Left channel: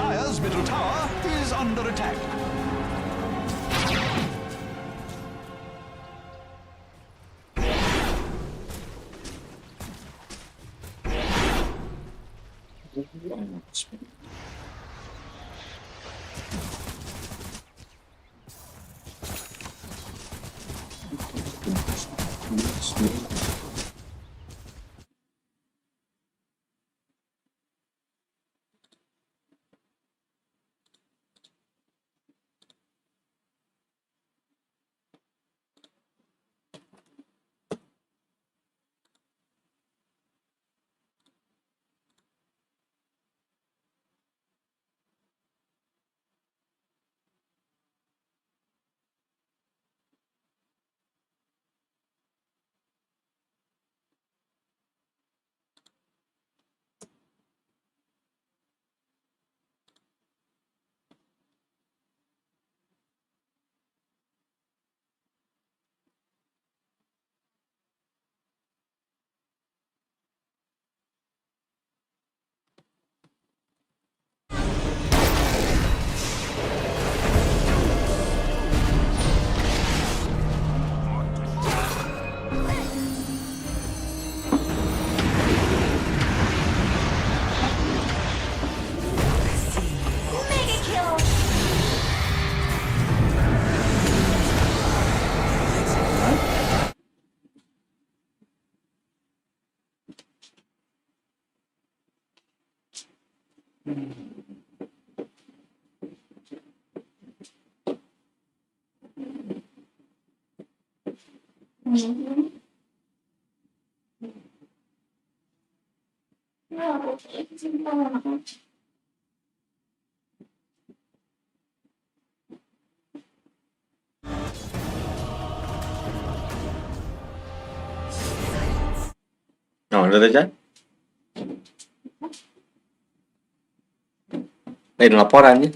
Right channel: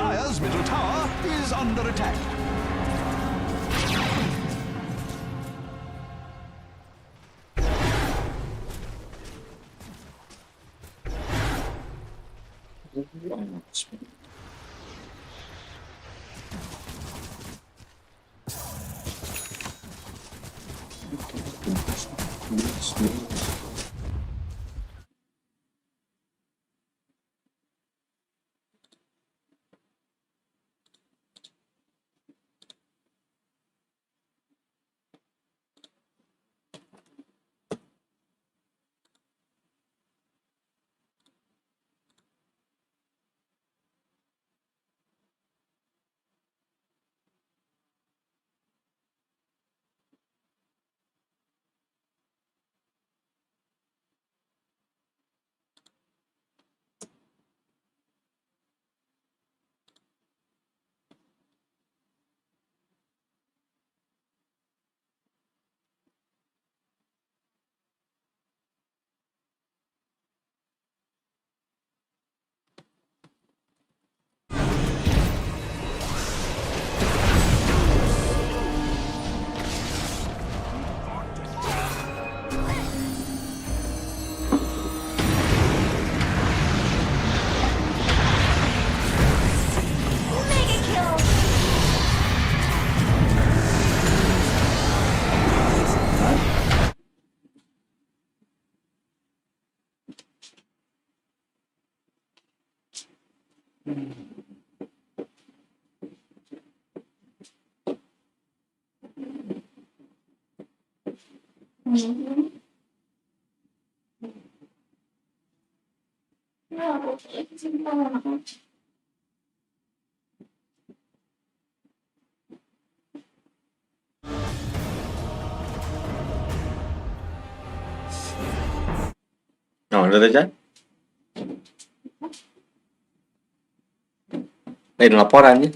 Dire's middle tower is under attack. Rồi đưa tới chết. Đây là laporan nhé.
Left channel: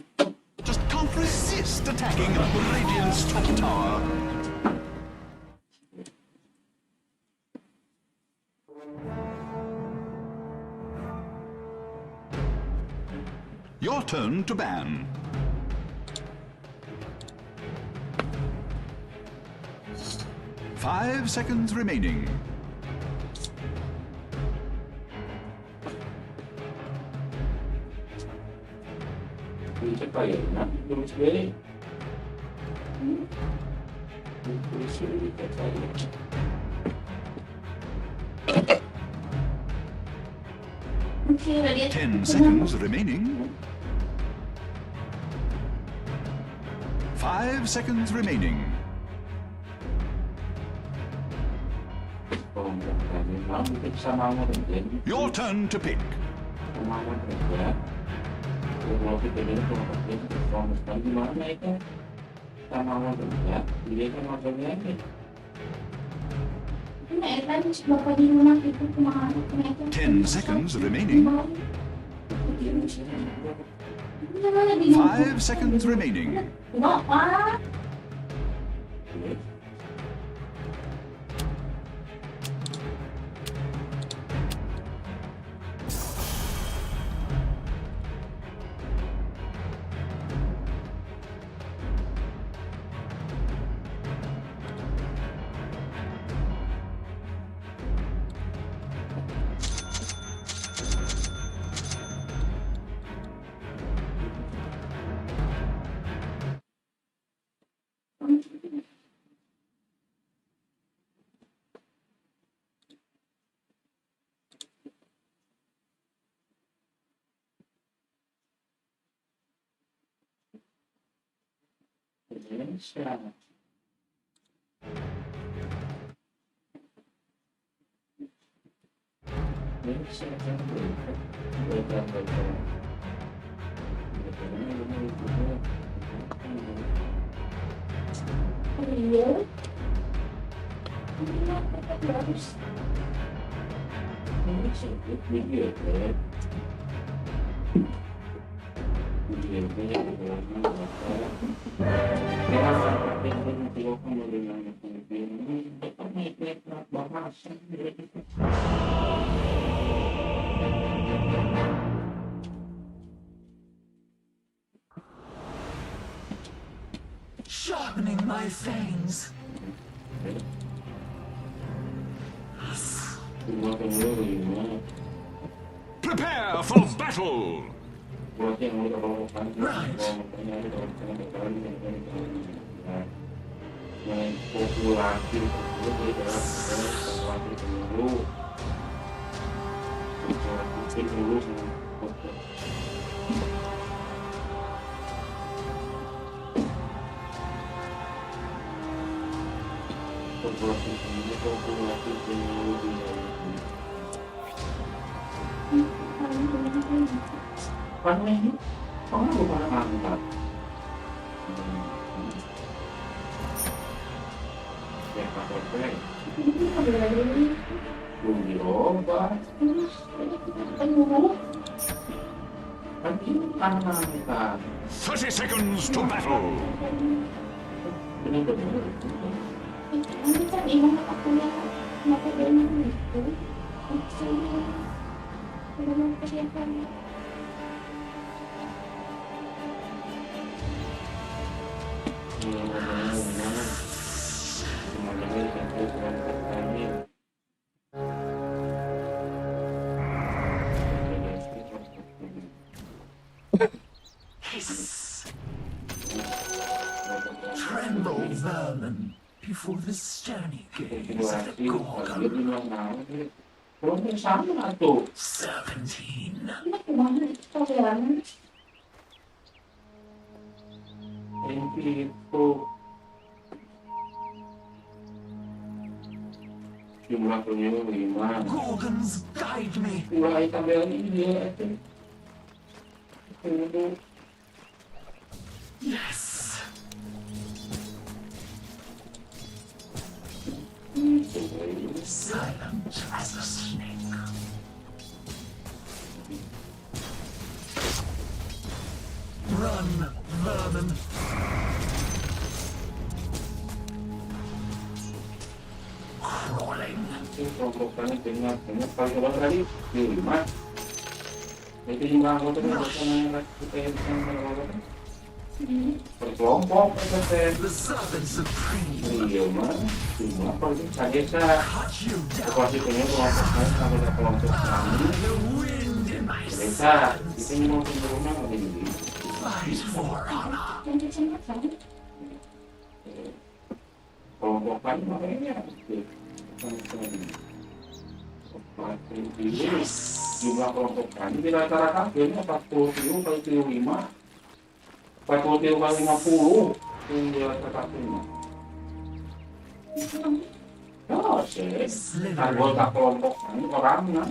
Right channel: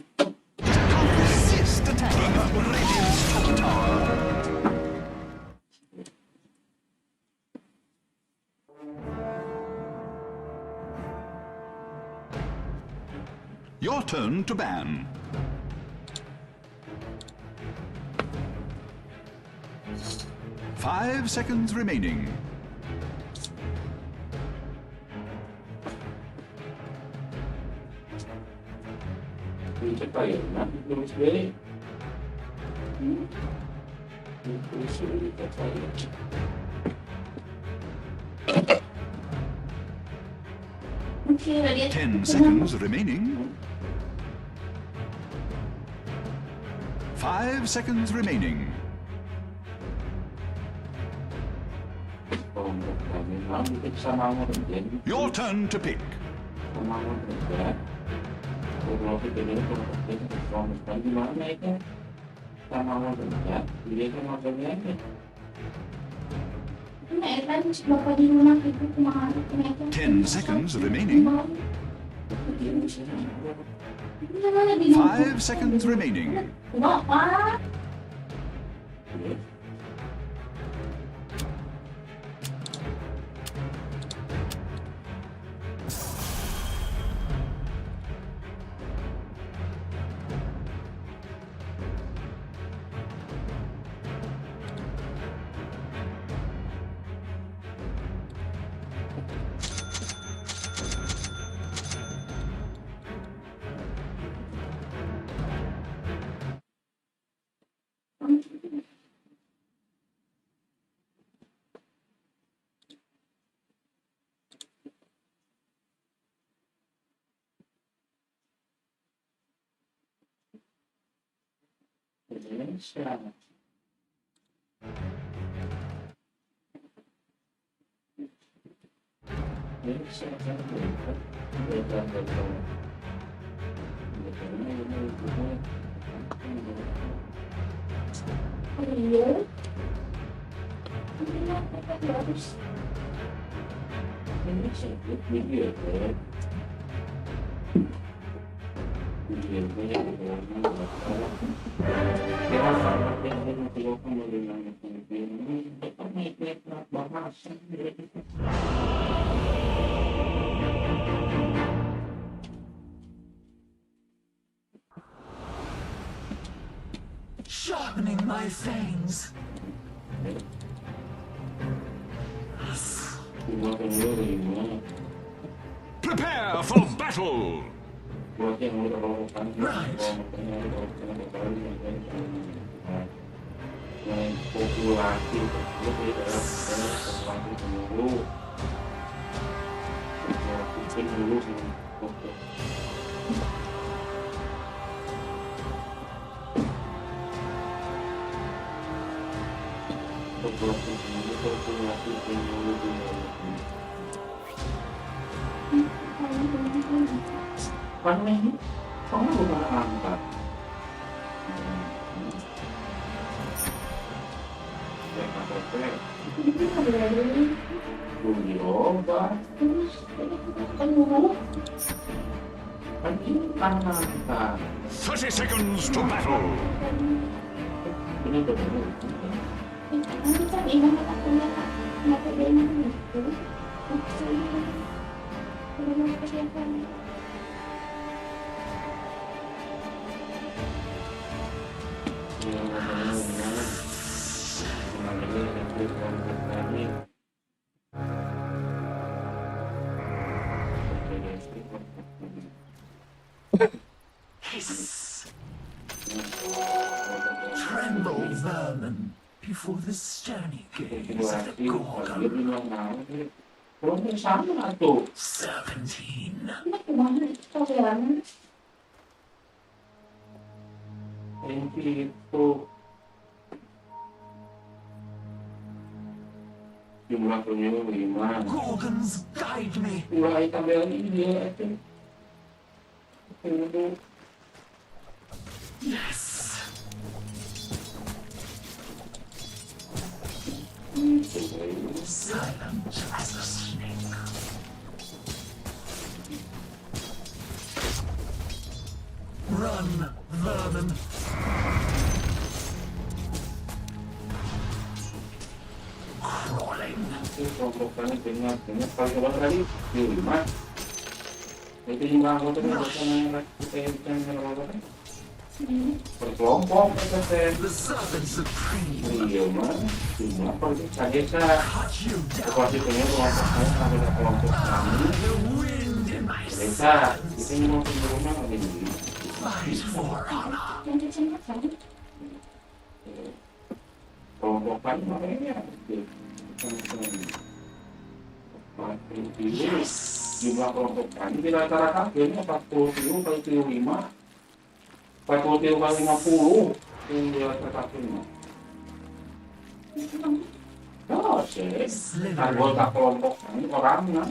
Just can't resist attacking Radiant's top tower. Your turn to ban. Five seconds remaining. Okay, 10 seconds remaining. 5 seconds remaining. Your turn to pick. Ten seconds remaining. 5 seconds remaining. sharpening my fangs. Prepare for battle. Right. Thirty seconds to battle. Hiss. Tremble, vermin, before the stony gaze of the Gorgon. 17. Gorgons, guide me. Yes. Silent as a snake. Run, vermin. Crawling. The servant supreme. Cut you down. The wind in my sails. Fight for honor. Yes. Jumlah kelompok tani di rata-rata akhirnya 40 kali 5. 40 kali 50 yang di rata-rata 5. Oh, sih. Anggota kelompok tani orangnya.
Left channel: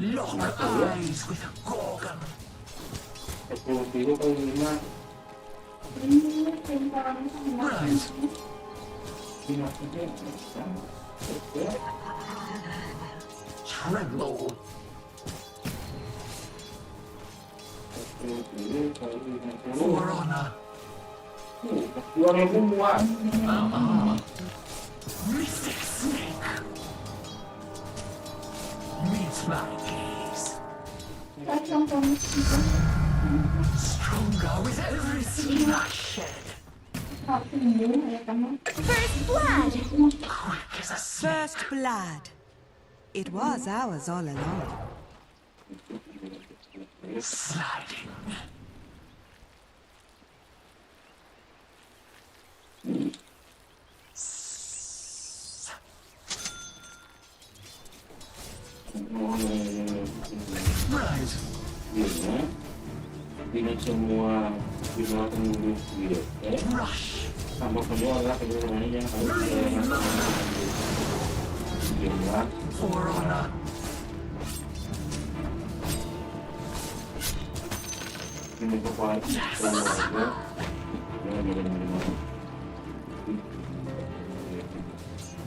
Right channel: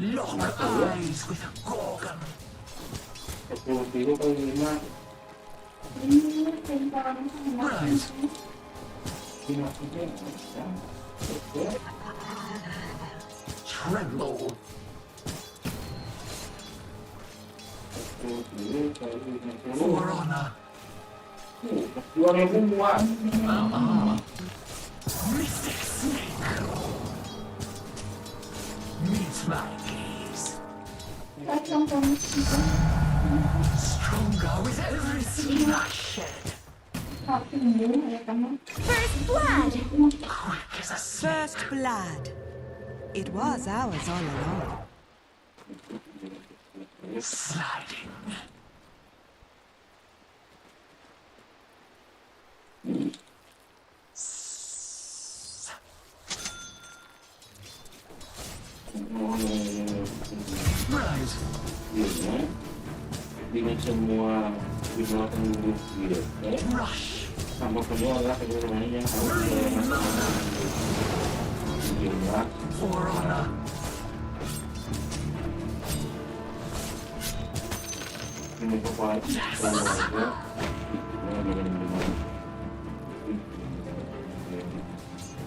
Lock eyes with a Gorgon. 40 kali 5. Right. Tremble. For honor. Mystic snake. Meet my gaze. Stronger with every skin I shed. First blood! Quick as a snake. First blood. It was ours all along. Sliding. Right. Dengan semua jumlah penduduk gitu, rush. Tambah kedua adalah kedua-duanya yang harus jumlah. For honor. Ini kepala keluarga.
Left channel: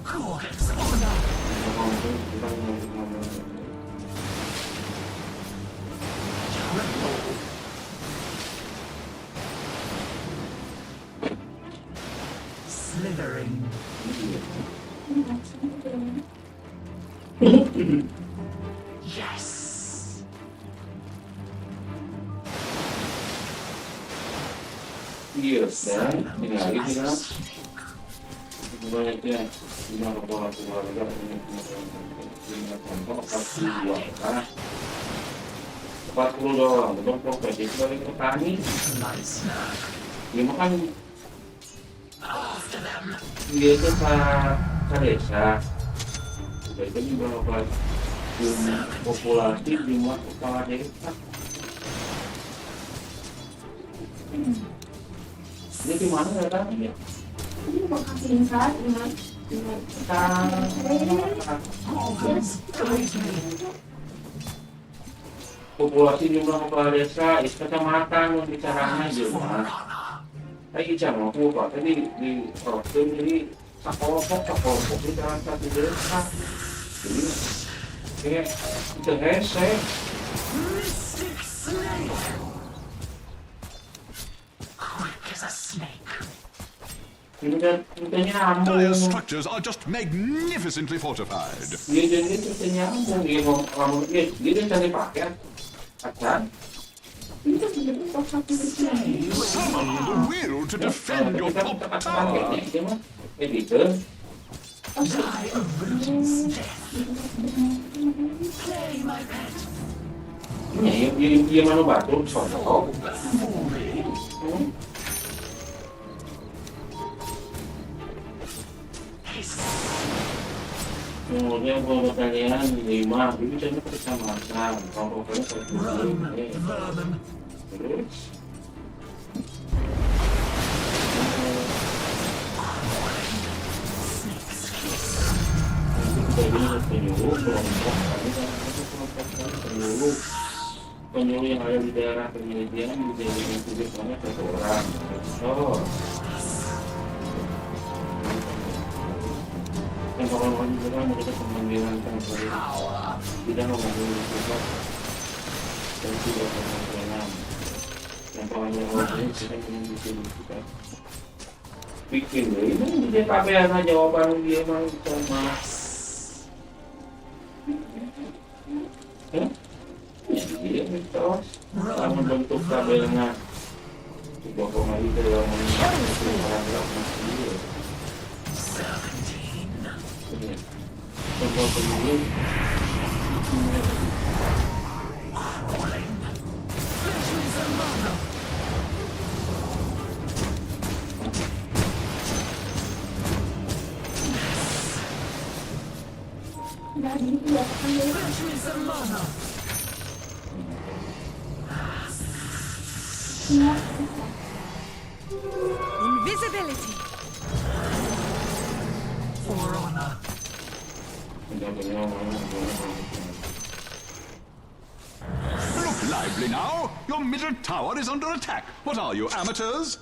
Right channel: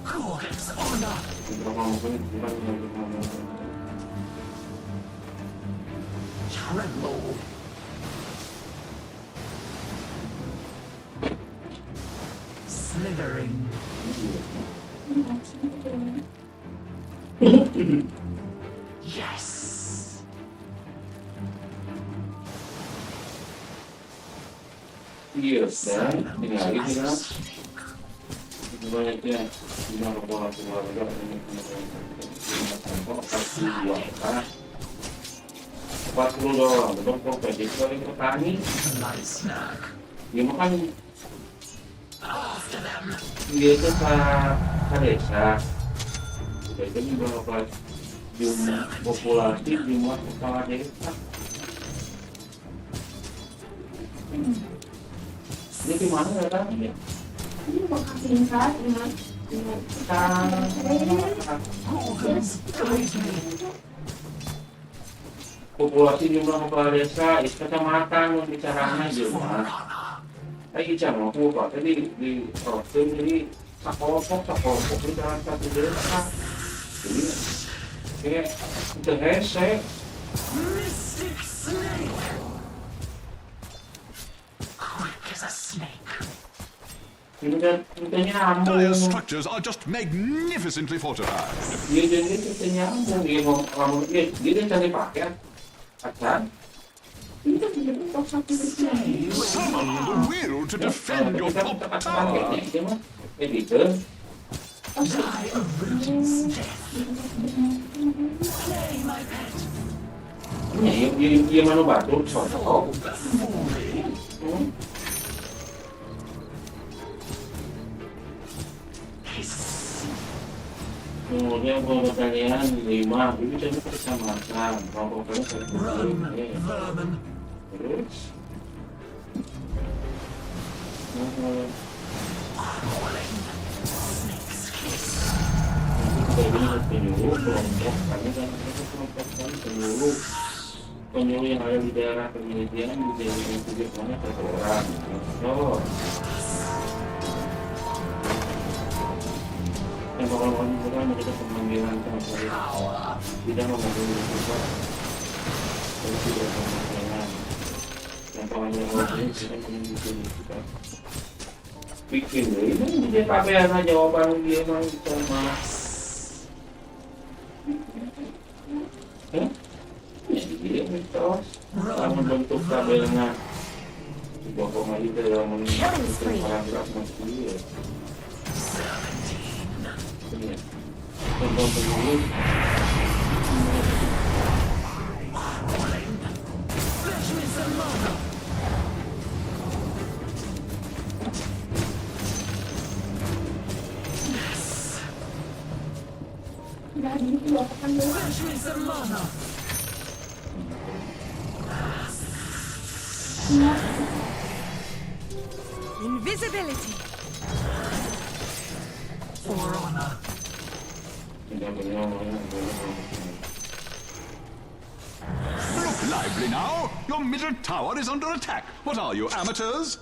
Gorgon's honor. Tremble. Slithering. Yes. Iya, dan ini lagi kita banyaknya lima kepala keluarga ini lima contoh 42 karena 40 doang belum profesi sebagai petani dia makan dia itu ke desa udah itu berapa jumlah populasi jumlah kepala desa ini gimana ya kan ya Ini mau kasih saat ini. populasi jumlah kepala desa is kecamatan yang bicaranya jumlah kayak bicara aku pak tadi di provinsi jadi sekelompok di dalam satu desa jadi kayak itu hese ini kan nyambung Dire structures are just magnificently fortified. dia jadi itu nyambung dia ngomong dia cari paket acan Ini kan sudah untuk satu sisi. Summon the will to defend your top tower. editor ini dia mana batu contoh kemudian kalau kalian 5 itu jadi kecamatan kalau kalian terus penyuluh kelompok kami kan kelompok penyuluh yang ada di daerah penelitian di daerah yang publik banyak orang so yang kalau juga mereka pemanggilan temporer tidak memanggil juga dan tidak pemanggilan yang pemanggilan kita menunjukkan kita bikin ini dia KPN jawaban dia mau sama ya dia mitos membentuk kabelnya di bawah itu yang menunjukkan paragraf masih contoh penyuluh Invisibility. For honor. Look lively now! Your middle tower is under attack. What are you, amateurs?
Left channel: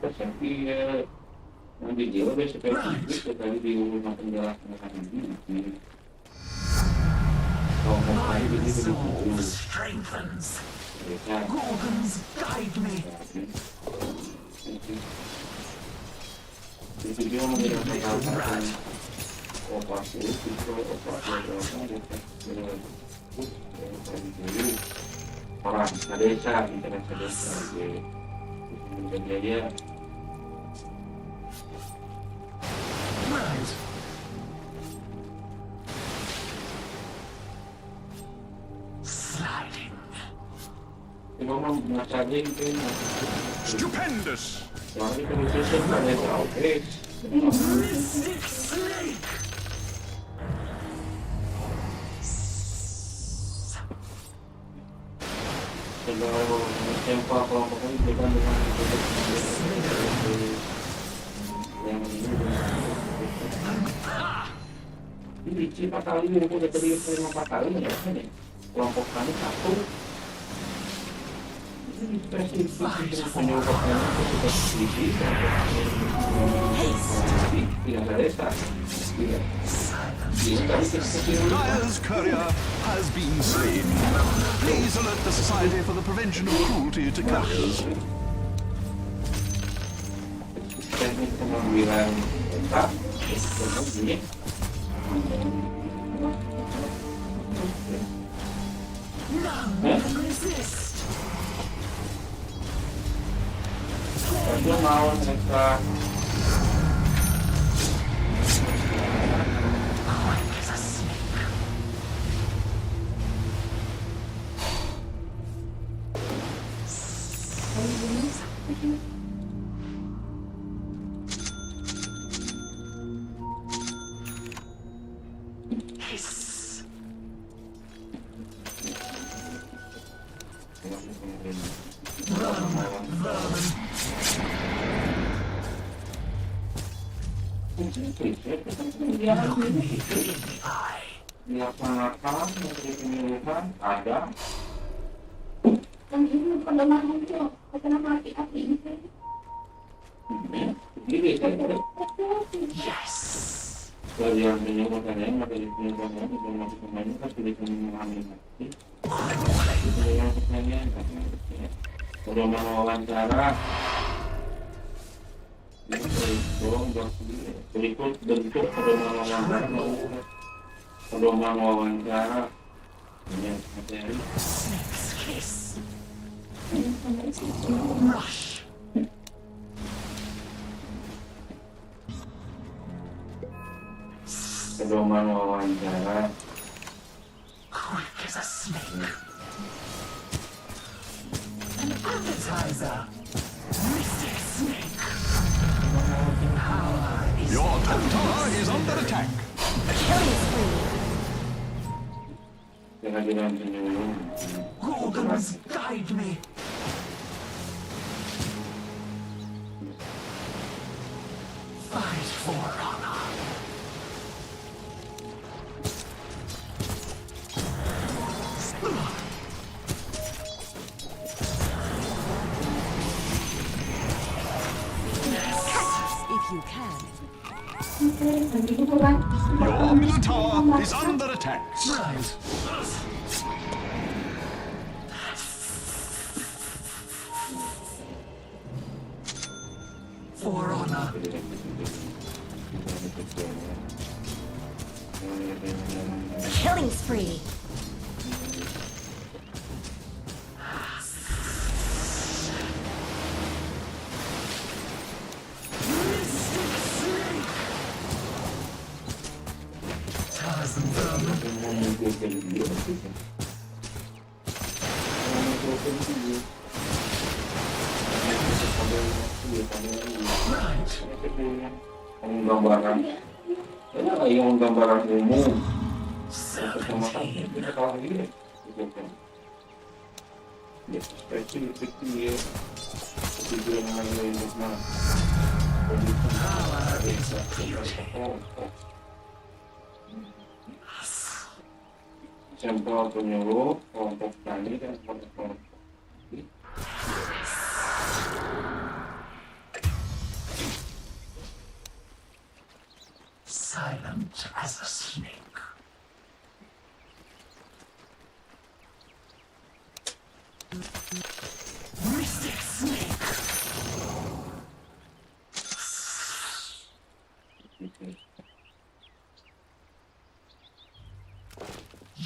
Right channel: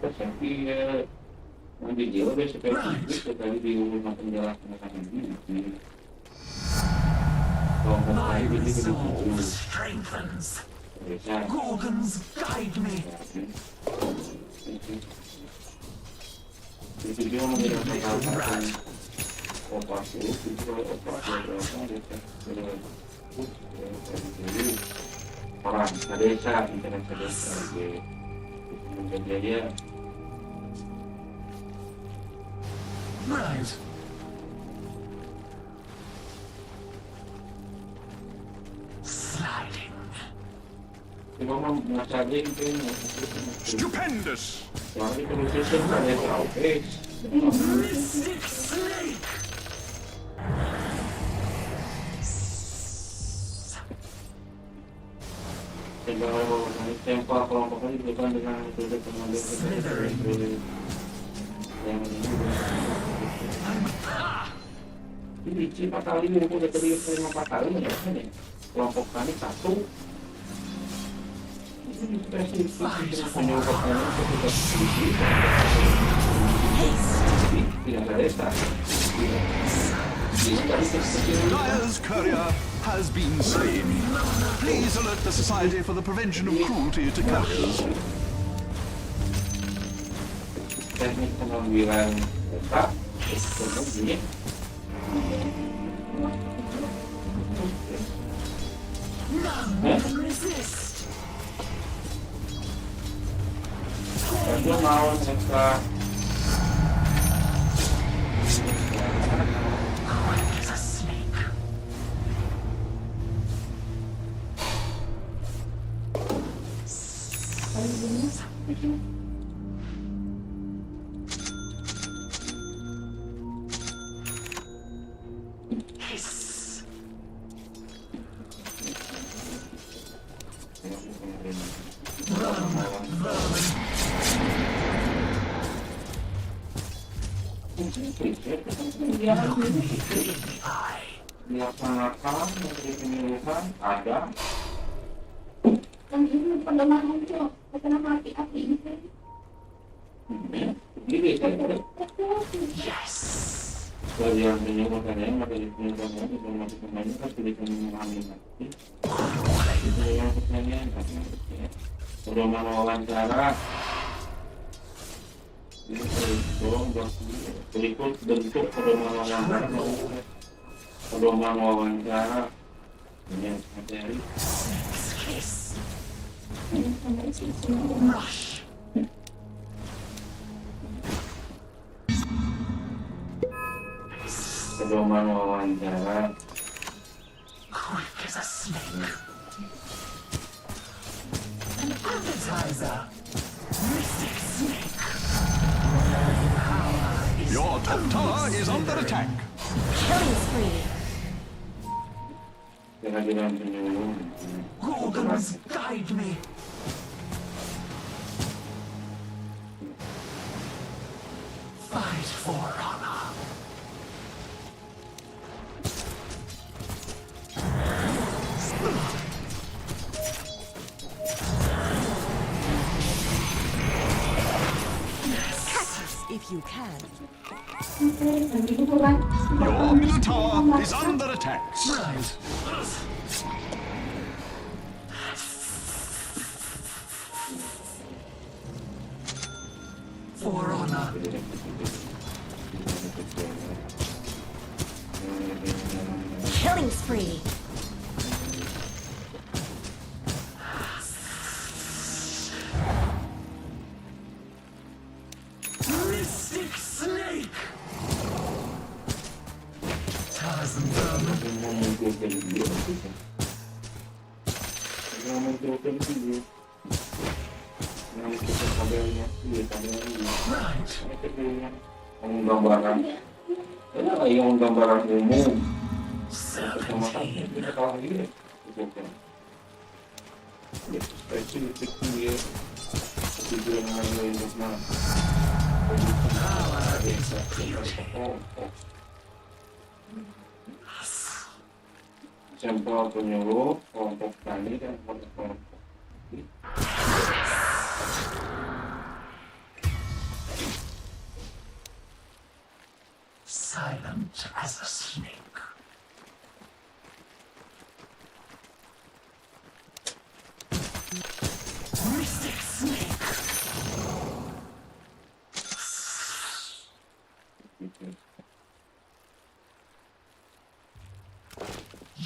Tapi nanti dia udah seperti sekali di rumah penjelasan ini. Kalau mau ini begitu. Strengthens. Gorgons guide me. Itu dia menjelaskan operasi orang desa internet desa kemudian dia Right. Sliding. cuma mengacarnya itu Stupendous. soalnya penulisan ada oke Mystic snake. Tempat kelompoknya bukan dengan yang ini ini cipta kali ini udah tadi 4 kali ya kelompok kami satu ini spesifik penyebabnya ketika sisi tidak ada desa Dire's courier has been slain. Please alert the Society for the Prevention of Cruelty to Couriers. Teknik pengambilan data kemudian Itu mau ekstra. Dilaksanakan menteri penyuluhan ada. Yang ini pendengar muncul, kenapa api-api itu? Jadi dari yang menyuruhkan yang materi penyuluhannya informasi pemainnya kan sudah memahami nanti. Itu yang pertanyaan kan. Pedoman wawancara. Berikut bentuk pedoman wawancara dengan materi pedoman wawancara Your top tower is under attack. Killing spree. kehadiran penyuluh. Guide me. Fight for honor. If you can. Your middle tower is under attack. Right. For honor. Killing spree. Mystic snake. Penggambaran, yang gambaran umum. Kita kalah lagi, spesifik dia, tujuan yang mana? Sampel penyuluh, kelompok tani dan kelompok. Silent as a snake. Mystic snake.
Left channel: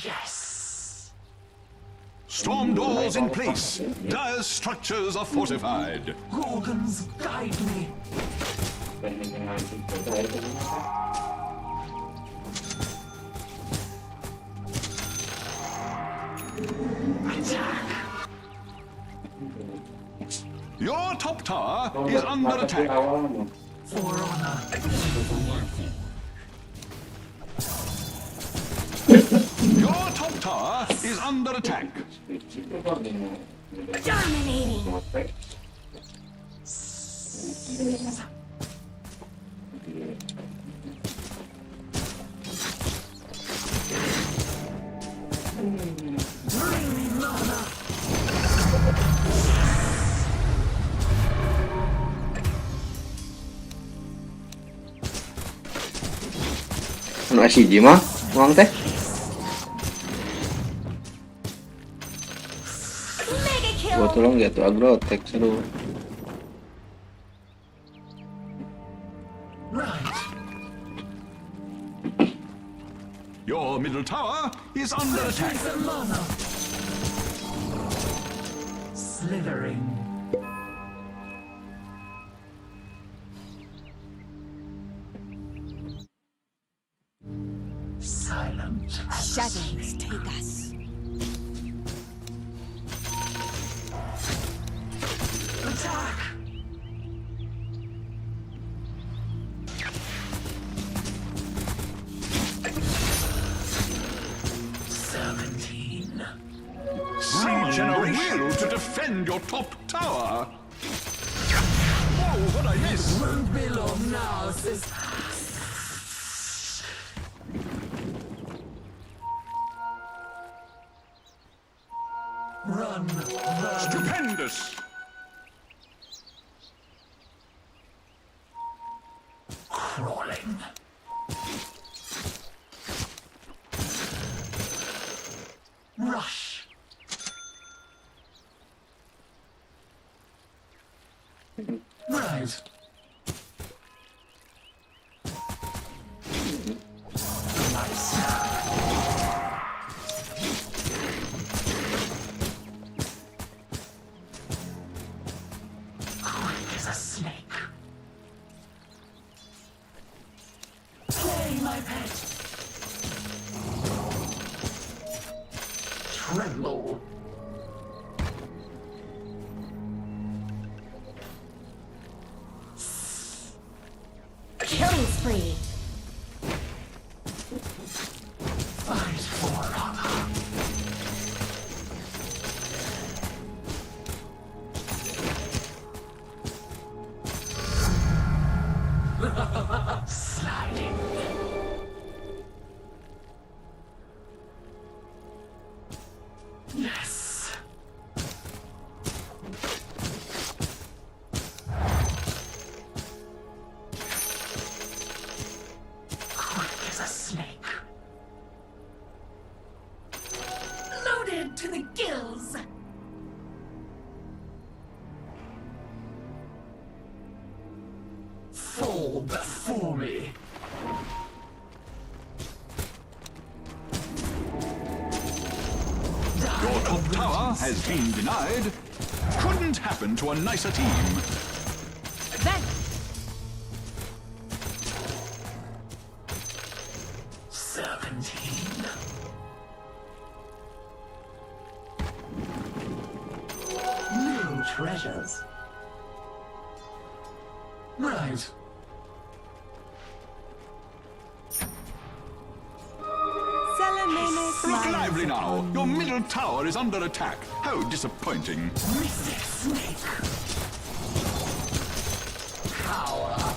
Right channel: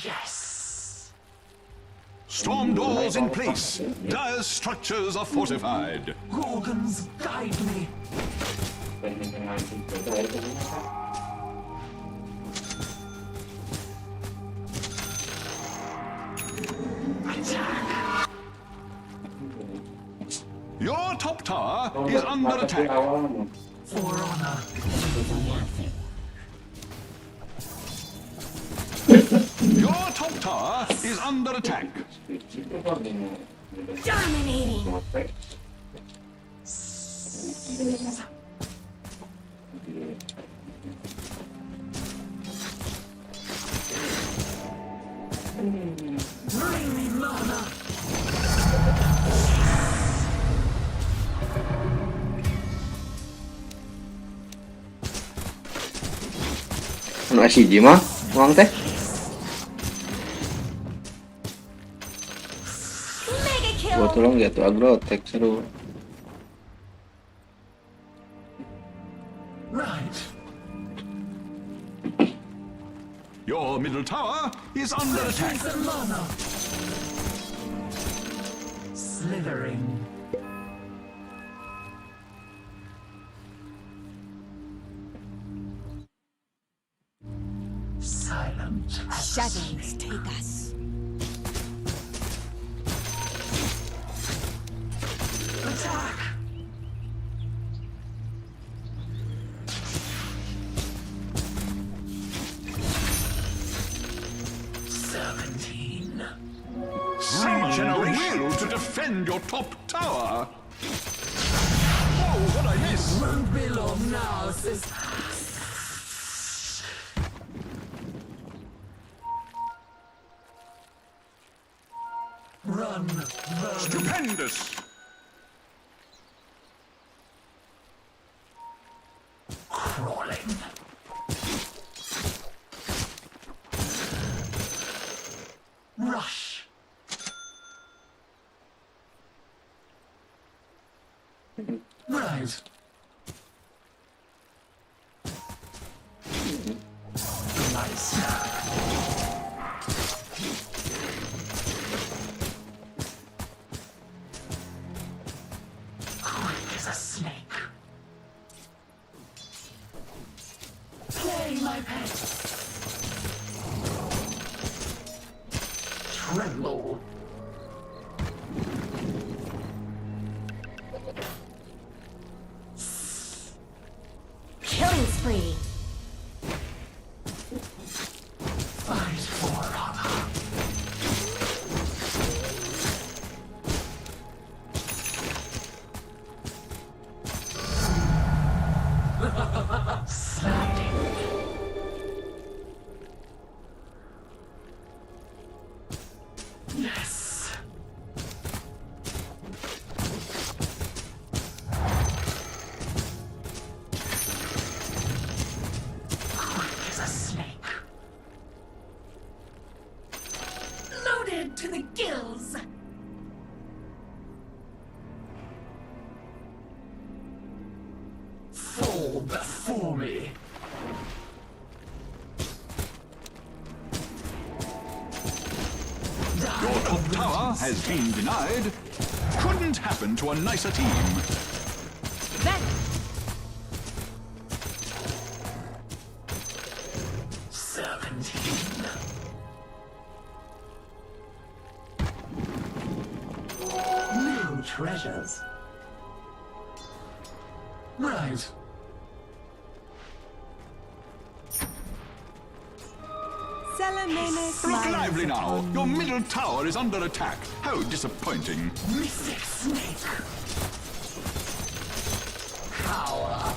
Yes. Storm doors in place. Dire structures are fortified. Gorgons, guide me. Attack. Your top tower is under attack. For honor. Your top tower is under attack. Dominating. Bring me mana. Anu asiji mah, uang teh. Mega kill. Gua tolong gitu agrotek seru. Right. Your middle tower is under attack. slithering. Silent as a Shadows snake. take us. Attack! Summon a will to defend your top tower. Whoa, what I miss? Won't be long now, sis. Run, run. Stupendous! Crawling. Rush. Right. Nice. Quick as a snake. Play, my pet. Tremble. Killing spree. Fight for honor. Sliding. Yes. Quick as a snake. Loaded to the gills. Fall before me. Your top tower has been denied. Couldn't happen to a nicer team. Then 17. New treasures. Right. Salamene Look smiles lively now. upon Your me. middle tower is under attack. How disappointing. Mystic snake. Power.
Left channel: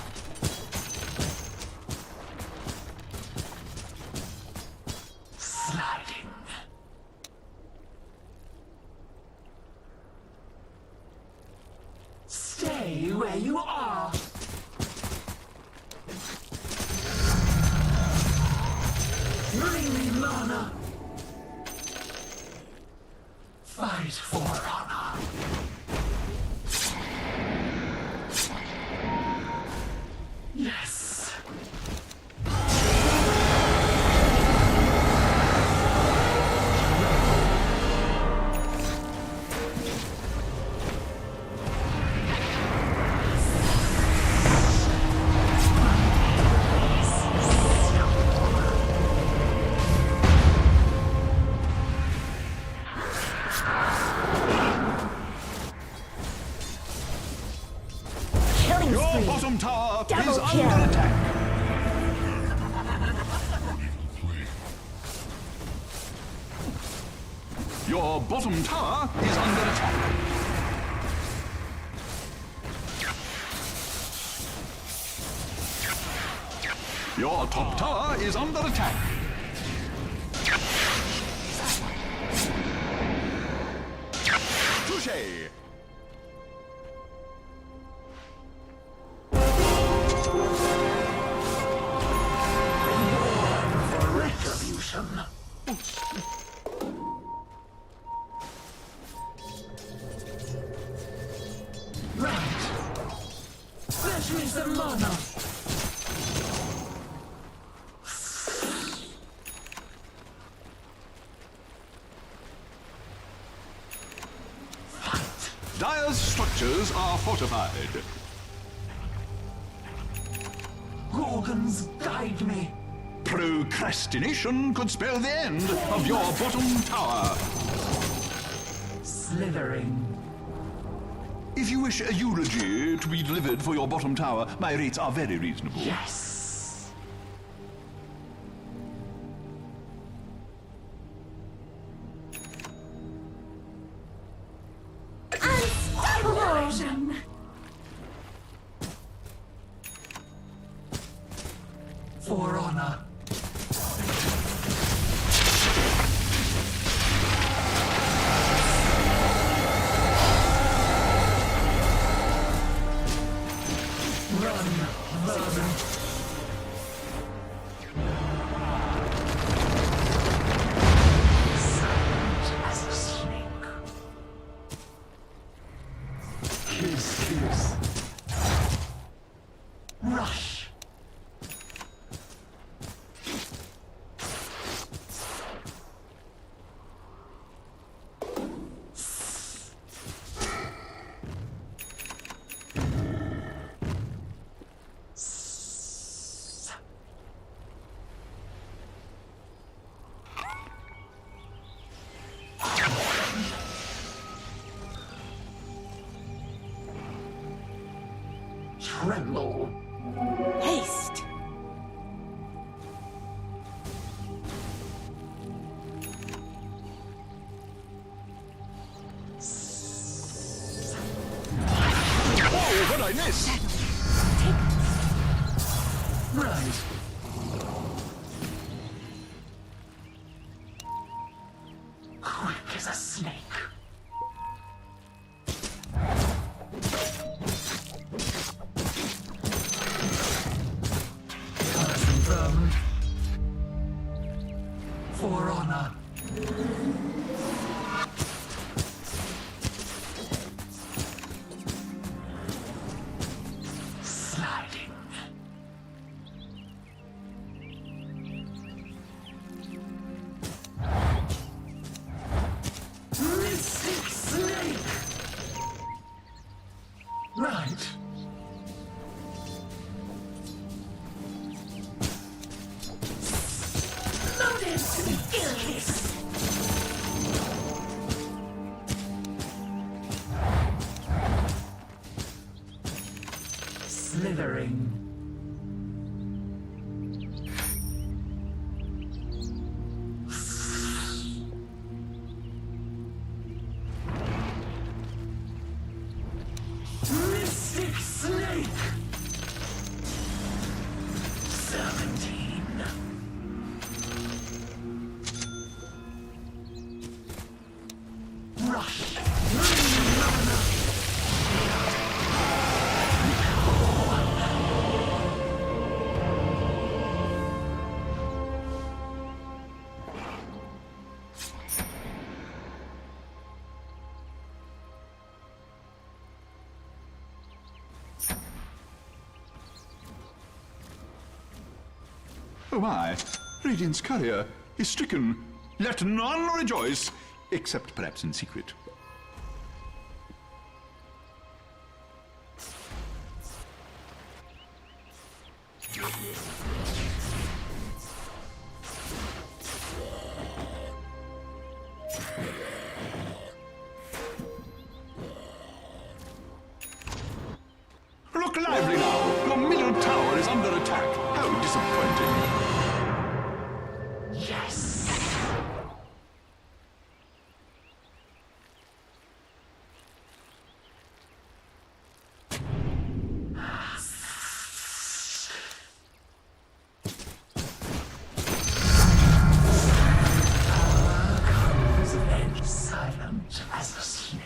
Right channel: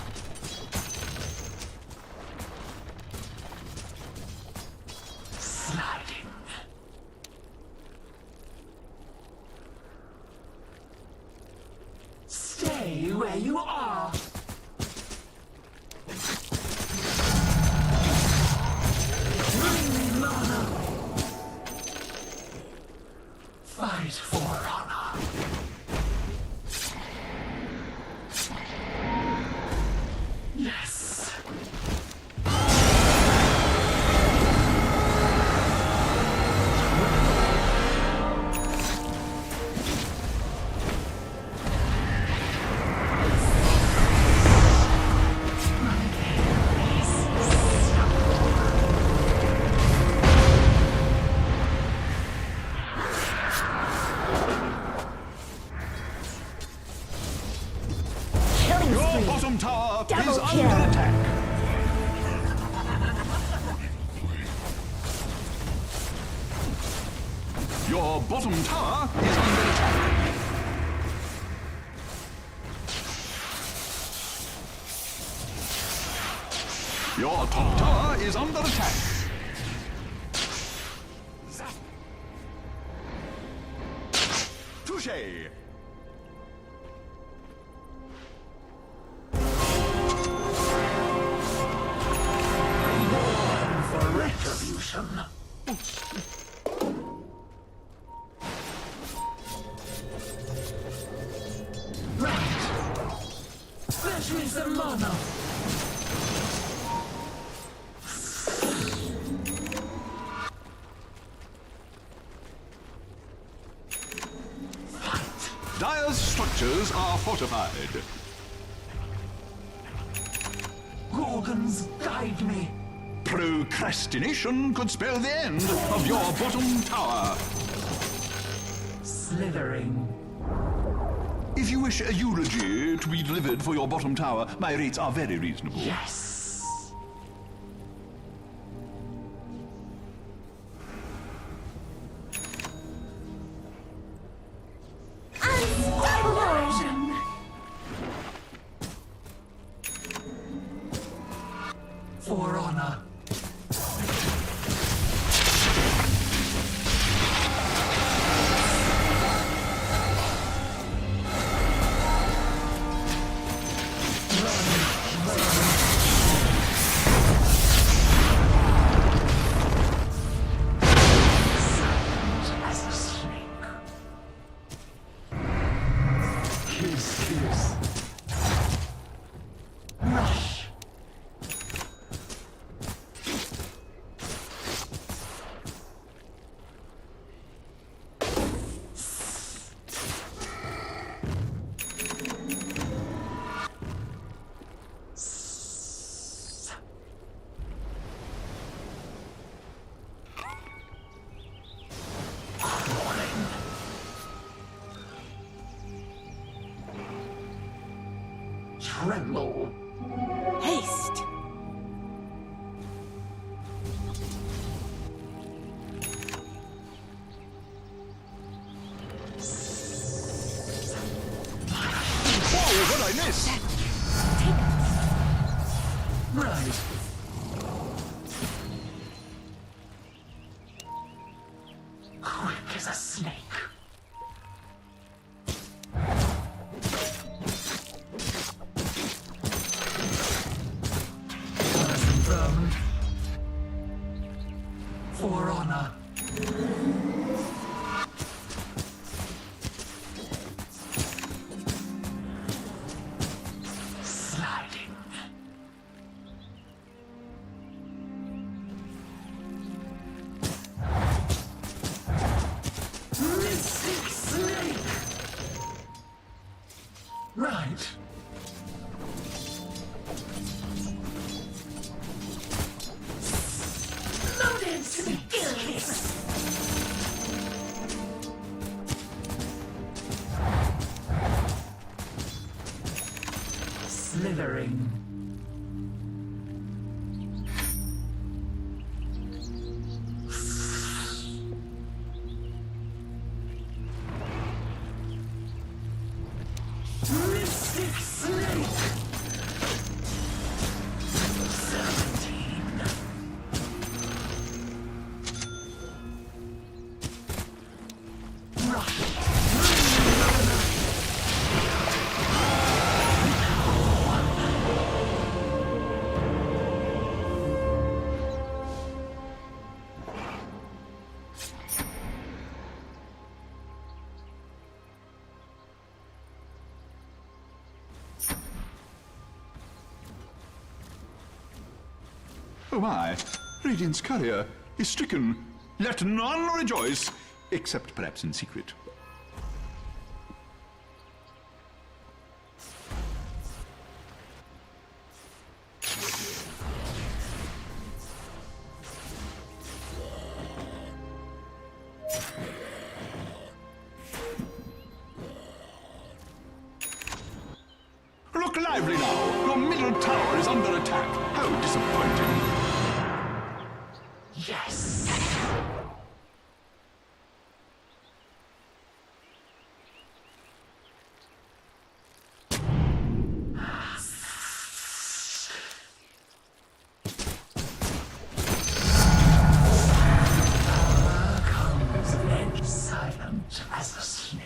Sliding. Stay where you are. Bring me mana. Fight for honor. Yes. Killing Your spree. bottom tower Double is kill. under attack. Your bottom tower is under attack. Your top tower is under attack. Touché! Born for retribution. Right. Fetch me some mana. Fight. structures are fortified. Gorgons, guide me. Procrastination could spell the end of your bottom tower. Slithering. If you wish a eulogy to be delivered for your bottom tower, my rates are very reasonable. Yes. Unstoppable! For honor. Silent as a snake. Kiss. Rush. Tremble. Haste. Oh, what I missed! Right. Quick as a snake. Confirmed. For honor. Sliding. Mystic snake. Right. Loaded to the gills! Slithering. Mystic snake. 17. Rush. Oh my, Radiant's courier is stricken. Let none rejoice, except perhaps in secret. Look lively now! Your middle tower is under attack. How disappointing. Yes. Power comes of edge, silent as a snake.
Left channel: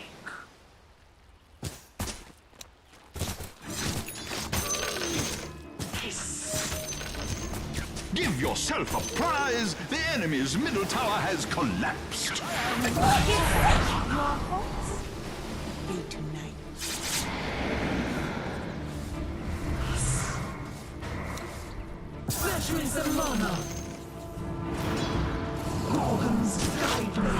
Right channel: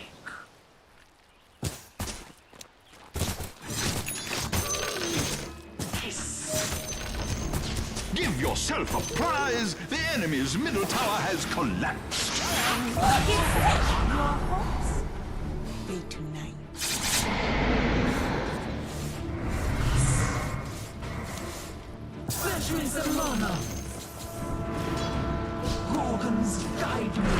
Give yourself a prize! The enemy's middle tower has collapsed. Your hopes be tonight. Fetch me some mana. Gorgons, guide me.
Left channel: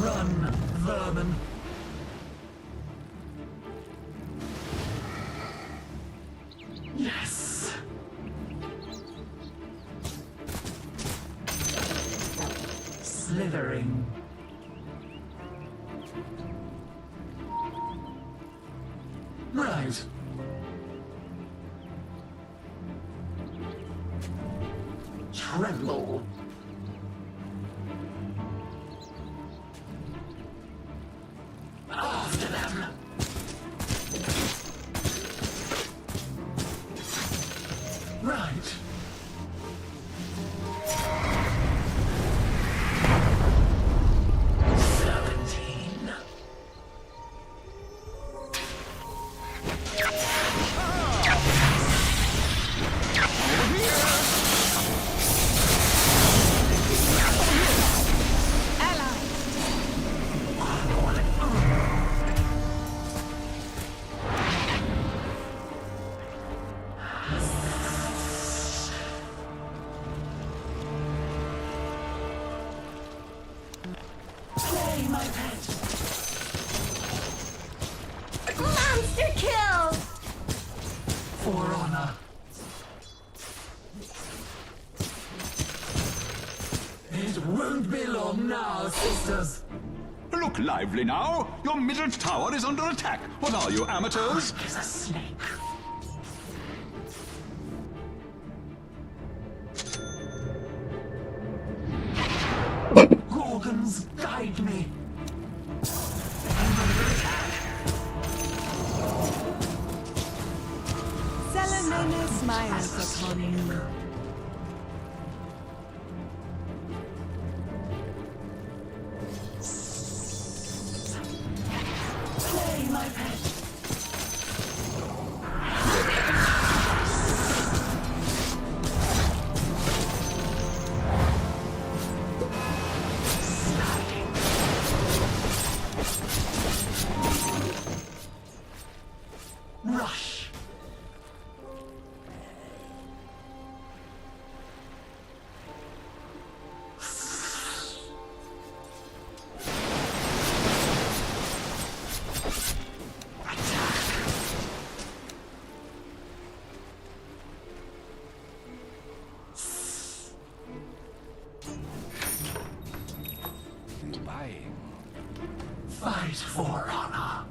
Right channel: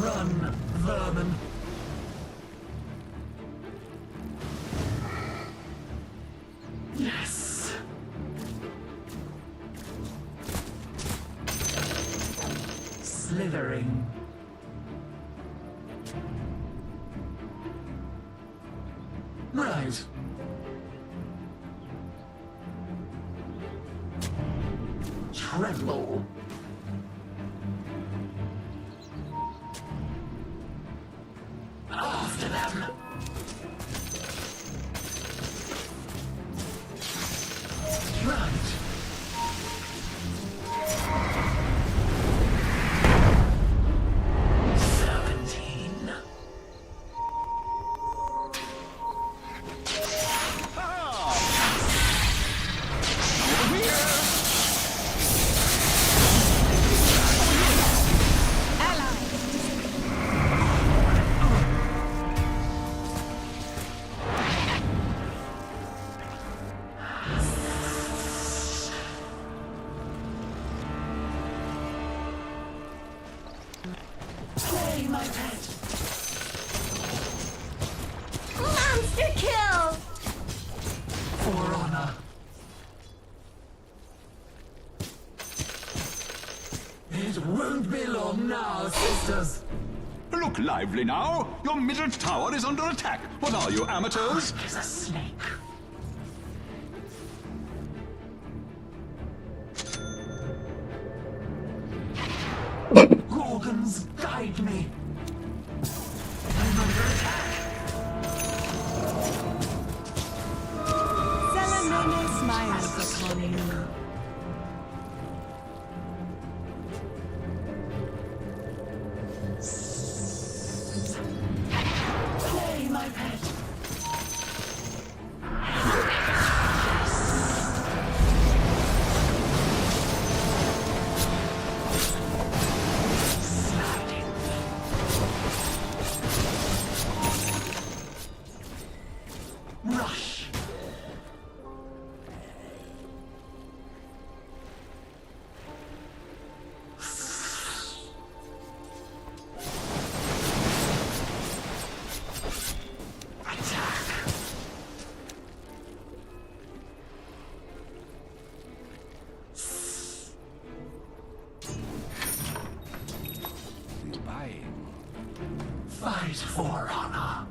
Run, vermin. Yes. Slithering. Right. Tremble. After them. Right. Serpentine. Play, my pet. Monster kill! For honor. It won't be long now, sisters. Look lively now. Your middle tower is under attack. What are you, amateurs? Is a snake. Gorgons, guide me. I'm under attack. Salamone smiles upon you. Play, my pet. Sliding. Rush. Buying. Fight for honor.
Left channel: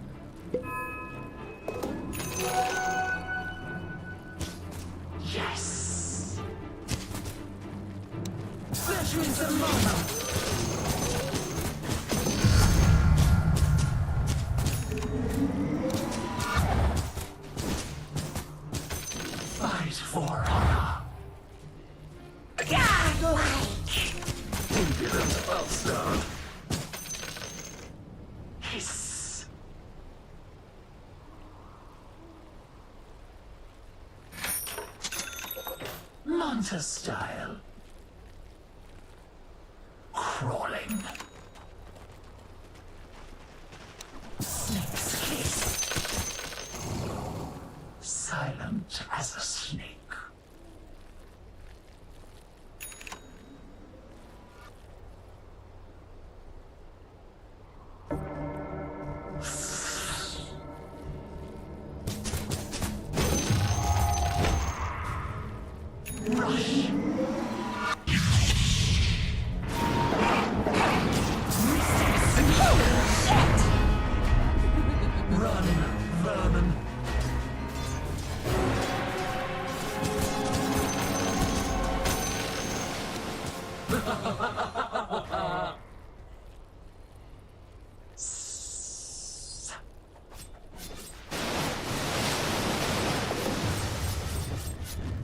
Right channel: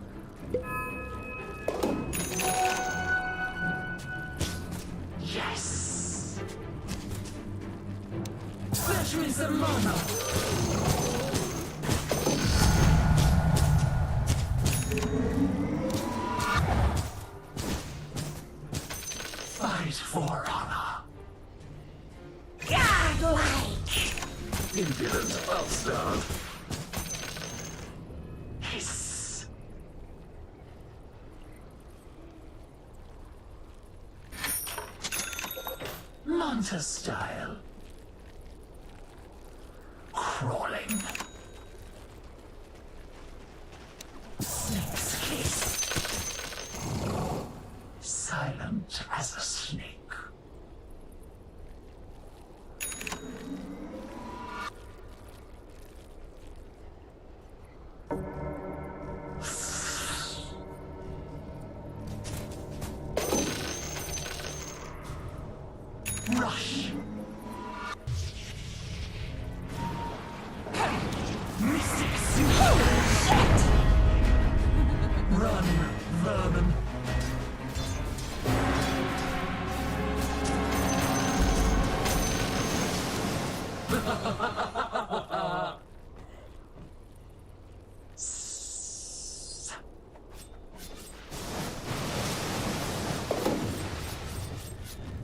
Yes. Fetch me some mana. Fight for honor. Godlike! Impudent bastard. Hiss. Manta style. Crawling. Snake's kiss. Silent as a snake. Rush. Mystics. Holy shit! Run, vermin.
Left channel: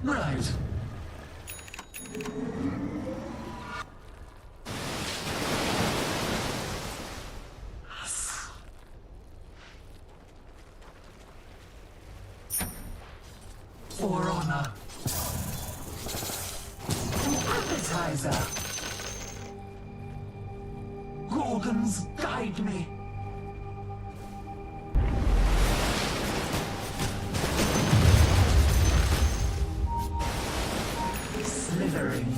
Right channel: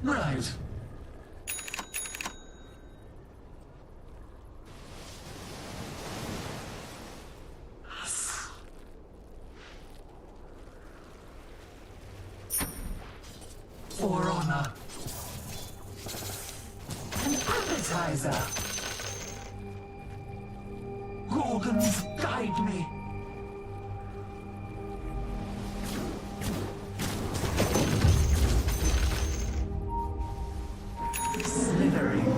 Right. For honor. An appetizer. Gorgons, guide me. Slithering.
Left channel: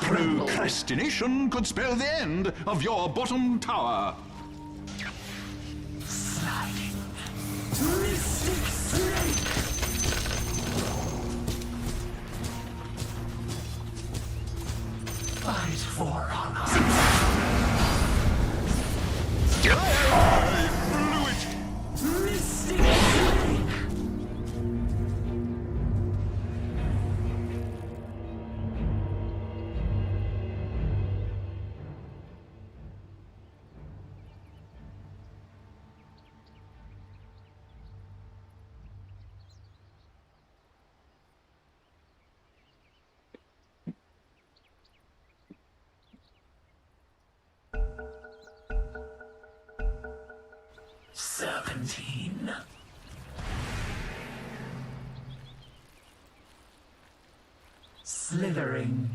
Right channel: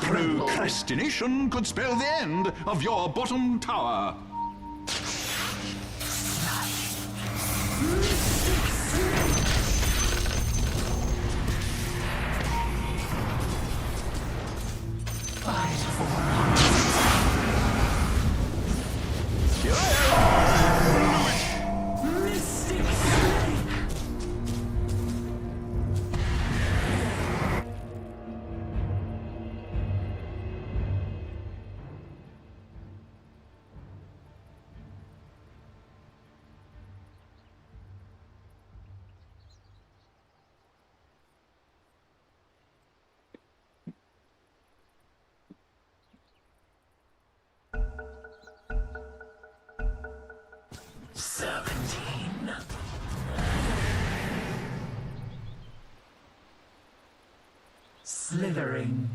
Procrastination could spell the end of your bottom tower. Fight for honor. Mystic Snake. Slithering.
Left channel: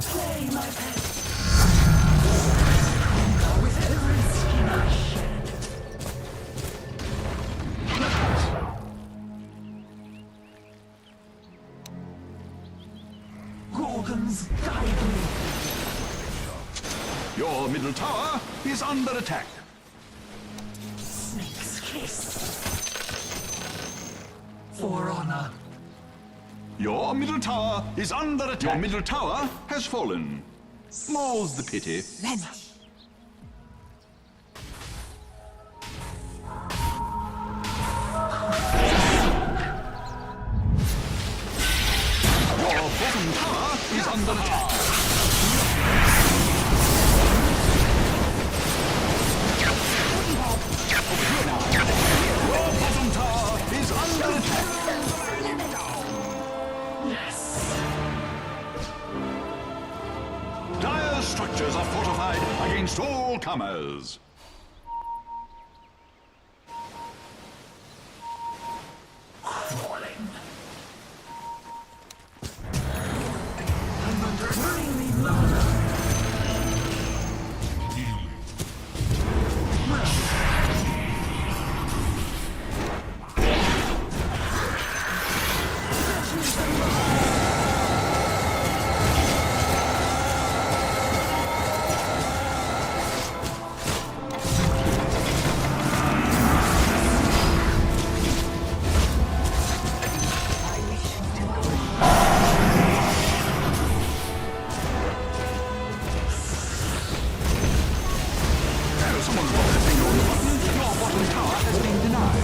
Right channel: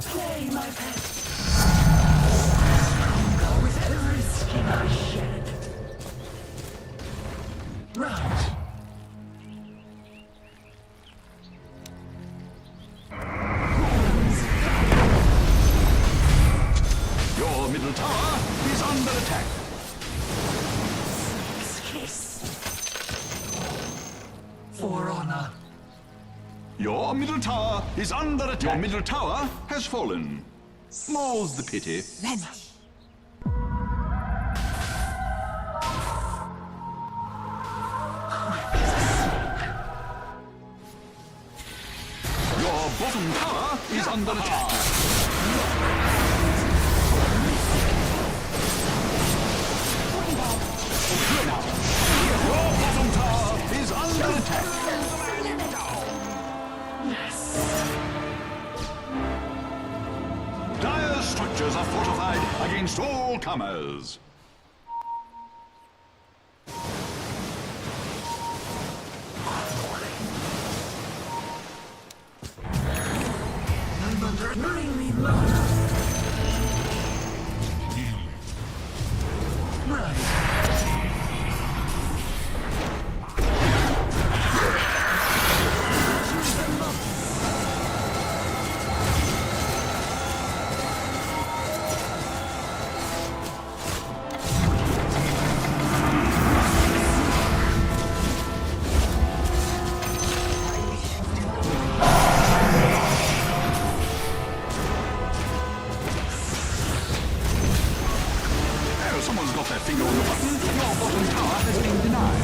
Play my pet. Stronger with every skin I shed. Right. Gorgon's fire. Your middle tower is under attack. Snake's kiss. For honor. Your middle tower is under attack. Your middle tower has fallen. More's the pity. Vanish. Your bottom tower is under attack. Your bottom tower is under attack. Dire structures are fortified against all comers. I'm under. Bring me mana. Someone's got their finger on the button. Your bottom tower has been denied.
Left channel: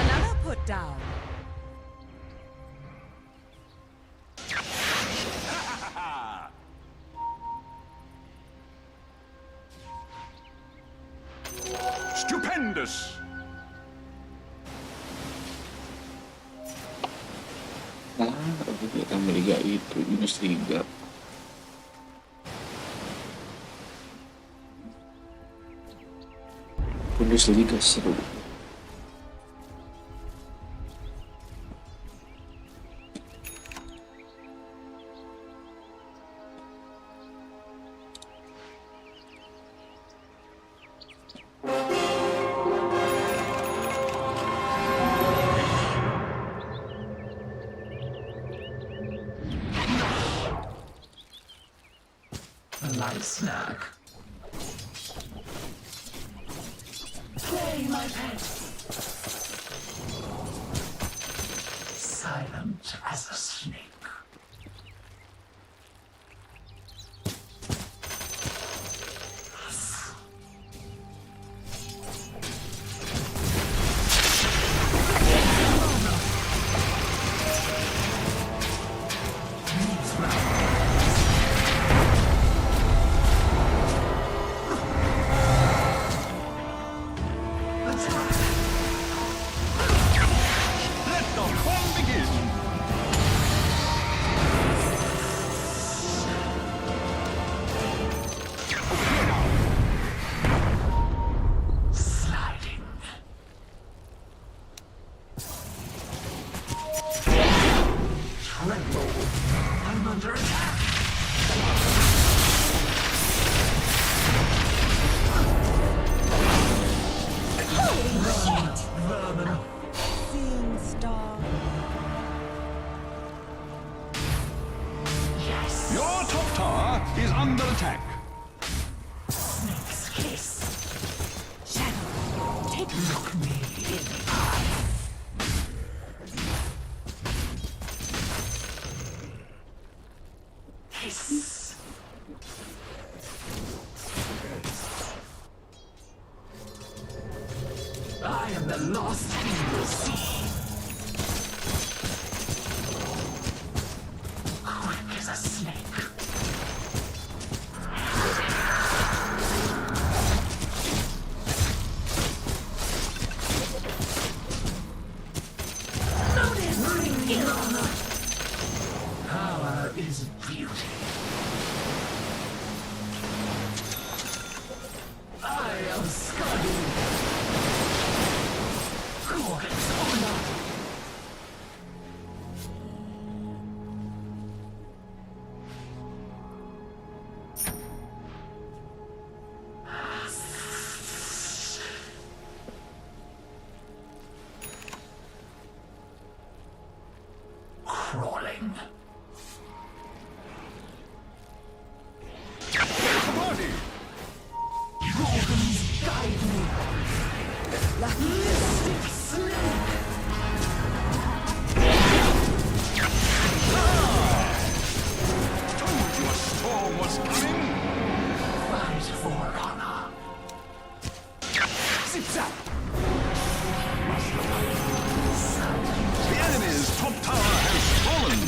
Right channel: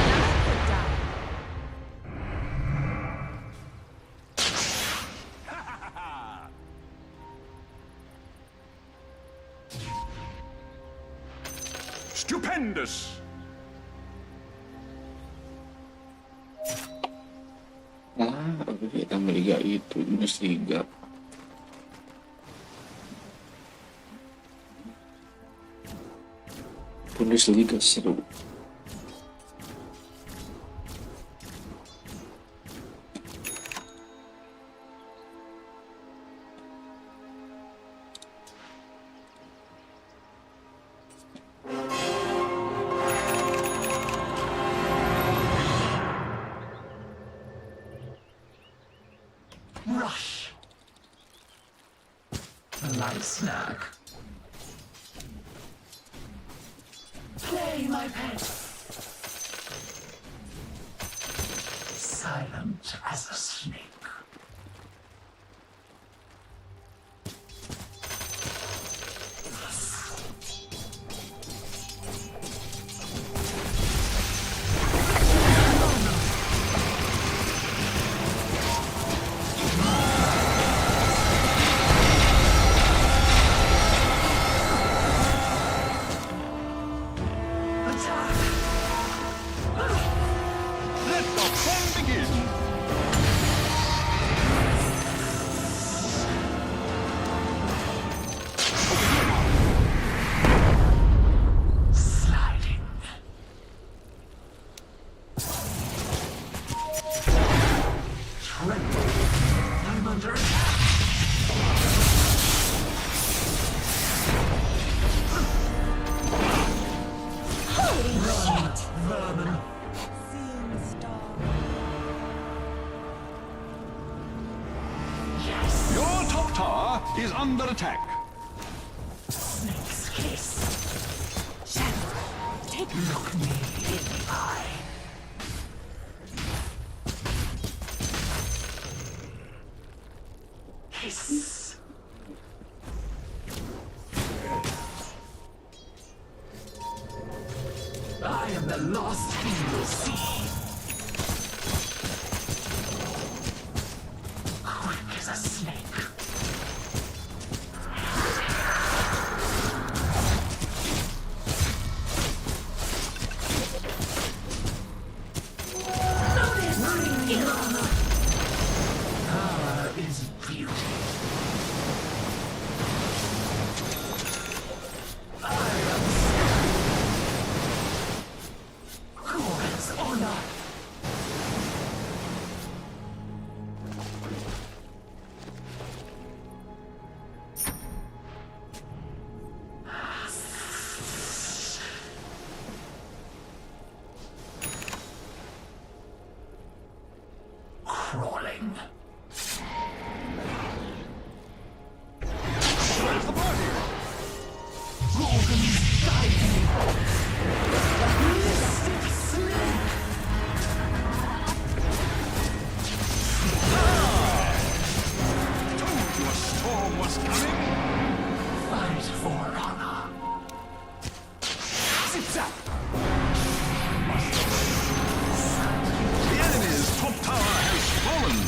Another put down. Stupendous! Aku kita meliga itu Bundesliga. Bundesliga seru. A light snack. Play my pet. Silent as a snake. tower is under attack. Snake's kiss. Shadow, take me. Look me in the eye. Hiss. I am the lost you will see. Quick as a snake. Power is beauty. I am Sky. Gorgon's honor. Crawling. Where's the party? Gorgons guide me. Mystic snake. Told you a storm was coming. Fight for honor. Zip-zap. Silent. The enemy's top tower has fallen.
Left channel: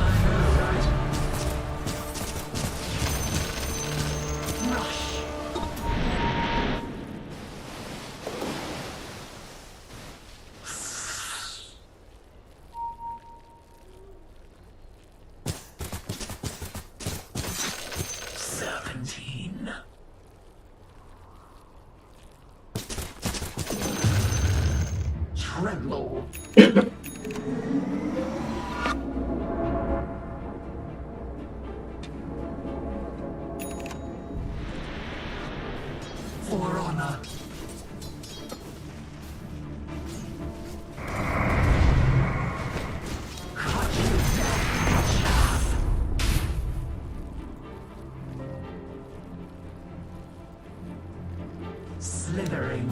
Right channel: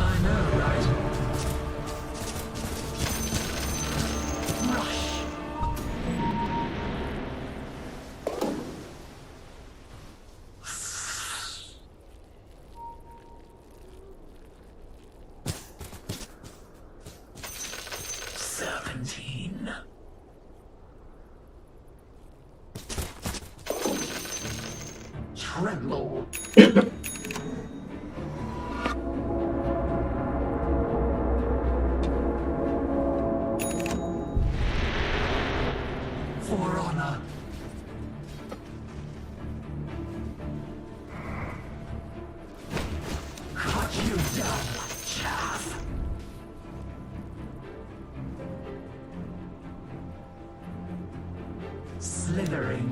I know, right? Rush. Serpentine. Tremble. For honor. Cut you down, chaff. Slithering.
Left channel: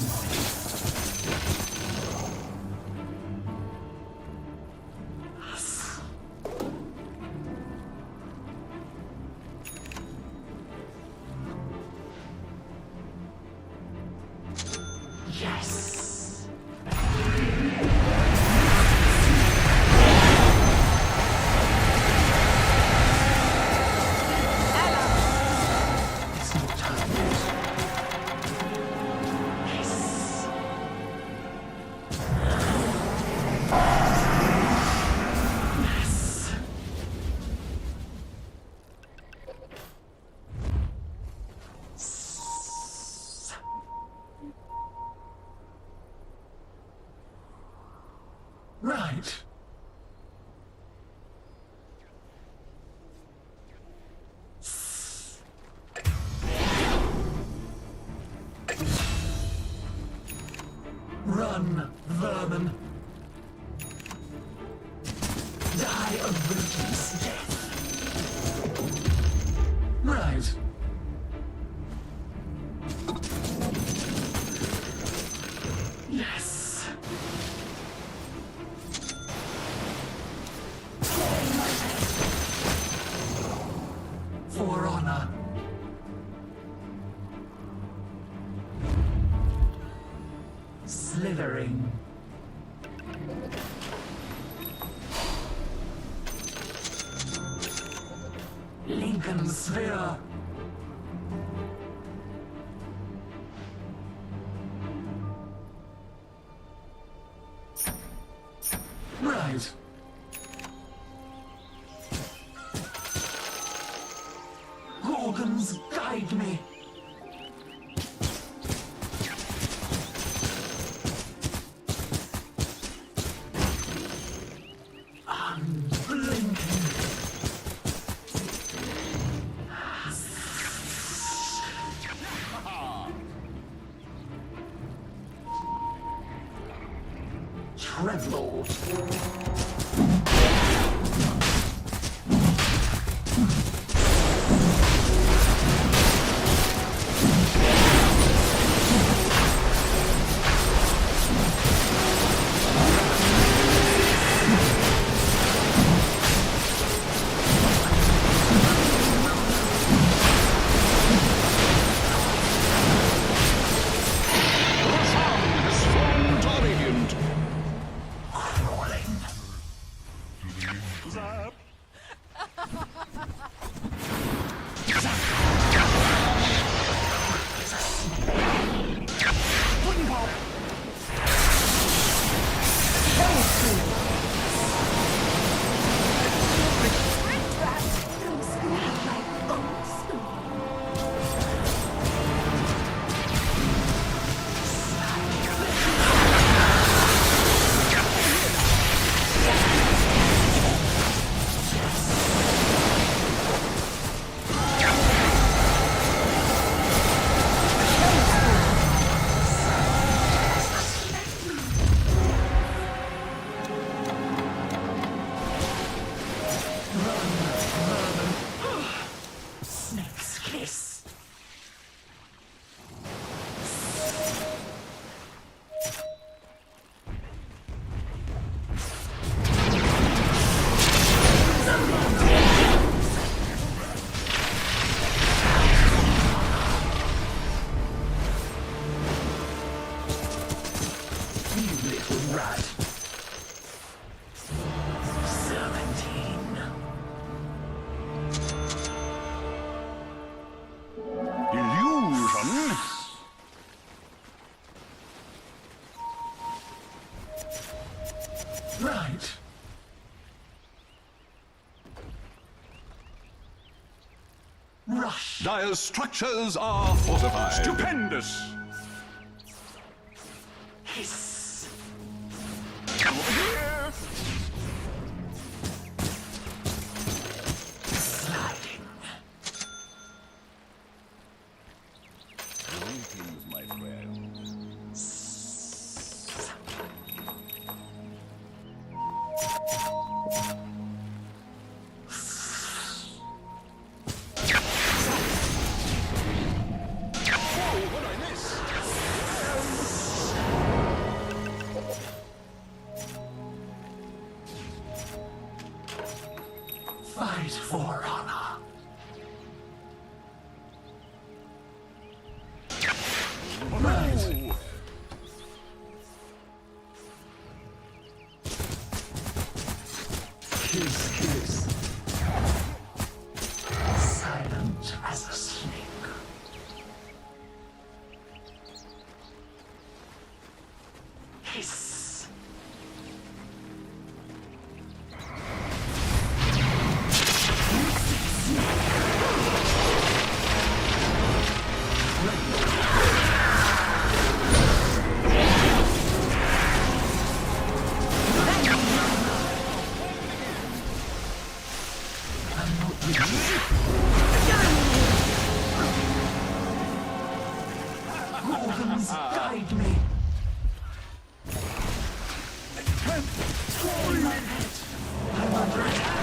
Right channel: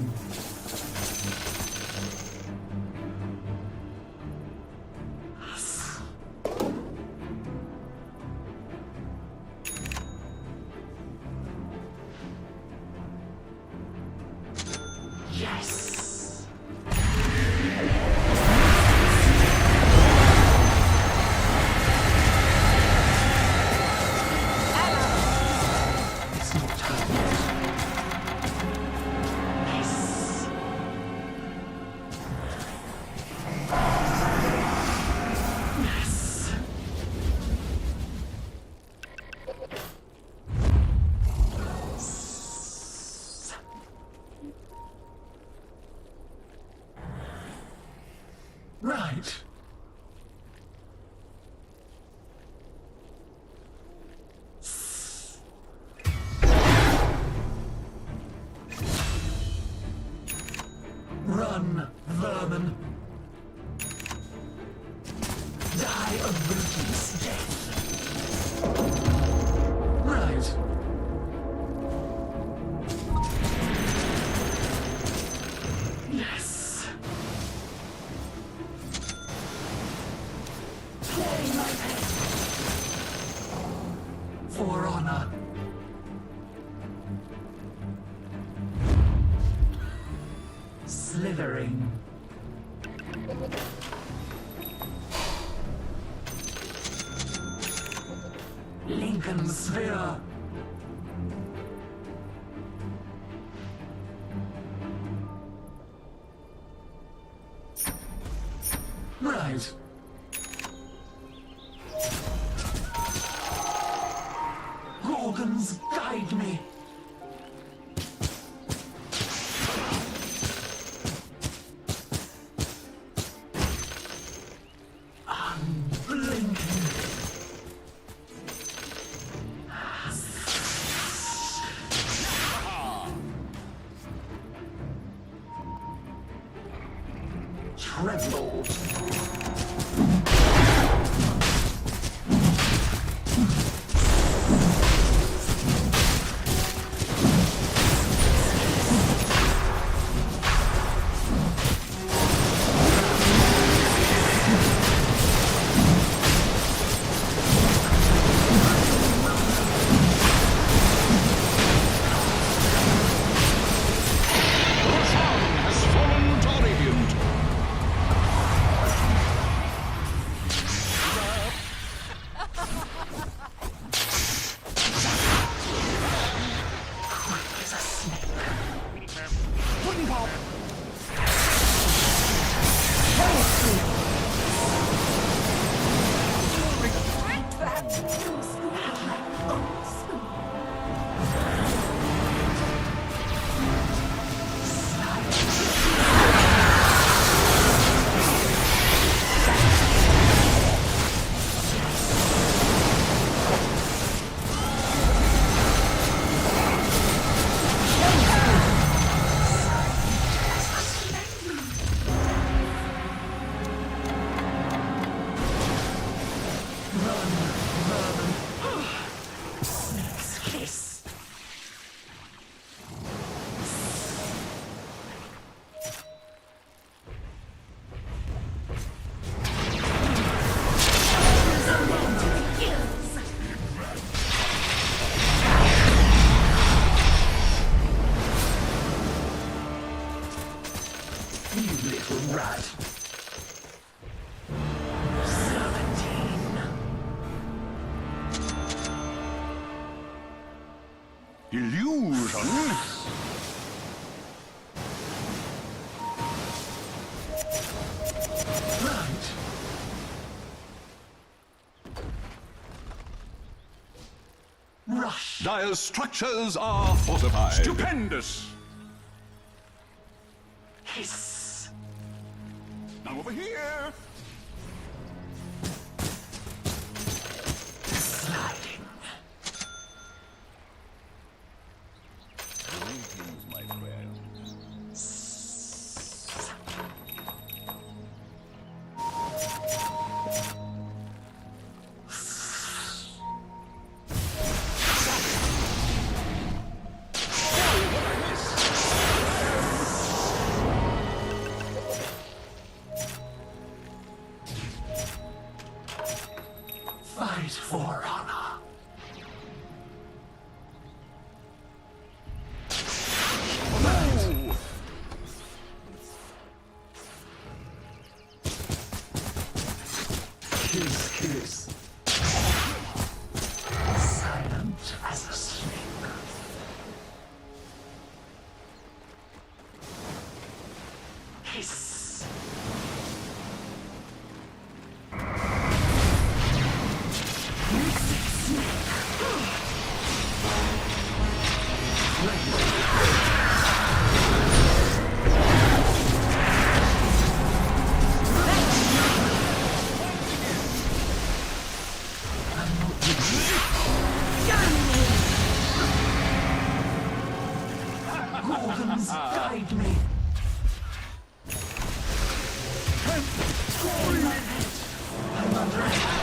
Yes. It's not time yet. Hiss. Yes. Right. Run, vermin. Die a ruthless death. Right. Yes. For honor. Slithering. Lincoln Sphere. Right. Gorgons guide me. Unblinking. Tremble. Rush. Dire's structures are fortified. Stupendous! Hiss. Over here! Sliding. Greetings, my friend. Whoa, what'd I miss? Fight for honor. Ooh. Kiss, kiss. Silent as a snake. Hiss. Gorgons, guide me. I'm under attack.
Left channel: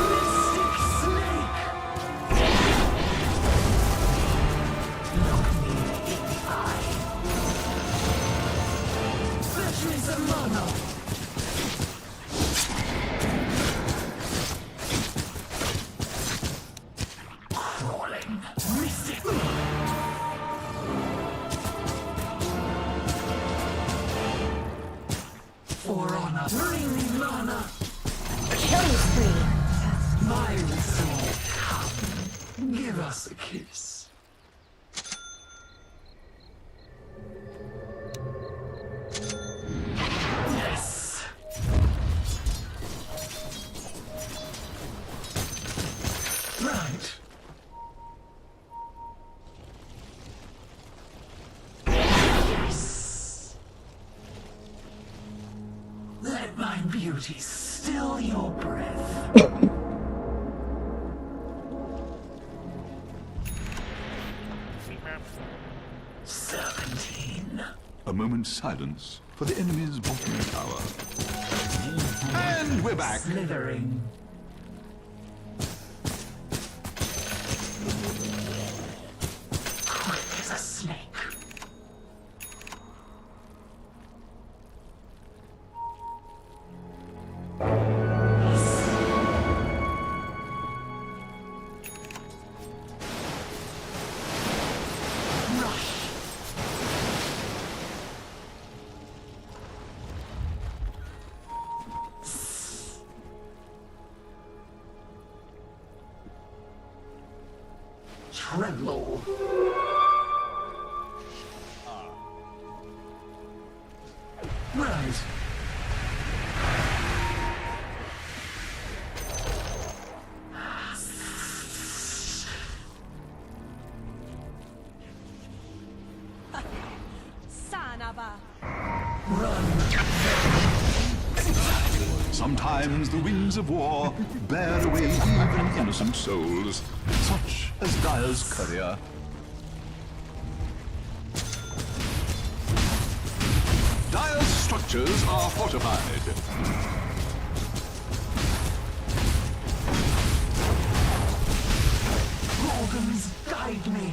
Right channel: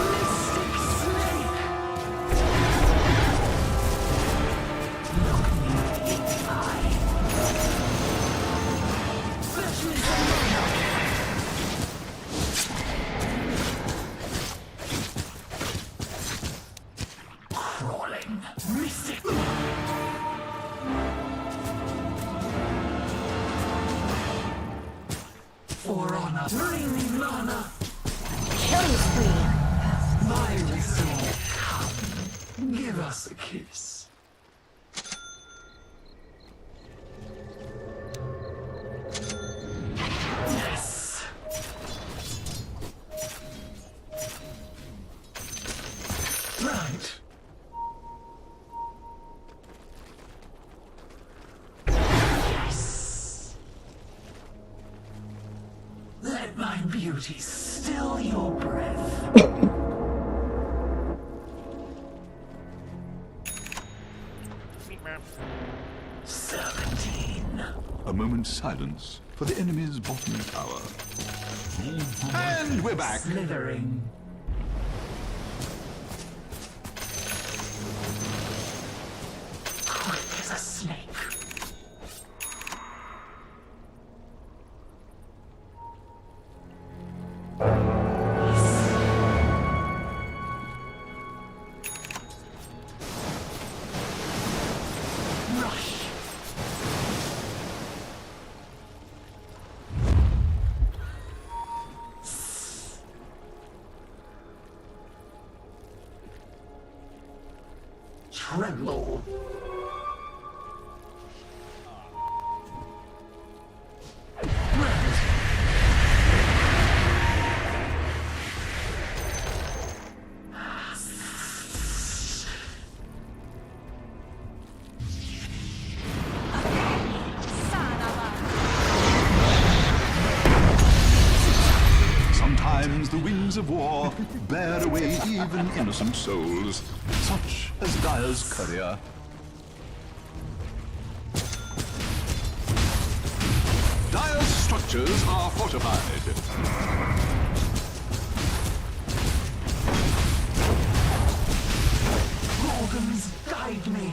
Mystic snake. Look me in the eye. Fetch me some mana. Crawling. Mystic. For honor. Bring me mana. Killing spree. My resolve. Come. Give us a kiss. Yes. Right. Yes. Let my beauty still your breath. 17. A moment's silence for the enemy's bottom tower. And we're back. Slithering. Quick as a snake. Rush. Tremble. Right. Sometimes the winds of war bear away even innocent souls, such as Dire's courier. Dire's structures are fortified. Gorgons, guide me.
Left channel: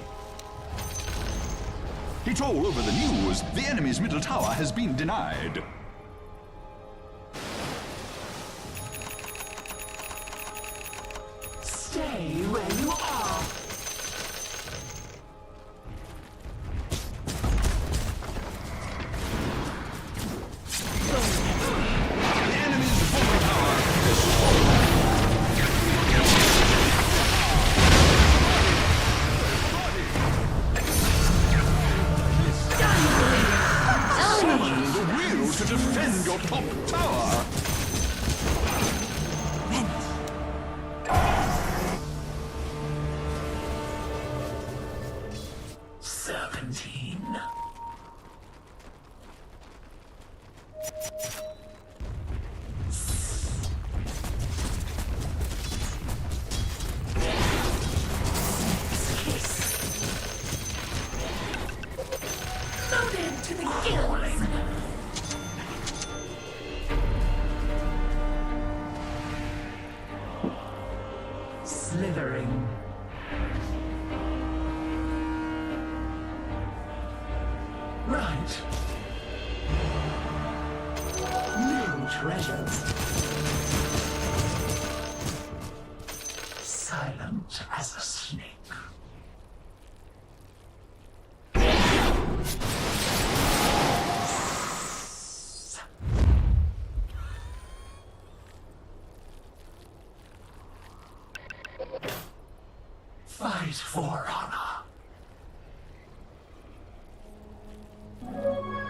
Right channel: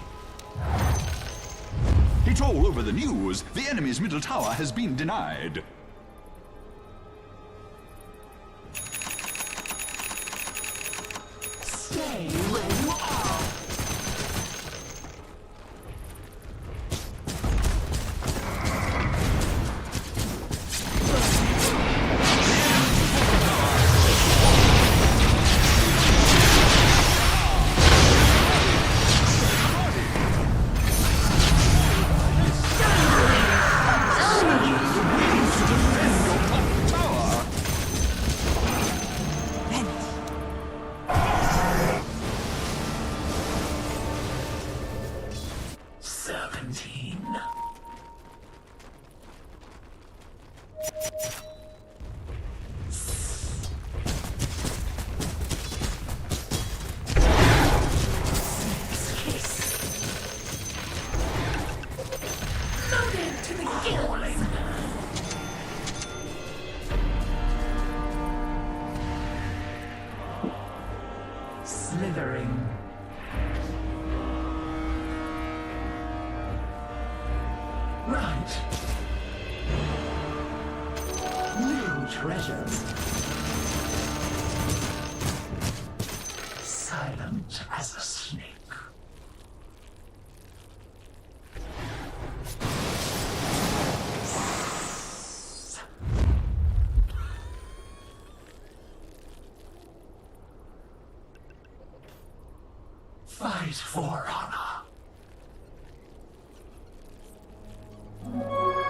It's all over the news. The enemy's middle tower has been denied. Stay where you are. Loaded to the gills. Slithering. Right. New treasures. Silent as a snake. Fight for honor.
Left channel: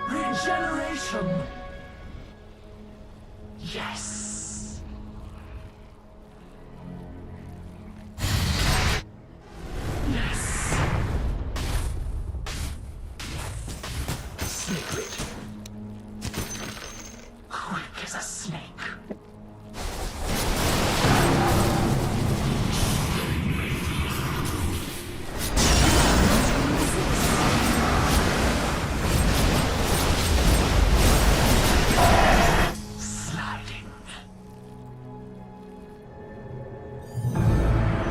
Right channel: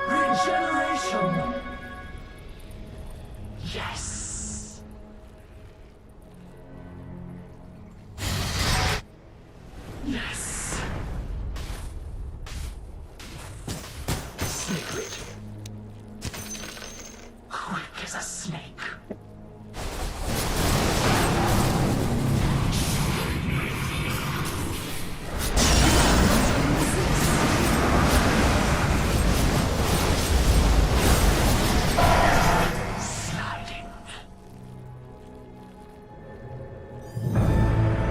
Regeneration. Yes. Yes. Sacred. Quick as a snake. Sliding.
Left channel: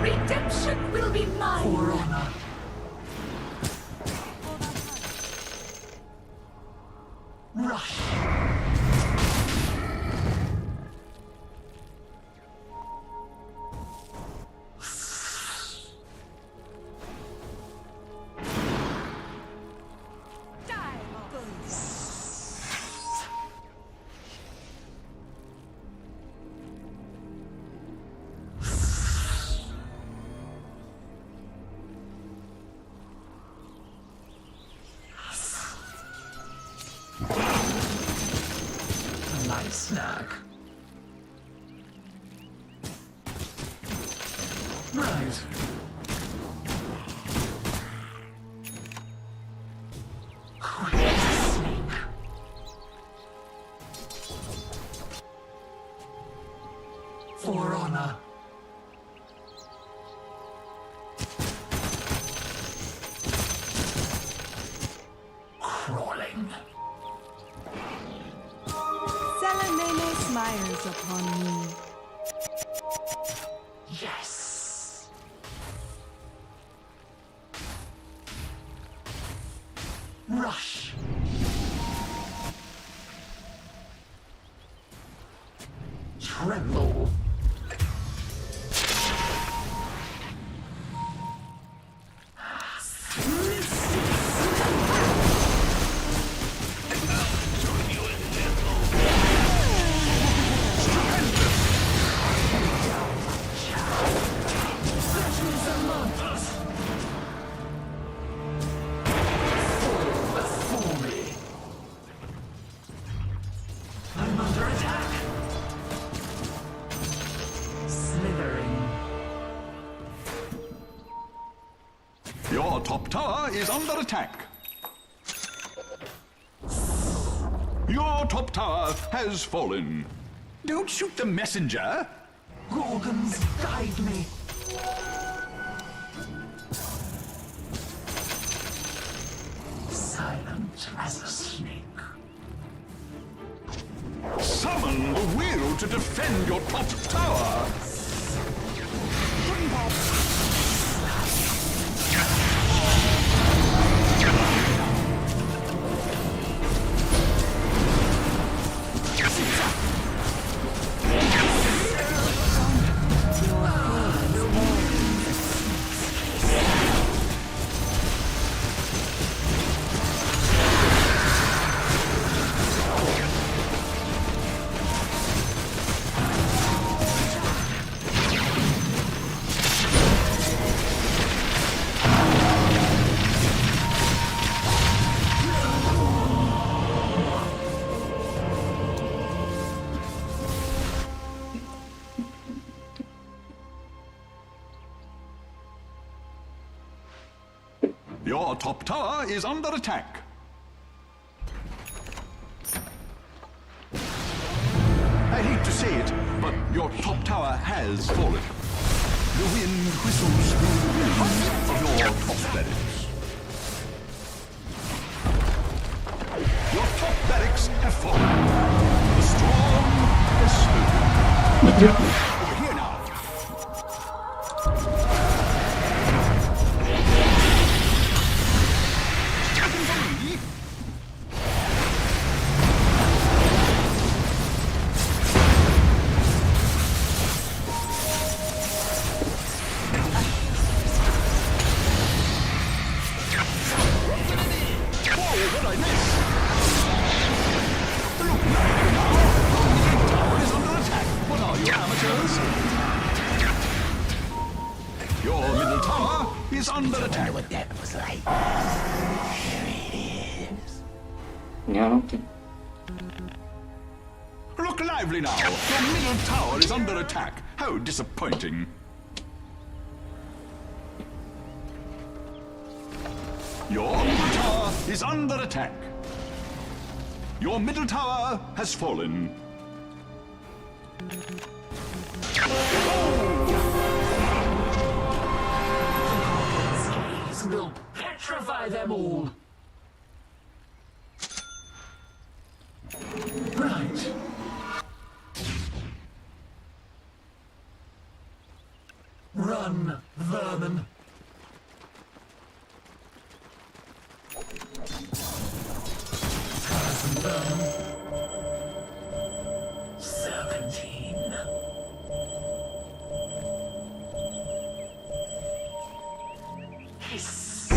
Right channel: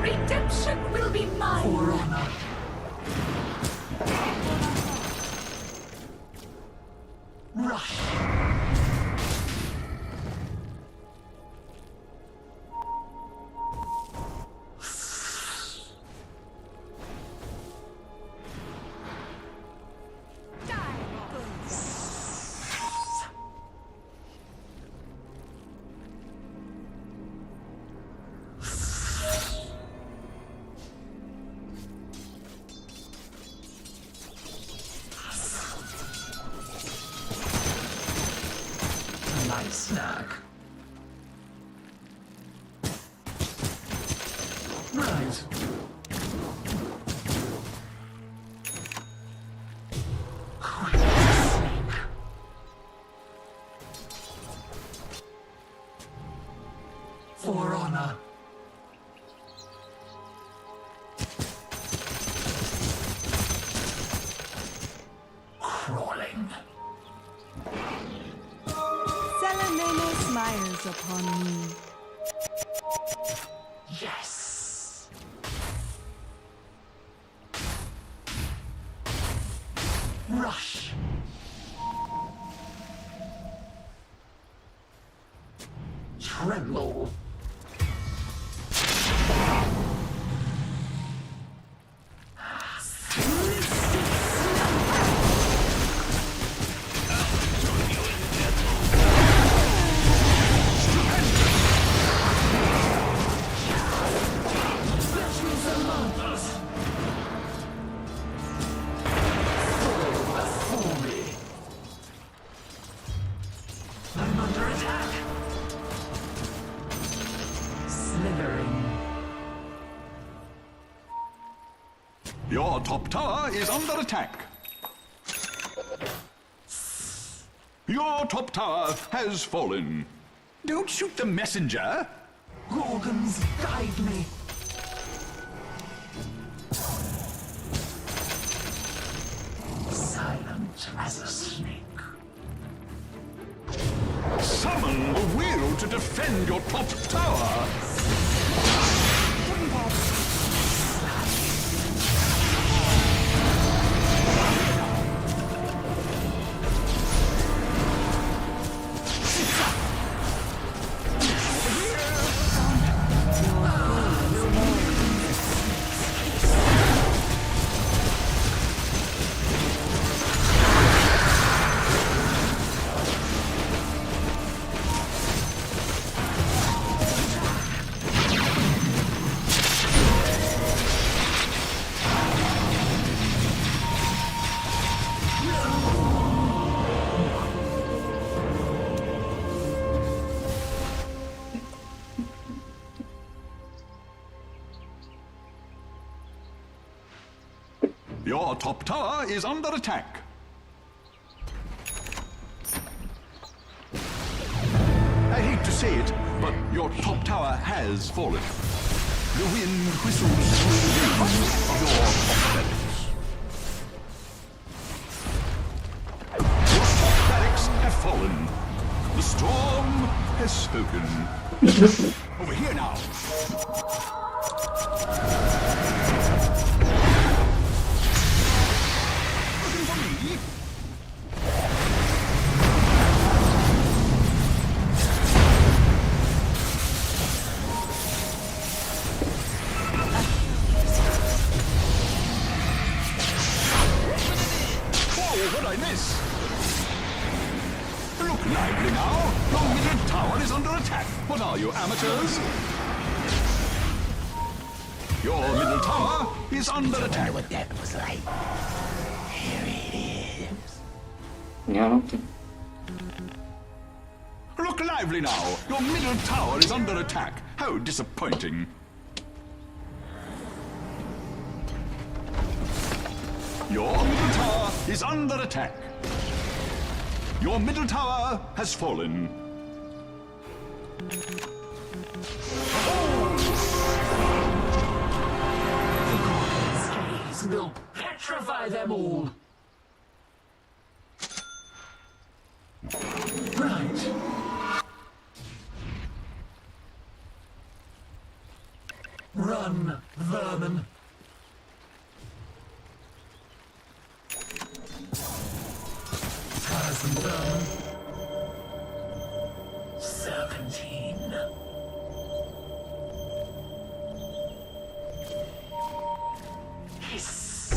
Redemption will be mine. For honor. Rush. A nice snack. Right. Quick as a snake. For honor. Crawling. Salamene smiles upon me. Yes. Rush. Tremble. Before me. I'm under attack. Slithering. Your top tower is under attack. Your top tower has fallen. Don't shoot the messenger. Gorgons, guide me. Silent as a snake. Summon the will to defend your top tower. Your top tower is under attack. I hate to say it, but your top tower has fallen. The wind whistles through the ruins of your top barracks. Your top barracks have fallen. The storm has spoken. Over here now. Looking for me? Whoa, what'd I miss? Look lively now. Your middle tower is under attack. What are you, amateurs? Your middle tower is under attack. What that was like. Here it is. Nyala tuh. Look lively now. Your middle tower is under attack. How disappointing. Your middle tower is under attack. Your middle tower has fallen. The Gorgon's gaze will petrify them all. Right. Run, vermin. Thousand vermin. Serpentine. Hiss.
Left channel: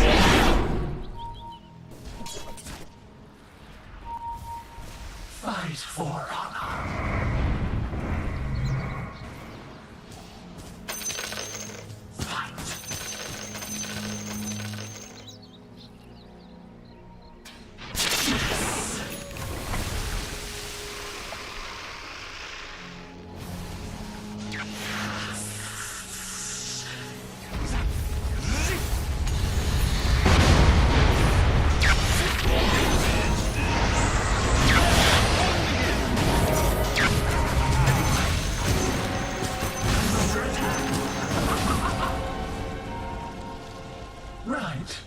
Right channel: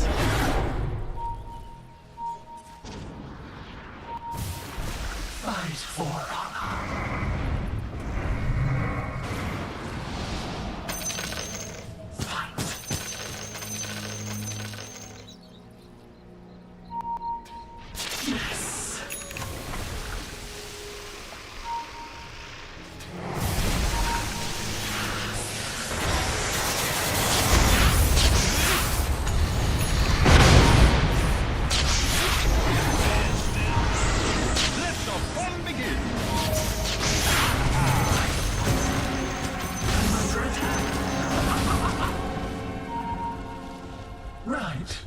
Fight for honor. Fight. Yes. Right.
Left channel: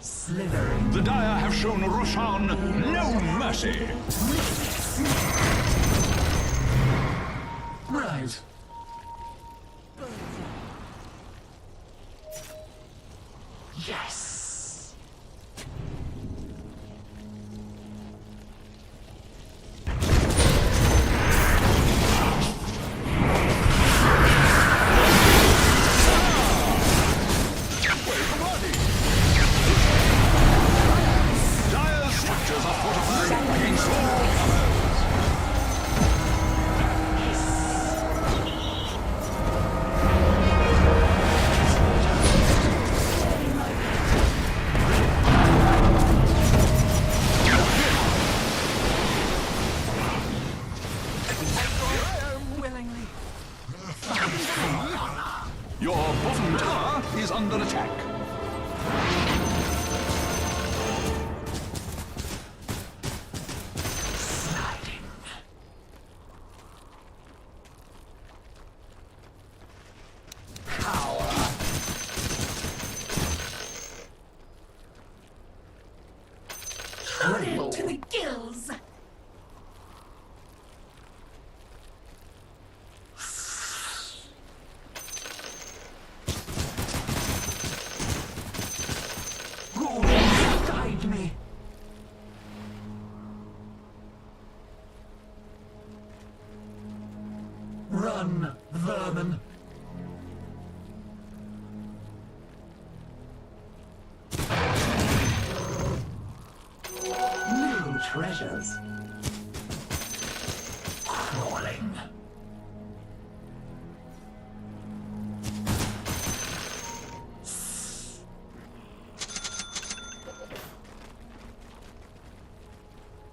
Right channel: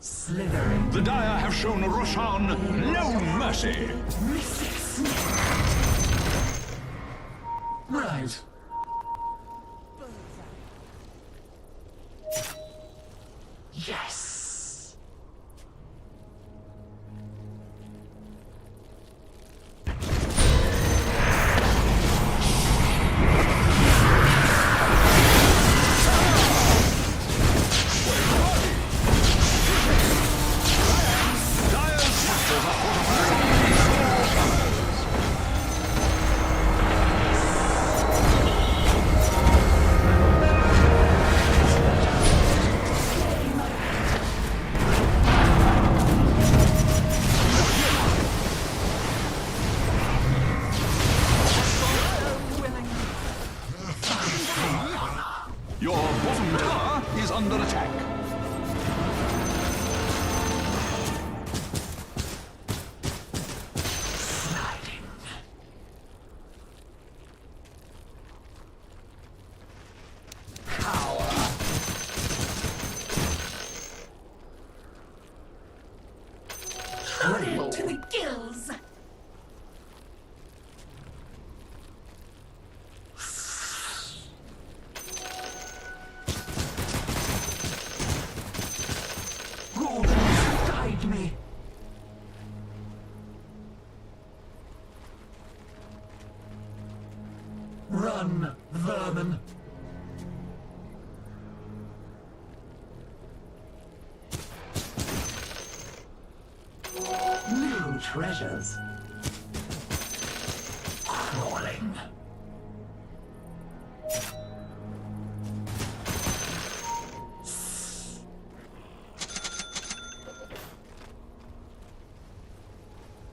Slithering. The Dire have shown Roshan no mercy. Right. Yes. Dire's structures are fortified against all comers. Your bottom tower is under attack. Sliding. Loaded to the gills. Gorgons, guide me. Run, vermin. New treasures. Crawling.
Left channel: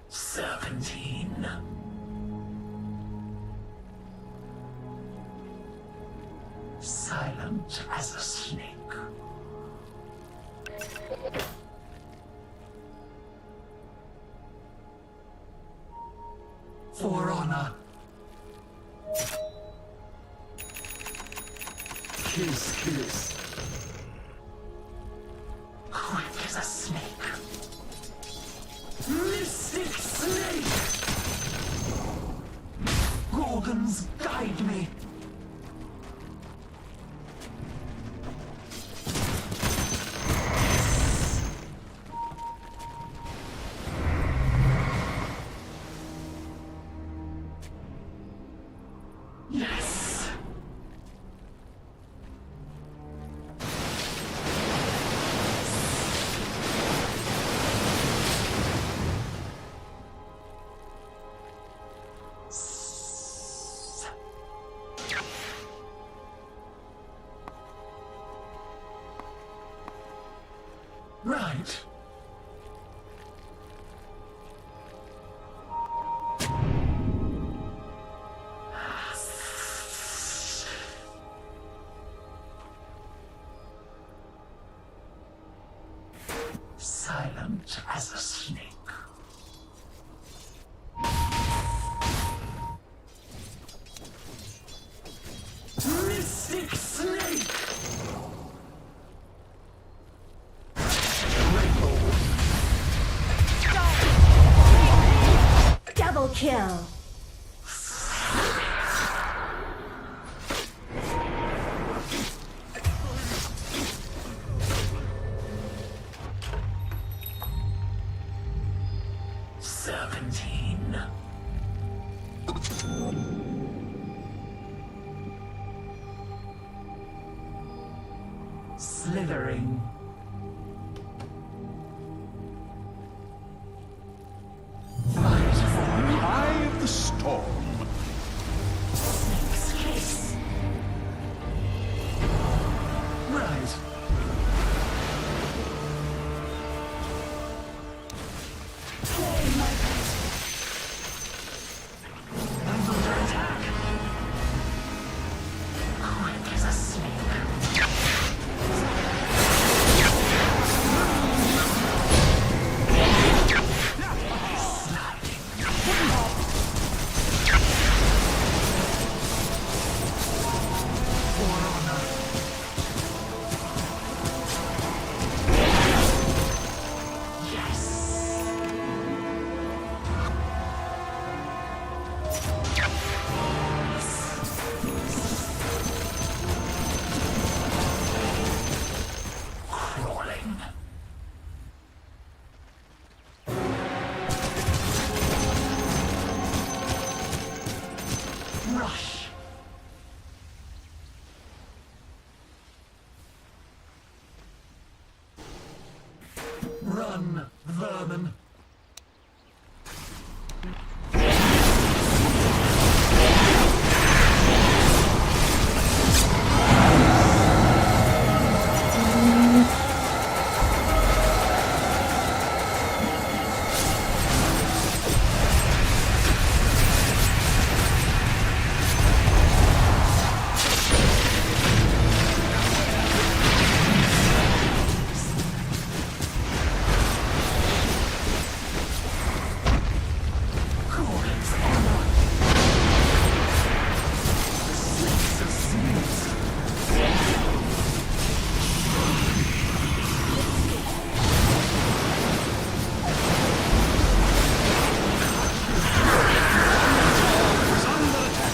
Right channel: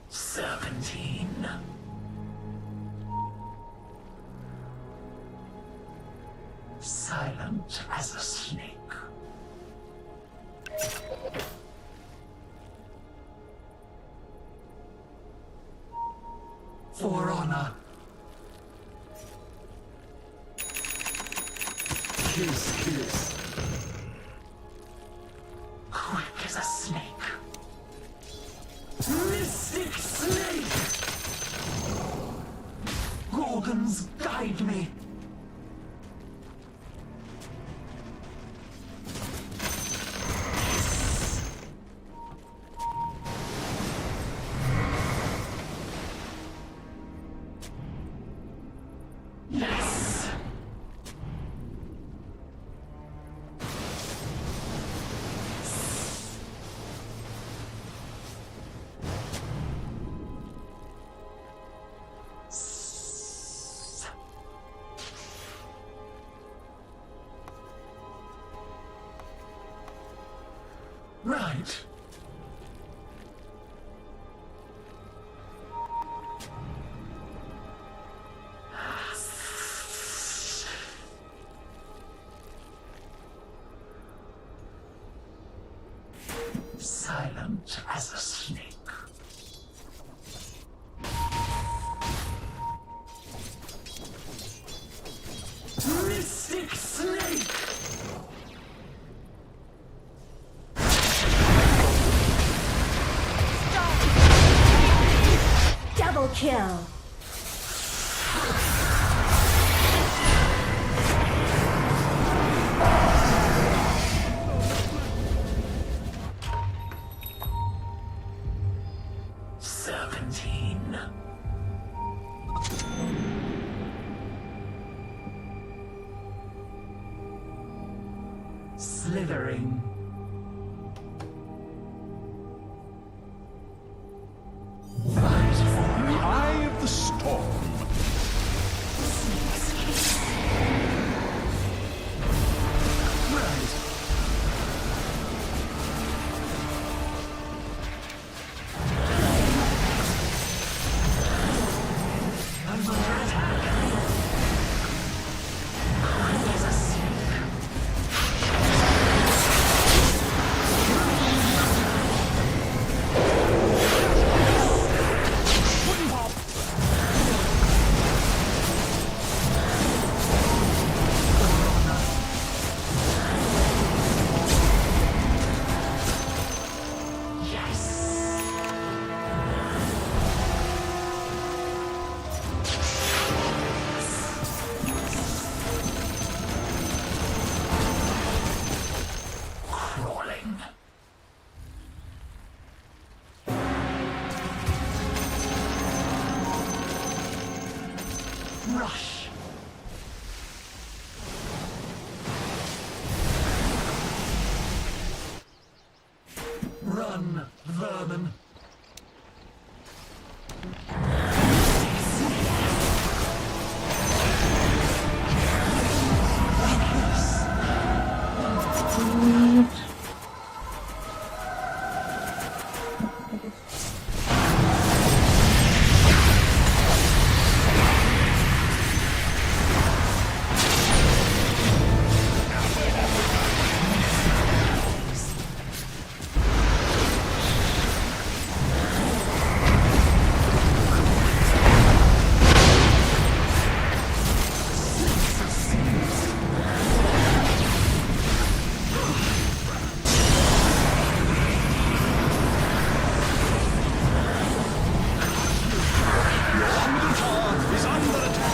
Serpentine. Silent as a snake. For honor. Kiss, kiss. Right. Silent as a snake. Mystic snake! Double kill. Slithering. Fight for In the eye of the storm. Snake's kiss. Right. I'm under attack. Quick as a snake. Rush. Run, vermin. Is under attack.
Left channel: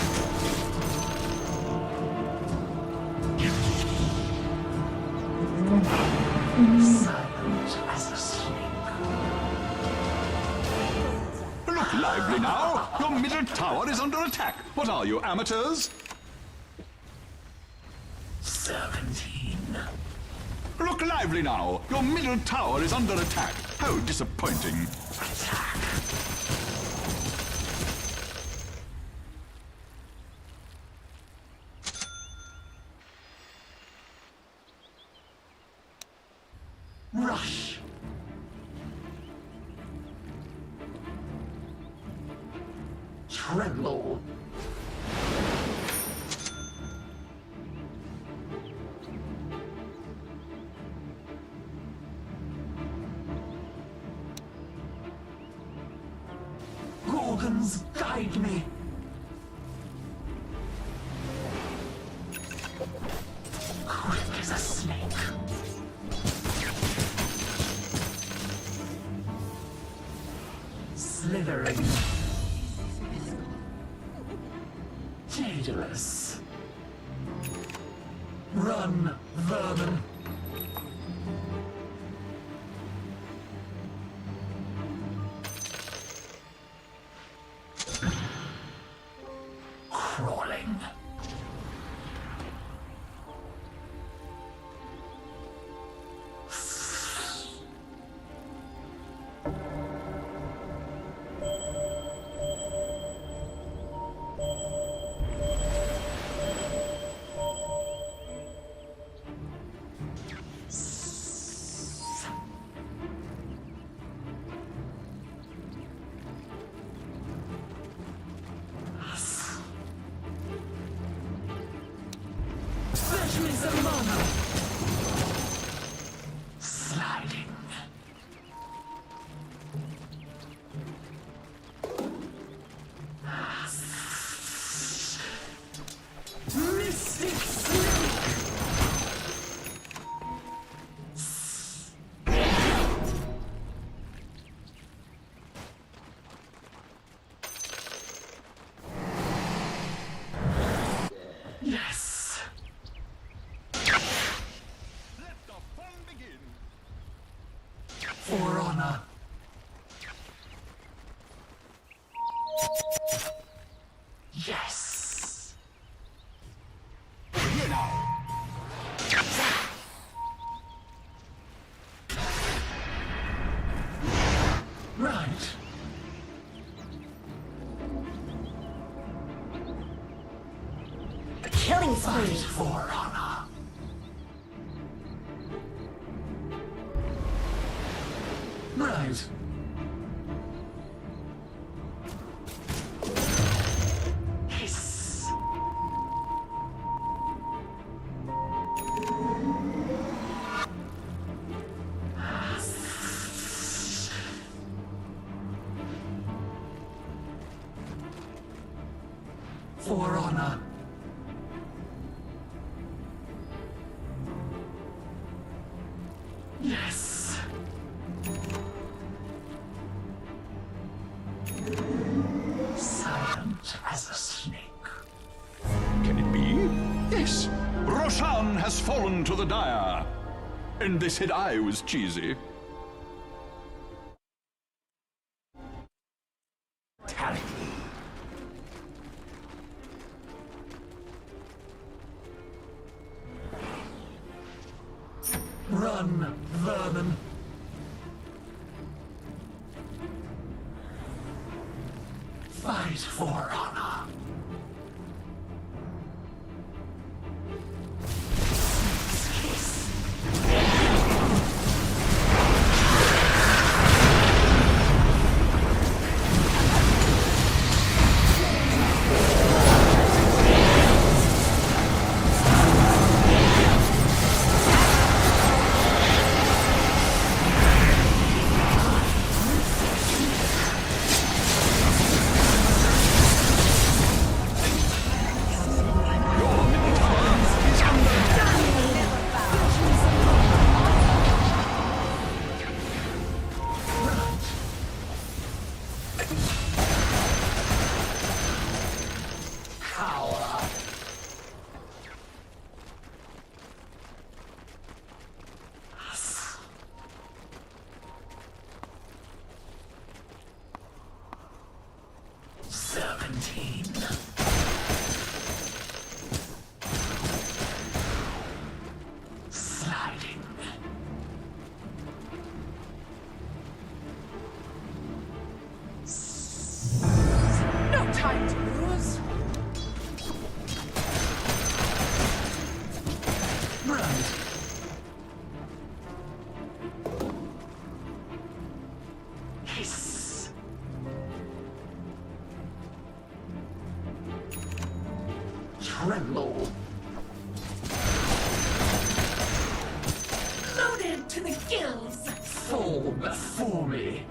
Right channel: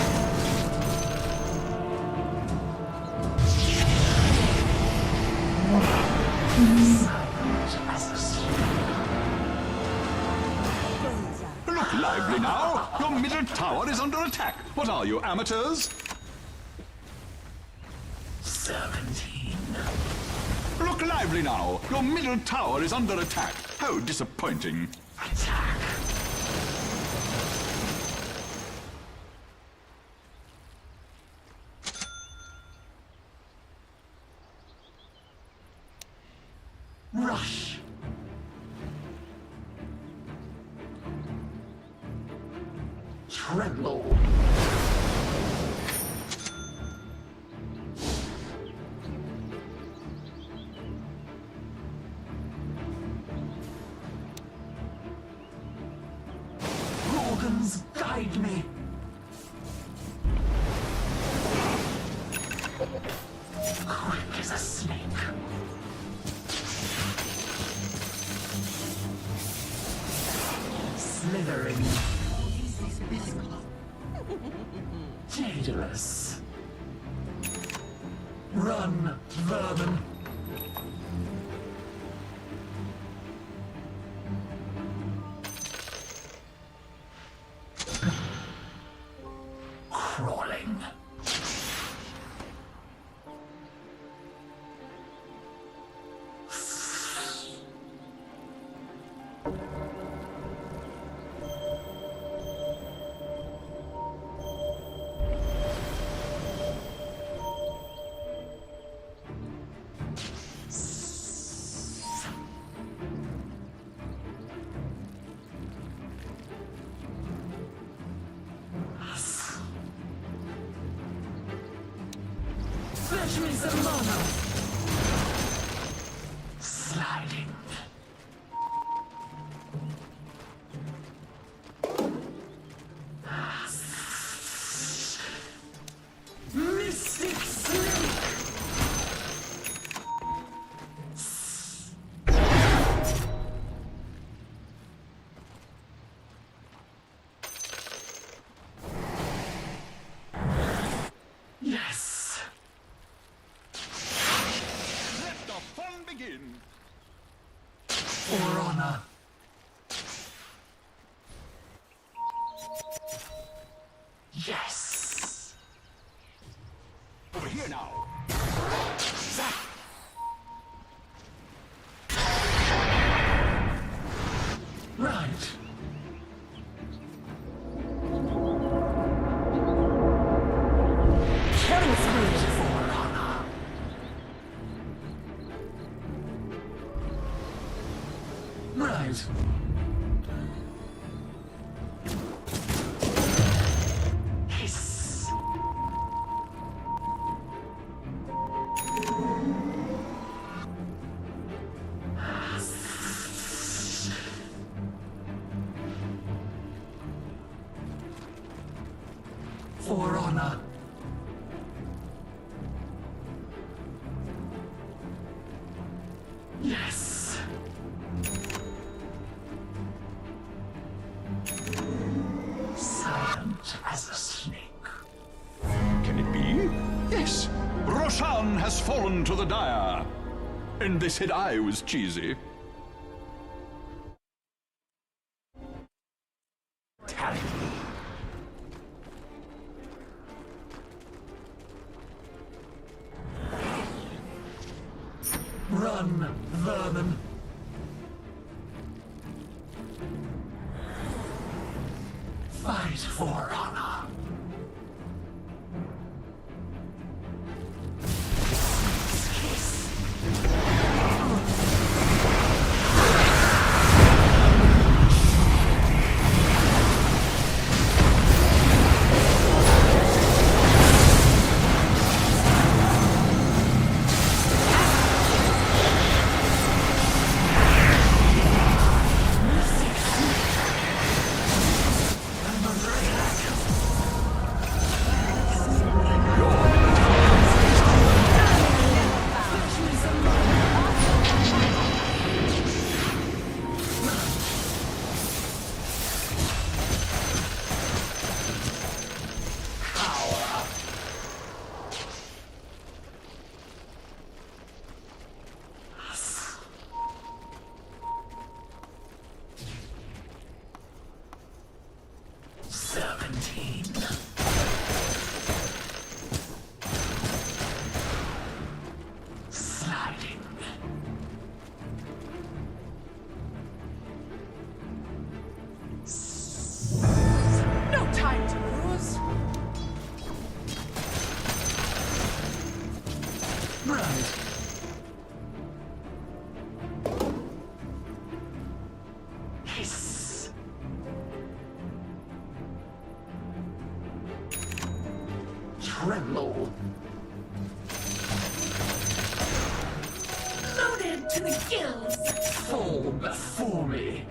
Silent as a snake. Look lively now. Your middle tower is under attack. What are you, amateurs? 17. Look lively now. Your middle tower is under attack. How disappointing. Attack. Rush. Tremble. Organs, guide me. Quick as a snake. Slithering. Daedalus. Run, vermin. Crawling. Fetch me some mana. Sliding. Mystic Snake. Yes. Let the fun begin. For honor. Yes. Over here now. Right. Killing spree. Fight for honor. Right. Hiss. For honor. Yes. Silent as a snake. Can it be? Yes. Roshan has fallen to the dire. And they said I was cheesy. Tally. Run, vermin. Fight for honor. Sliding. No time to lose. Right. Hiss. Tremble. Loaded to the gills. Fall before me.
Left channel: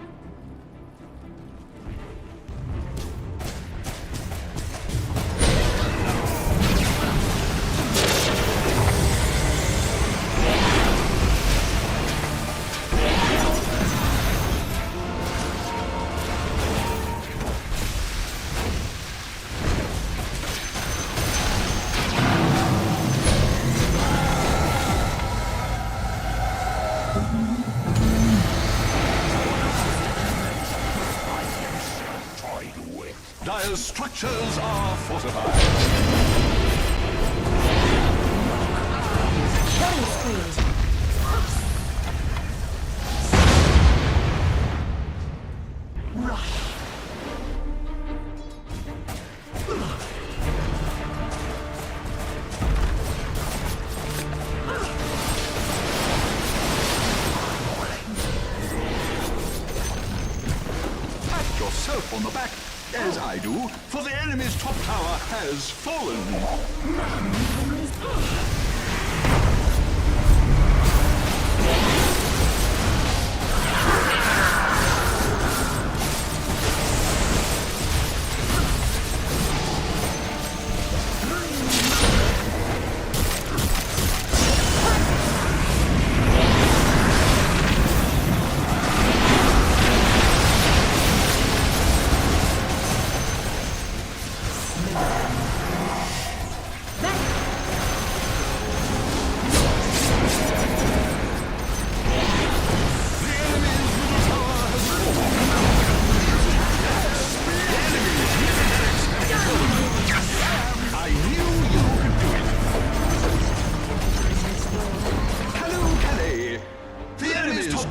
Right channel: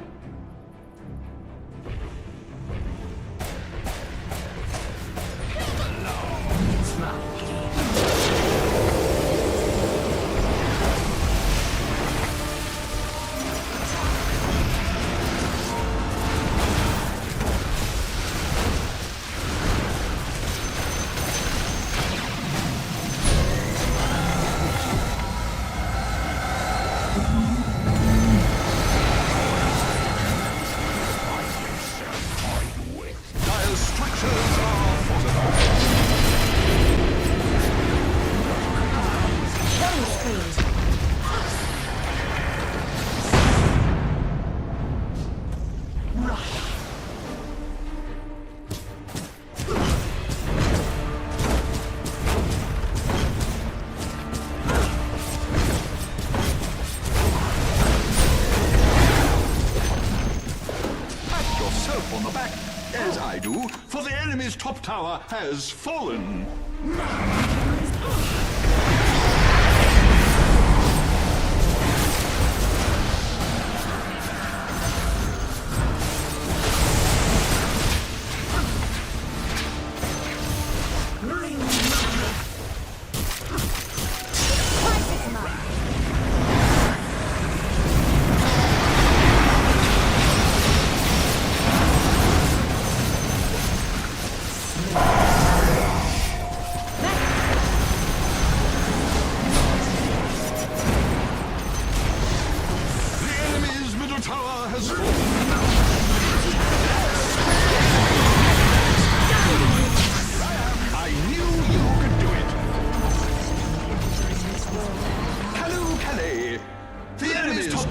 Dire's structures are fortified. Killing spree. Rush. Pat yourself on the back, as I do, for the enemy's top tower has fallen. None.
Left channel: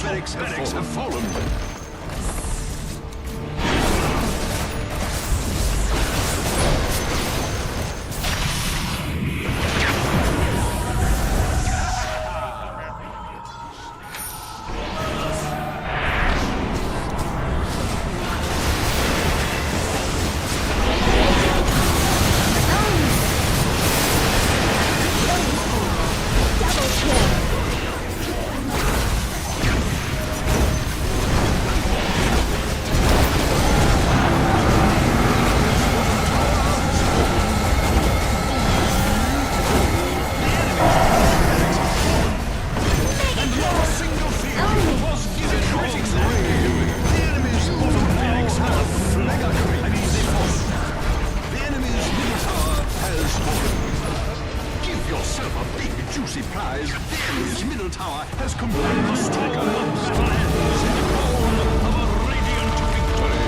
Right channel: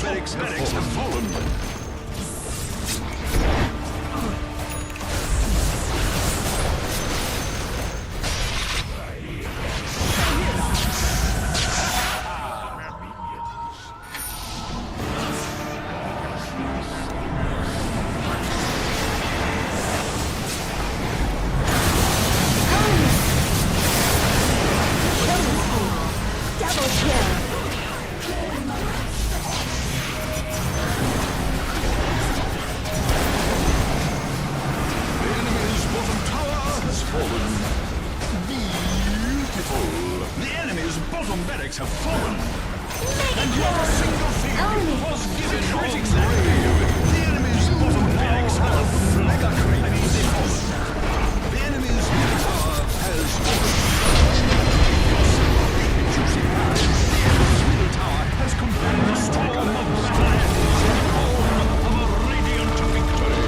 barracks have fallen. Double kill. Has completed the storm of battle ends in the form of a radiant victory.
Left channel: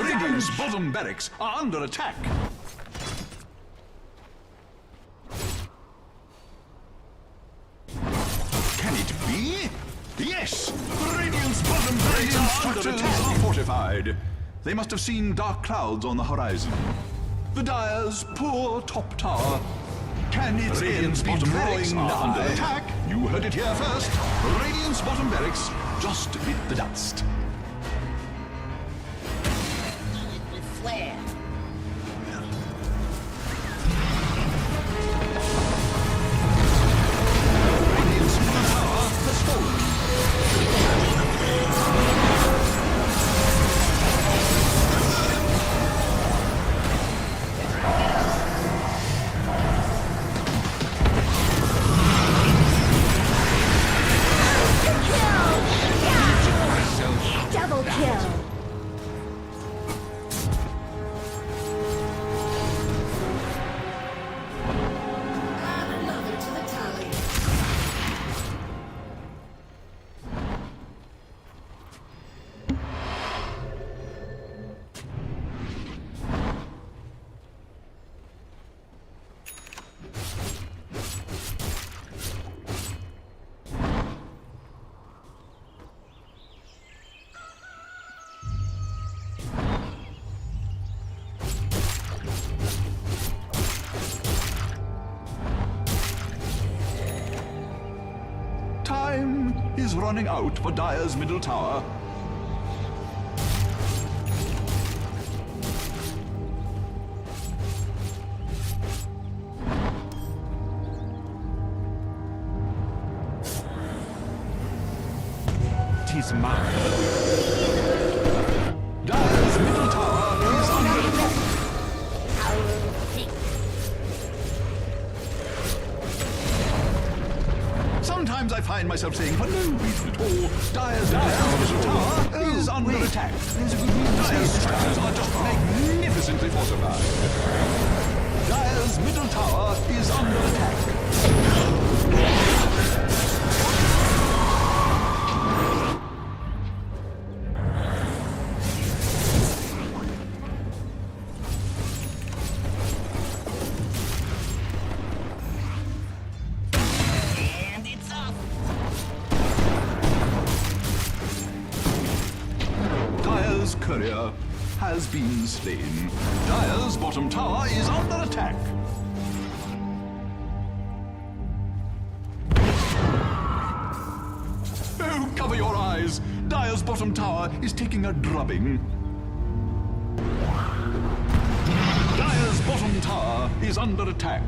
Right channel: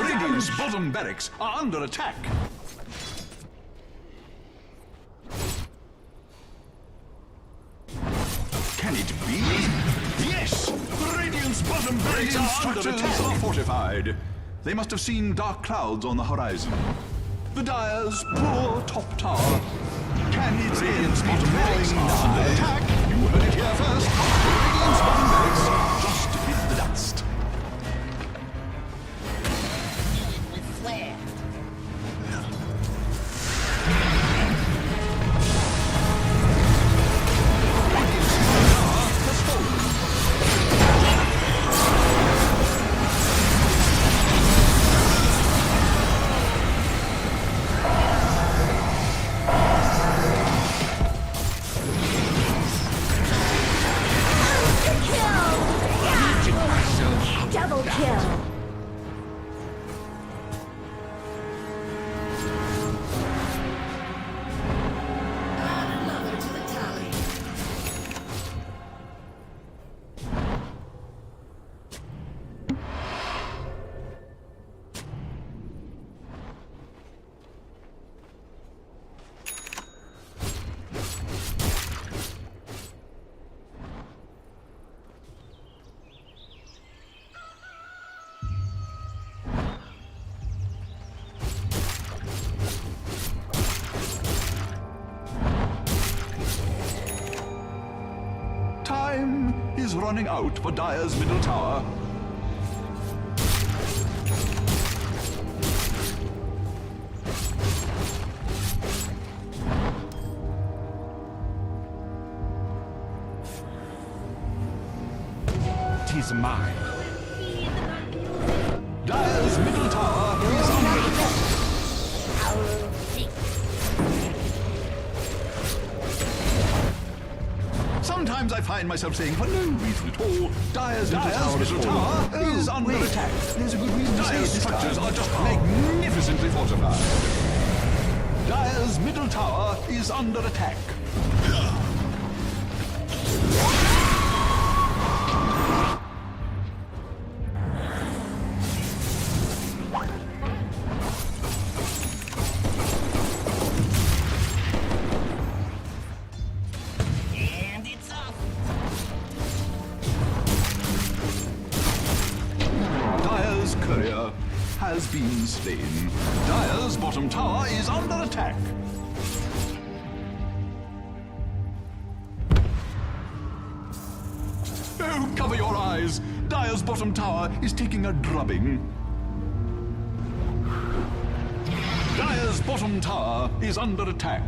Radiant's bottom barracks are under attack. Can it be? Yes! Radiant's bottom barracks are fortified. They must have seen dark clouds on the horizon. The Dire's poor top tower. Can its Radiant's bottom barracks are under attack? You heard it here first. Radiant's bottom barracks just bit the dust. Flare. Radiant's bottom tower has fallen. Monster kill! Yeah! Time is running out for Dire's middle tower. Tis mine. Dire's middle tower is under attack. Sometimes I find myself saying for no reason at all, Dire's middle tower is under attack. There's a good reason to say Dire's this structures time. are just magnificently fortified. Dire's middle tower is under attack. And it's up. Dire's courier has been slain. Dire's bottom tower is under attack. Oh, cover your eyes! Dire's bottom tower is taking a drubbing. Dire's bottom tower is under attack.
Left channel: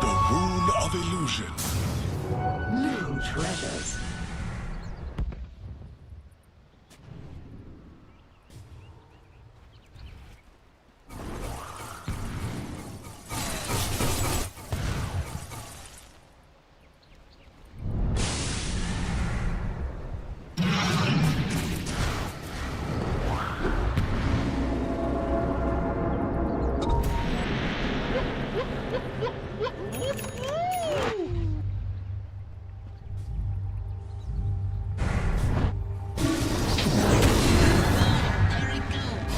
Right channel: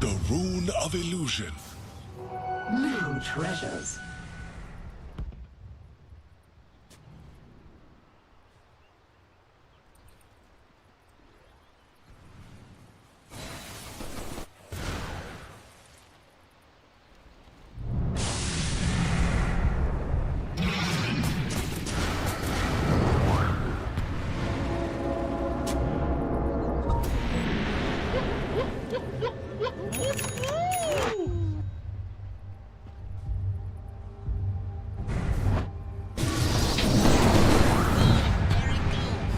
The rune of illusion. New treasures. There it goes.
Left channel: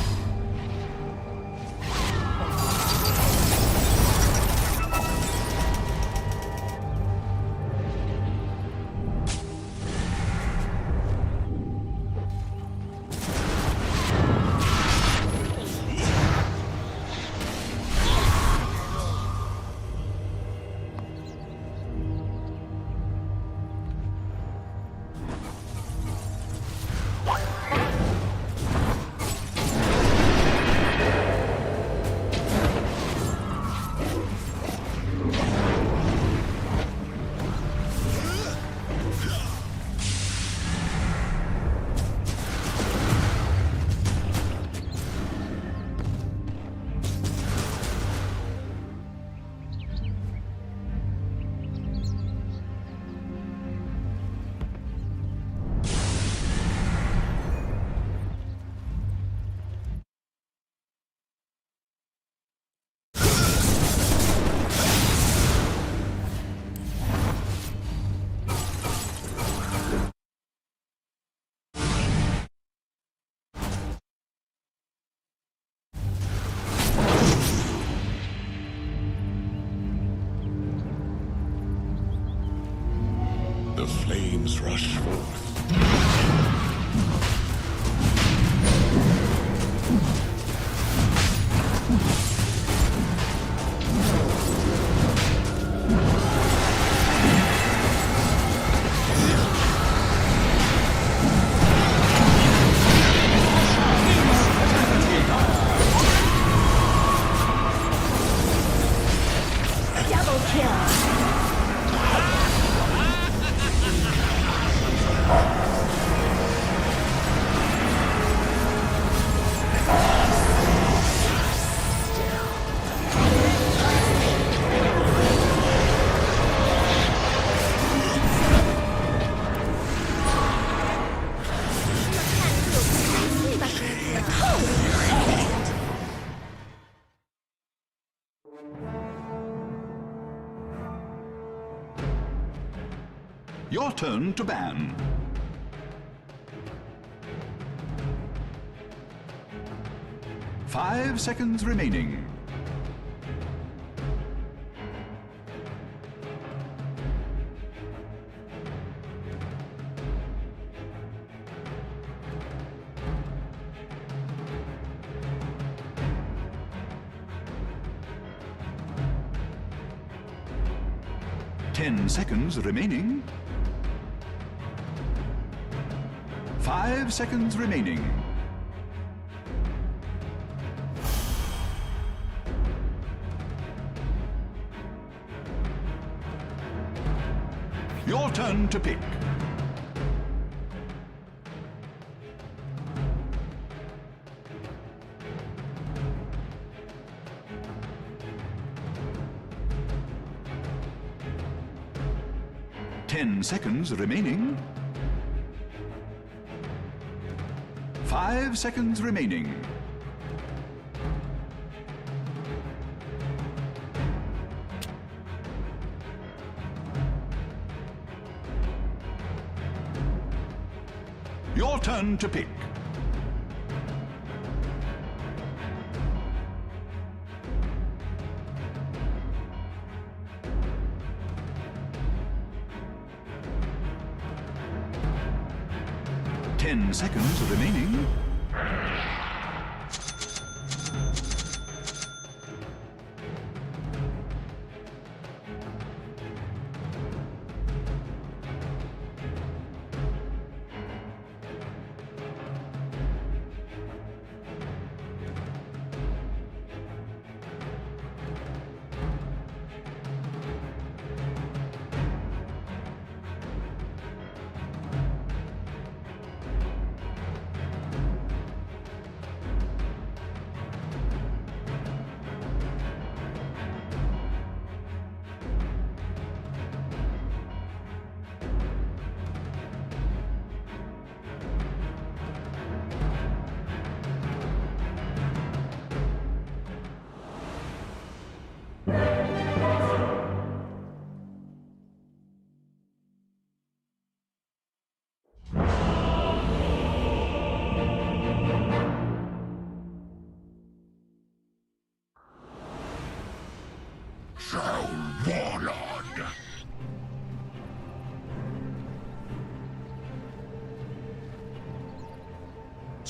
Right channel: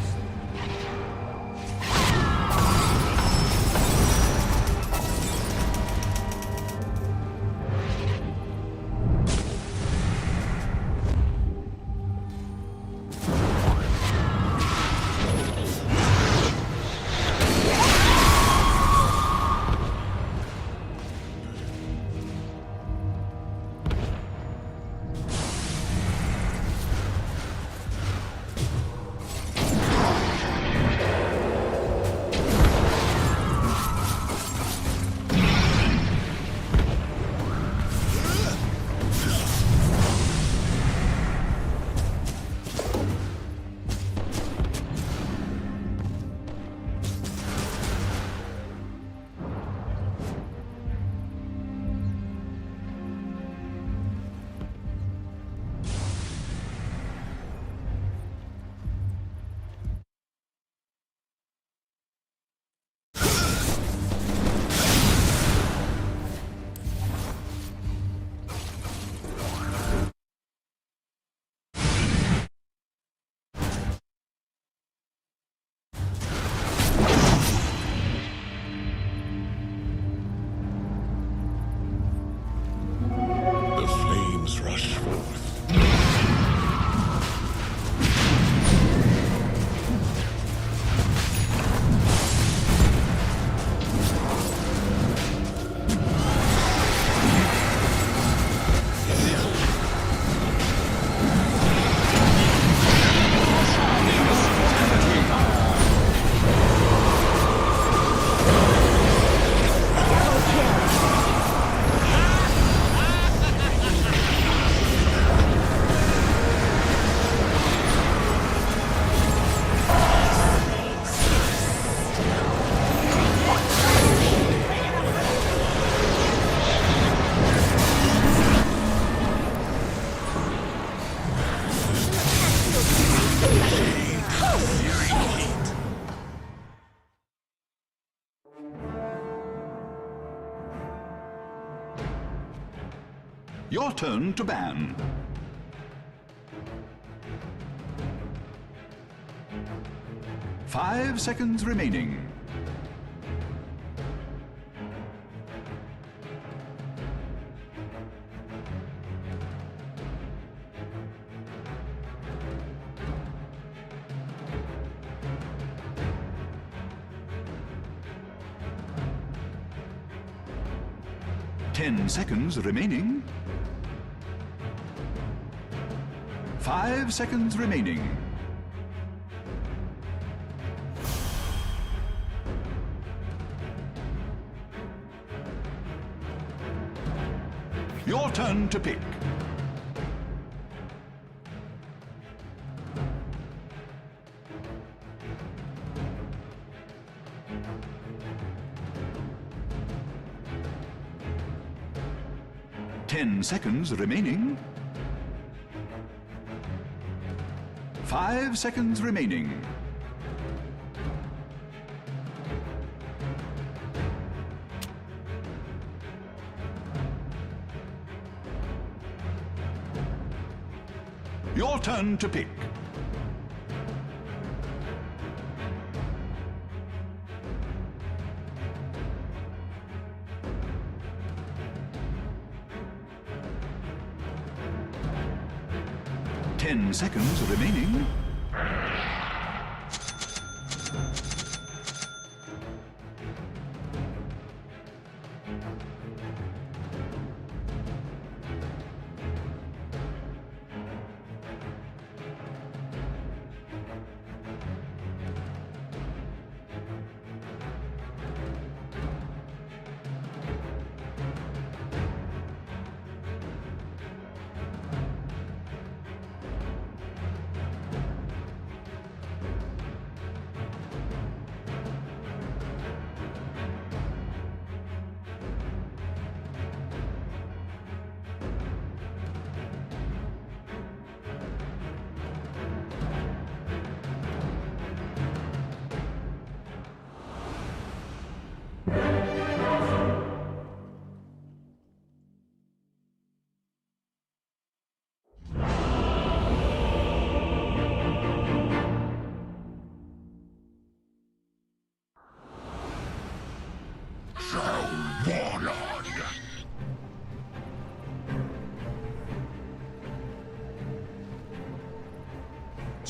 The flames rush forth. Double kill. Your turn to ban. 5 seconds remaining. Ten seconds remaining. 5 seconds remaining. Your turn to pick. Ten seconds remaining. 5 seconds remaining. Your turn to pick. Ten seconds remaining.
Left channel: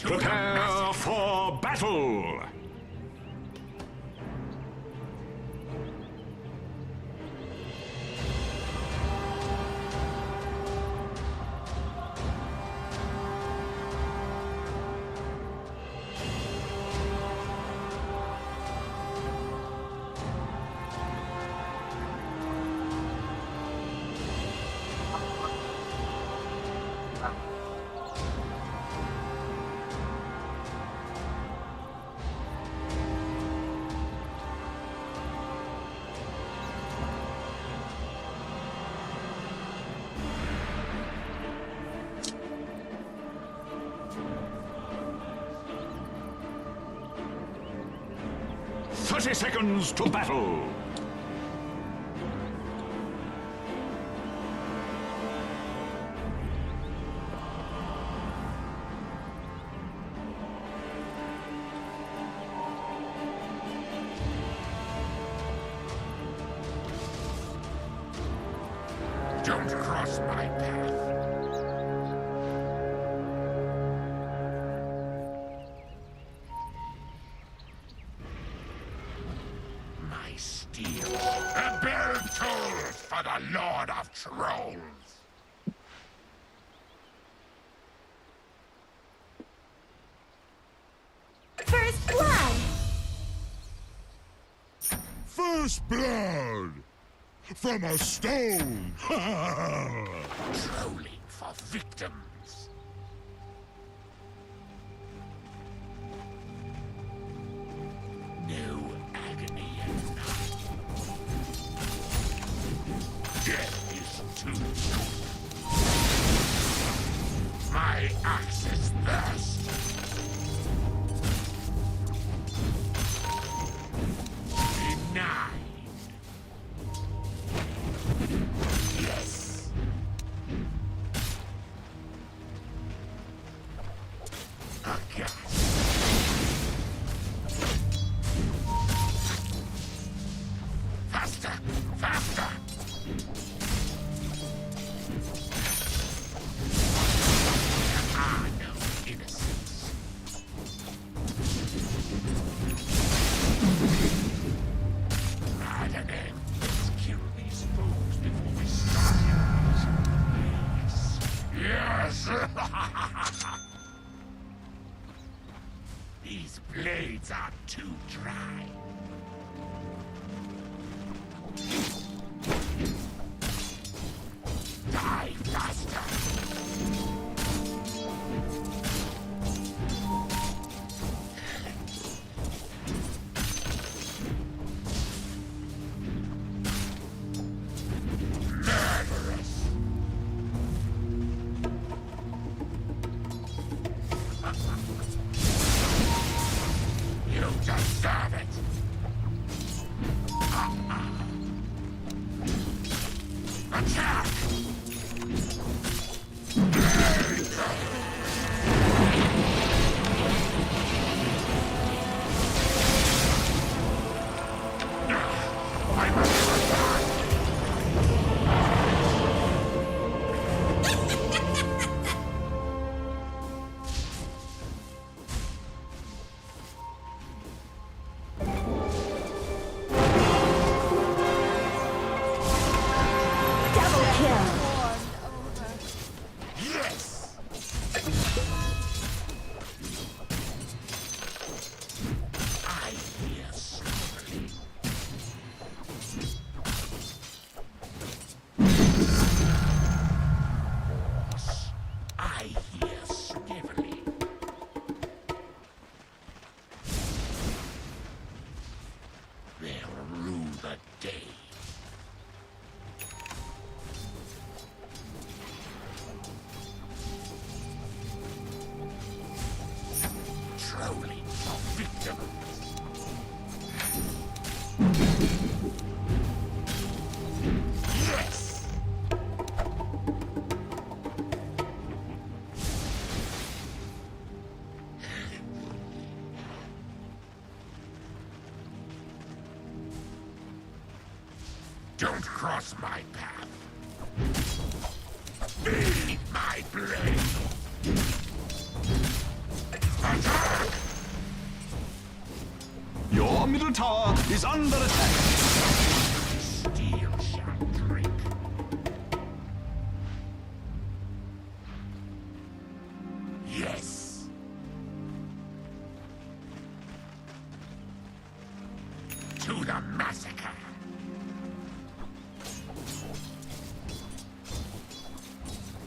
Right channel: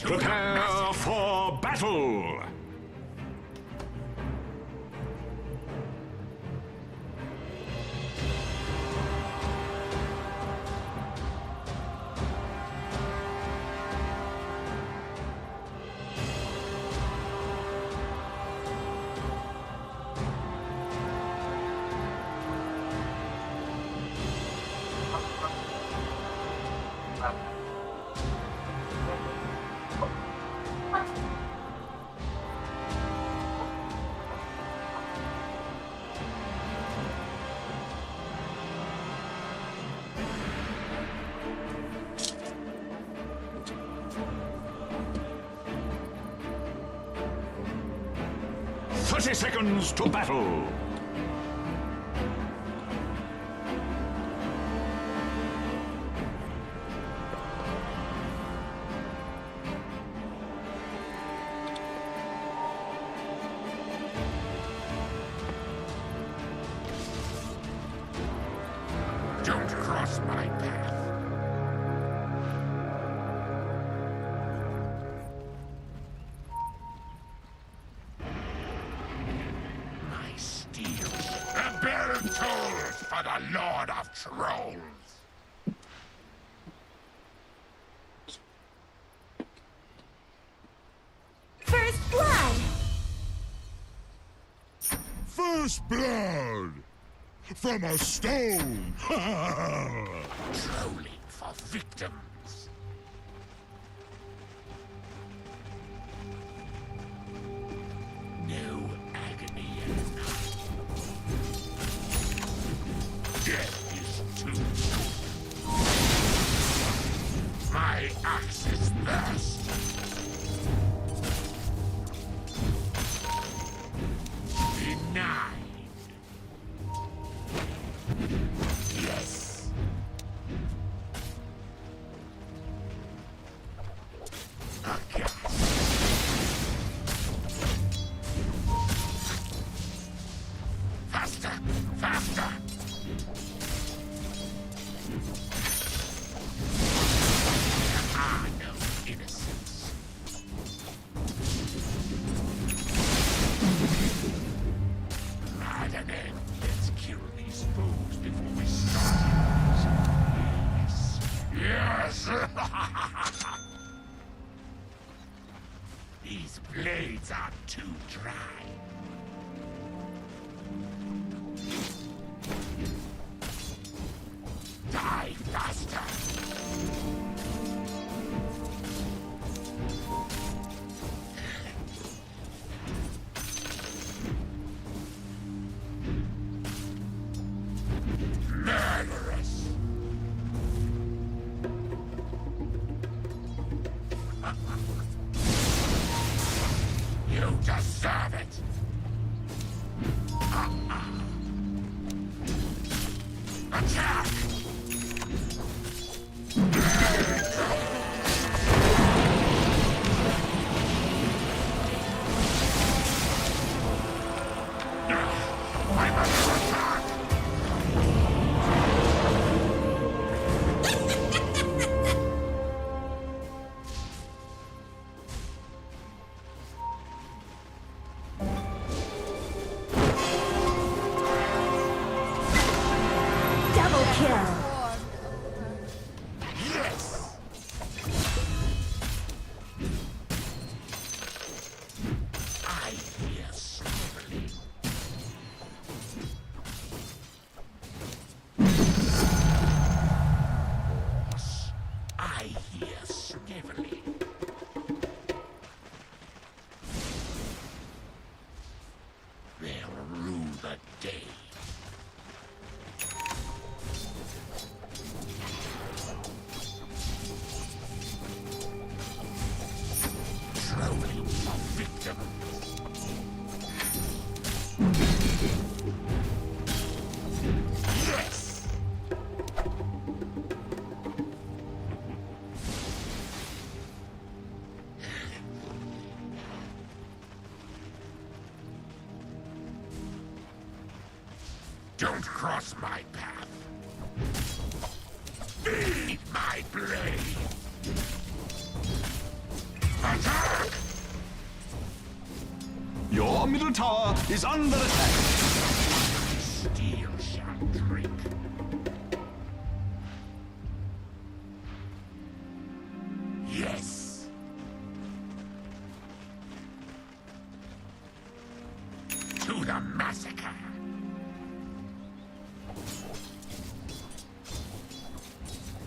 Prepare for battle! "30 seconds to battle!" Don't cross my path. My steel. A bell tolls for the Lord of Trolls. First blood! First blood! From a stone! Trolling for victims. No agony enough. Death is too soon. My axe is thirst. Denied. Yes. Aghast. Faster! Faster! There are no innocents. Maddening. Let's kill these foes before we start it. Yes! Yes! These blades are too dry. Die faster! Murderous! You deserve it! Attack! I must attack! Double kill. Yes! I hear slowly. Horse, I hear snivelly. They'll rue the day. Trolling for victims. Yes! Don't cross my path. Feed my blade. Attack! Your middle tower is under attack. Steel shall drink. Yes. To the massacre.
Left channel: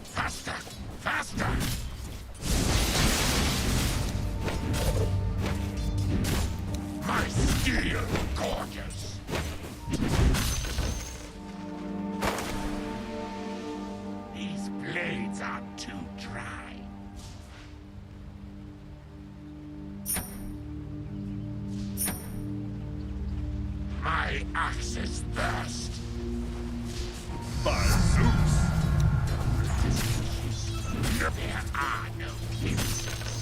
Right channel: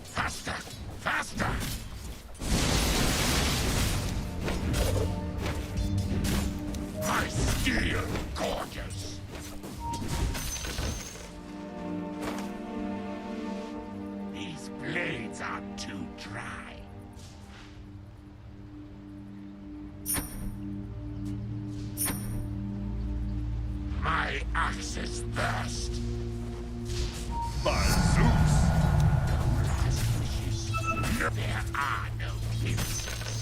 Faster! Faster! My steel gorgeous! These blades are too dry. My axe's thirst. By Zeus! No last wishes. No, there are no innocents.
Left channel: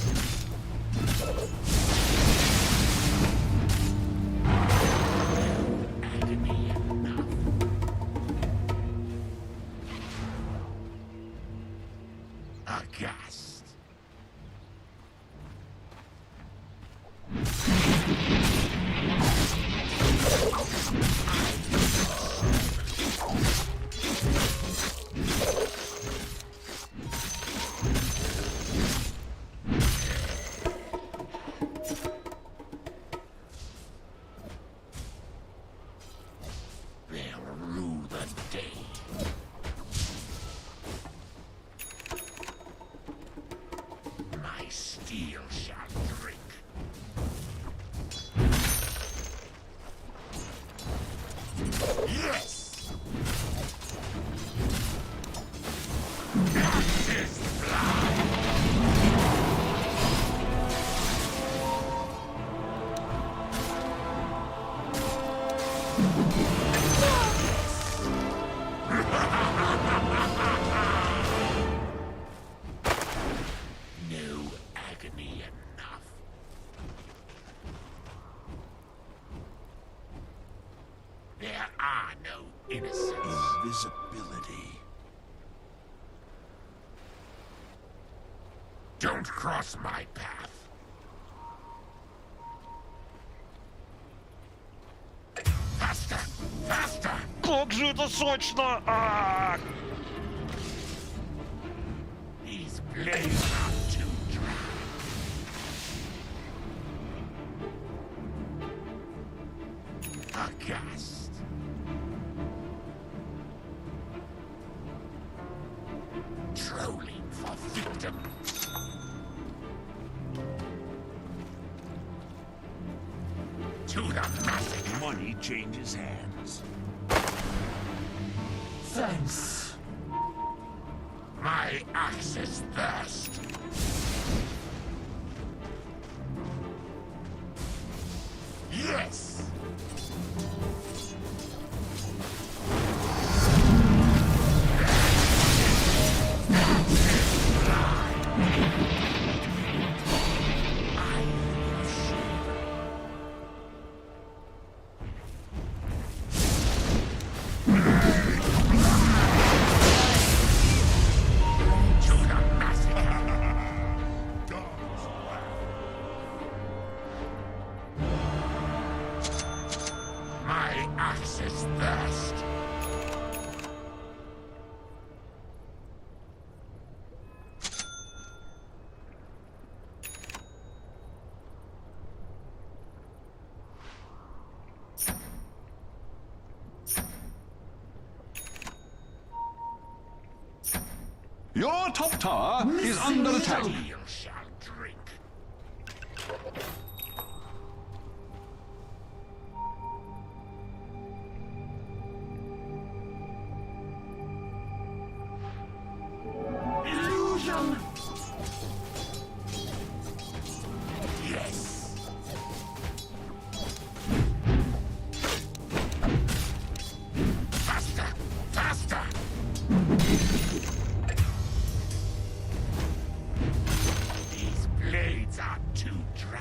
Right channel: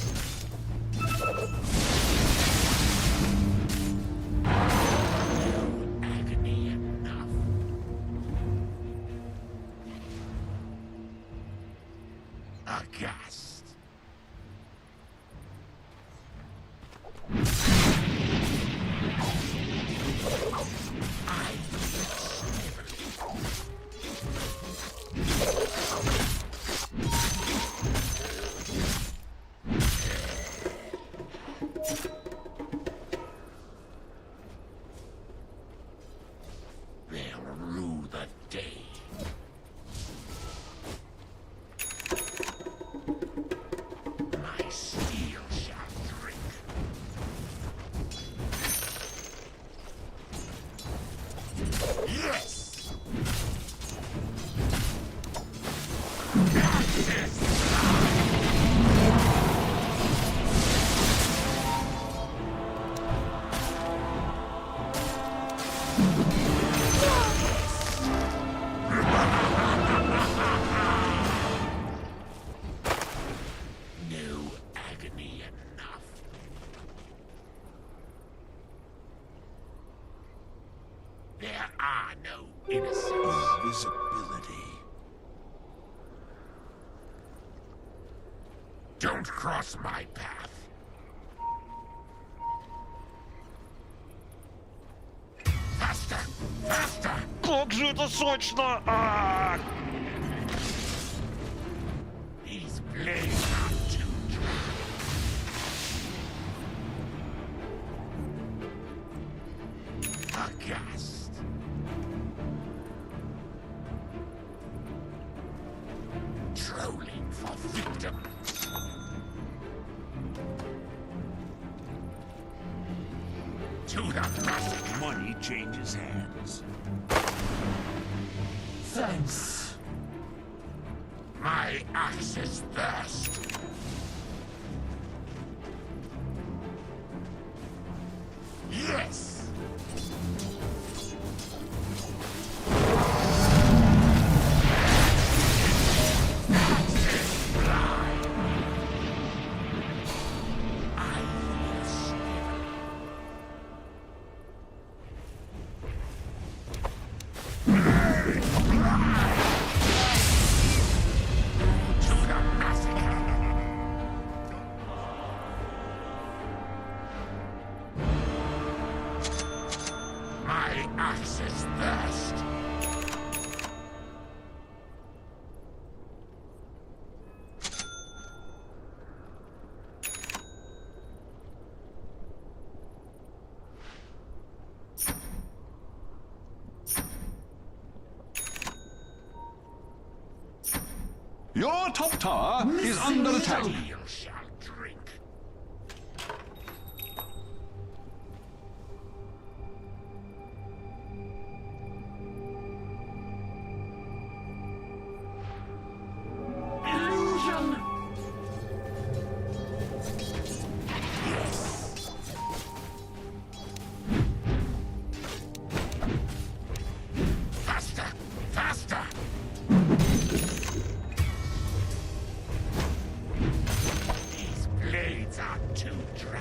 No agony enough. Aghast. are no innocents. Invisibility. Don't cross my path. Faster! Faster! Как же это сочно! А! These blades are too dry. Aghast. Trolling for victims. To the massacre. Money changes hands. Thanks. My axe's thirst. Yes! Fly. I feel slavery. To the massacre. My axe's thirst. Your top tower is under attack. Steel shall drink. Illusion! Yes. Faster! Faster! These blades are too dry.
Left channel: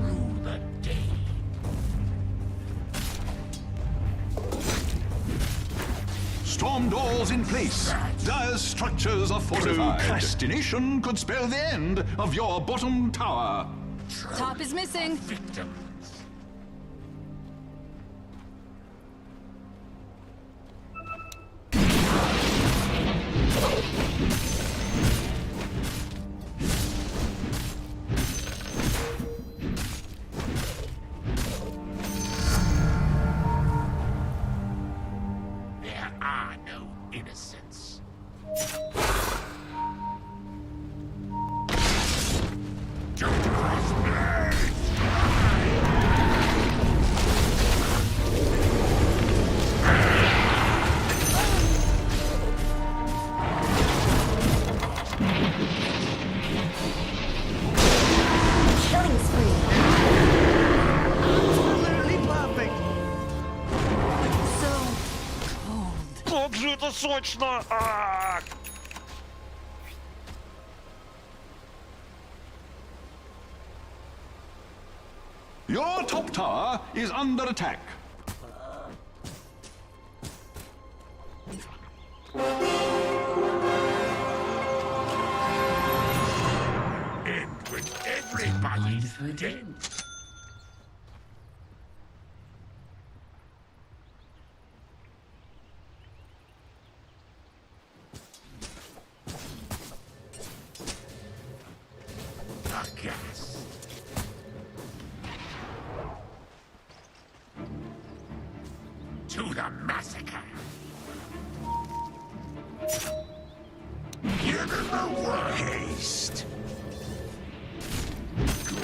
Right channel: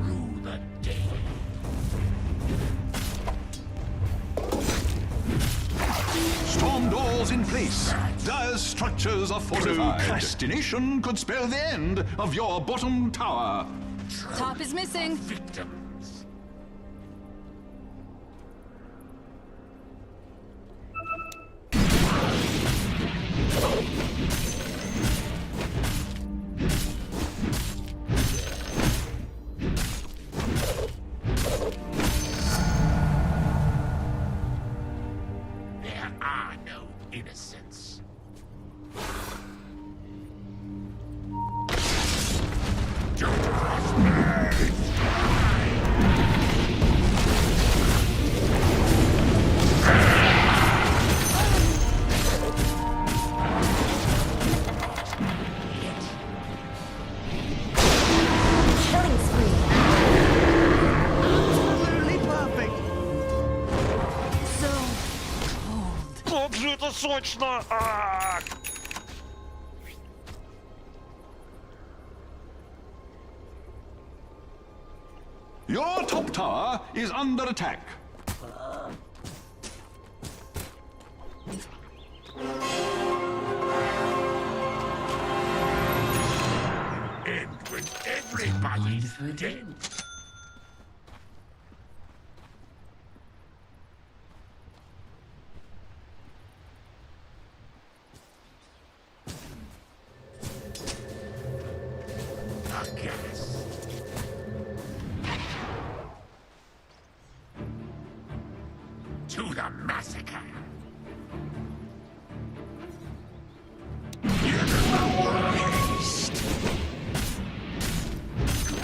Rue the day. Storm doors in place. Dire's structures are fortified. Procrastination could spell the end of your bottom tower. Top is missing. Victims. There are no innocents. Don't cross me! Killing spree. Absolutely perfect. So cold. Как же это сочно! А! Your top tower is under attack. End when everybody's dead. Aghast. To the massacre. Give him the word. Haste. Go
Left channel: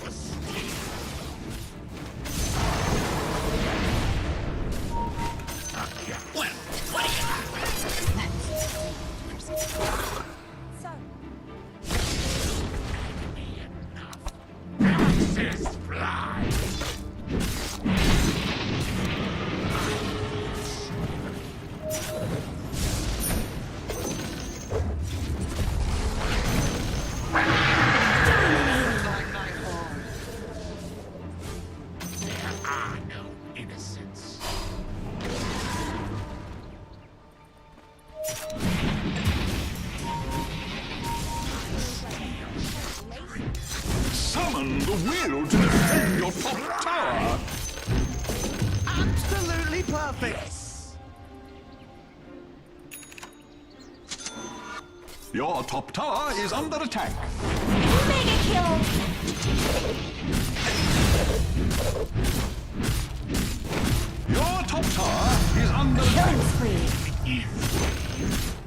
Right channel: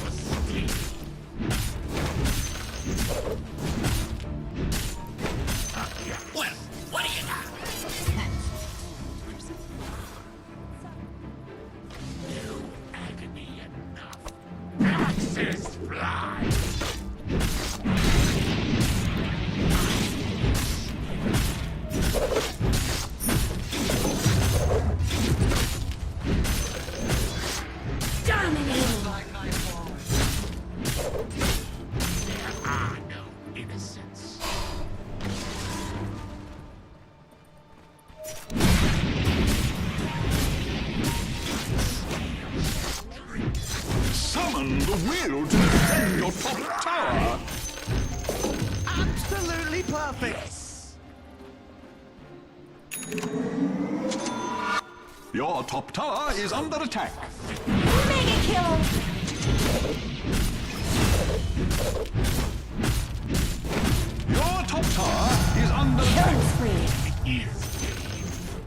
for steel. Aghast. Well, what do you got? Agony enough. Axis fly. I feel slavery. will to defend your top tower. Absolutely perfect. Your top tower is under attack. Mega kill. Your top tower is under attack. Killing spree.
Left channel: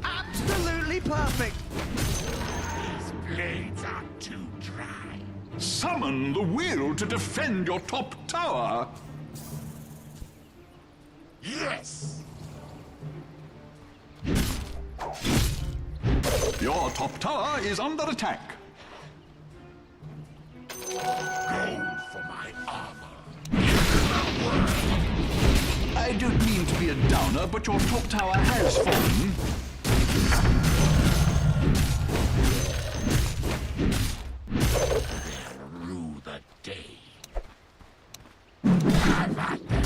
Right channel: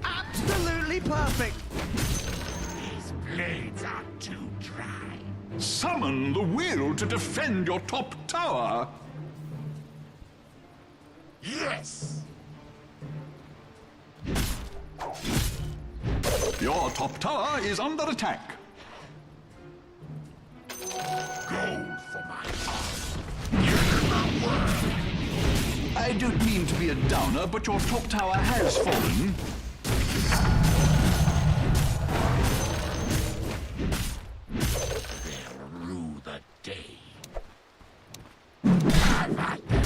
Absolutely perfect. These blades are too dry. Summon the will to defend your top tower. Yes! Your top tower is under attack. Gold for my armor. Give my word. I don't mean to be a downer, but your top tower has fallen. They'll rue the day. Have at them.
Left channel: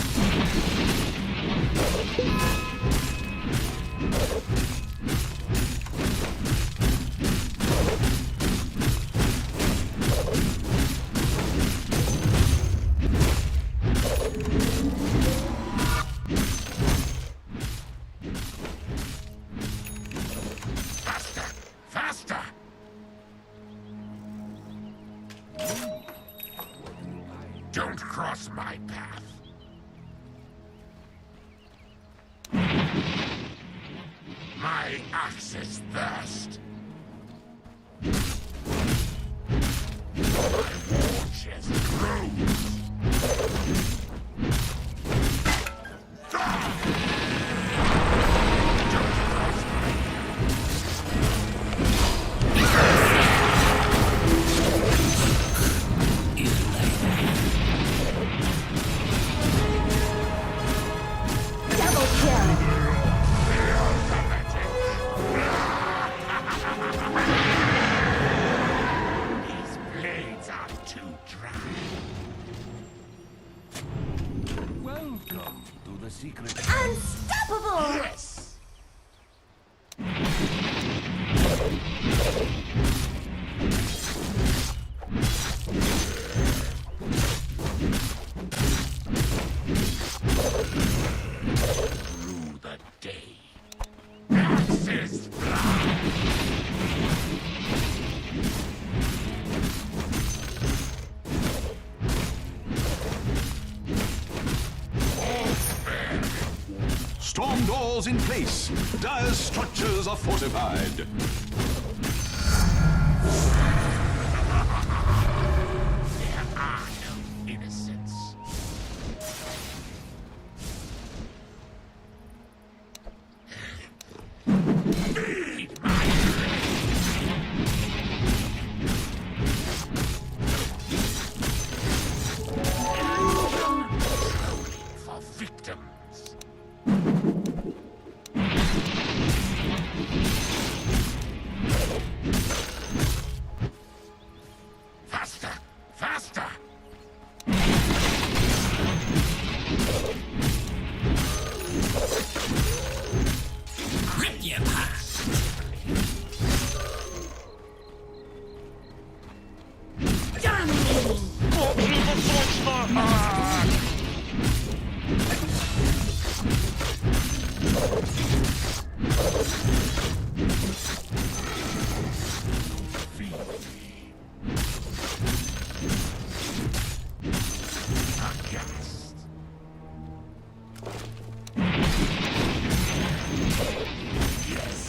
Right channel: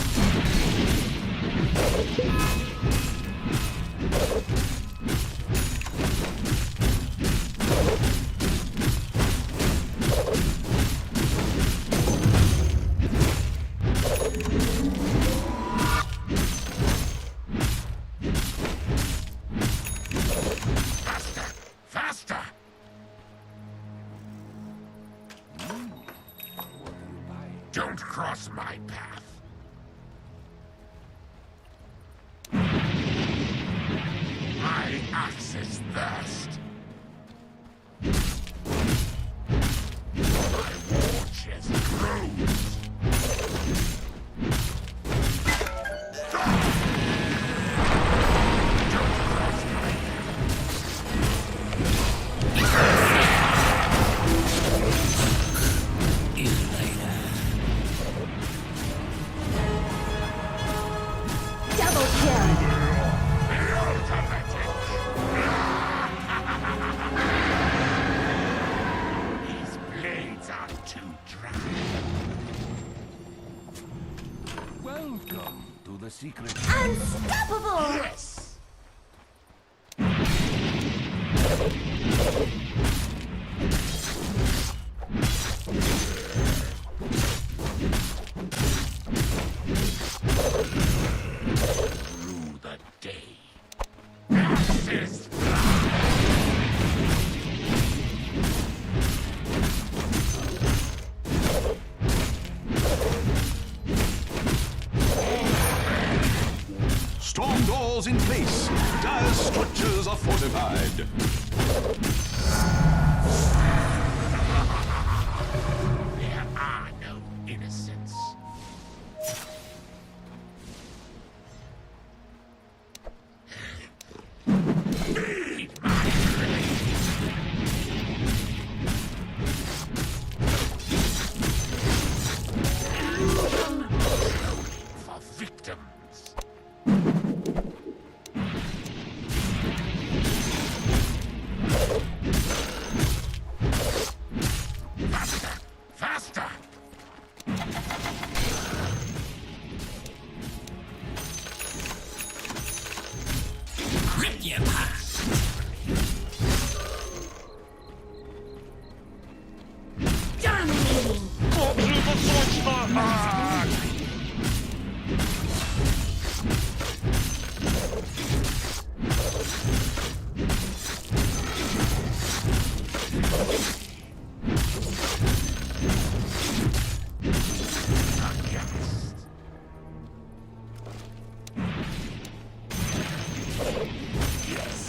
Faster! Faster! Don't cross my path. My axe is thirst. My war chest grows. Don't cross my path. Double kill. The ultimate. These blades are too dry. Welcome to the secret. Unstoppable. Yes! Rue the day. Axis Storm doors in place. Dire structures are fortified. There are no innocents. Feed my for victims. Faster! Faster! Rip you apart! Dominating. Как же это сочно! Ак! Aghast. Yes!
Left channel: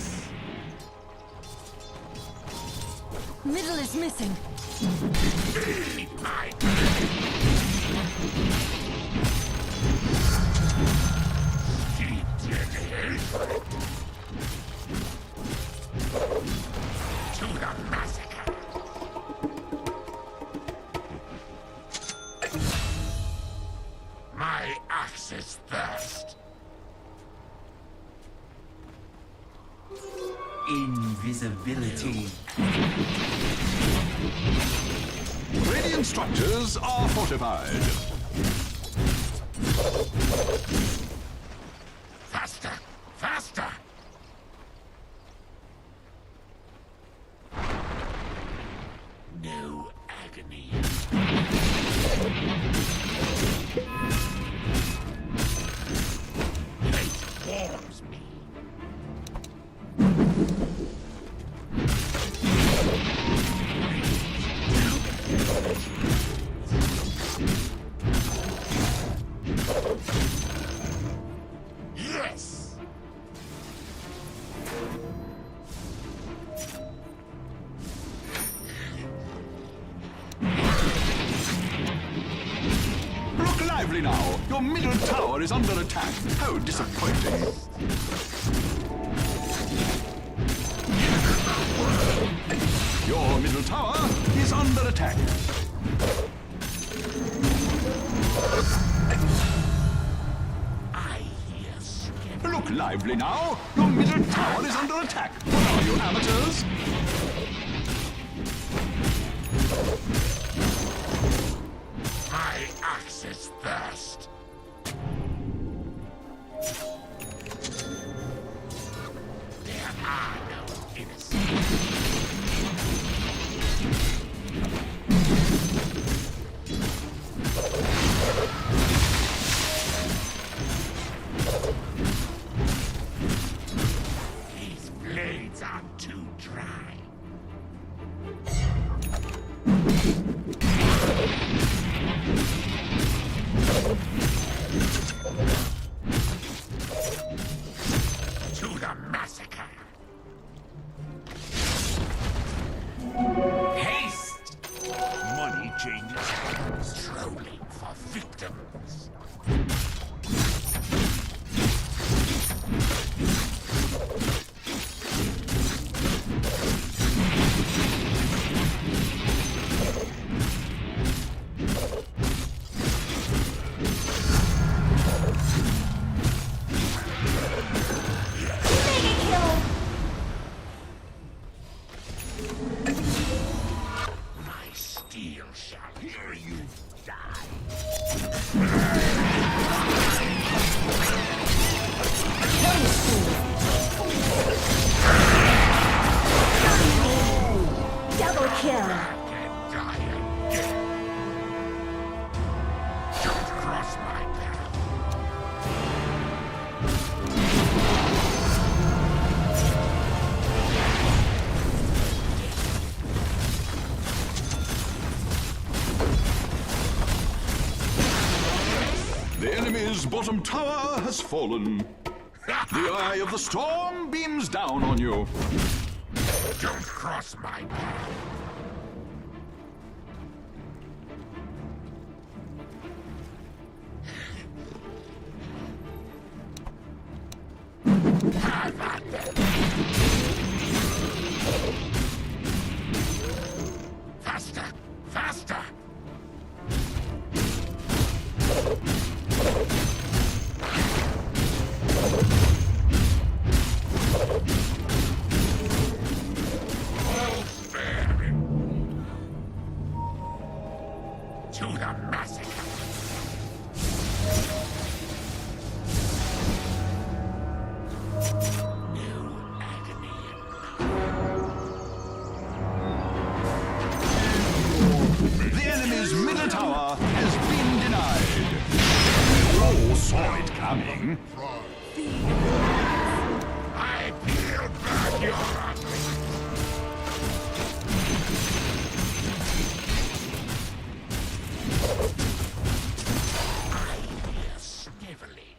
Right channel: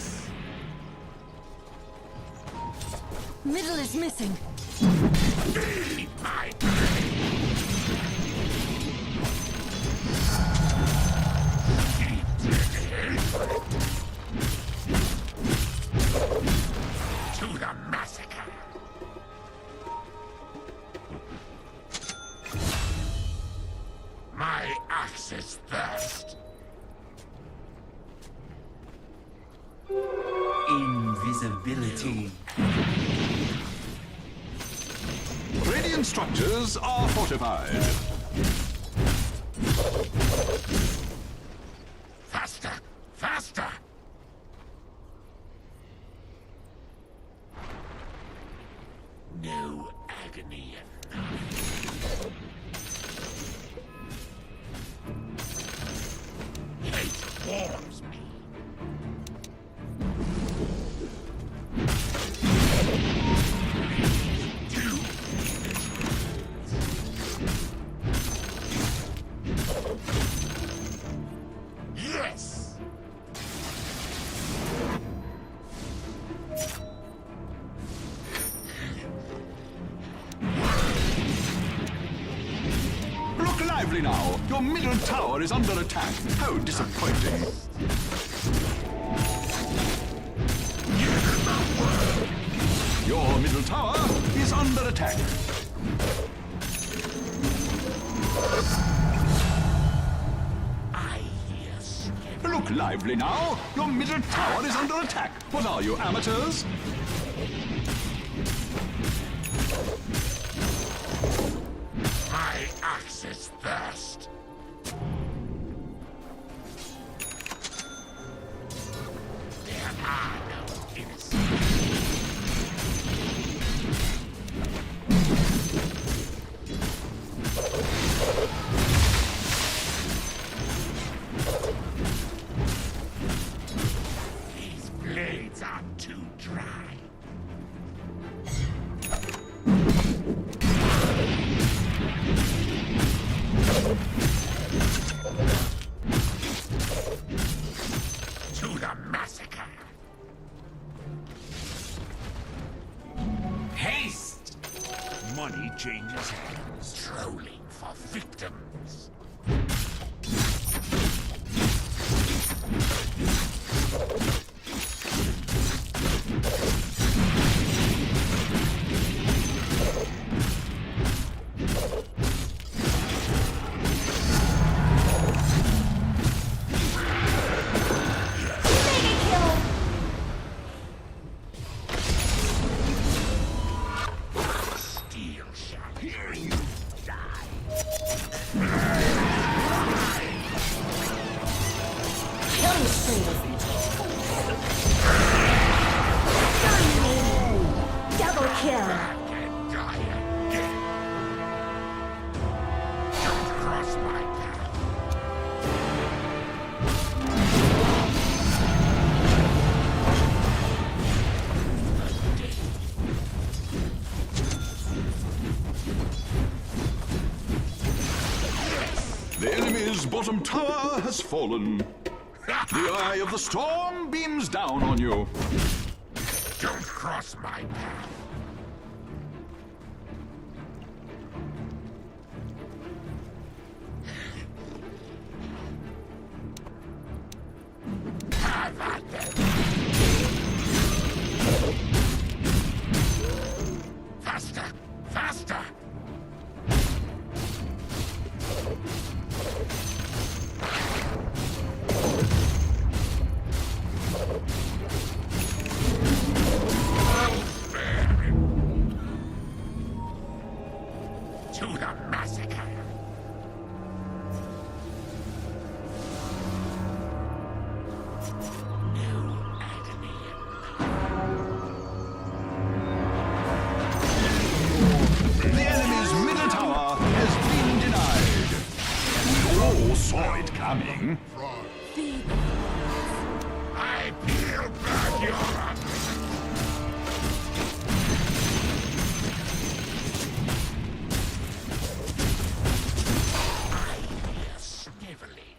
Middle is missing. Feed my steeped in hatred. To the massacre. My axe is thirst. Invisibility. Radiant structures are fortified. Faster! Faster! No agony. warms me. Yes! Look lively now! Your middle tower is under attack. How disappointing. Your middle tower is under attack. I hear skip. Look lively now! Your middle tower is under attack. What are you, amateurs? My axe is thirst. There are no innocents. These blades are too dry. To the massacre. Haste! Money changes hands. Trolling for victims. Mega kill! Steel shall hear you die. Killing spree! Dominating! Double kill! Back and die again. Don't cross my path. The enemy's bottom tower has fallen. The eye of the storm beams down on you. Don't cross my path. Have at them. Faster! Faster! I'll spare him. To the massacre. No agony The enemy's middle tower has been denied. We all saw it coming. I peel back your ugly. I hear sniveling.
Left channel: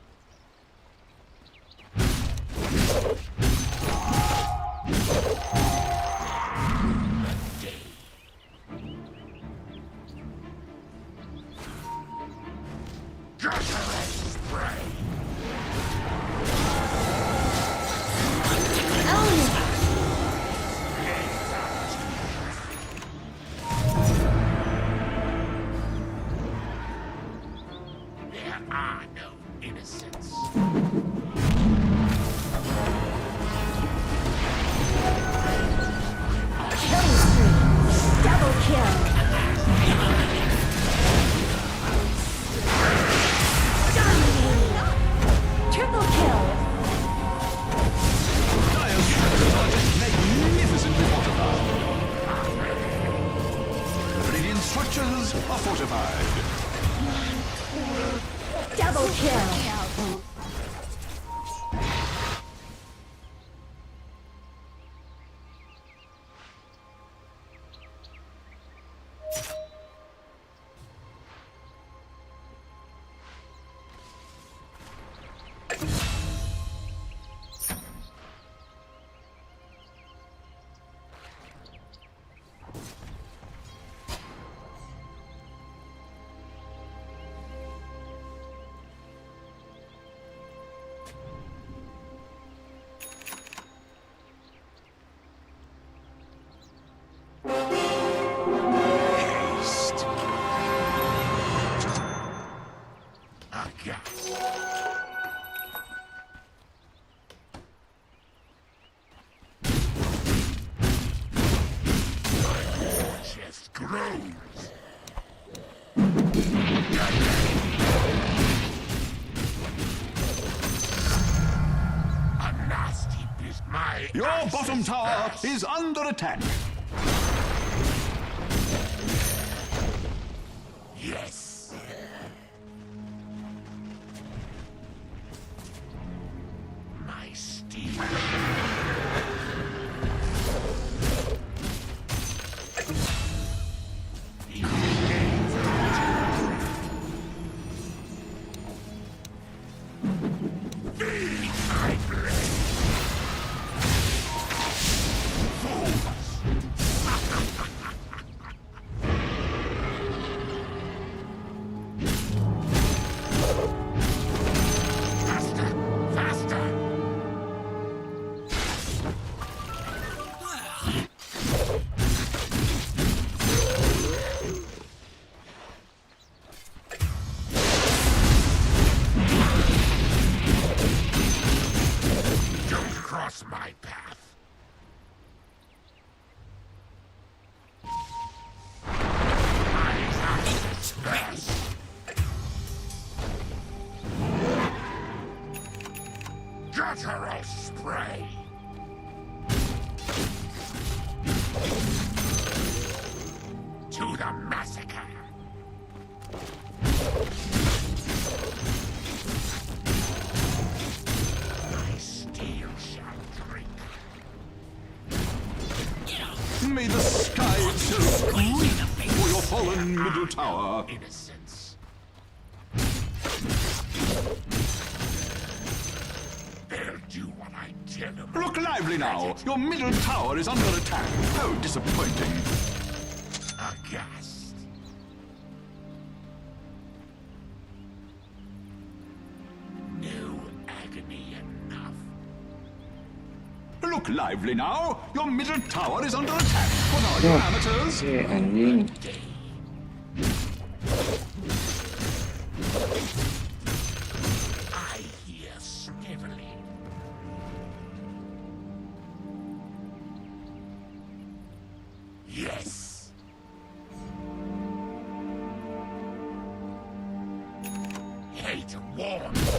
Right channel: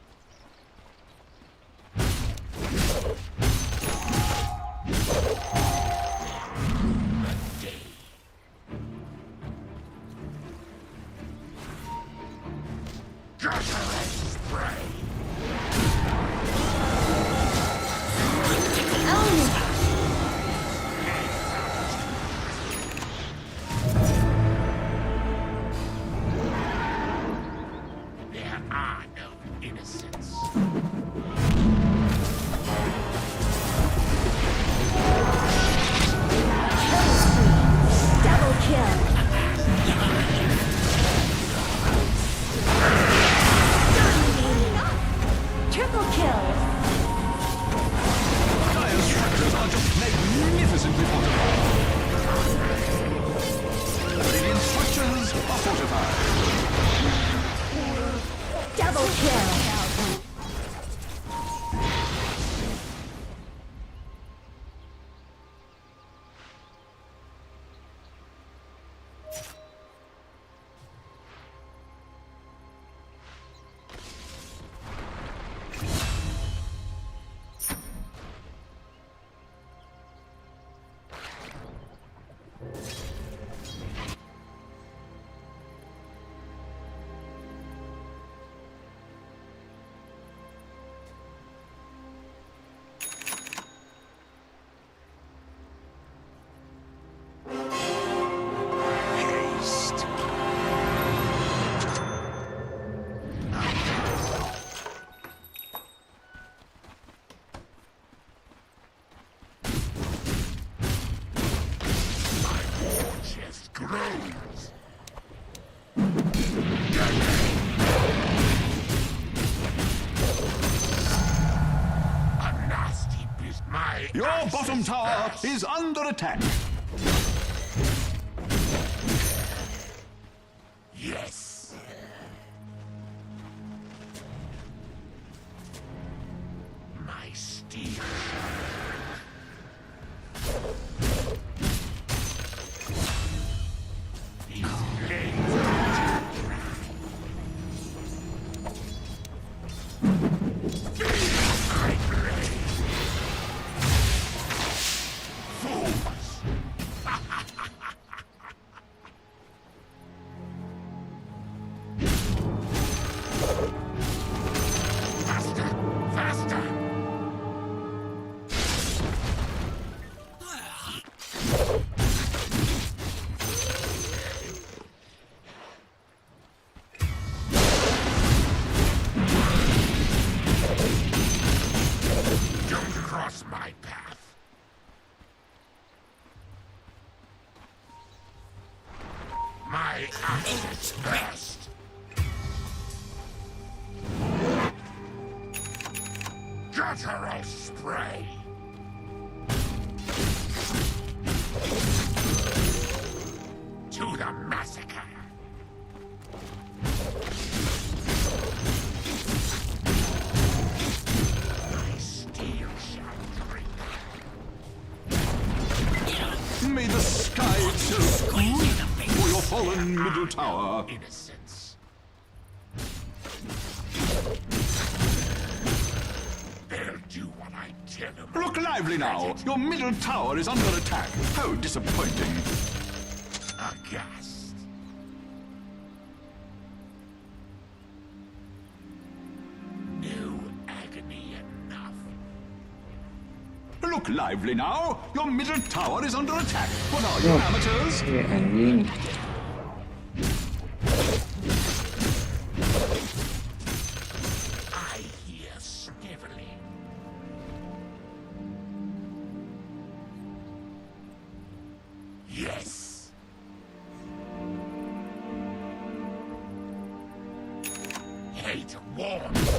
The day. Guttural spray. Your bottom tower is under attack. Yes. My steel. These blades are too dry. Feel my blade. Fools. Faster! Faster! Don't cross my path. My house is best. Guttural spray. To the massacre. My steel shall drink. May the sky itself weep for your fallen middle tower. Innocence. They'll do what I tell them. Look lively now. Your middle tower is under attack. How disappointing. Aghast. No agony enough. Look lively now. Your middle tower is under attack. What are you, amateurs? Anjing. I hear sniveling. Yes. Hate warns.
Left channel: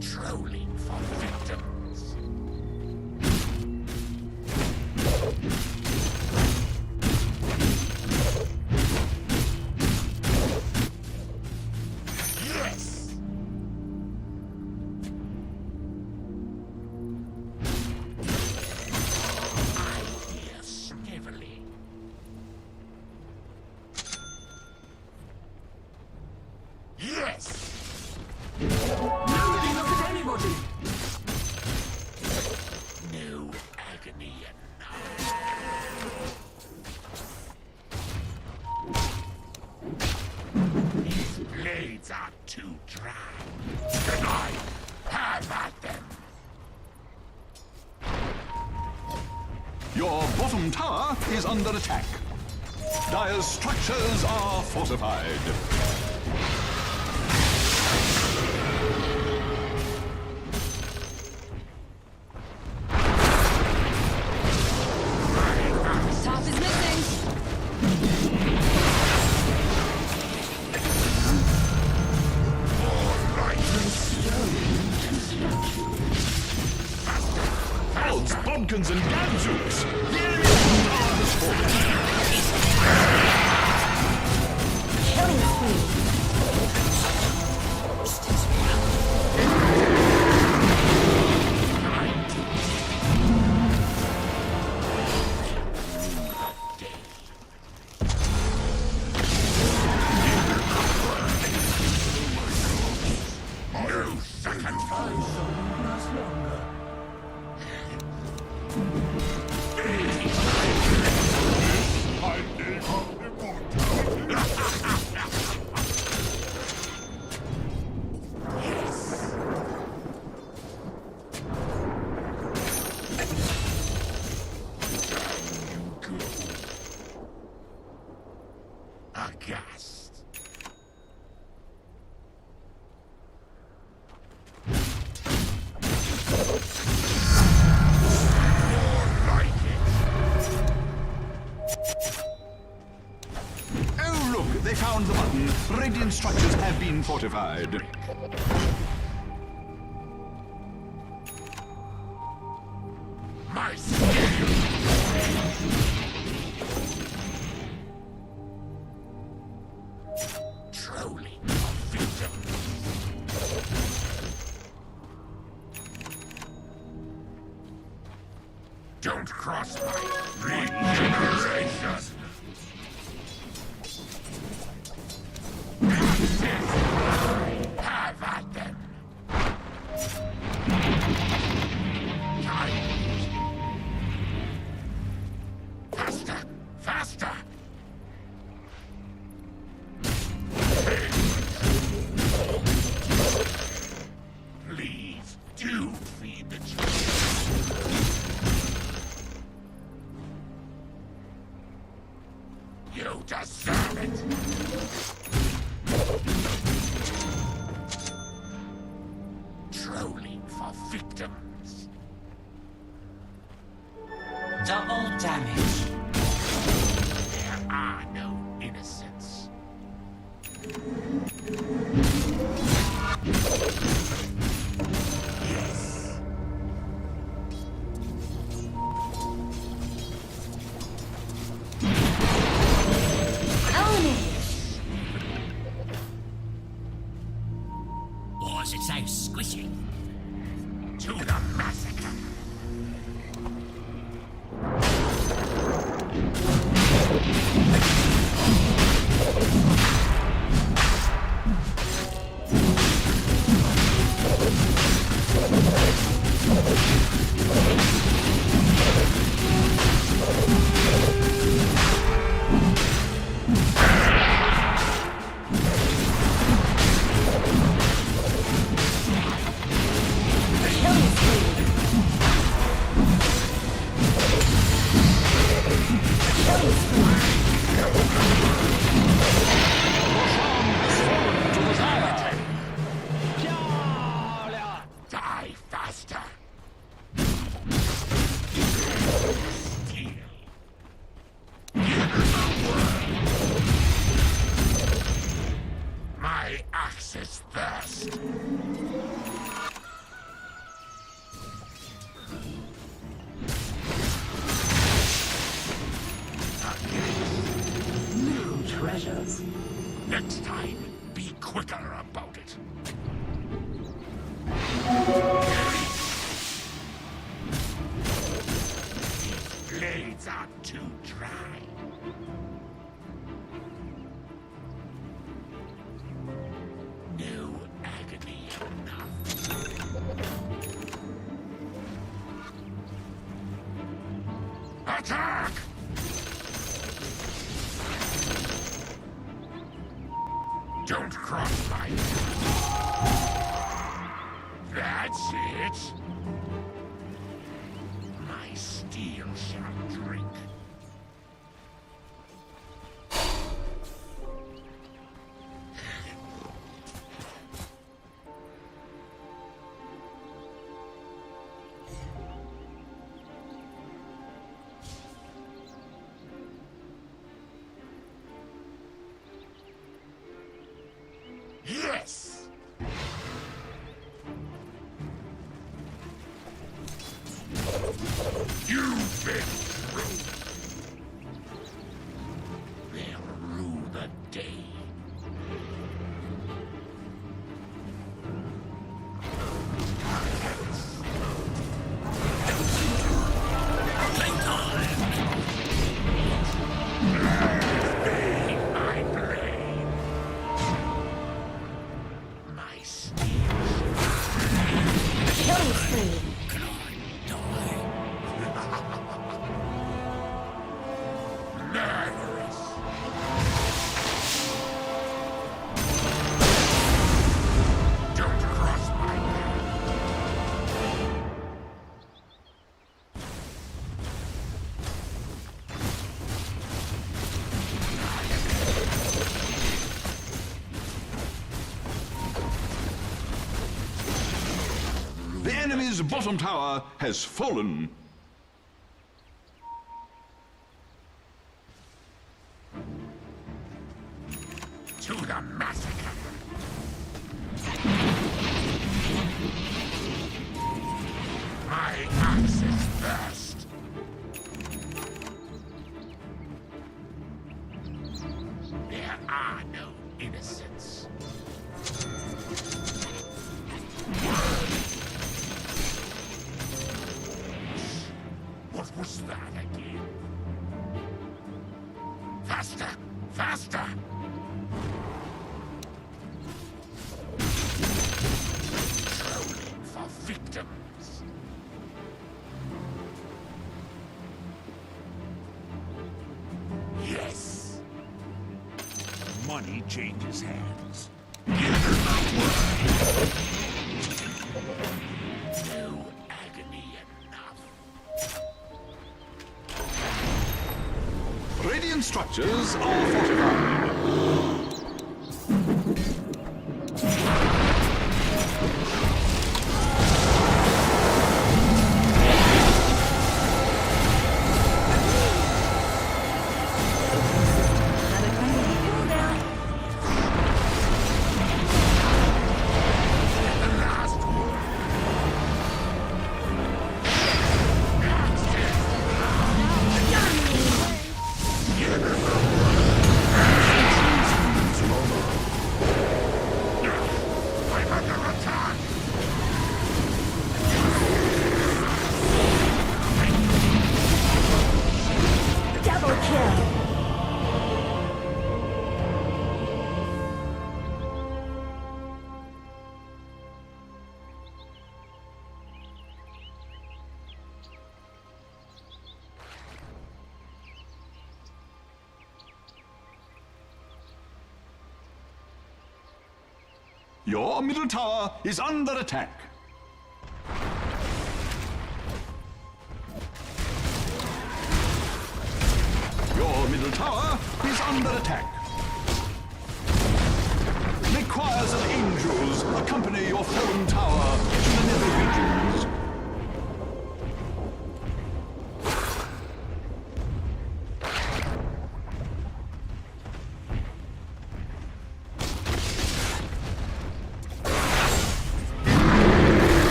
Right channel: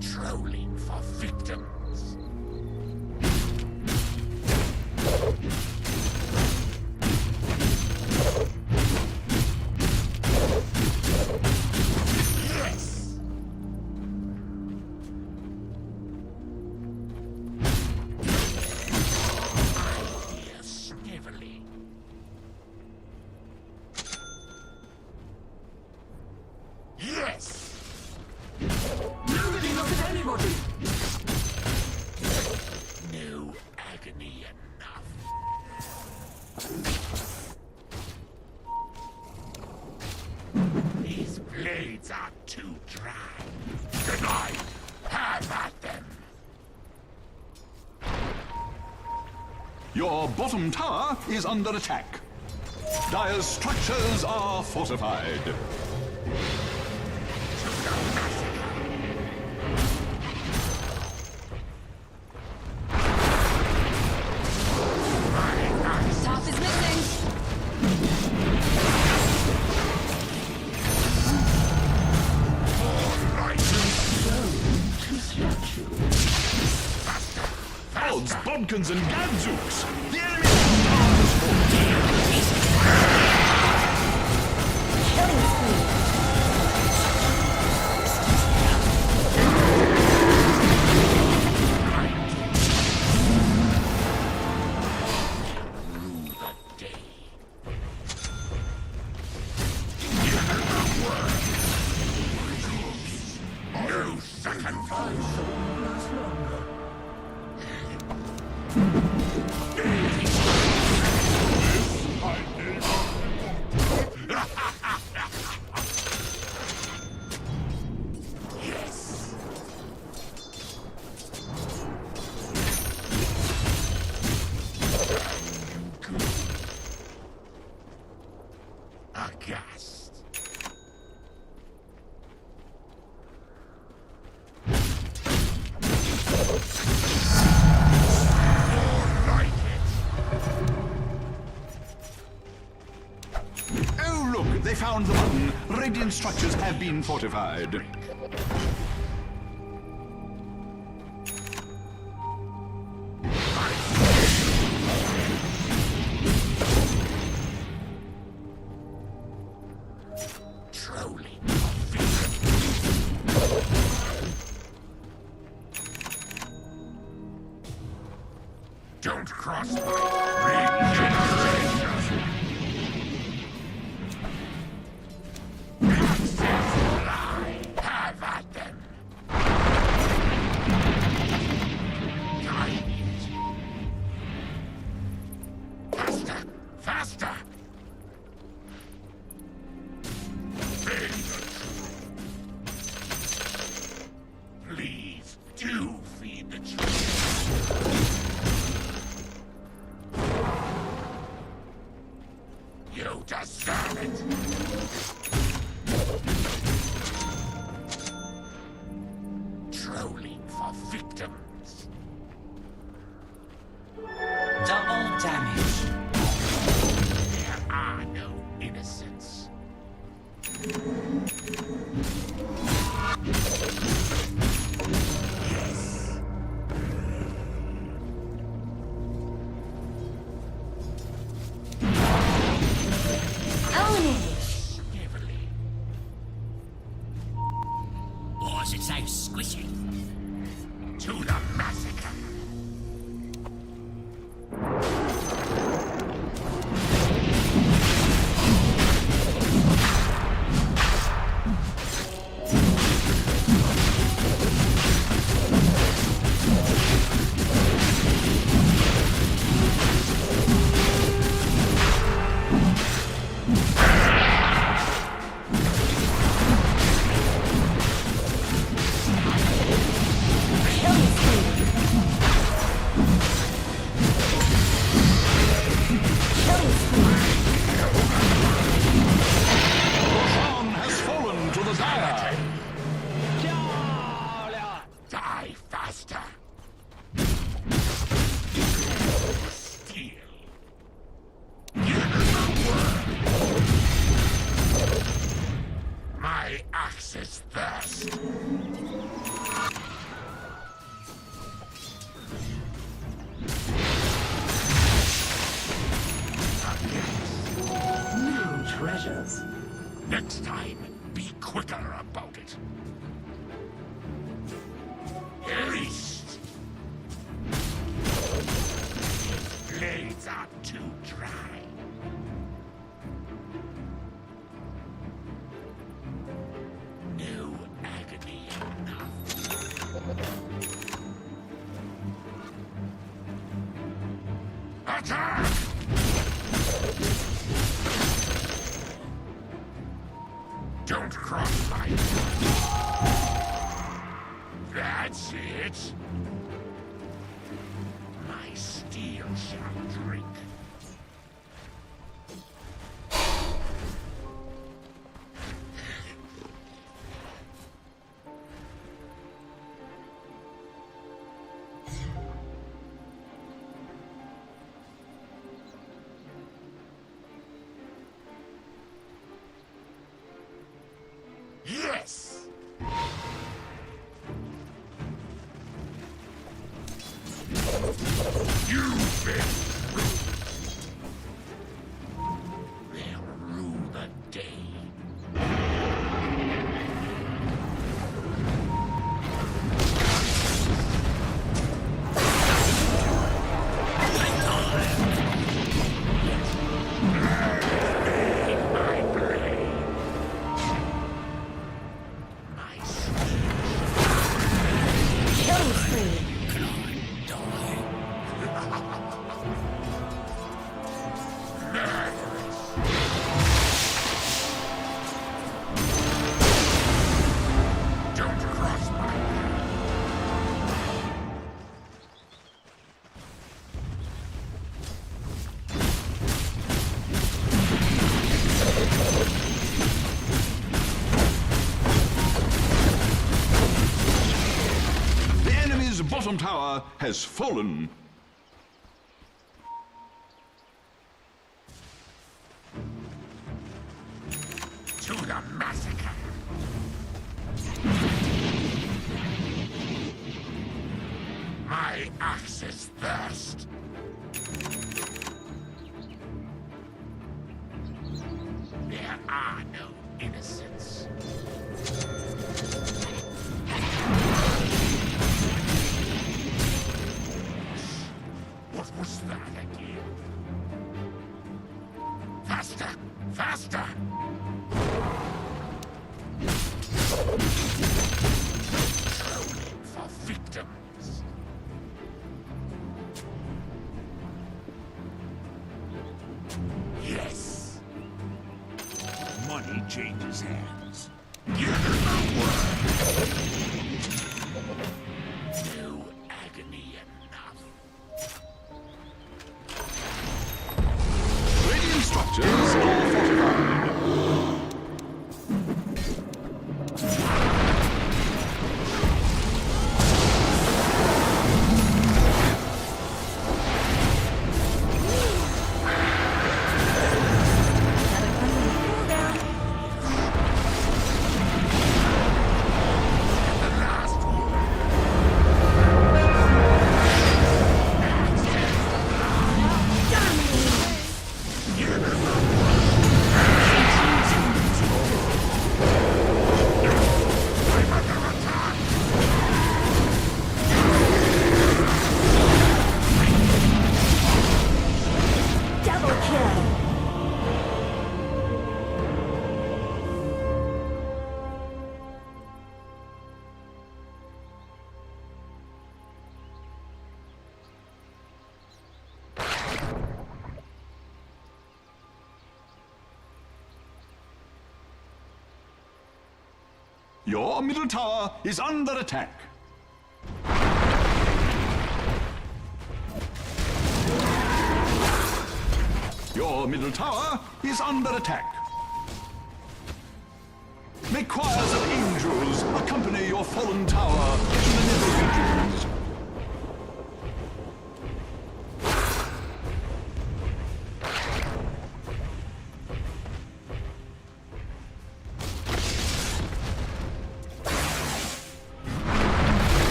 Trolling for victims. Yes. I hear sniveling. Yes. Nobody look at anybody. No agony enough. These blades are too dry. Good night. Have at them. Your bottom tower is under attack. Dire's structures are fortified. Top is missing. Odds, bodkins, and gadzooks! The enemy's tower has fallen. Killing spree. No second thought. Last longer. My name of immortal. Radiant structures have been fortified. My skill. Trolling victim. Don't cross my regeneration. Have at them. Time. Faster, faster. Please do feed the children. You deserve it. Trolling for victims. Double damage. There are no innocents. Yes. Own it. Why is it so squishy? To the massacre. Killing spree. Killing spree. Roshan has fallen to the Dire. Die faster. Steal. Give the word. My axe's thirst. New treasures. Next time, be quicker about it. These blades are too dry. No agony enough. Attack! Don't cross my path. That's it. My steel shall drink. Yes! You've been through. They'll rue the day. My blade. My steel. Killing spree. Can I die? Murderous. Don't cross my path. The enemy's bottom tower has fallen. To the massacre. My axis burst. There are no innocents. What was that again? Faster! Faster! Trolling for victims. Yes. Money changes hands. Give her my word. No agony enough. Radiant structures are fortified. Double kill. Your middle tower is under attack. Your middle tower is under attack. May choirs of angels accompany your fallen tower to the nether regions.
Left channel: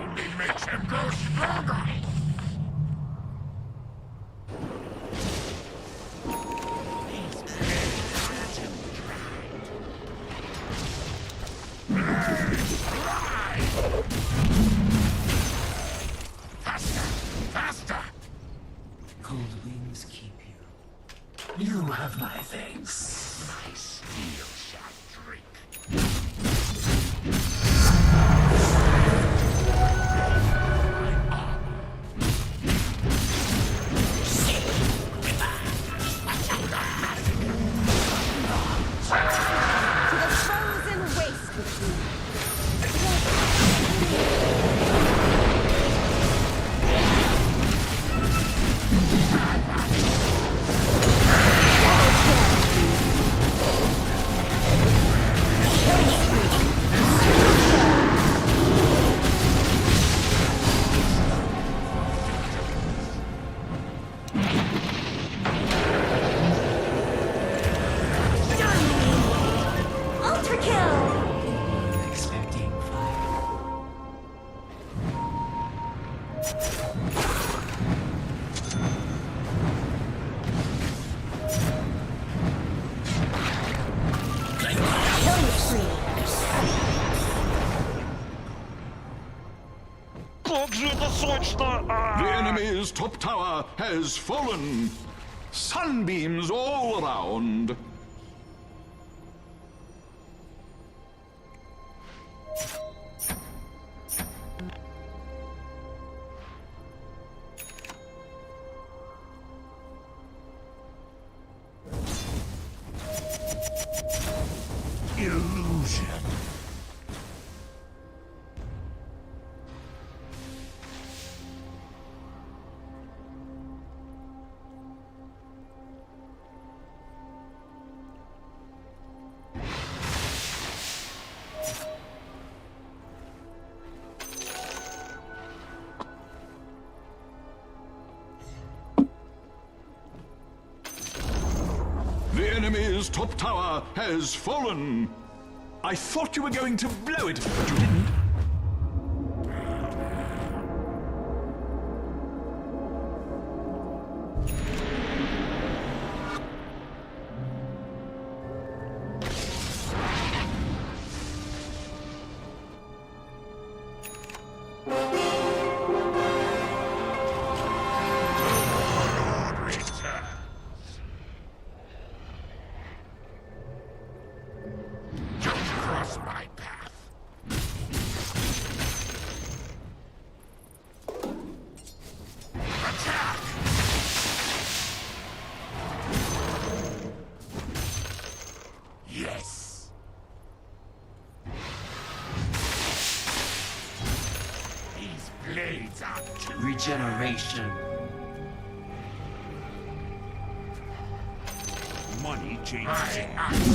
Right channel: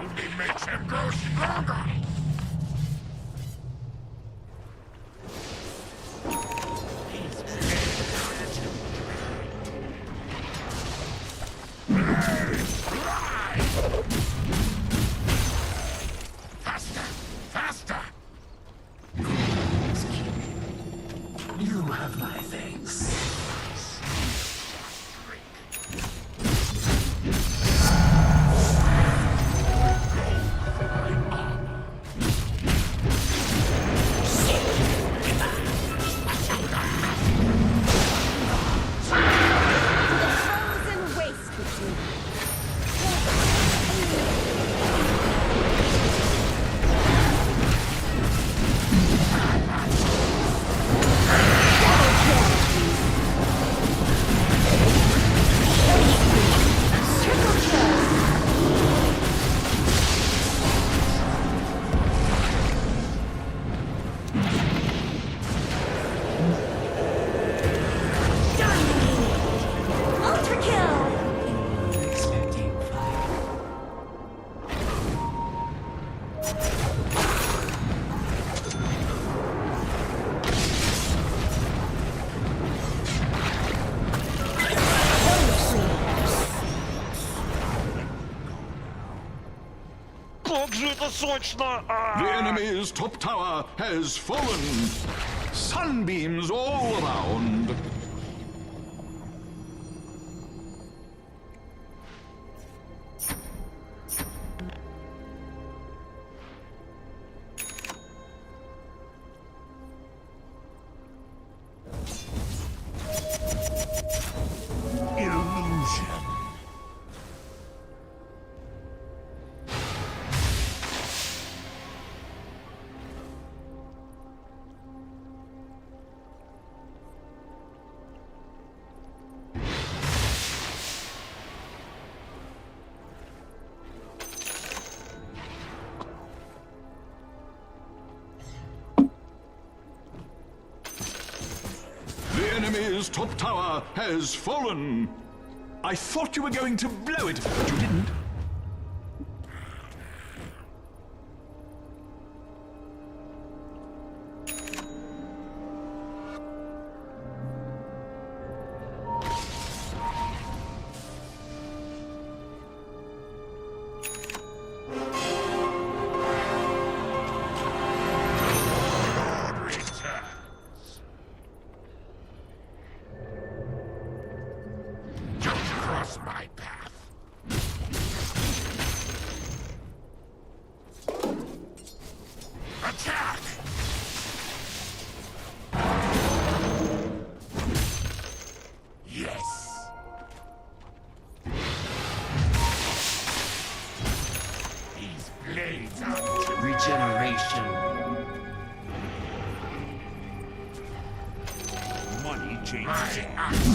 Only makes him go stronger. These blades are too dry. Faster! Faster! Ghouls keep you. You have my thanks. My steel shall drink. To the frozen waste with you. Ultra kill! You were expecting fire. Killing spree. The enemy's top tower has fallen. Sunbeams all around. enemy's top tower has fallen. I thought you were going to blow it, but you didn't. My path. Attack! Yes. These blades are Regeneration. Money changes my hands. axe.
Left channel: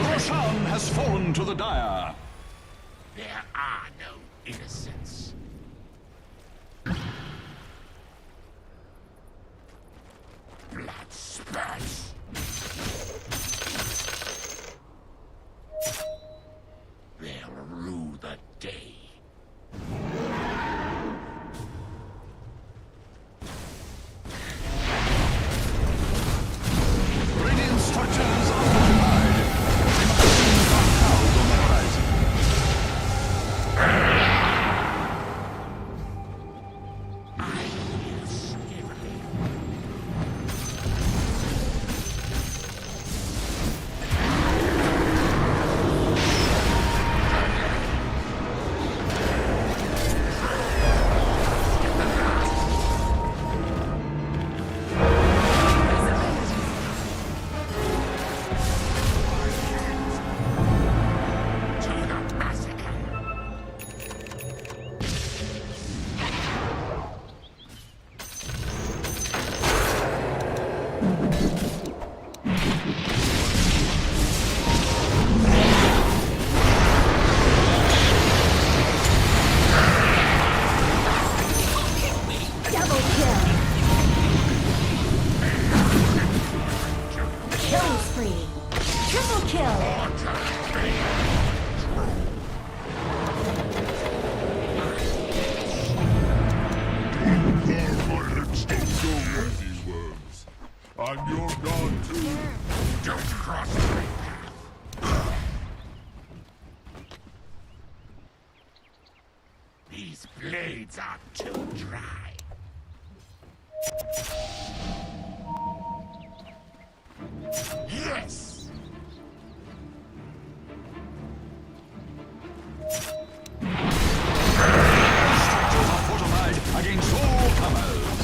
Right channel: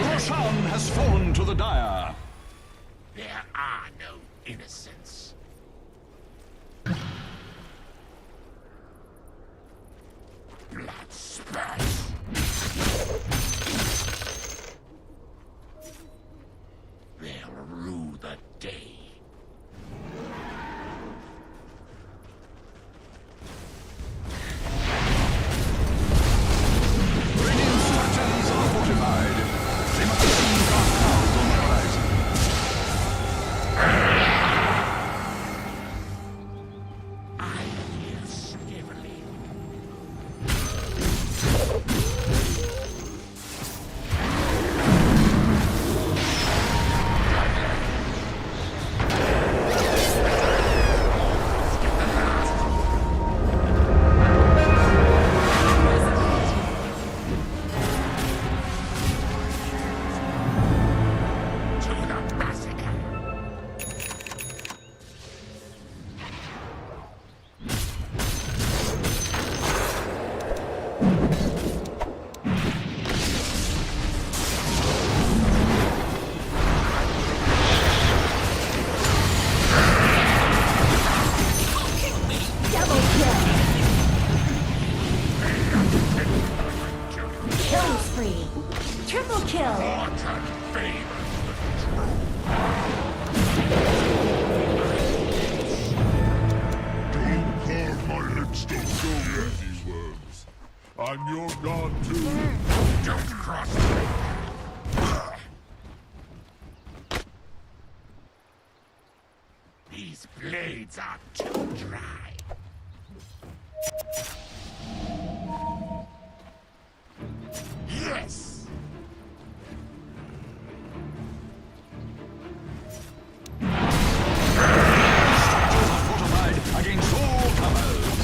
Roshan has fallen to the Dire. There are no innocents. Blood spurts. They'll rue the day. Radiant structures are fortified. They must have seen dark clouds on the horizon. I hear sniveling. To the massacre. Double kill. Kill spree. Triple kill. My lips don't go near these worms. I'm your god too. Don't cross my path. These blades are too dry. Yes! Structures are fortified against all comers.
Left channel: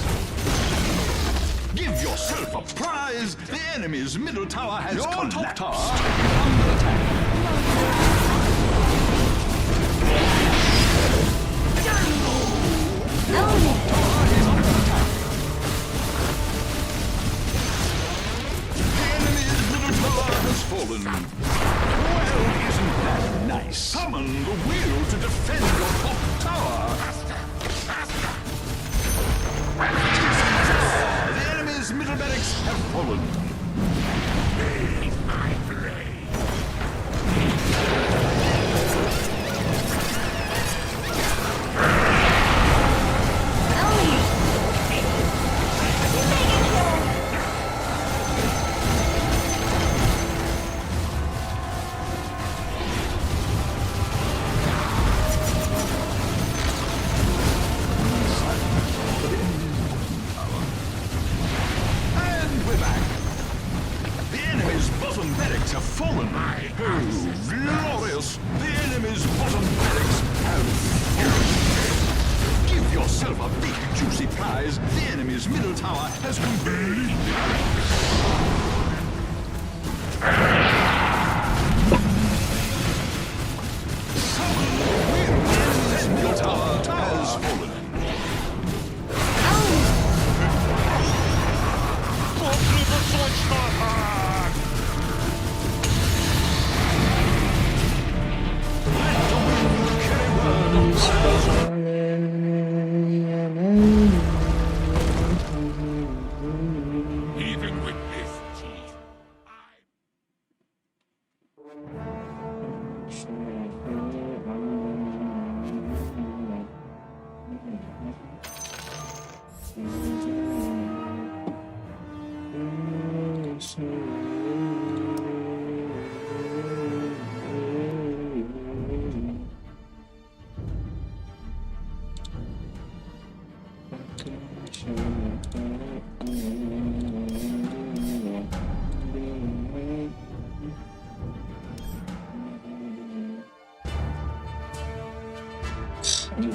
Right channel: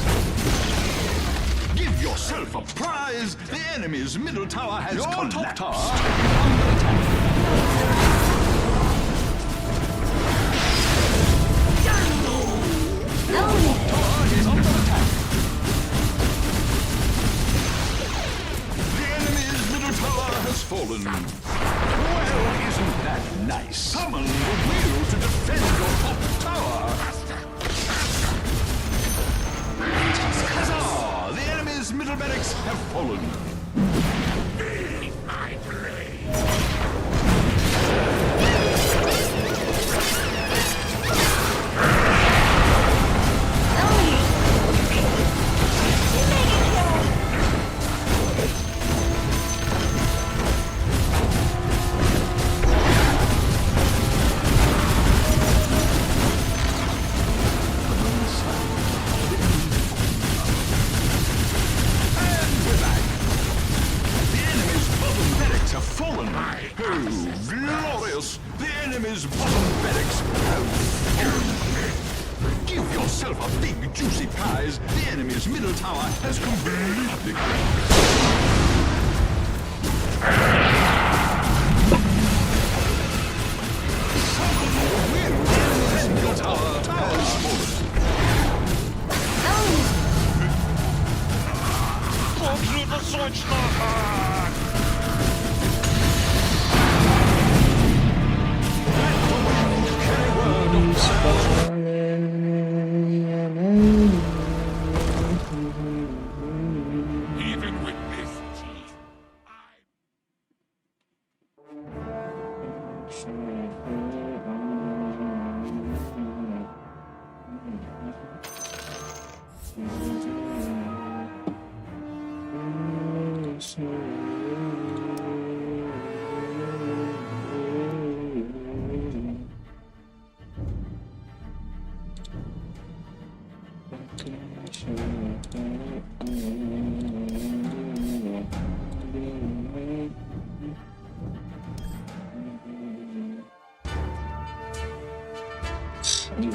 Give yourself a prize. The enemy's middle tower has collapsed. Your top tower is under attack. Tower is under attack. The enemy's middle tower has fallen. Well, isn't that nice? Summon the wheel to defend your top tower. Huzzah! The enemy's middle barracks have fallen. Leave my blade. And we're back. The enemy's bottom barracks have fallen. Oh, glorious! The enemy's bottom barracks have fallen. Give yourself a big, juicy prize. The enemy's middle tower has completely collapsed. Summon the wheel. The enemy's middle tower Let the wind carry word of fire. Even with this teeth,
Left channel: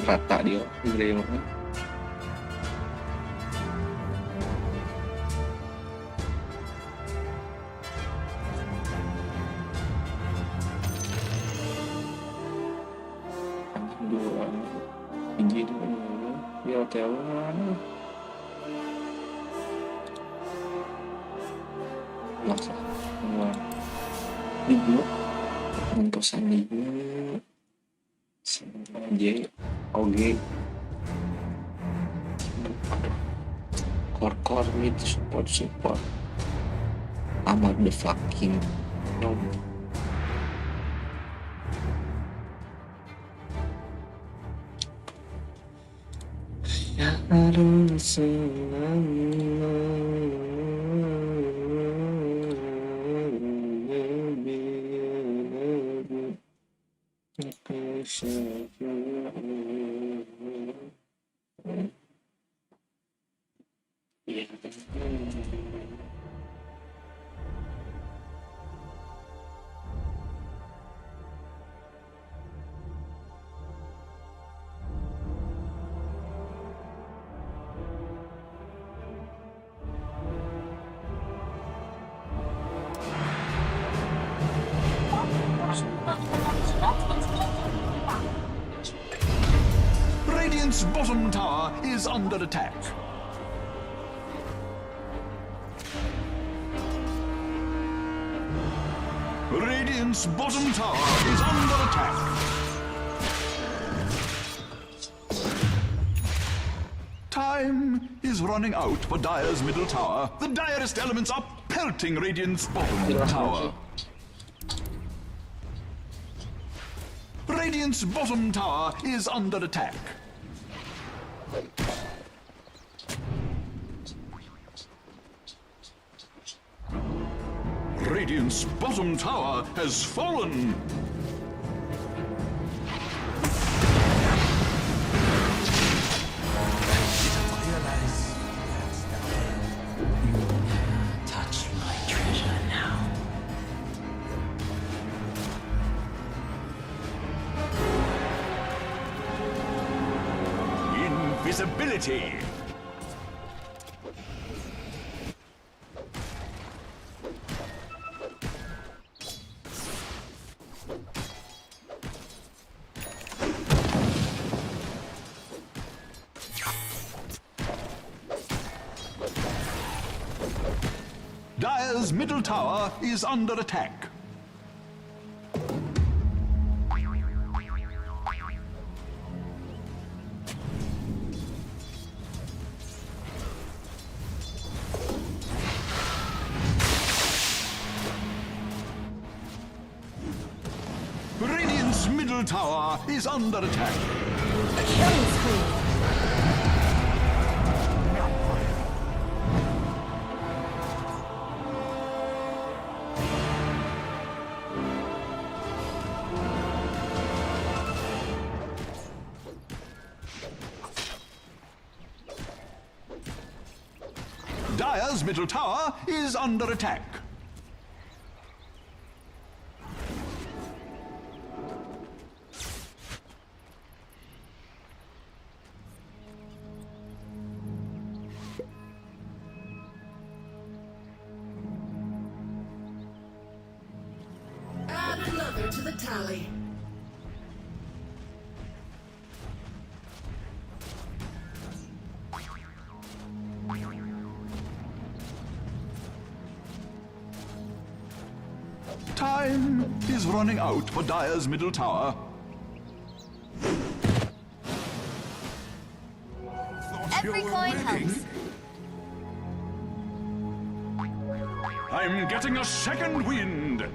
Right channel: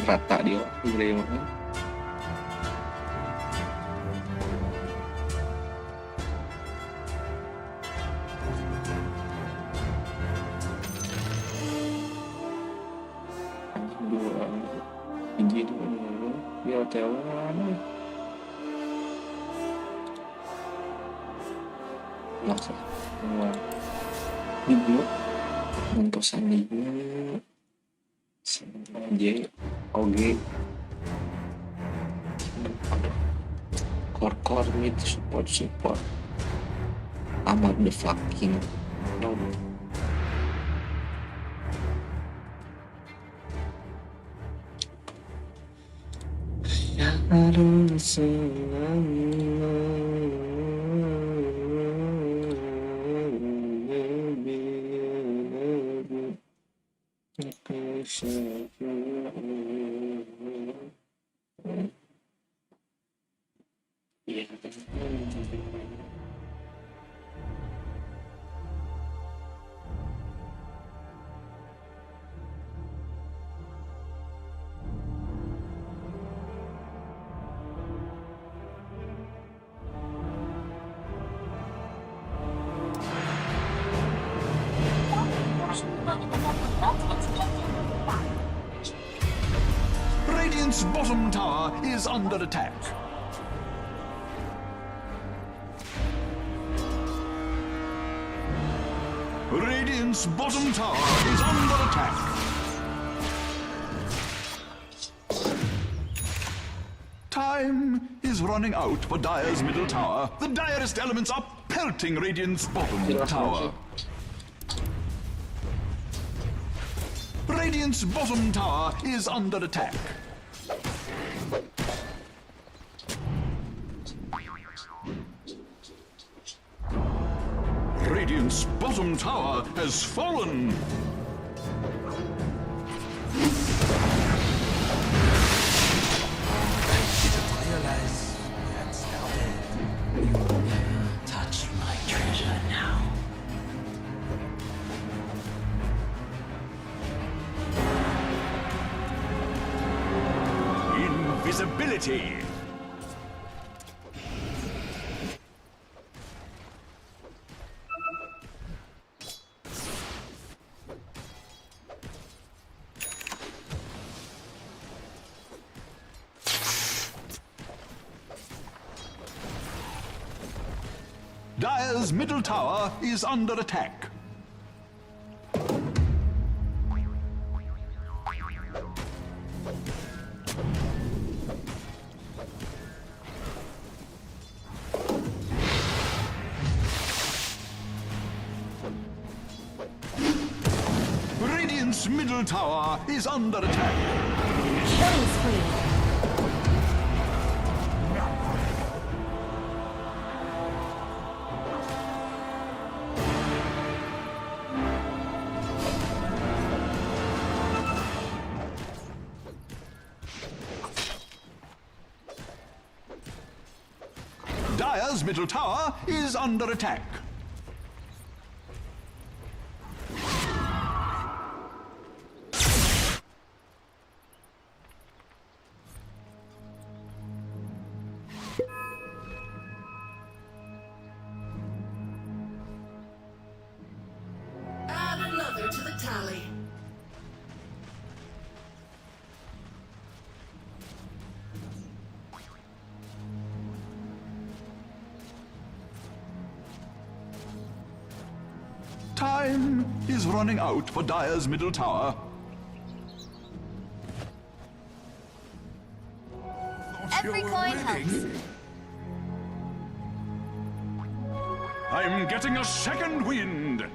Rata dia gede banget. Dua biji dulu di hotel mana masa keluar di blok mentosan di J OG core mid support amat the fucking no. Ya harus Radiant's bottom tower is under attack. Radiant's bottom tower is under attack. Time is running out for Dire's middle tower. The direst elements are pelting Radiant's bottom tower. Radiant's bottom tower is under attack. Radiant's bottom tower has fallen. Didn't realize we had started. You will never touch my treasure now. Invisibility. Dire's middle tower is under attack. Radiant's middle tower is under attack. Killing spree. Dire's middle tower is under attack. Add another to the tally. is running out for Dire's middle tower. Every coin helps. I'm getting a second wind.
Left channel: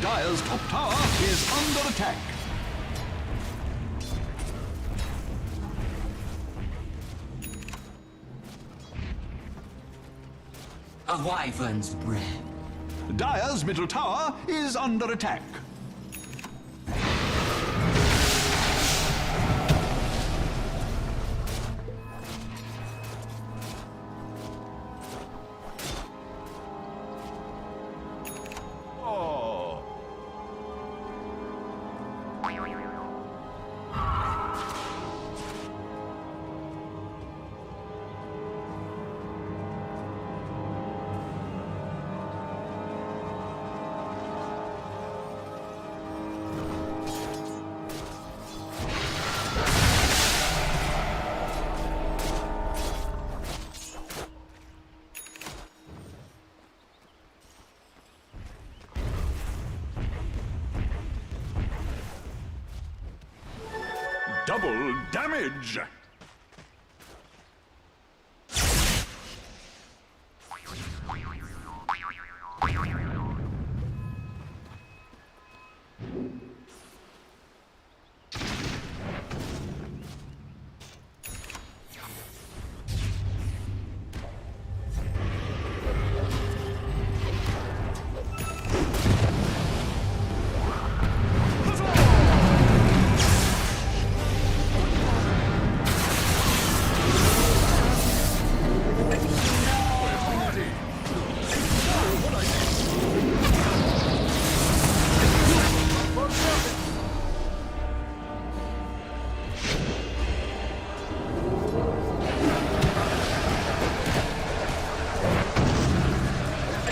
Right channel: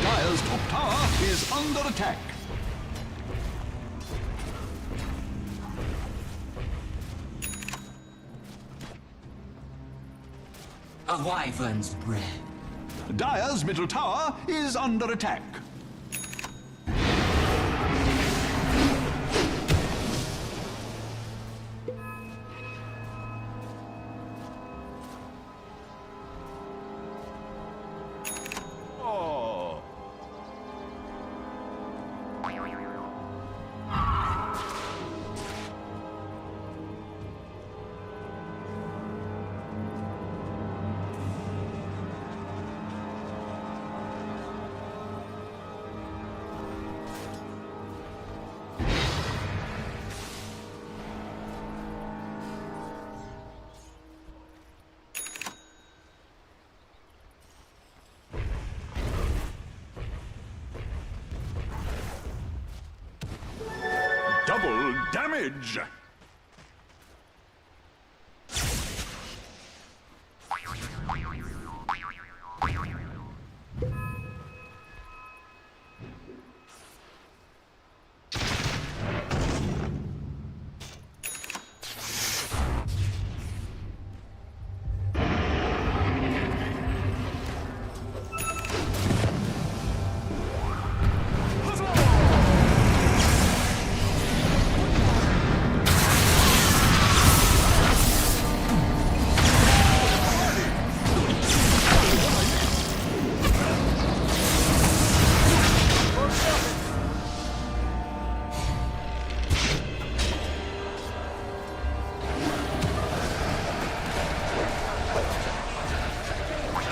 Dire's top tower is under attack. A wyvern's breath. Dire's middle tower is under attack. Oh. Double damage!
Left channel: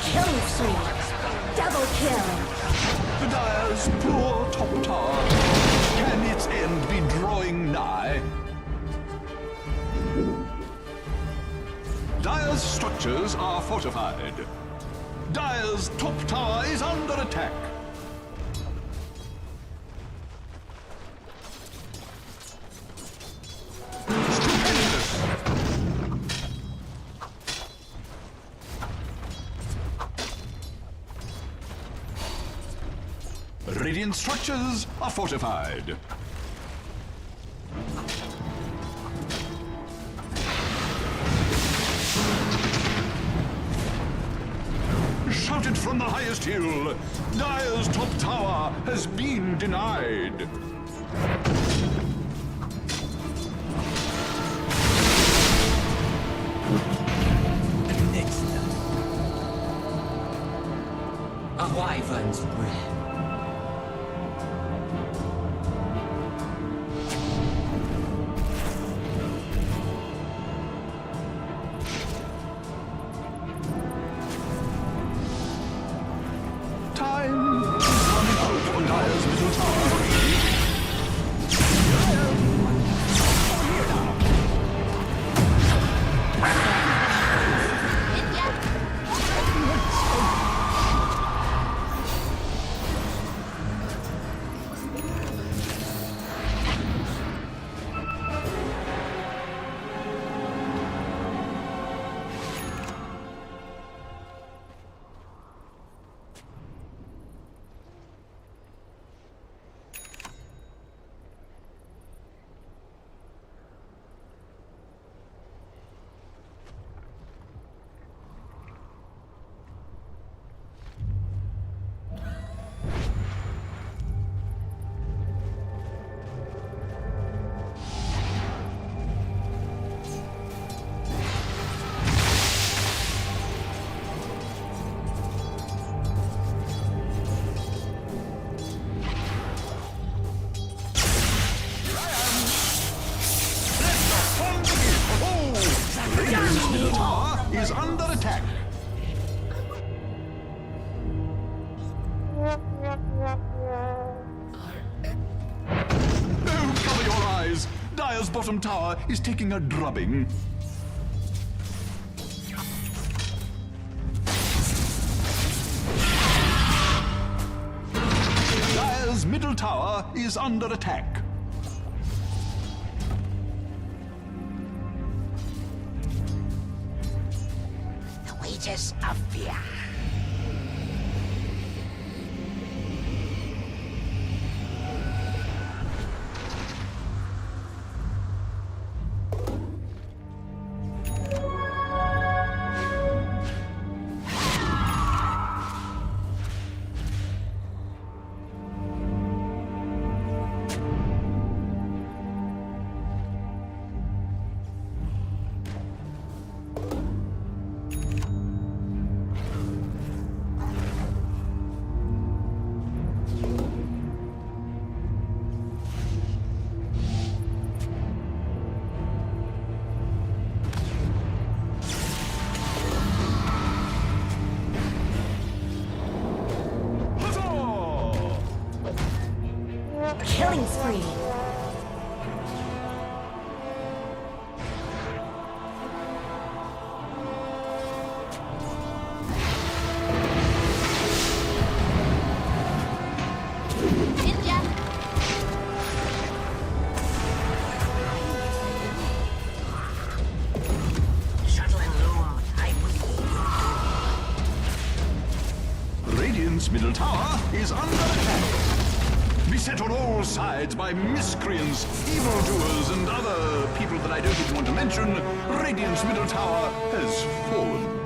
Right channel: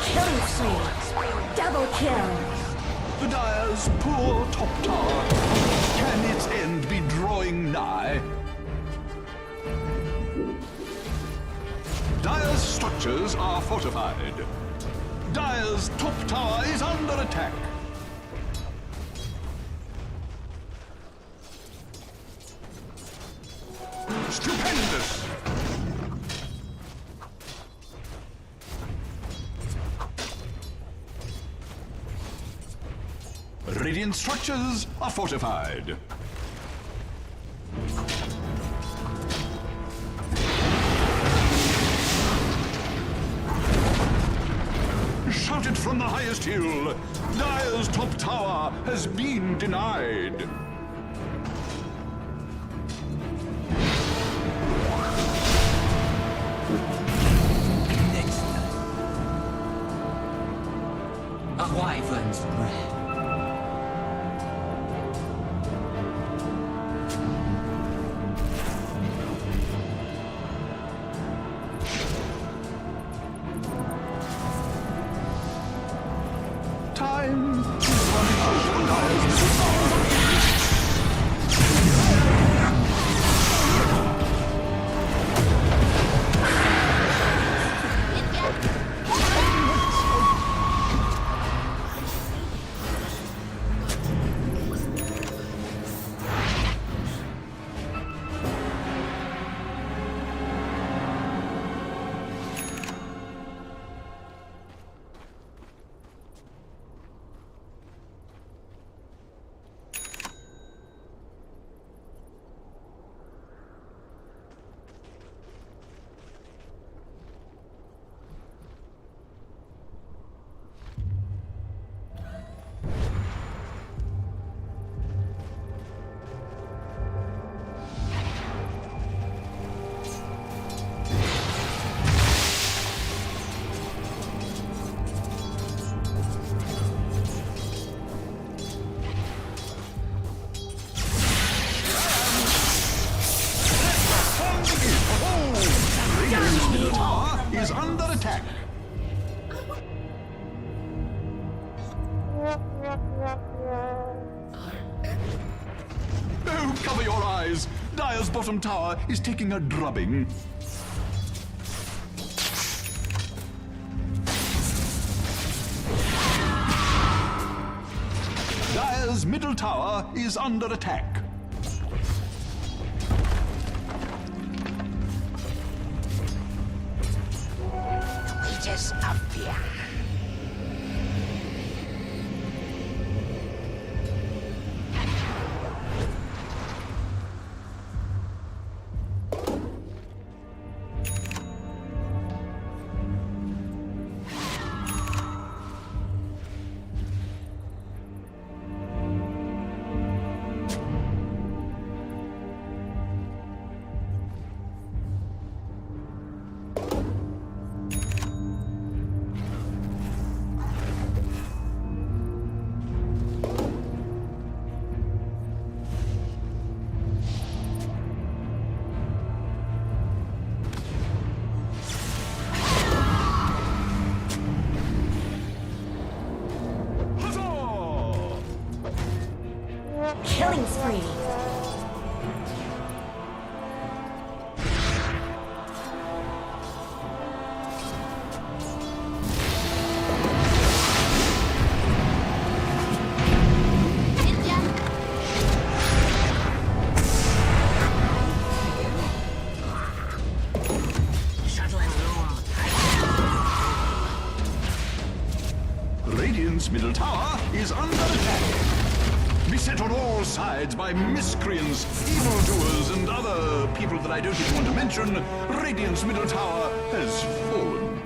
Killing spree. Double kill. The Dire's poor top tower. Can its end be drawing nigh? Dire's structures are fortified. Dire's top tower is under attack. Stupendous! Radiant structures are fortified. Shouted from the highest hill, Dire's top tower has been denied. Next time. A wyvern's breath. Time is running out on Dire's middle tower. is under attack. Oh, cover your eyes! Dire's bottom tower is taking a drubbing. Dire's middle tower is under attack. The wages of fear. Killing spree. Radiant's middle tower is under attack. Beset on all sides by miscreants, evildoers, and other people that I don't even want to mention, Radiant's middle tower has fallen.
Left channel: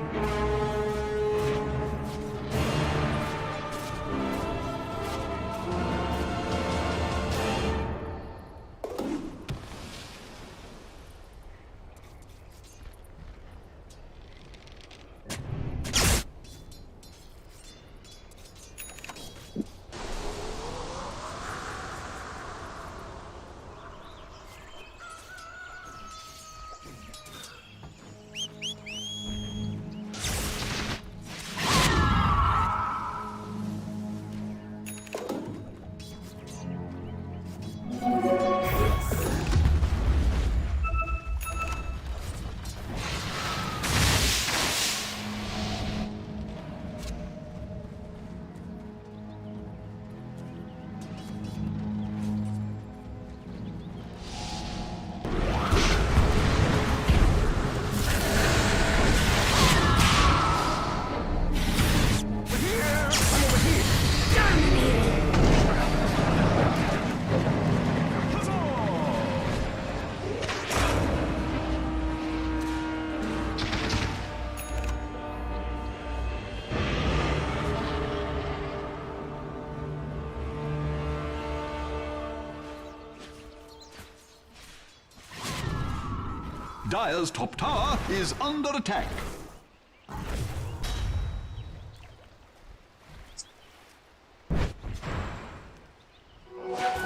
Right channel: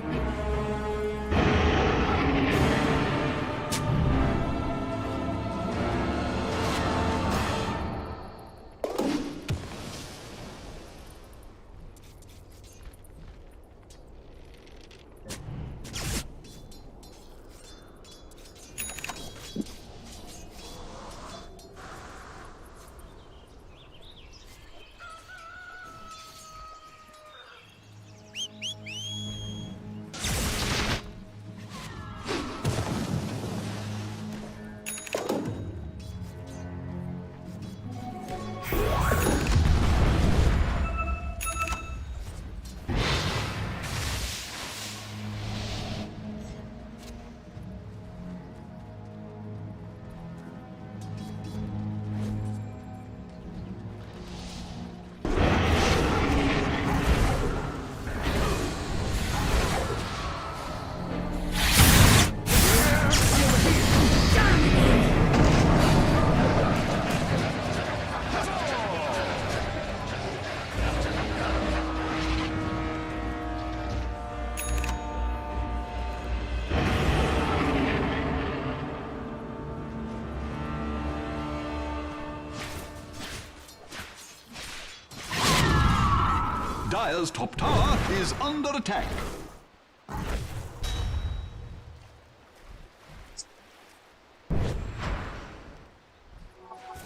Dire's top tower is under attack.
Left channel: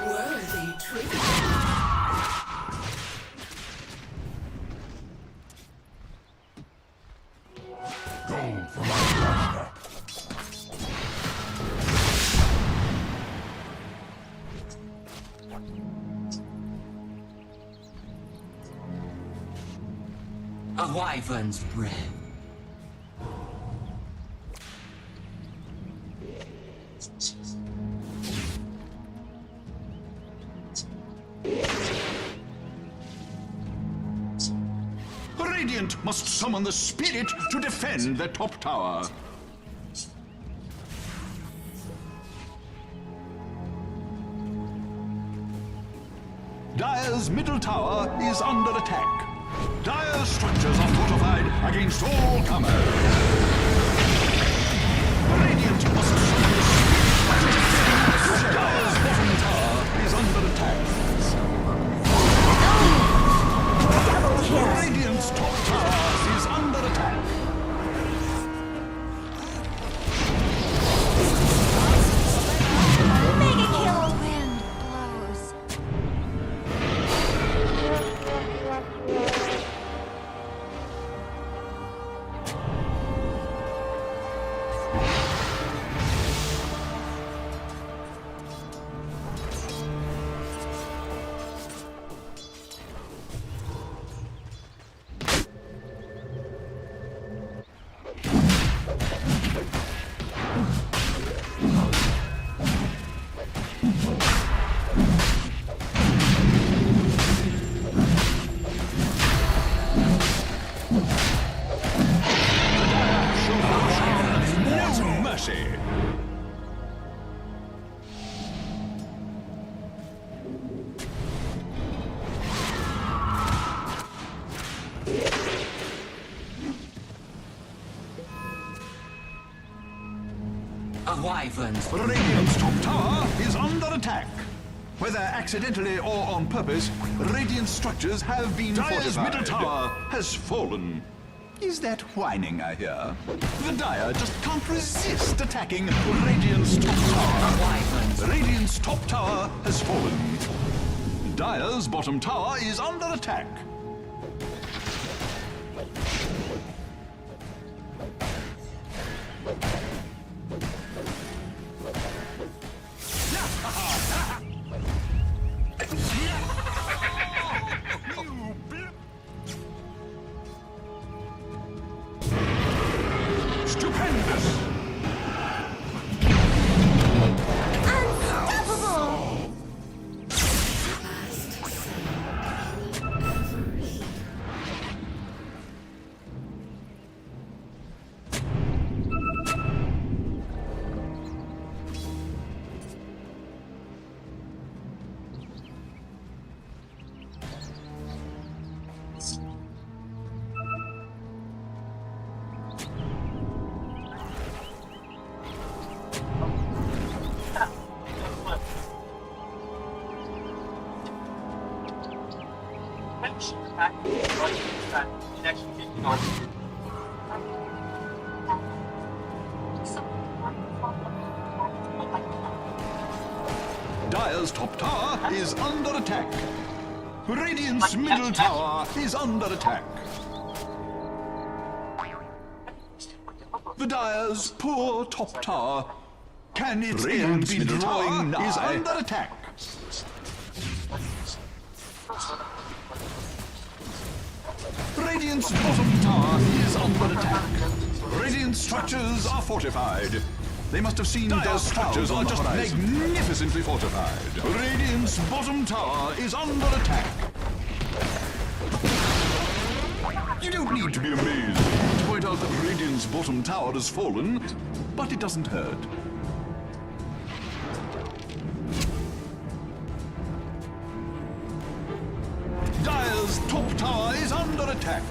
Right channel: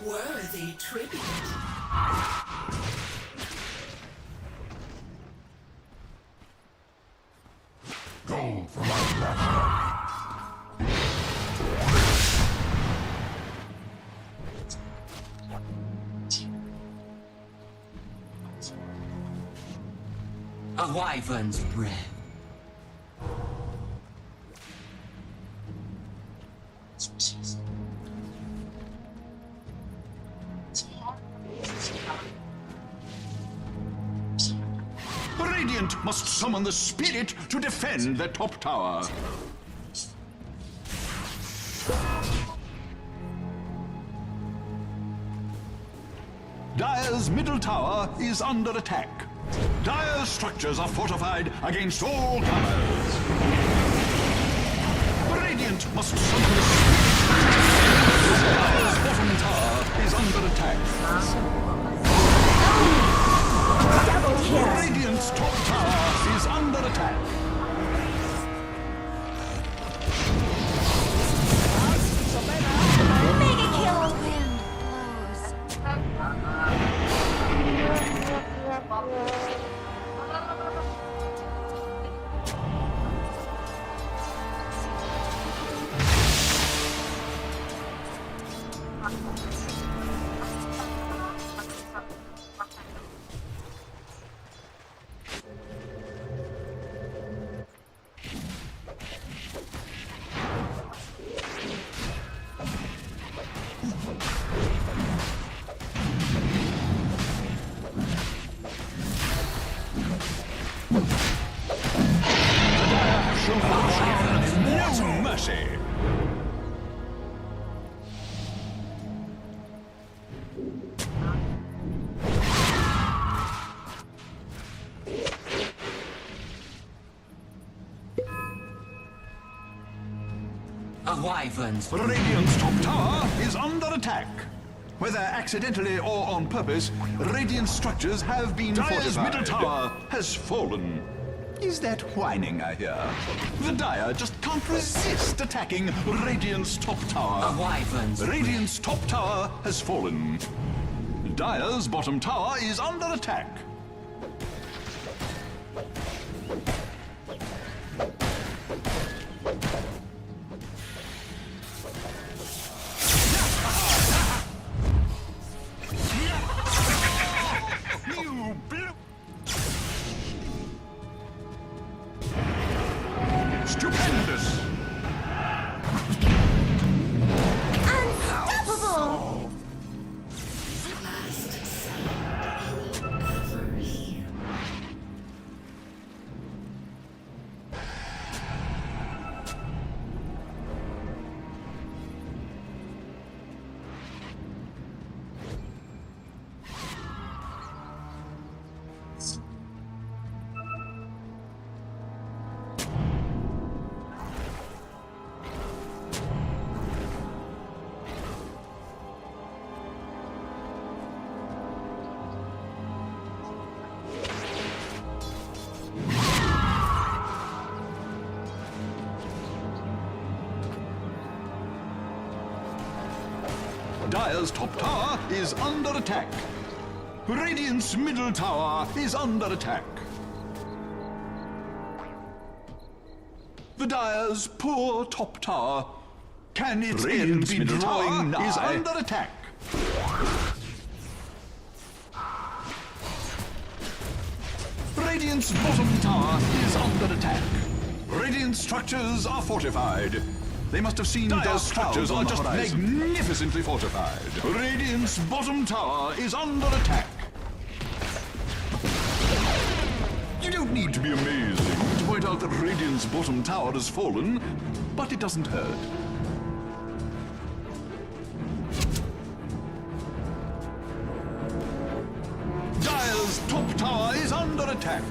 Worthy tribute. Gold for my master. A wyvern's breath. Radiant must summon the spirit to defend their top tower. Dire's middle tower is under attack. Dire's structures are fortified against all comers. Radiant must summon the spirit to defend. Dire's bottom tower is under attack. Double kill. Radiant's top tower is under attack. Mega kill. Wind blows. A wyvern's Radiant's top tower is under attack. Whether accidentally or on purpose, Radiant structures have been Dire's middle tower has fallen. Is that whining I hear? The Dire just can't resist attacking Radiant's top tower. wyvern's Radiant's top tower has fallen. Dire's bottom tower is under attack. Stupendous! Unstoppable! Dire's top tower is under attack. Radiant's middle tower is under attack. The Dire's poor top tower. Can its end be drawing nigh? Is under attack. Radiant's bottom tower is under attack. Radiant structures are fortified. They must have seen Dire's structures are just magnificently fortified. Radiant's bottom tower is under attack. You don't need to be amazing to point out that Radiant's bottom tower has fallen, but it doesn't hurt. Dire's top tower is under attack.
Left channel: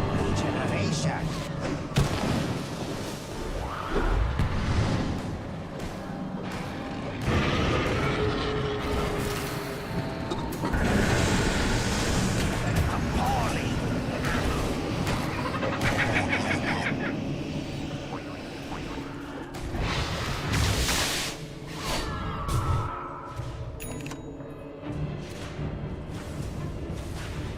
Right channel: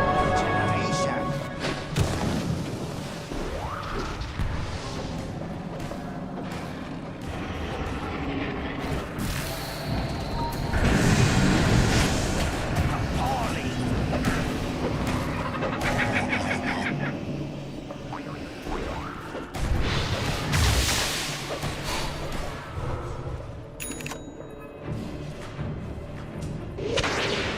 Regeneration. Appalling.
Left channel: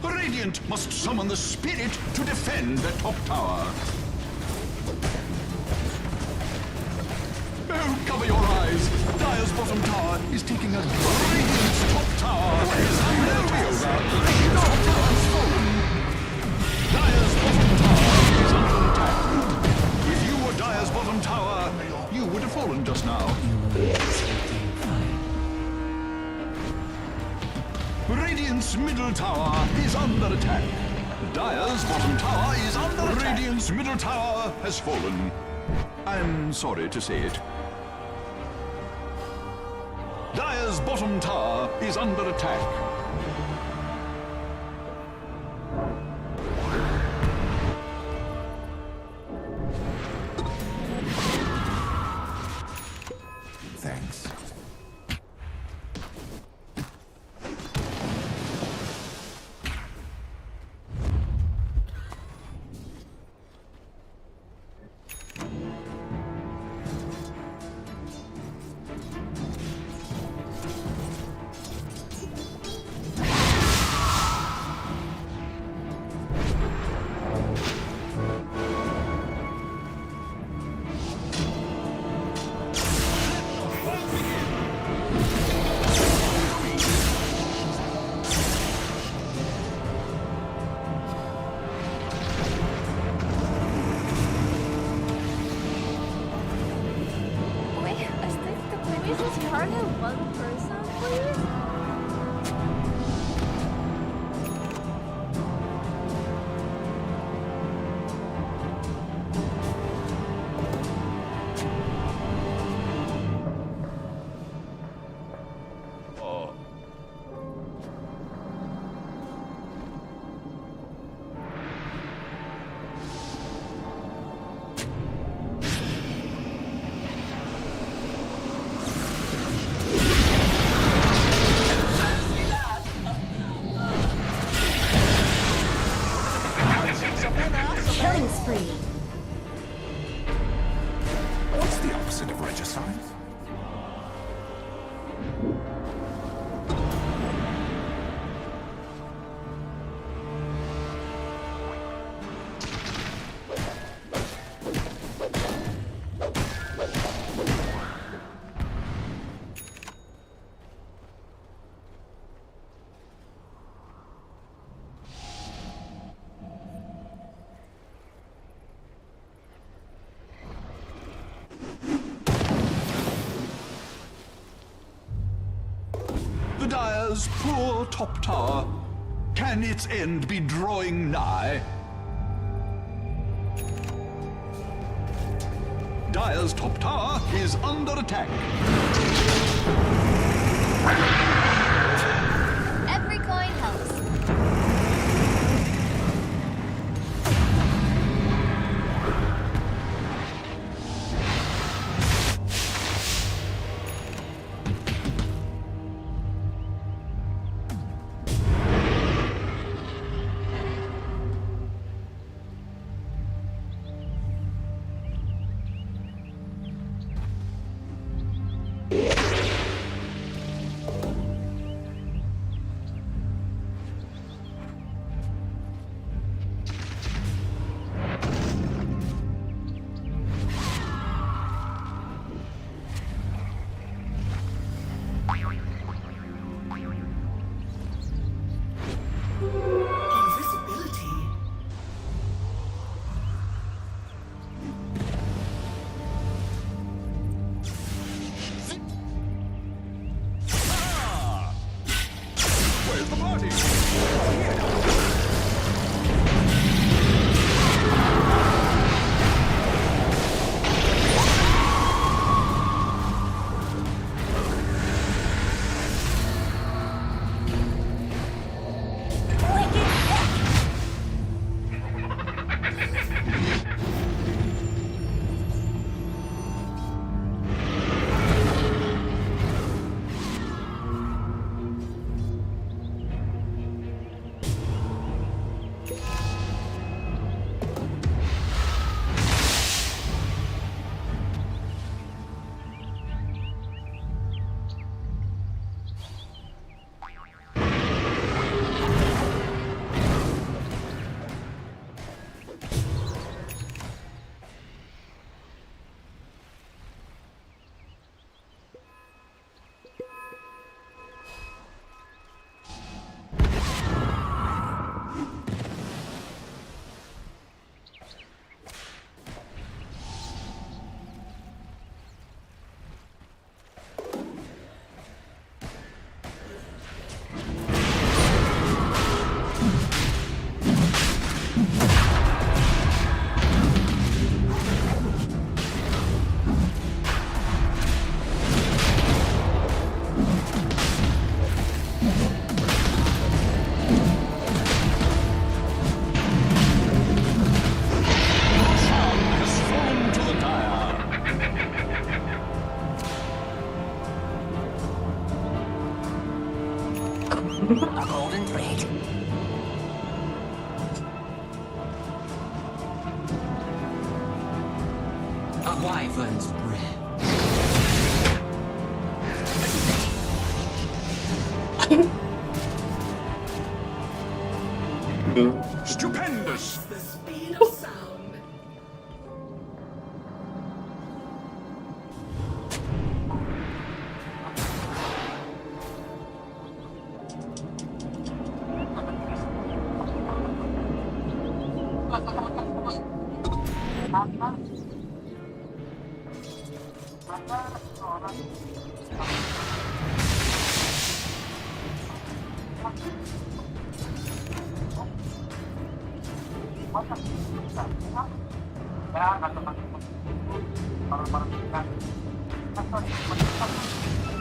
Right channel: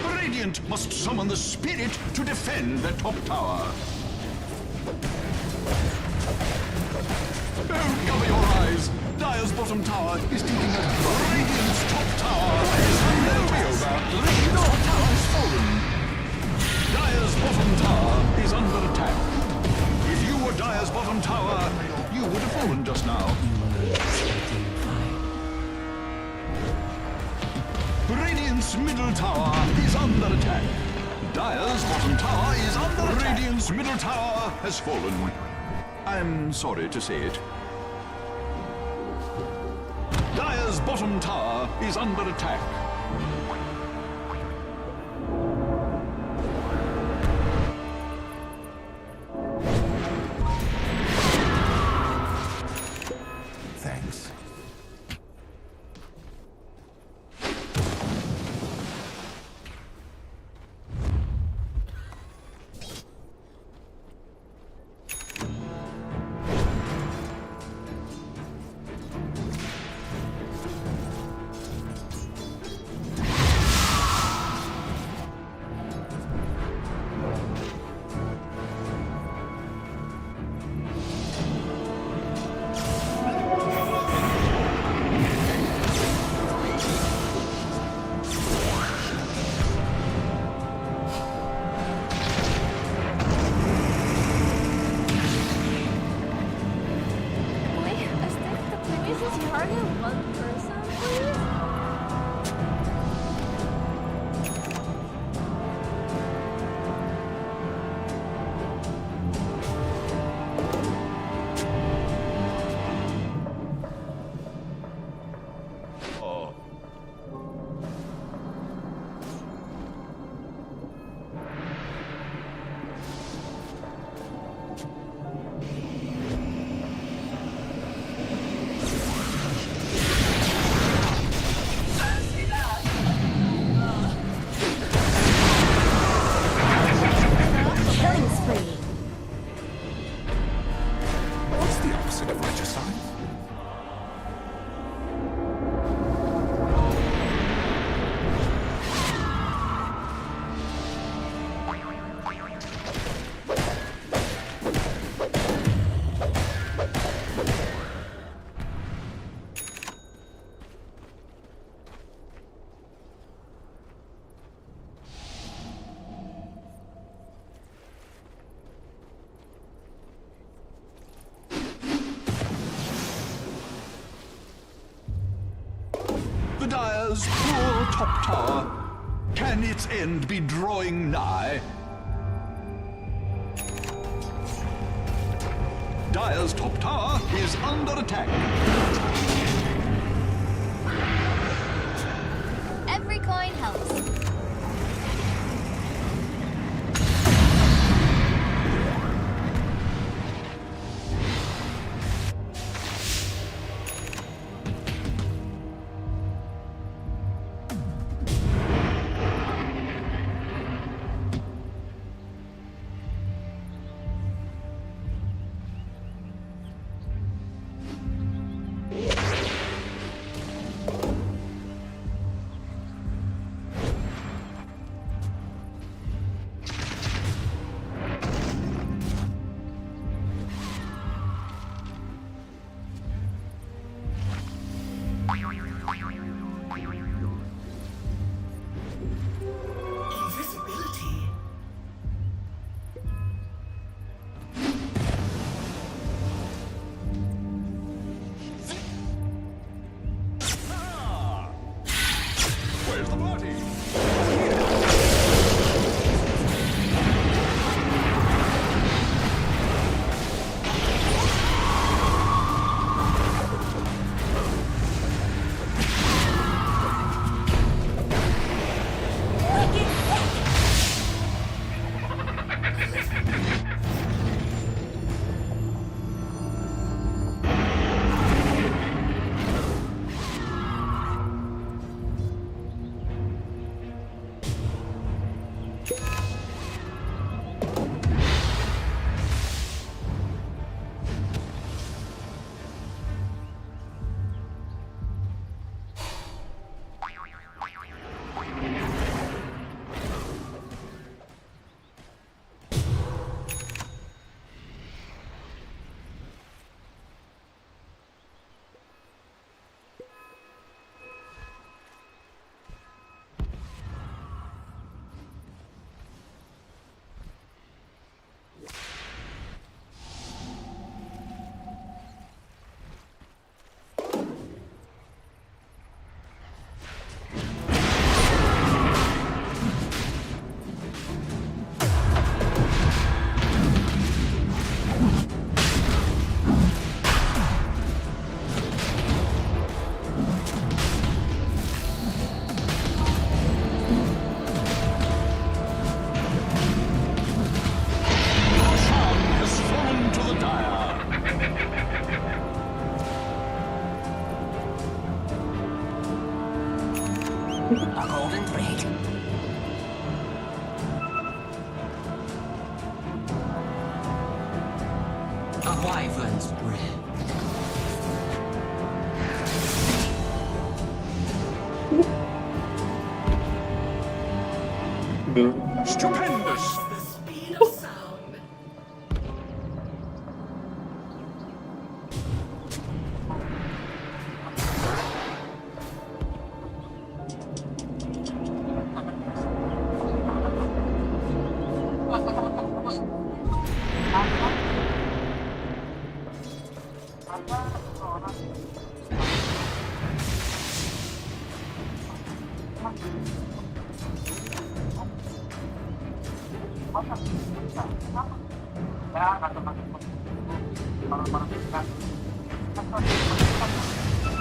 Radiant must summon the spirit to defend their top tower. Oh, cover your eyes! Dire's bottom tower is taking a drop. Radiant's top tower is under attack. Radiant's top tower has fallen. Dire's bottom tower is under attack. If you were Dire's bottom tower, you would have fallen just now. expecting fire. Radiant's middle tower is under attack. Dire's bottom tower is under attack. Radiant's middle tower has fallen. I'm sorry to say it. Dire's bottom tower is under attack. Thanks. we just target one person, please? Oh. Killing spree. What's the opposite of regicide? The Dire's poor top tower. Can its end be drawing nigh? Dire's top tower is under attack. Every coin helps. Invisibility. Where's the party? Over here. A golden thread. A wyvern's breath. Stupendous! The speed of sound.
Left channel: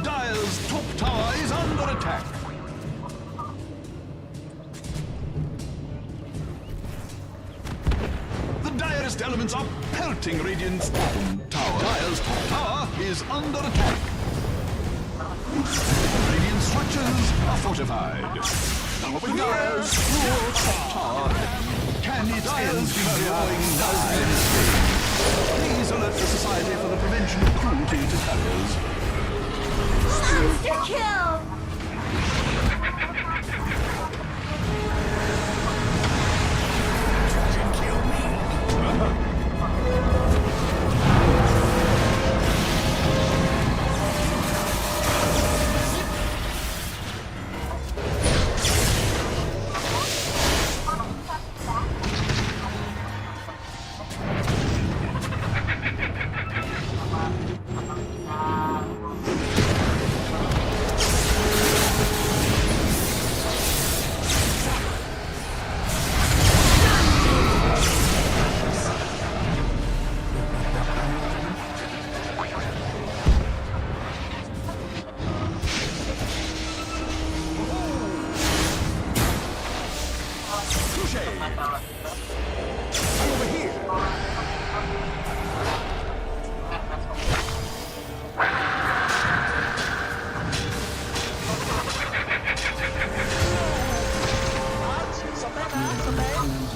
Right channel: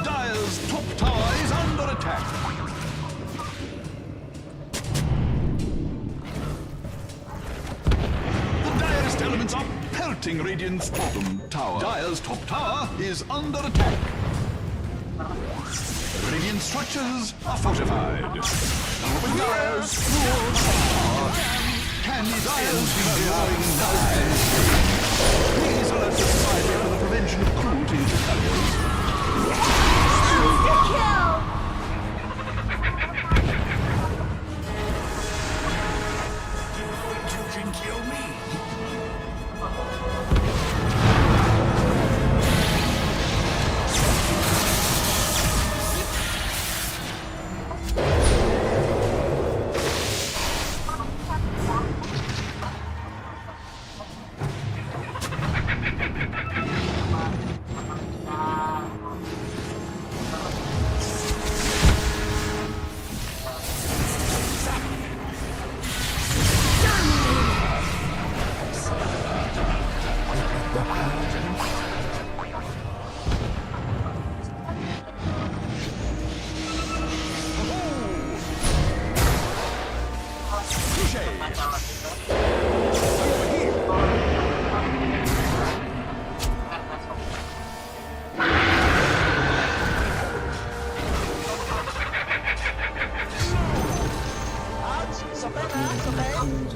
Dire's top tower is under attack. The direst elements are pelting Radiant's bottom tower. Dire's top tower is under attack. Radiant structures are fortified. With Dire's full top tower, can its ends be drawing nigh? Please alert the Society for the Prevention of Cruelty to Terriers. Monster kill! You can kill me.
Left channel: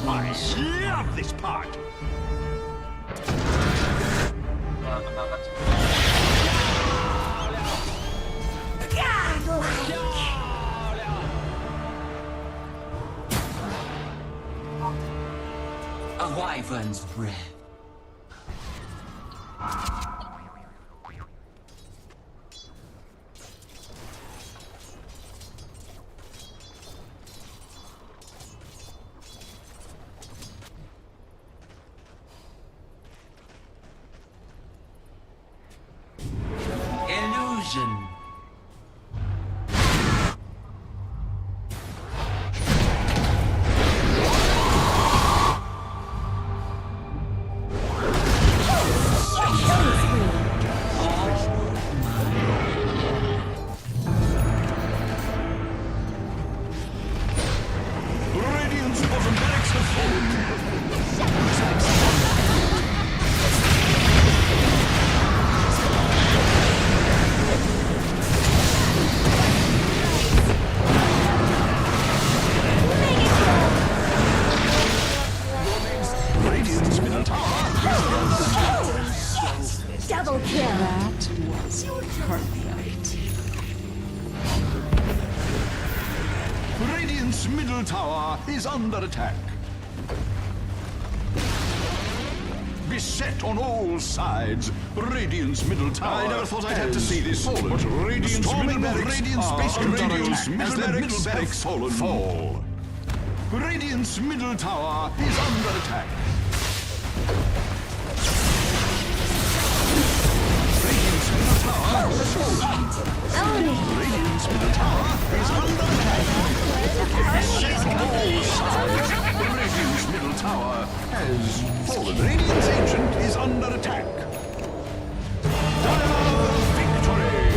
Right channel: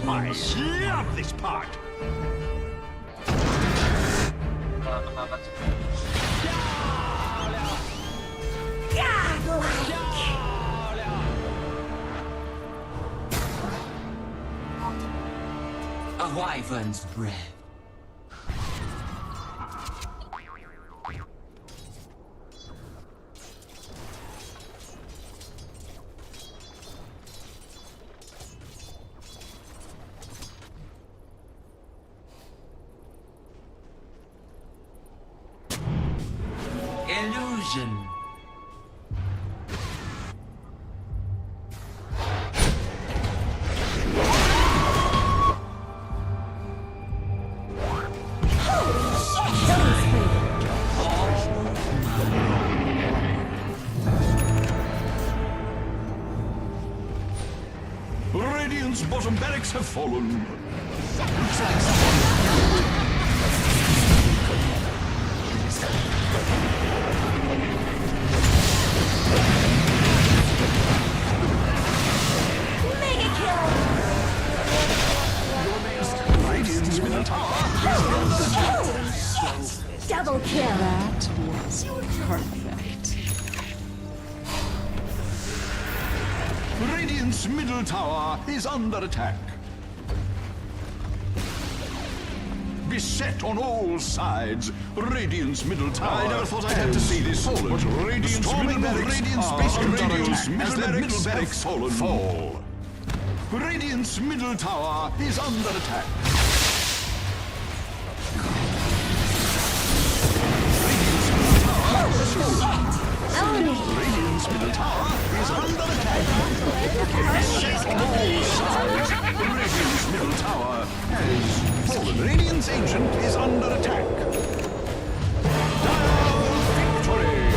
I love this part. A wyvern's breath. Illusion. Radiant's bottom barracks have fallen. Radiant's middle tower is Double kill! That was perfect. Radiant's middle tower is under attack. Beset on all sides, Radiant's middle tower. I never thought I'd have to see this, but Radiant's middle barracks fallen. Fall. Radiant's middle tower is under attack. Radiant's middle tower has fallen. Radiant's middle tower is under attack. Beset on all sides, Radiant's middle tower has fallen. Radiant's ancient is under attack. Dire victory!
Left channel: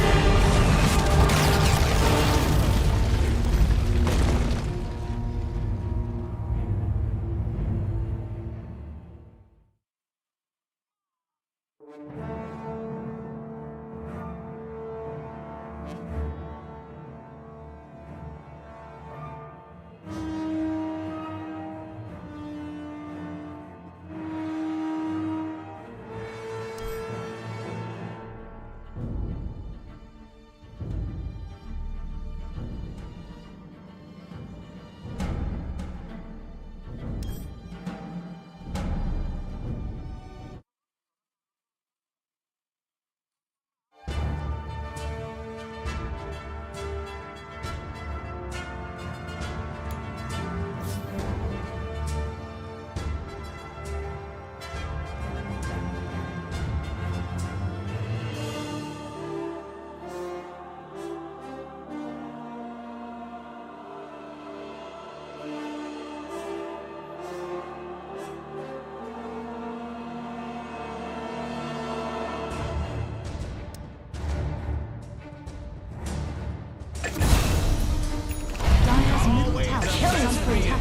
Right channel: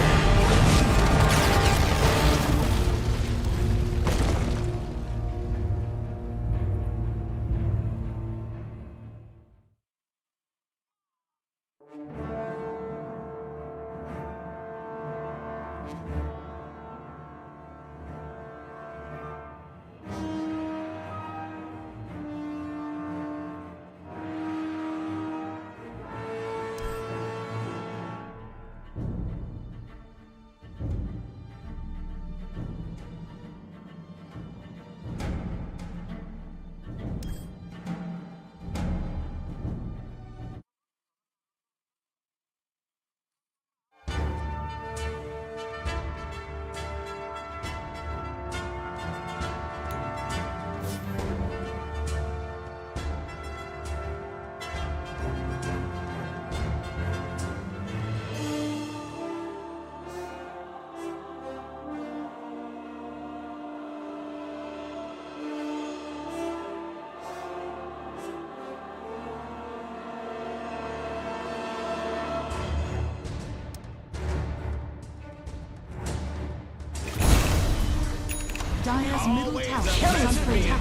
middle tower Killing spree.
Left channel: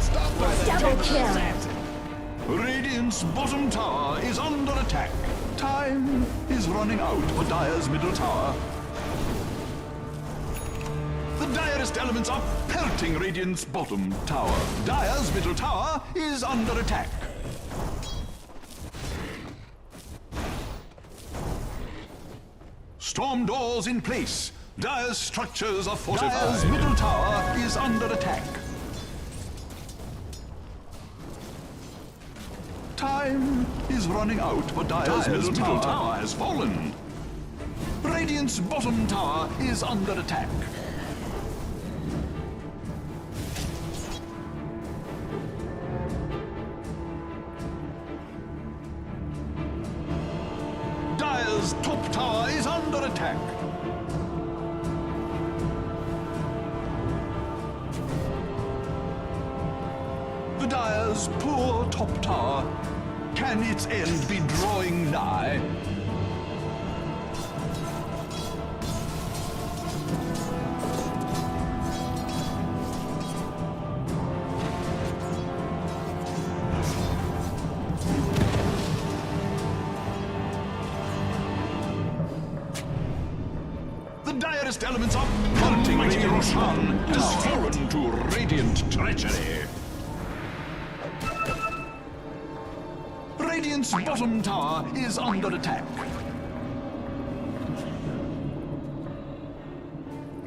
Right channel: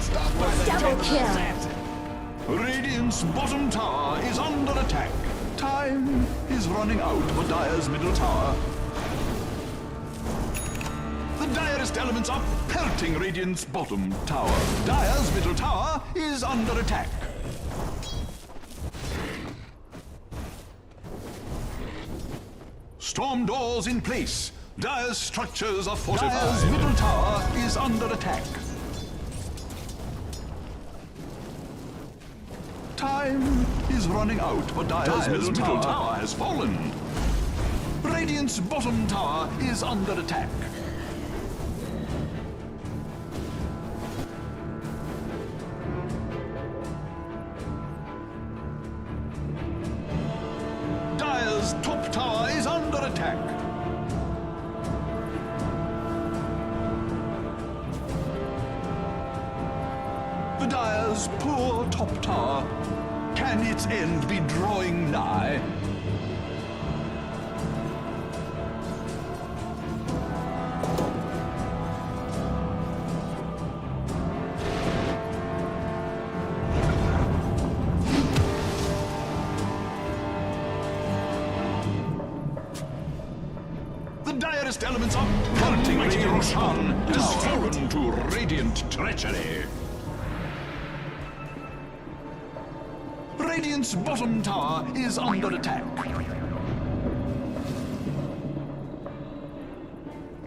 Double kill. Radiant's bottom tower is under attack. Time is running out for Dire's middle tower. The direst elements are pelting Radiant's bottom tower. Dire's middle tower is under attack. Storm doors in place. Dire's structures are fortified. Dire's middle tower is under attack. Time is running out, but Dire's middle tower has fallen. Radiant's bottom tower is under attack. Dire's top tower is under attack. The Dire's poor top tower. Can its end be drawing nigh? The direst elements of pelting Radiant Sun has fallen to Radiant treachery. Radiant's bottom tower is under attack.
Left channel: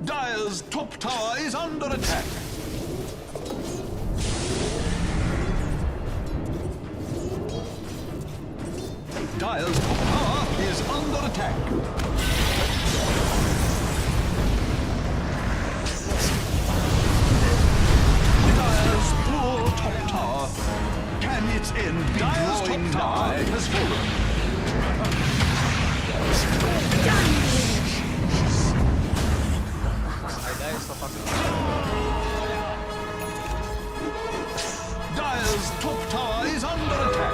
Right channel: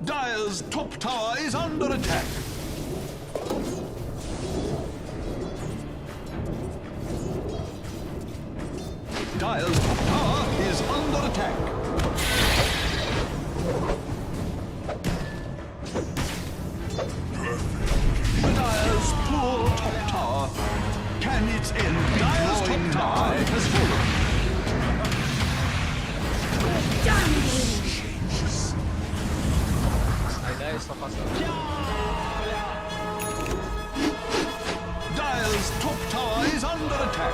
Dire's top tower is under attack. Dire's top tower is under attack. Dire's poor top tower. Can its end be Dire's top tower has fallen. Dire's top tower is under attack.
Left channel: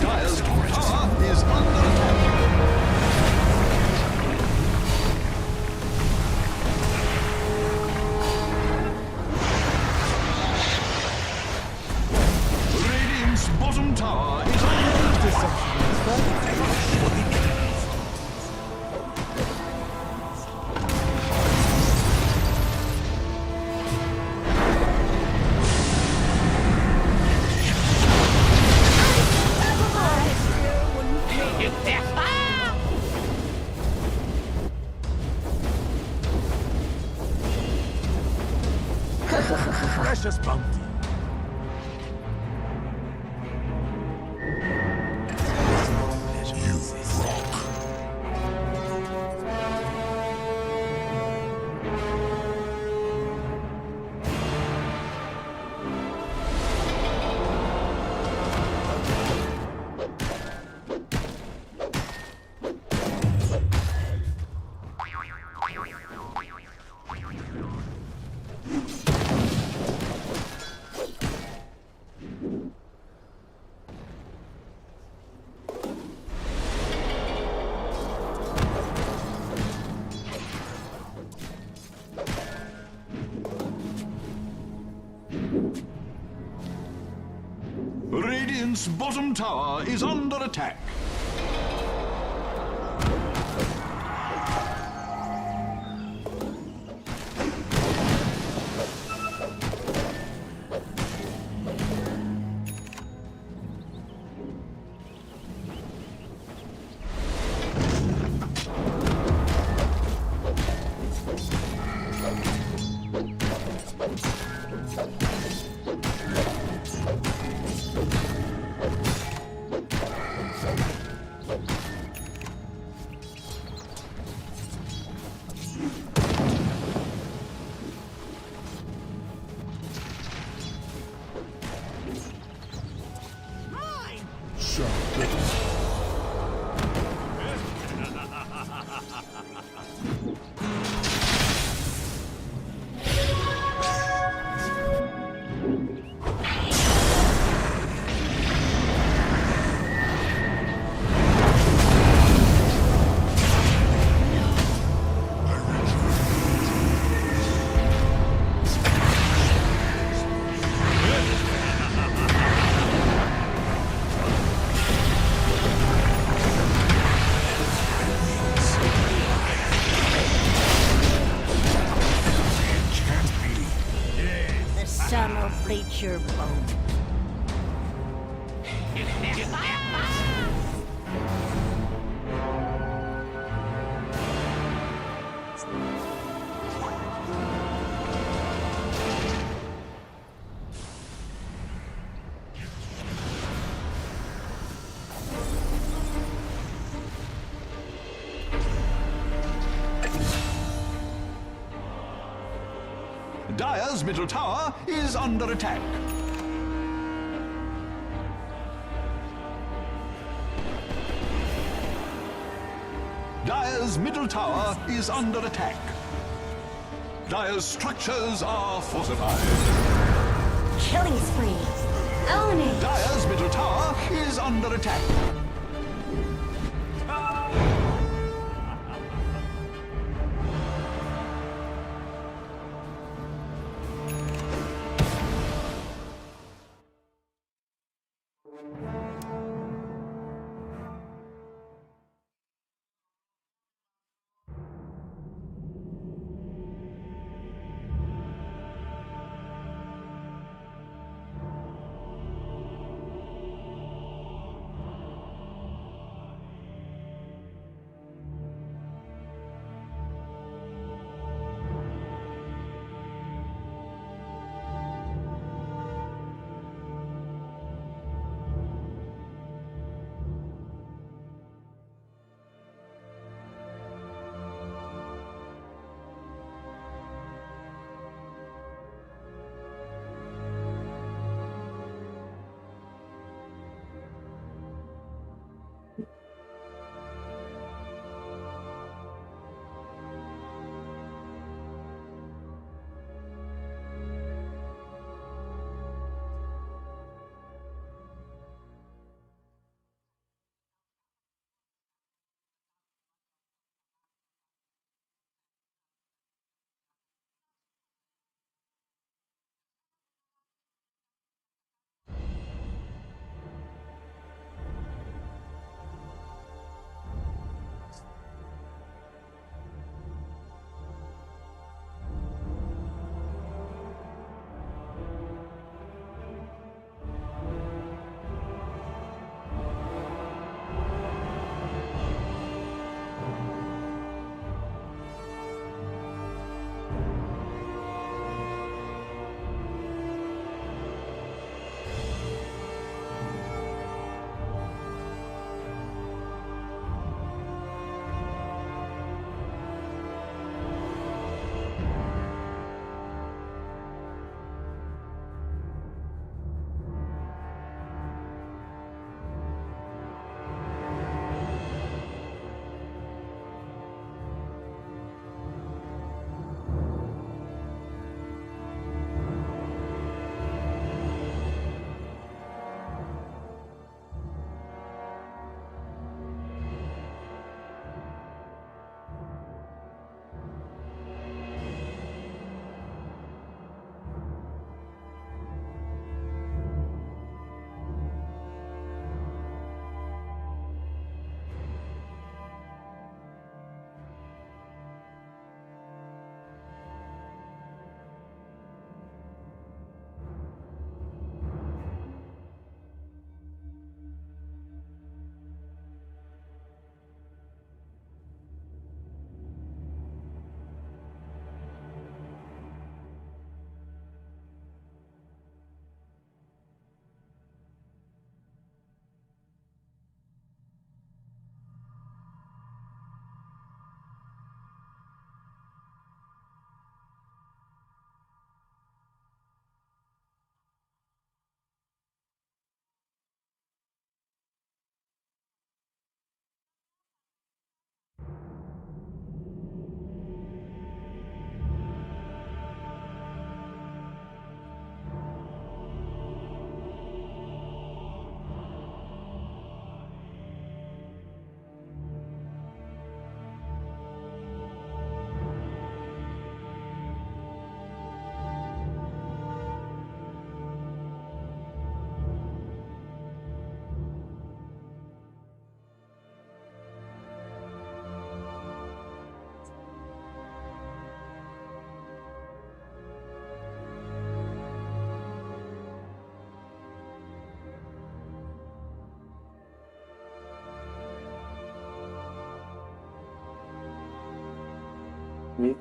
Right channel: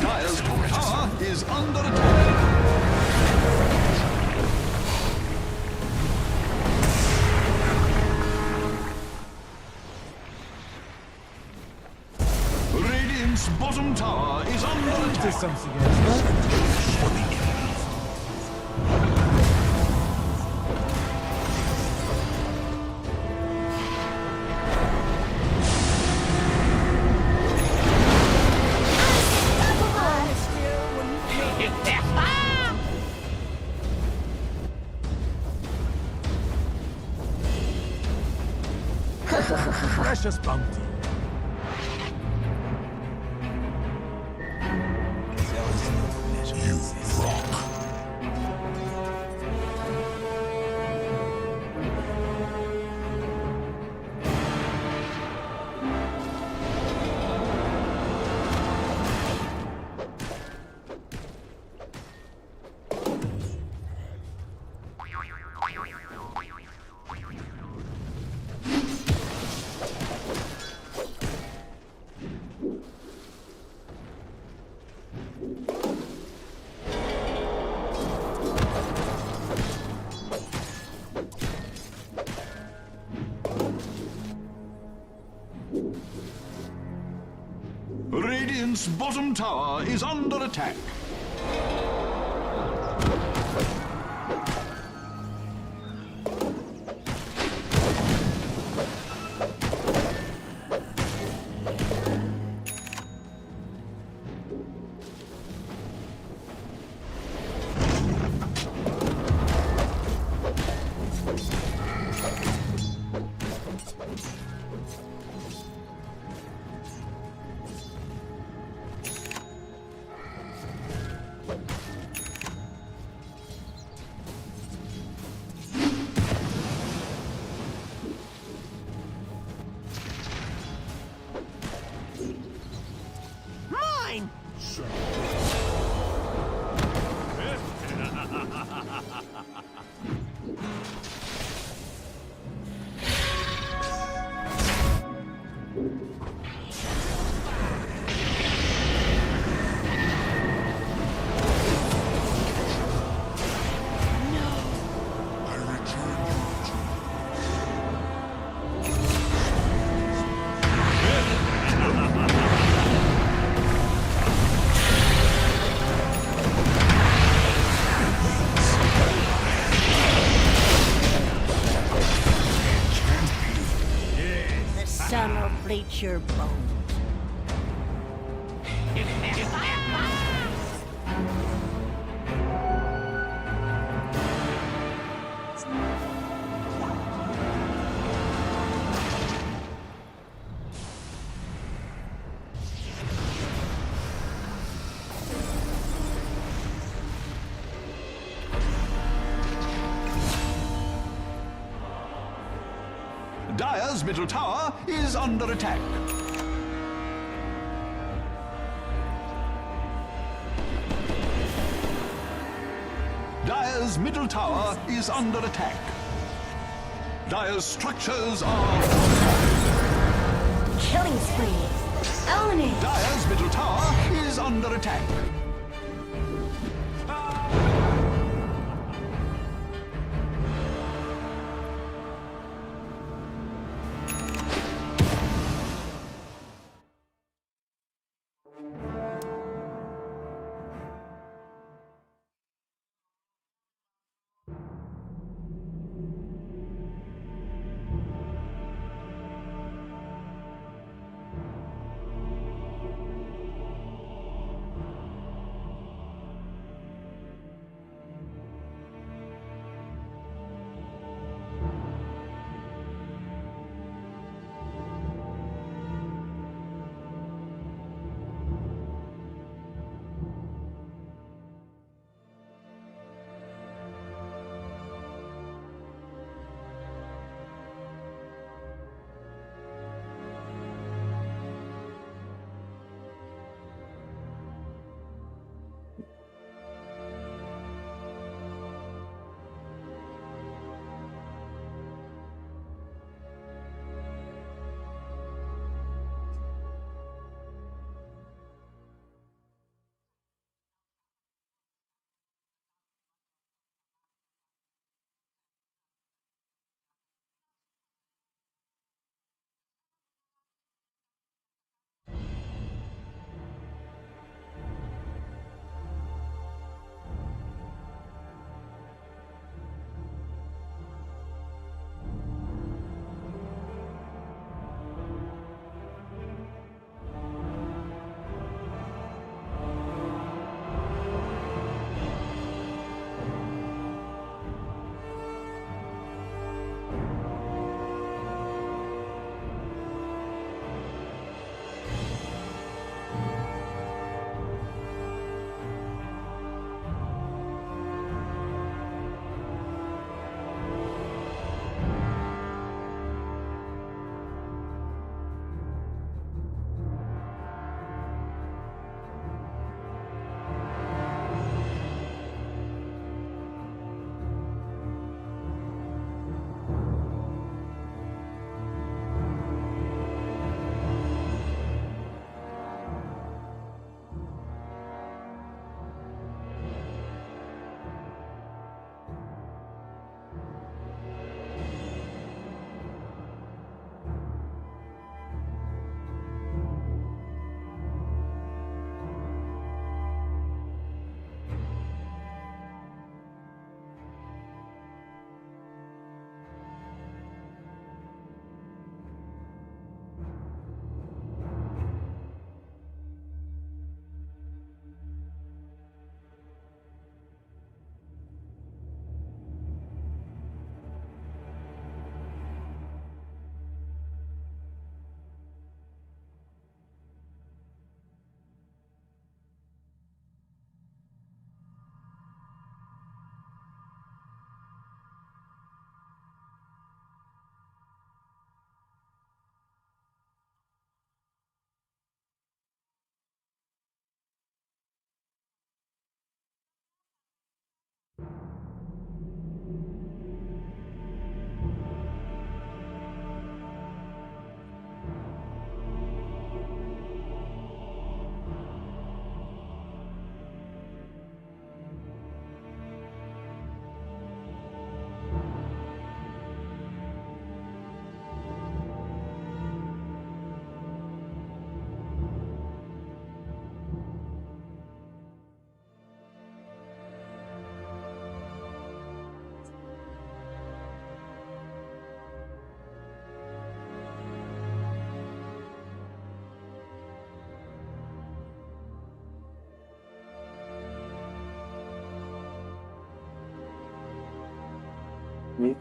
Dire's top tower is under attack. Radiant's bottom tower is under attack. Precious bounty. You rock. Radiant's bottom tower is under attack. sun will bleach your bones. Dire's middle tower is under attack. Dire's middle tower is under attack. Dire's structures are fortified. Killing spree. Own it. Dire's middle tower is under attack. Ini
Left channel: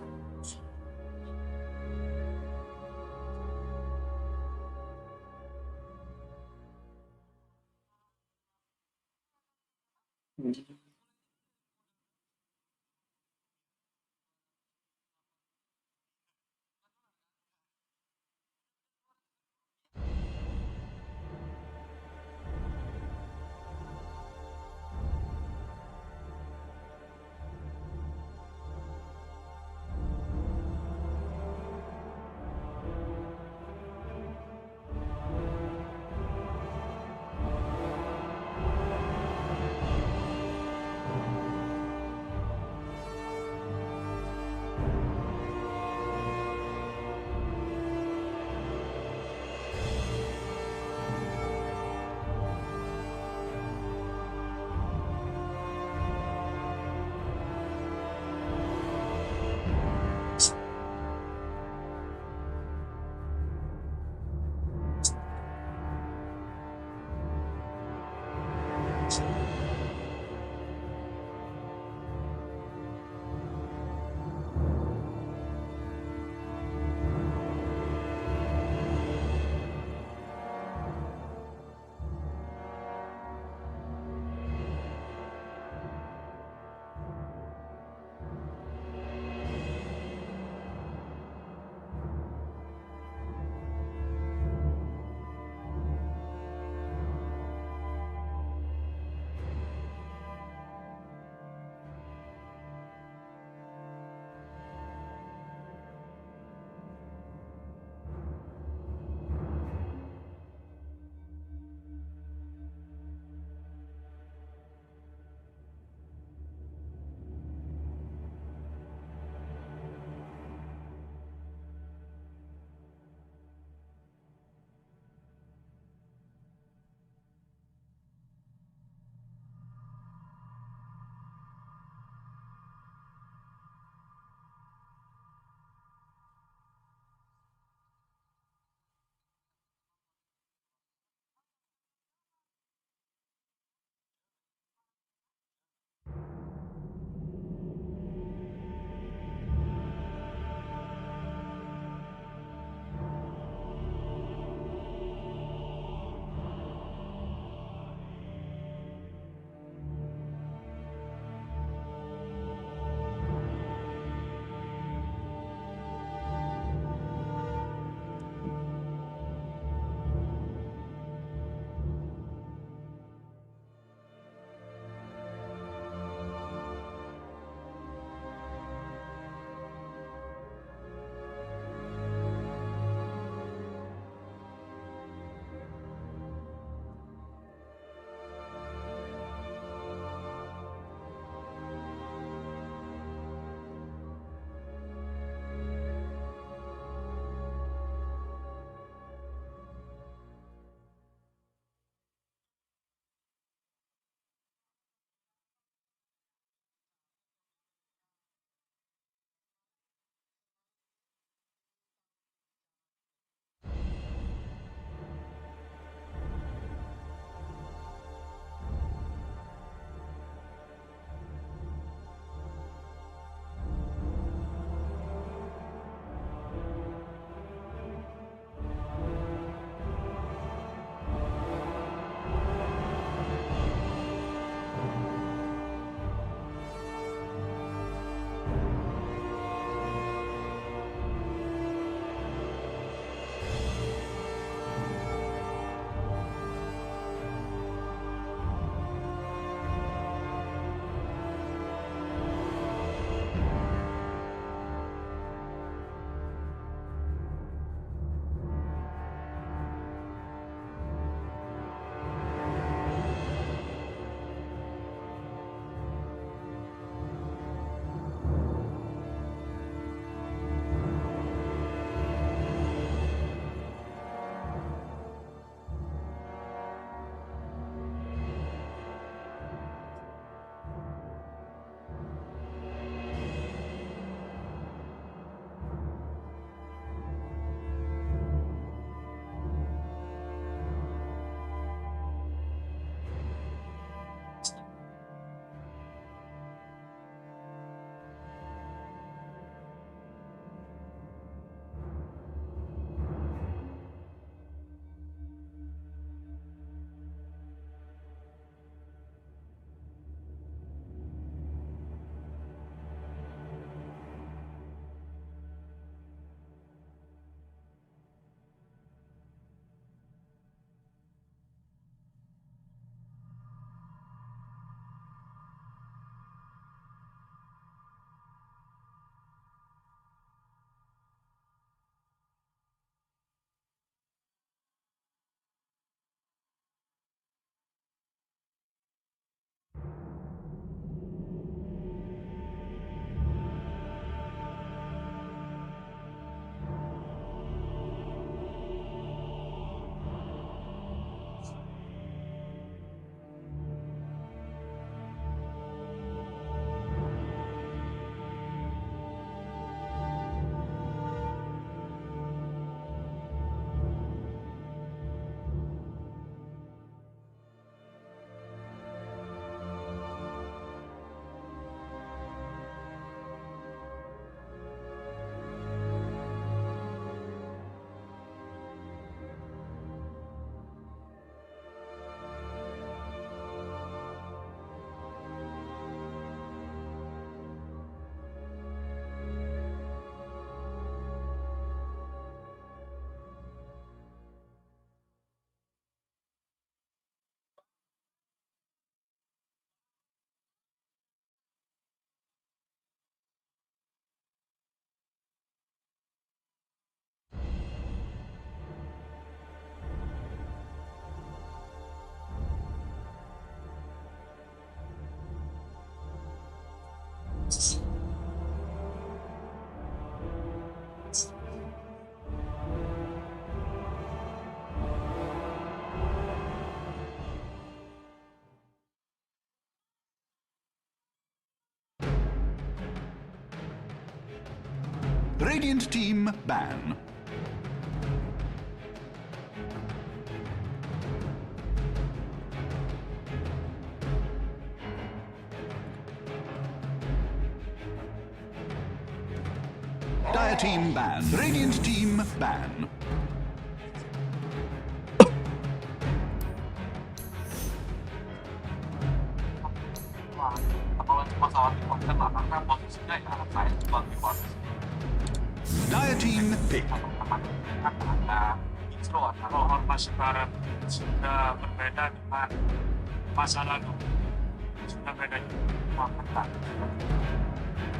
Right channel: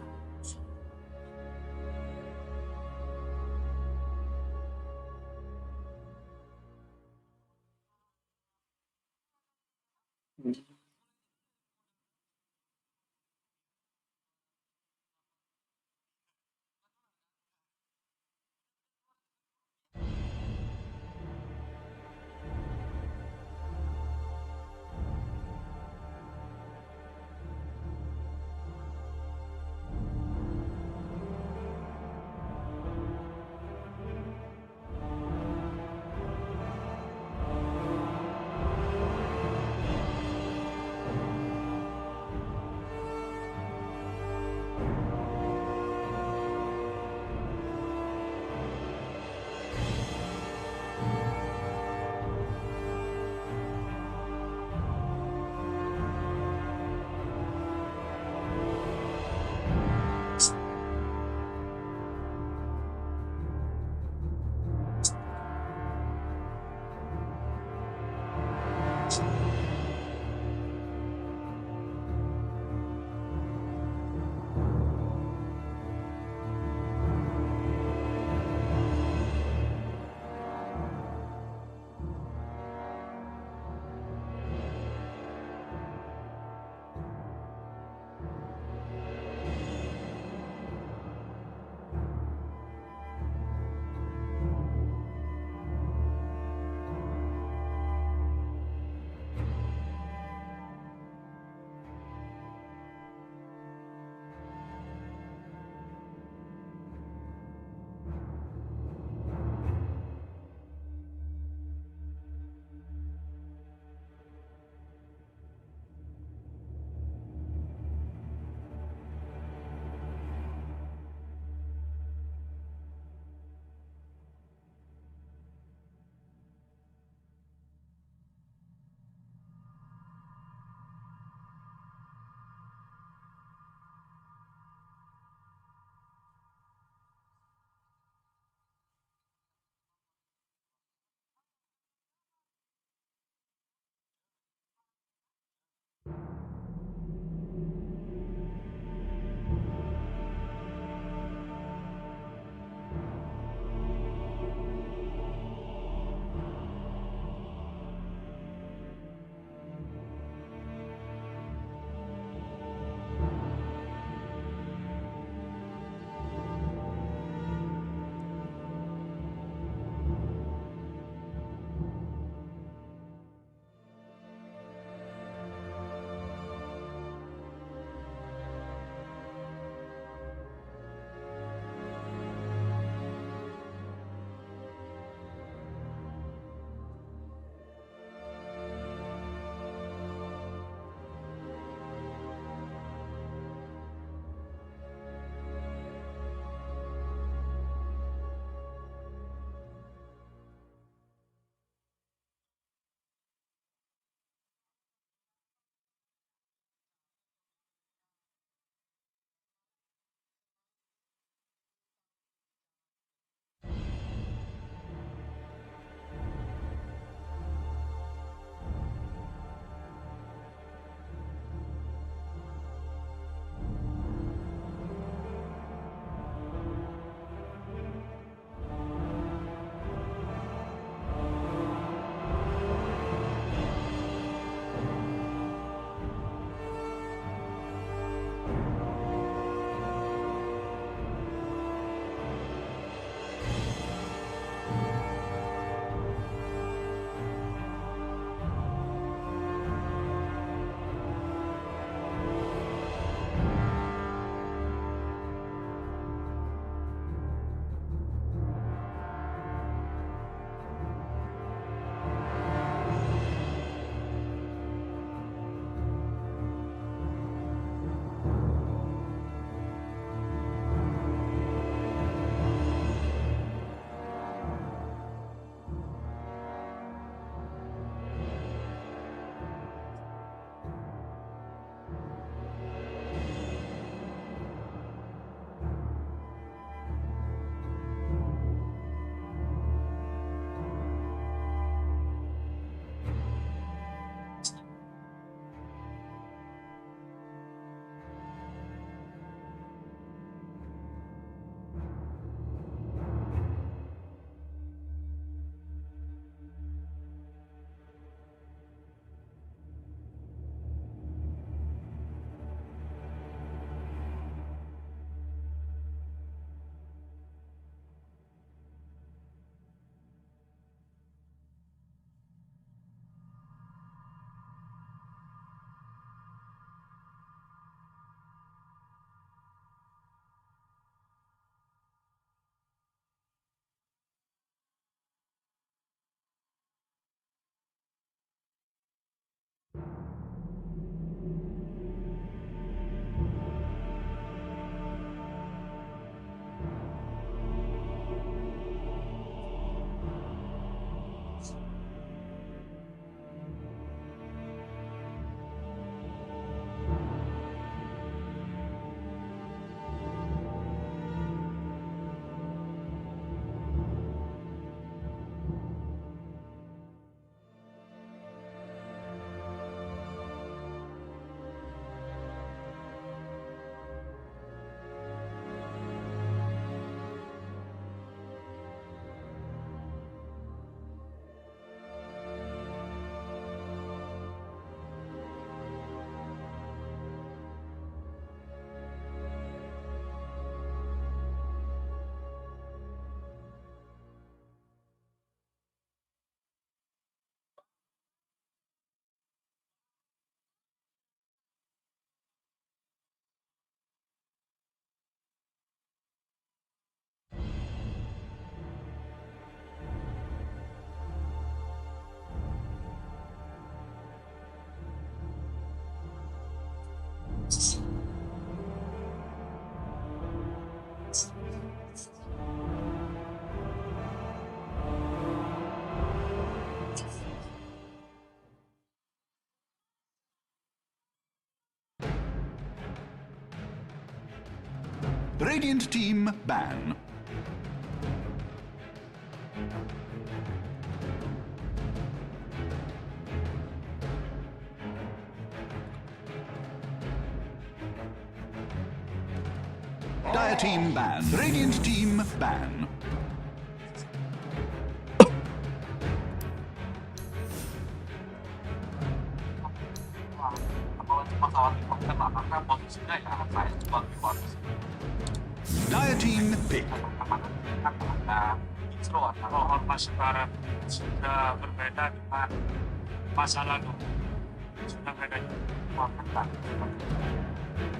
Radiant team ban. Dire team ban. Radiant team ban. Dire team pick. Ormas Barat sudah berbeda dengan masa lalu. Sudah beda.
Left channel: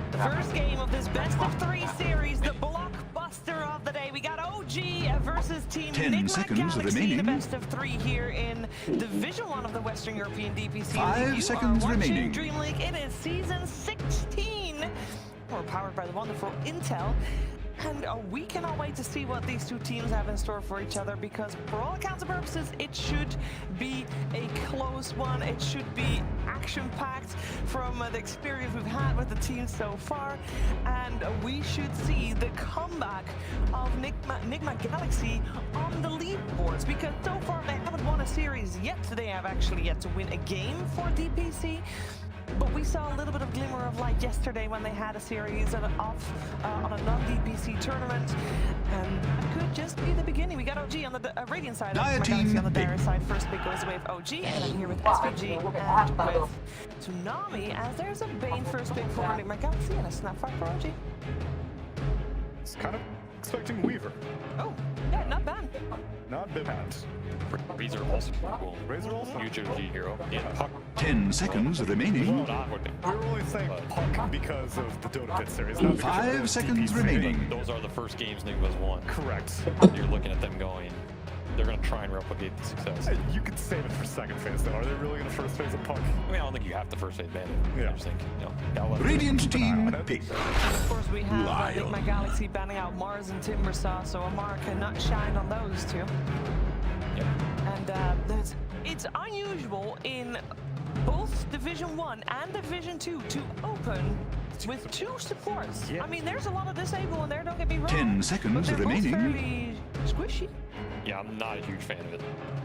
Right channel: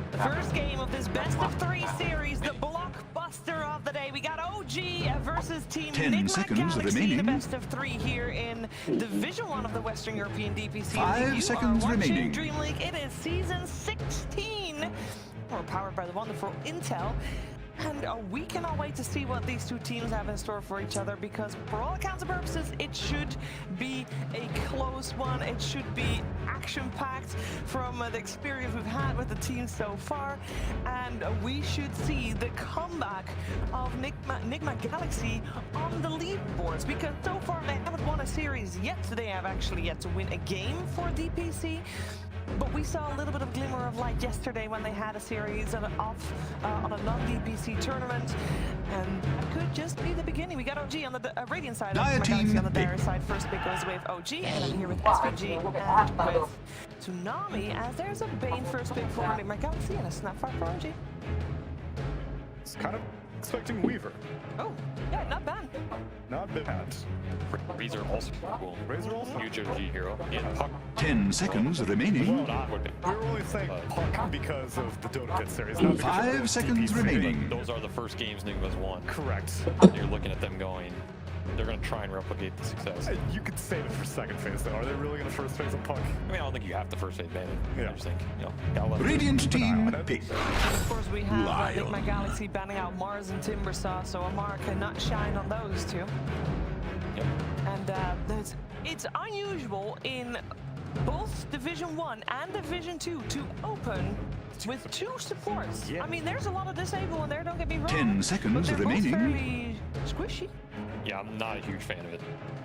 The first game of this best of 3 series, the blockbuster of the day. We got OG versus Team 10 seconds Galaxy, remaining. the best of 3 here in Division 1 of the Western European DPC. 5 seconds remaining. Dream League, it is season 16. We're powered by the wonderful Intel. And we cannot wait to see what these two teams have in store for each other, because for all accounts and purposes, it should be a close one. It should be action-packed from the experience we've had with the team so far. And we should see the comeback of Nigma Galaxy on the leaderboards, because so far they haven't won a series yet. They have actually yet to win a game for DPC. But we saw a little bit of glimmer of light yesterday when they had a series on a non-DPC tournament, and that could just be the beginning. We got OG on the Radiant side, Galaxy on the Dire side. First pick goes away with OG, and I'm here with SVG and with Tsunami, as there's a Bane first pick for my Galaxy and a Snapfire for OG. It's kind of expecting Weaver. Oh, yeah, not bad. Not bad. Razor also cool. Razor also huge OG hero. Yeah, Puck. 10 seconds remaining. We're only saying Puck because of the Dota Pit series. Not because 5 seconds DPC. remaining. Those are the first games Nigma's won. Correct. You're looking at them going, they're going to try and replicate the success. You could save it for second phase, though. Are they really going to first phase a Puck? I mean, I don't think you have to first phase ban it. Yeah. I just think, you know, Radiant team pick. And of course, we have Nigma Galaxy banning out Mars and Timbersaw, so Amara cannot shine on those two. Yep. And it's unusual in both Division 1 and Division 2 to open with 2 supports. Yeah. I mean, there's a lot of disable in there, don't get me wrong. 10 seconds but they're remaining. both fairly squishy. Yeah, I'm not a huge fan of it.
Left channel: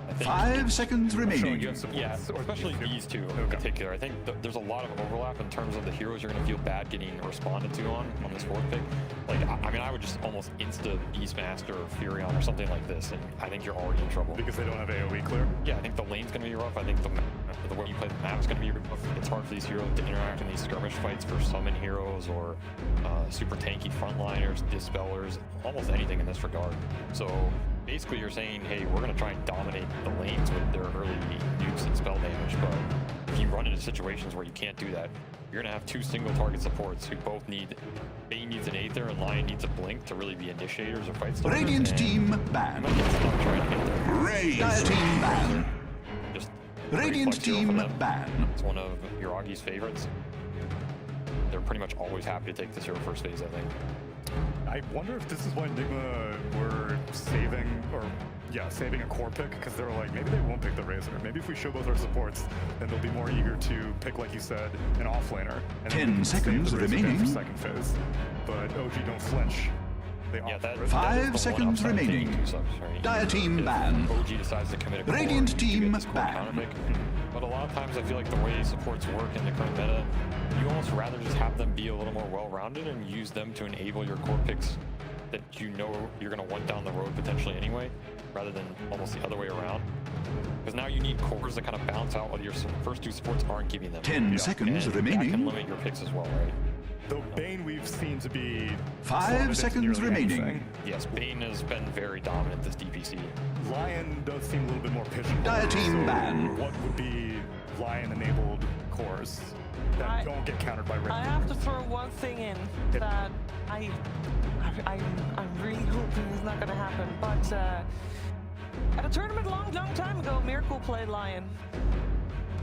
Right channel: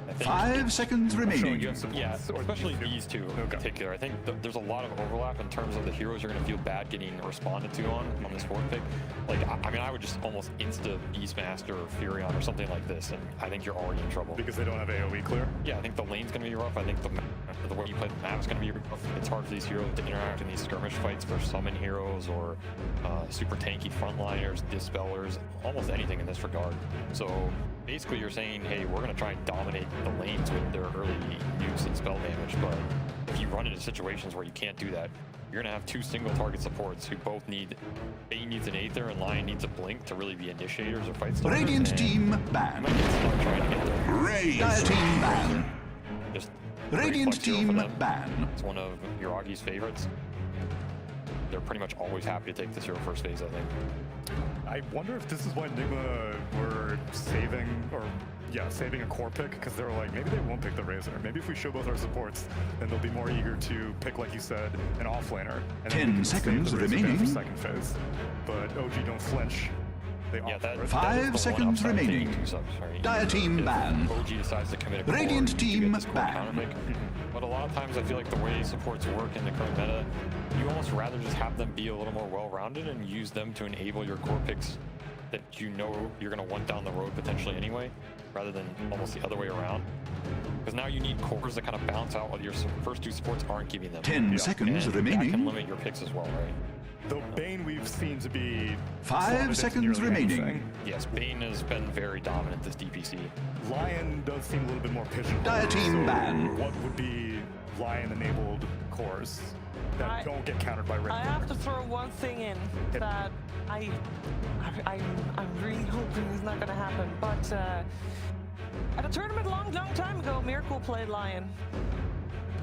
I think 5 seconds remaining. Yeah, especially these two in particular. I think there's a lot of overlap in terms of the heroes you're going to feel bad getting responded to on this fourth pick. Like, I mean, I would just almost insta Beastmaster or Furion or something like this, and I think you're already in trouble. Because they don't have AoE clear? Yeah, I think the lane's going to be rough. I think the way you play the map is going to be rough. It's hard for these heroes to interact in these skirmish fights for summon heroes or super tanky frontliners, dispellers, almost anything in this regard. So basically you're saying, hey, we're going to try and dominate the lanes with their early nukes and spell damage, but if you run into situations where you can't do that, you're going to have 2 single target supports who both need, Bane needs an Aether and Lion needs a Blink to really be initiators or fight starters. Radiant team ban. You might get stuck trying to get there. Dire team ban. Just Radiant team ban. It's one of Yuragi's favorites. They're pretty much always happy to take this hero first phase, I think. I wonder if this is why Nigma were saving a core pick, because they were like, maybe they won't pick the Razor. Maybe if we show both our supports, then they'll be more eager to pick, like you said, an offlaner. And 10 seconds remaining. For second phase. But OG don't flench. They that 5 seconds remaining. Dire team ban. OG decides to commit a Radiant team ban. But a lot of times I feel like the way supports work in the current meta, you almost rather just have them be a little more well-rounded and use them to enable your core picks that you know you're going to want down the road potentially anyway, rather than almost the other way around. Because now you need cores that kind of balance out what your first 2 supports aren't giving them. 10 seconds and remaining. That can limit your picks as well, right? Though Bane we've seen to be 5 seconds remaining. Anything. Yes, Bane has been very dominant this DPC. Lion does seem a little bit more pigeonholed. Dire team so ban. What would be Lion-enabled cores that don't get countered by Red? I have to throw one thing in that I'm really hoping is not going to happen. But at a tournament long time ago, Miracle played Lion.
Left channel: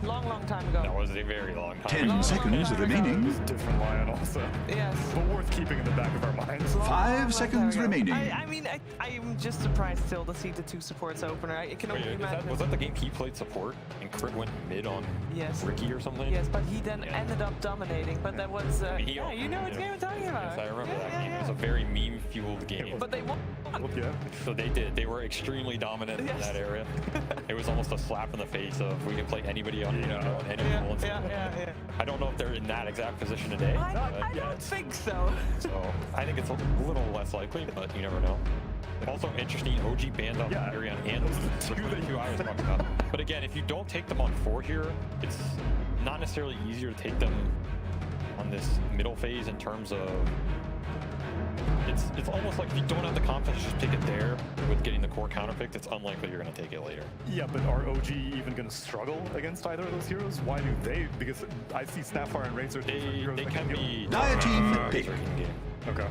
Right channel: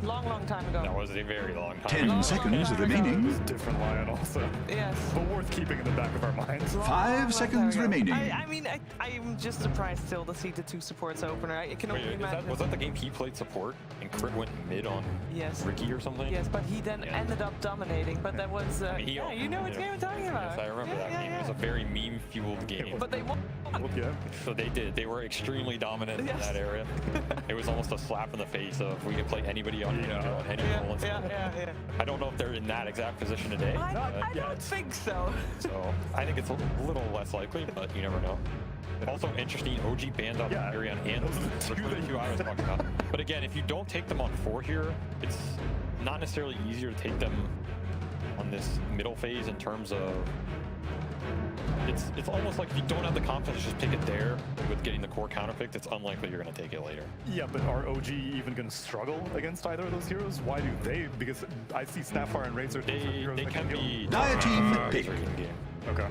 Long time ago. That was a very long time 10 ago. seconds Long remaining. It was a different Lion also. Yes. But worth keeping in the back of our minds. 5 seconds remaining. I mean, I'm just surprised still to see the 2 supports opener. I can only imagine. Was that the game he played support and Crit went mid on Ricky or something? Yes, but he then ended up dominating. But that was, yeah, you know what game I'm talking about. Yes, I remember that game. It was a very meme-fueled game. But they won. Yeah. So they did. They were extremely dominant in that area. It was almost a slap in the face of we can play anybody on any role. Yeah. I don't know if they're in that exact position today. I don't think so. So I think it's a little less likely, but you never know. Also interesting, OG banned on Arion and which were the 2 I was talking about. But again, if you don't take them on 4 here, it's not necessarily easier to take them on this middle phase in terms of it's almost like if you don't have the confidence to just pick it there with getting the core counter picked, it's unlikely you're going to take it later. Yeah, but are OG even going to struggle against either of those heroes? Why do they? Because I see Snapfire and Razor. They can be Dire team pick. Razor in game. Okay.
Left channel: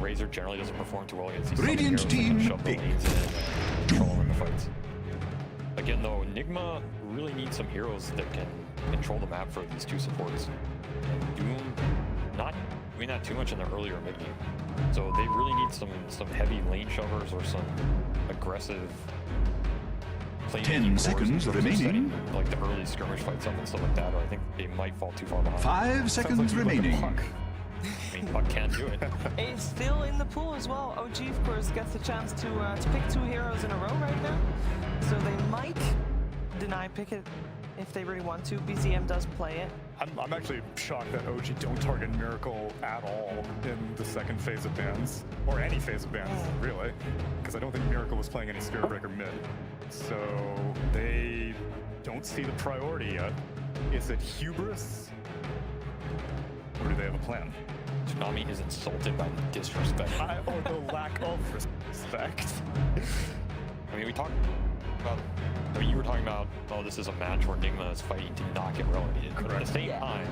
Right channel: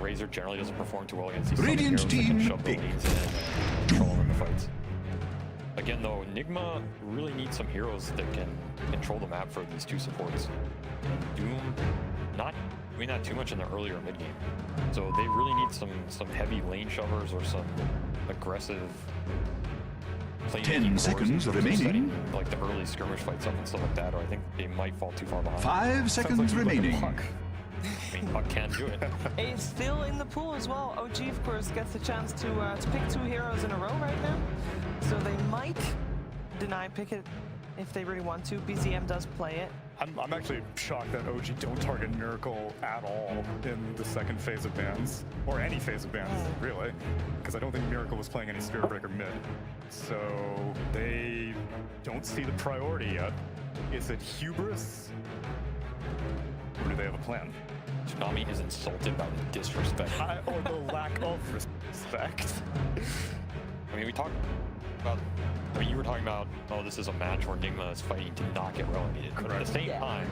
Razor generally doesn't perform too well against these Radiant heroes that team can shove the pick. lanes in and control them in the fights. Again, though, Nigma really needs some heroes that can control the map for these 2 supports. And Doom, not doing that too much in the earlier mid game. So they really need some heavy lane shovers or some aggressive 10 seconds remaining. Like the early skirmish fights up and stuff like that, or I think they might fall too far behind. 5 seconds remaining. I mean, Puck can do it. He's still in the pool as well. OG, of course, gets the chance to pick 2 heroes in a row right now. So they might deny pick it if they really want to. BZM does play it. I'm actually shocked that OG don't target Miracle at all in the second phase of bans, or any phase of bans, really, because I don't think Miracle was playing any Spirit Breaker mid. So they don't see the priority yet. Is it hubris, or do they have a plan? Tsunami is insulted by the disrespect. Or the lack of respect. I mean, we talked about... I mean, you were talking about, oh, this is a match where Nigma is fighting to not get relegated. But at the same time,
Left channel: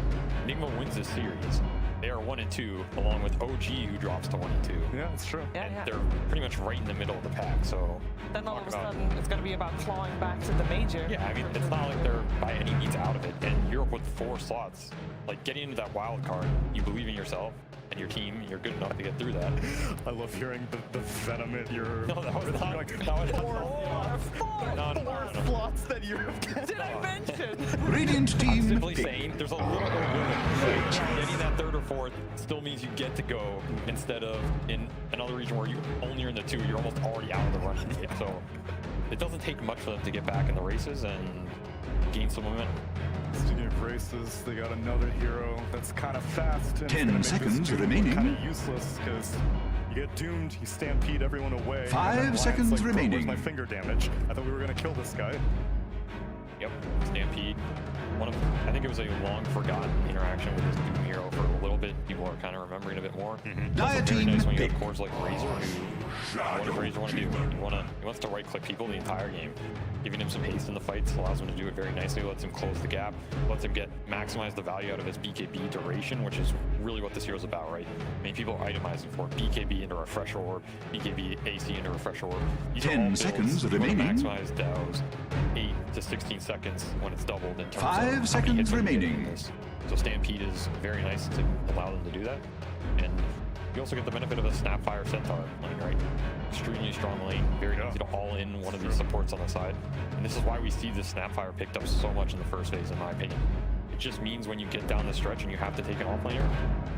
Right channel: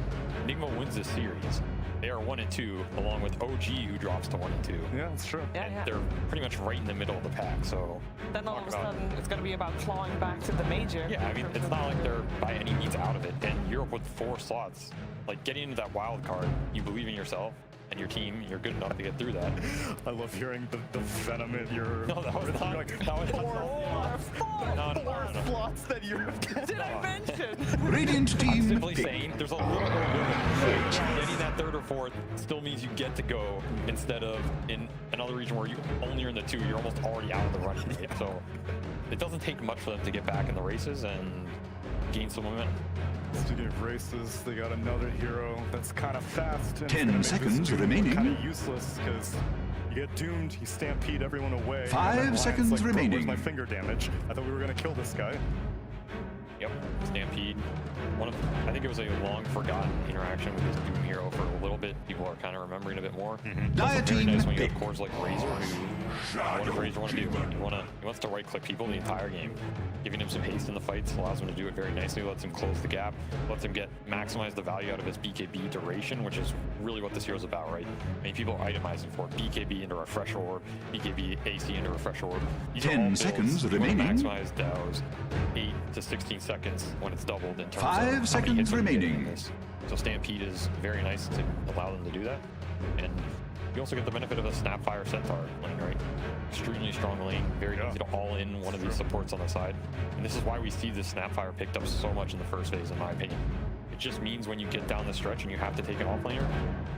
Nigma wins this series. They are 1 and 2, along with OG, who drops to 1 and 2. Yeah, that's true. And they're pretty much right in the middle of the pack. So then all of a sudden, it's going to be about clawing back to the major. Yeah, I mean, it's not like they're by any means out of it. And Europe with 4 slots, like getting into that wild card, you believe in yourself and your team, you're good enough to get through that. I love hearing the venom in your... No, that was not... Like, that was four slots that you're... Did I mention? Radiant team I'm simply pick. saying there's a little bit of limit. Getting that 3rd or 4th still means you get to go instead of in another region where you only are in the 2, you're almost already out of the running. So it doesn't take much for them to get back in the races and gain some momentum. Speaking of races, they got another hero that's kind of fast. And 10 seconds remaining. Kind of useless because you get doomed, you stampede everyone away. 5 seconds like, remaining. Where's my finger damage? I thought we were gonna kill this guy. Yep, Stampede. I think it was a long forgotten interaction with this Doom hero for a little bit. People are kind of remembering a bit more. It's also very nice when you have cores like Razor, who what does Razor want to do? He wants to right click people the entire game. Giving him some haste in the fights allows him to do it very nicely, lets him close the gap, lets him maximize the value out of his BKB duration, which is really what this hero's about, right? I mean, people are itemizing for BKB into Refresher Orb, BKB AC into Refresher Orb. These 10 seconds remaining. Maximize Dow's 8 to 16 seconds when it's doubled in terms 5 seconds remaining. So Stampede is very nice to allow them to do that. And you also get the benefit of a Snapfire Centaur lane, right? Extremely strong lane, very easy to all in one of these supports on the side. And this is why we see this Snapfire picked up so much in the first phase, in my opinion. It just means when you get down the stretch and you have to take an offlaner,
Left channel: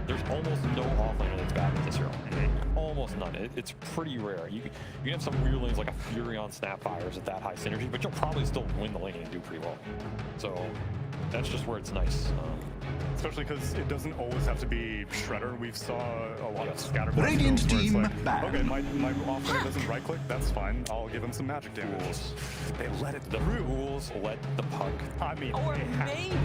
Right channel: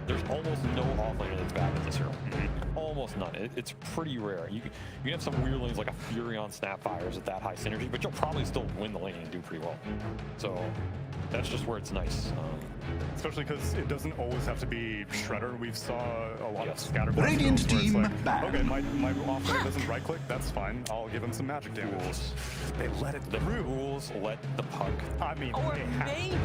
there's almost no offlaner that's bad at this hero. Almost none. It's pretty rare. You can have some weird lanes like a Fury on Snapfires at that high synergy, but you'll probably still win the lane and do pretty well. So that's just where it's nice. Especially because it doesn't always have to be Shredder. We saw a lot of scatter Radiant builds team where it's like, back. okay, my offlaner doesn't right click, that's fine. I'll give him some magic damage. They let it The rules let the puck. I mean, or they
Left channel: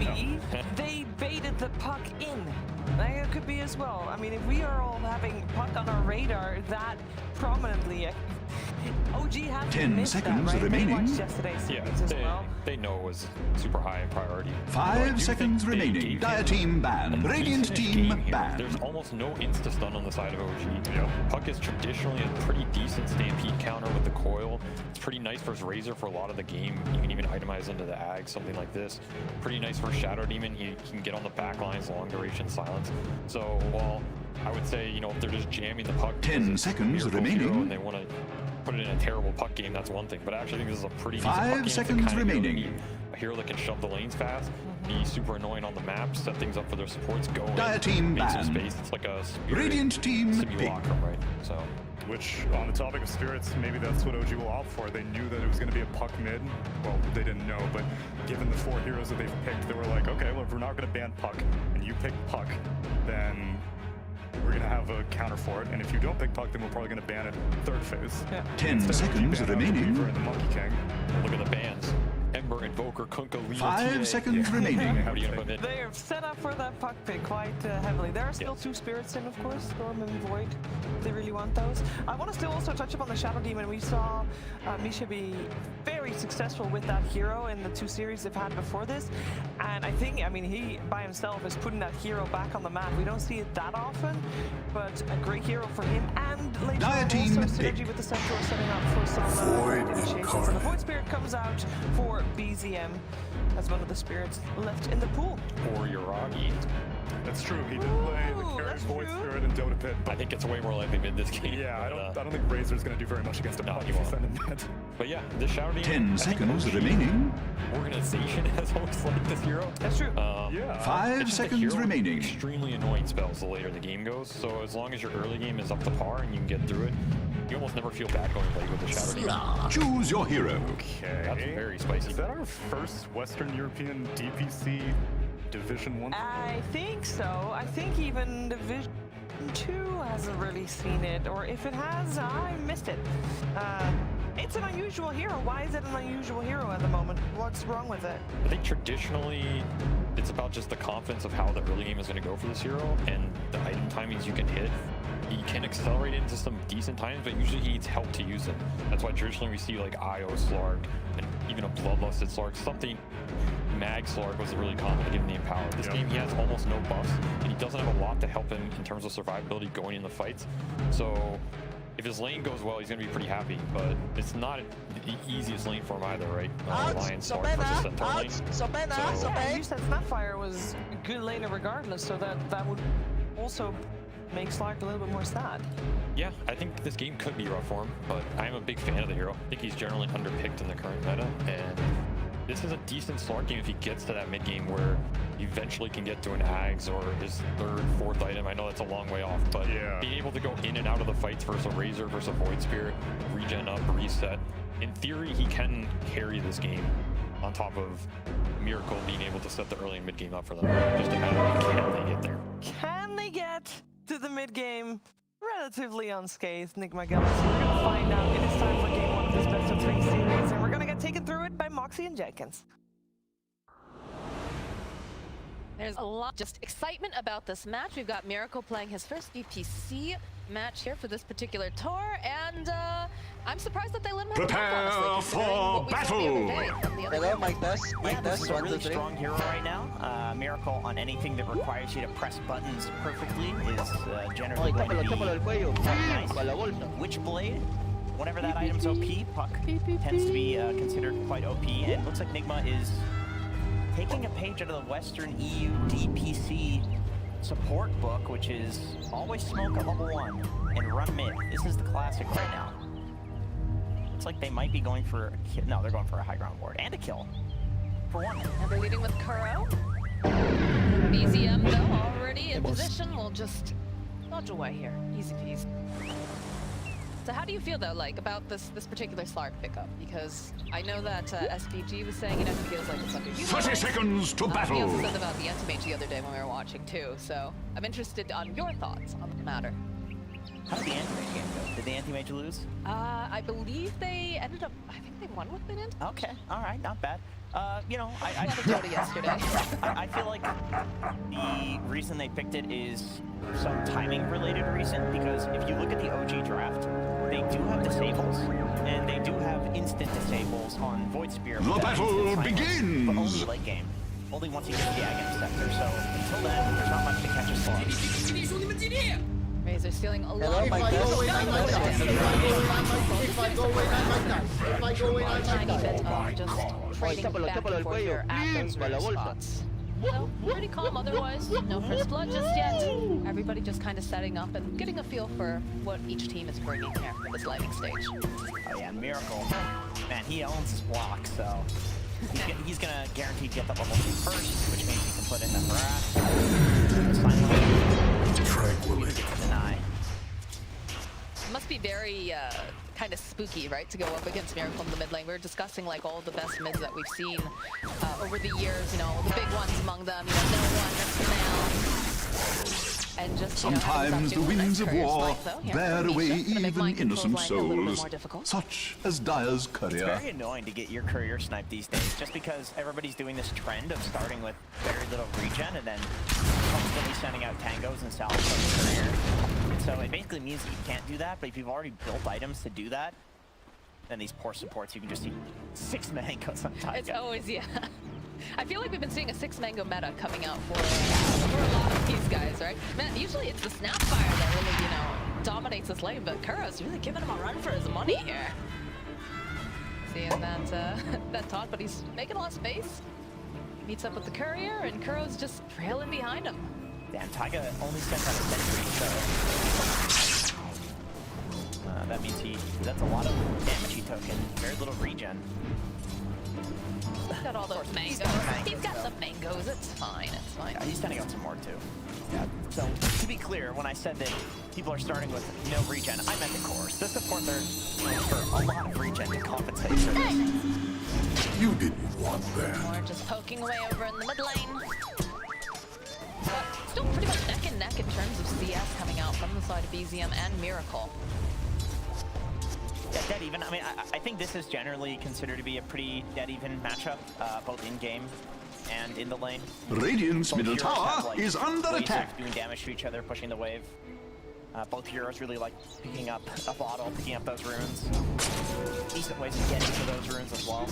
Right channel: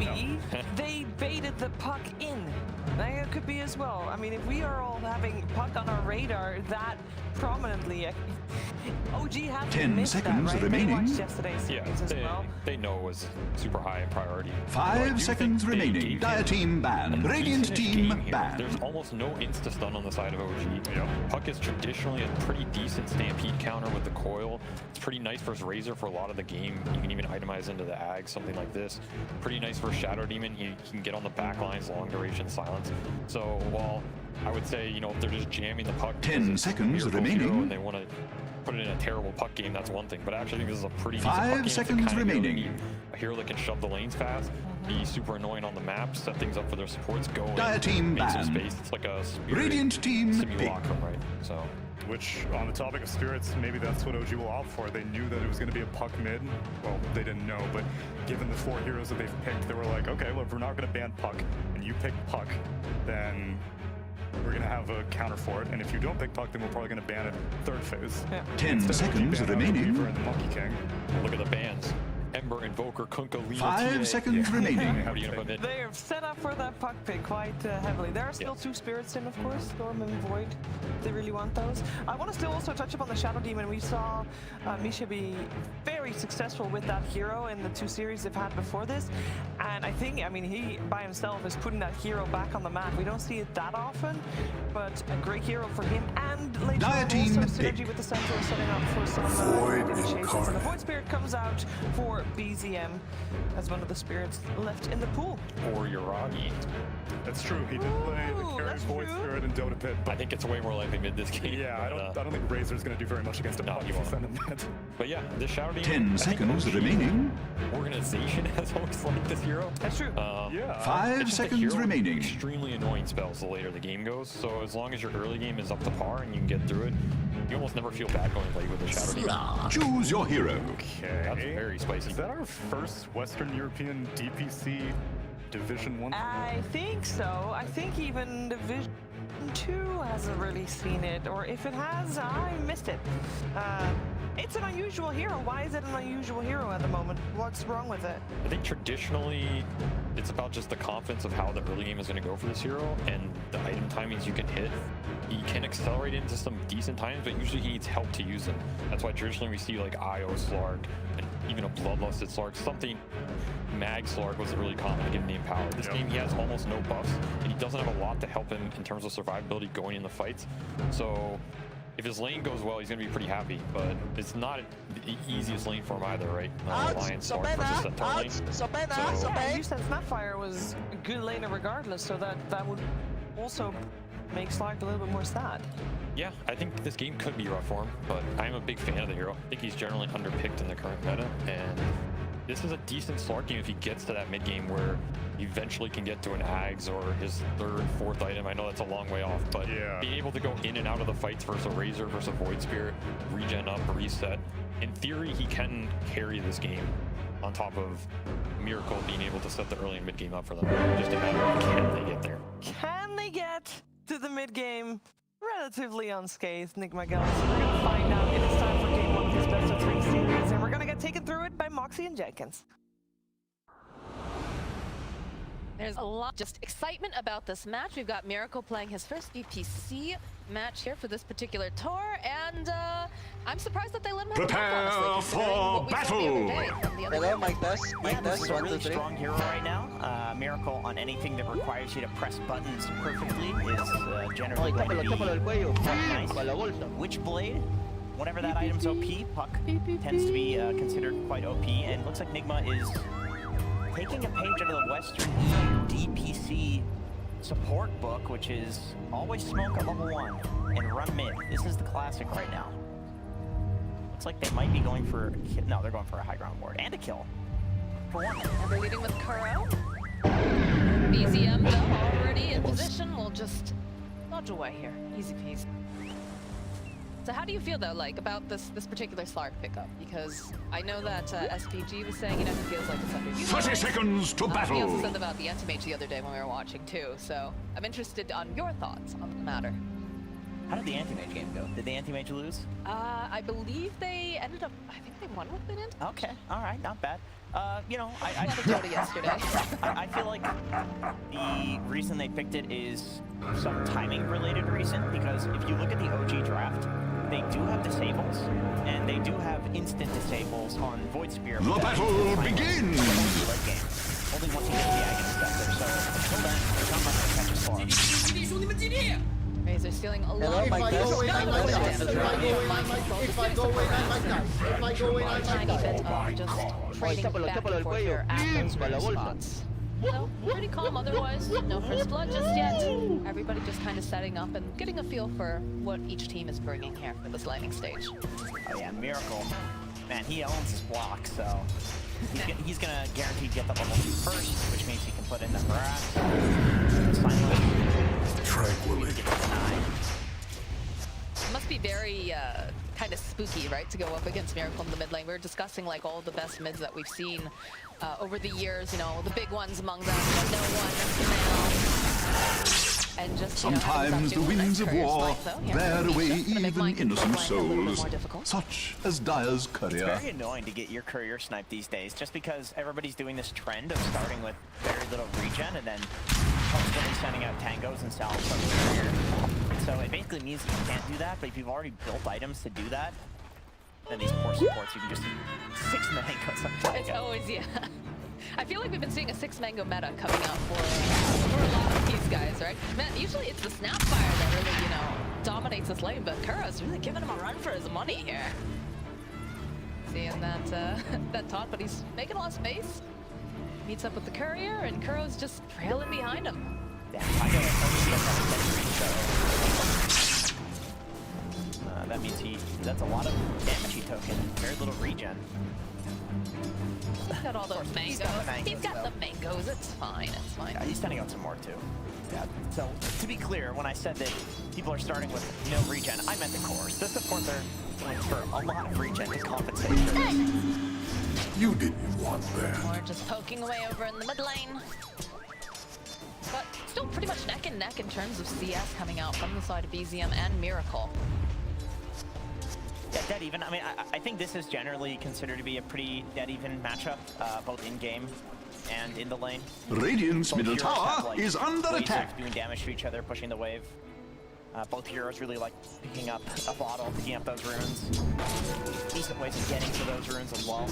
maybe they baited the puck in. It could be as well. I mean, if we are all having Puck on our radar that prominently, OG has 10 seconds that, right? remaining. They watched yesterday's series as well. They know it was super high in priority. 5 seconds remaining. Dire team ban. Radiant team ban. There's almost no insta-stun on the side of OG. Yep. Puck is traditionally a pretty decent stampede counter with the coil. It's pretty nice versus Razor for a lot of the game. You can even itemize into the Ag, something like this. Pretty nice for Shadow Demon. He can get on the back lines, long duration silence. So while I would say, you know, if they're just jamming the Puck 10 seconds remaining and they want to put it in a terrible Puck game, that's one thing. But I actually think this is a pretty decent 5 Puck game. seconds remaining. A hero that can shove the lanes fast, be super annoying on the map, set things up for their supports, go in, Dire team make some ban. space. It's like a Radiant team simulacrum, right? So. Which, on the topic of spirits, maybe that's what OG will opt for. They knew that it was going to be a Puck mid. Well, they didn't know, but given the 4 heroes that they've picked, they were like, okay, well, if we're not going to ban Puck, and you pick Puck, then we're going to have a counter for it. And if you don't pick Puck, then we're probably going to ban it third phase. Yeah. 10 seconds remaining. Weaver and the Monkey King. Well, look at the bans. Ember, Invoker, Kunkka, Lina, 5 seconds remaining. What are you gonna put in? They are set up for that Puck pick quite heavily. There are still 2 spirits in, of course, Storm and Void. If they really want those. I want to still also touch upon the Shadow Demon. We saw Misha be very successful with that hero in the 2 series they've had before this. And I think, I mean, he by himself is putting that hero back on the map. We don't see it that often, but a great hero for him. And later on also synergy with the Centaur setting up for some initiations. And the Void Spirit comes out for BZM as one of the spirits left in the pool. Or Uragi. That's true. He did play the carry Void Spirit in Dota Pit. I think it's way more likely mid this game. Yeah, I don't think Razor's going to do very much against a Puck if you send him that. But yeah, this Shadow Demon. 10 seconds remaining. Organization has always liked this hero. That's true. Yeah. 5 seconds remaining. Extremely annoying spells the later the game goes. So as long as your early game is up to par and you can get through it, you almost never feel bad going late with the Shadow Demon. Choose your hero. Okay. That's very spicy. Is that our first Western European DPC Division 1? I think so. I think even Division 2 hasn't really seen it, or if it has, I missed it. It's an unusual hero. Why is it an unusual hero at the moment? What's wrong with it? I think traditionally it's about just the confidence of how the early game is going to go for this hero and the item timings you can hit. He can accelerate into some decent times, but usually he needs help to use them. That's why traditionally we see like IO Slark and even a Bloodlusted Slark. Something Mag Slark was really common to give him the Empower. This game he has almost no buffs, and he doesn't have a lot to help him in terms of survivability going in the fights. So if his lane goes well, he's going to be pretty happy, but it's not the easiest lane for him either, right? Lion Slark versus Centaur lane. Yeah, you said Snapfire was a good laner regardless, so that would also make Slark a little bit more sad. Yeah, I think this game could be rough for him, but I'm a big fan of the hero. I think he's generally underpicked in the current meta, and this is a decent Slark game if he gets to that mid game where he eventually can get to an Ags or his 3rd, 4th item. I know that's a long way off, but being able to go in and out of the fights versus a Razor versus a Void Spirit, regen up, reset, in theory he can carry this game on top of Miracle being able to set the early and mid game up for them. Just a matter of can they get there. Can they get to the mid game relatively unscathed, Nigma Galaxy? We're gonna find out. It is time for game 1 of this best of 3 series, and we're gonna get taken through it by Moxie and Jenkins. There's a lot just excitement about this match. We've got Miracle playing his first DPC match here for this particular tour, and I'm surprised that they let him have Prepare for battle! Hello, Mike Test. Mike This Test, is a 1, really 2, 3. strong hero right now. Miracle on anything that requires you to press buttons perfectly is generally going to be nice. Witchblade, whenever that item's OP, Puck tends to be considered quite OP, and it looks like Nigma is taking a page out of the Western EU DPC support book, which is always smoke at level 1 and run mid. This is the classic right now. Looks like they might be going for a kill. No, they're going for a high ground ward and a kill for 1. And they're leading with Kuro. BZM though already in position. We'll just dodge away here, easy peasy. So how do you feel though, like about this particular Slark pickup? Because I know that SVG was saying, he feels like it's underutilized. 30 seconds to battle. He also said about the Anti-Mage the other day when we were watching too. So I'm interested on your thoughts on the matter. How did the anti-mage game go? Did the anti-mage lose? I believe they ended up. I think they won with an int. Okay, all right, not bad. You know, I had a Dota yesterday. I feel like the reason they picked it is some timing-related reason, because if you look at the OG draft, they do have disables, and they do have instant disables on Void Spear. The battle begins! But only late game. Only once he gets the Aghanim Scepter, so until then, there's not much to catch us for. Razor stealing a lot of If I go in, I might die. If I go in, I might die. If I go in, I might tiny bit die. of just trading back and forth here at those rare spots. So, pretty calm otherwise. No first blood just yet. Everybody just kind of setting up and getting a feel for what each team is bringing here for this lightning stage. Oh yeah, Miracle. Man, he owns his block, so he's gonna guaranteed get the level 2 first, which means he can put in the harass. Tranquilly. It must be very kind of spooky, right, to go up against Miracle in the mid lane. We were discussing like all the best mids that we've seen over the years, you know, the big ones among them, you know, No One, Next and just, sometimes the winds of war bear away even innocent souls, such as Dire's It's courier. very annoying to get your courier sniped these days, just because everybody's doing this trend of starting with very little regen and then constantly sending out tangos and salves from the courier. So it basically means that you can't do that, but if you've already built items to do that, then these poor supports, you can just see 6 mangoes on Taiga. It's always, yeah. I feel like we've been seeing a 6-mango meta coming out for a lot of these guys, right? Man, usually it's the Snapfire that really, you know, dominates this lane, but Kuro's really giving him a run for his money here. Seeing that, that taunt, but he's making a lot of space. Meets up with the courier, and Kuro's just trailing behind him. Damn, Taiga only gets out of century, so that means that's a lot of damage he took and very little regen. He's got all those mangoes. He's got the mangoes. It's fine. It's fine. Yeah, he's sending out some more too. Yeah. So to be clear, when I said that people are starting with no regen, I meant the cores. The supports are going for a lot of regen to compensate for this. You didn't want that. Or just poking away over in the mid lane. But still pretty much neck and neck in terms of CS coming out from the side of BZM and Miracle. Yeah, dead even. I mean, I think this is generally considered to be a pretty dead even matchup, both in game and in the lane. Radiant's Both middle heroes tower have, like, is under ways attack. of doing damage to each other, pushing the wave. Both heroes really like picking up a bottle, picking up those runes. Decent ways of getting to those runes as well.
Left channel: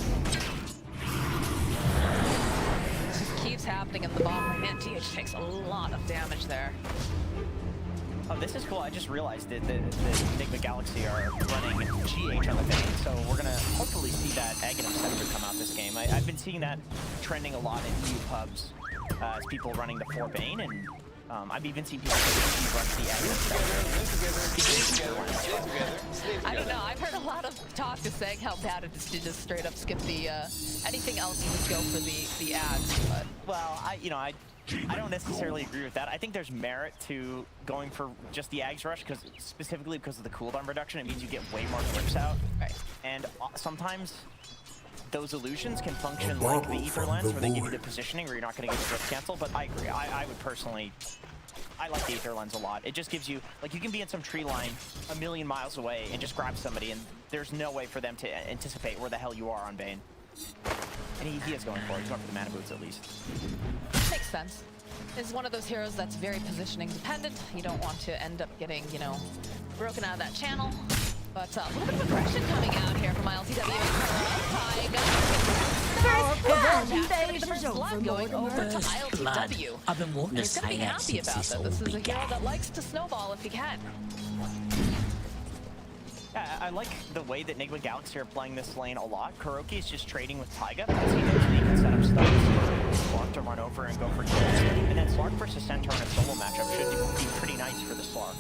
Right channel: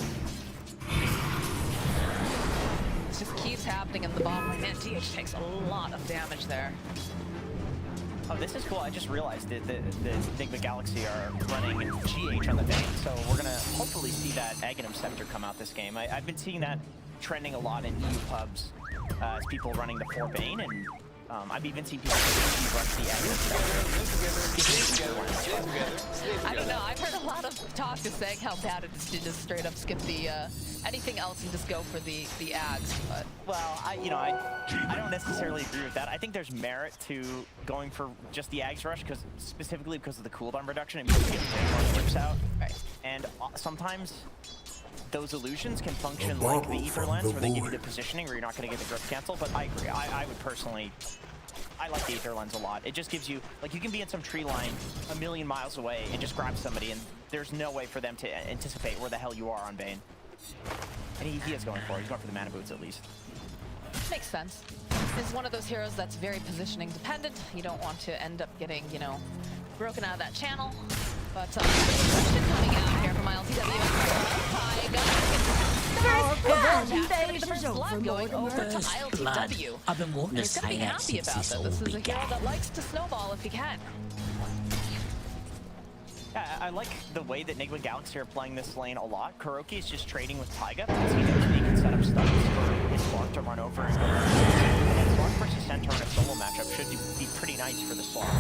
It just keeps happening in the bottom lane. Man, DH takes a lot of damage there. Oh, this is cool. I just realized that the Enigma Galaxy are running GH on the Bane, so we're going to hopefully see that Aghanim Scepter come out this game. I've been seeing that trending a lot in EU pubs as people running the 4 Bane, and I've even seen people run the Aghanim Scepter. I don't know. I've heard a lot of talk just saying how bad it is to just straight up skip the anything else and just go for the ads. But well, I don't necessarily agree with that. I think there's merit to going for just the Ags Rush, specifically because of the cooldown reduction, and because you get way more flips out. Right. And sometimes those illusions can function like the Ether Lens, where they give you the positioning where you're not going to get the drift cancel, but I agree. I would personally... I like the Ether Lens a lot. It just gives you... Like, you can be in some tree line a million miles away and just grab somebody, and there's no way for them to anticipate where the hell you are on Bane. And he is going for it. He's going for the mana boots, at least. makes sense. Is one of those heroes that's very positioning dependent. You don't want to end up getting, you know, broken out of that channel. But a bit of aggression coming out here from ILTW. Taiga. First blood going over to ILTW. I've been wanting to He's gonna be say that happy since about this that. all This is a began. hero that likes to snowball if he can. Yeah, I like the way that Enigma Galaxy are playing this lane a lot. Kuroki is just trading with Taiga because he knows that he can set up stuns for Slark to run over and go for kills. And then Slark versus Centaur in a solo matchup should be pretty nice for the Slark.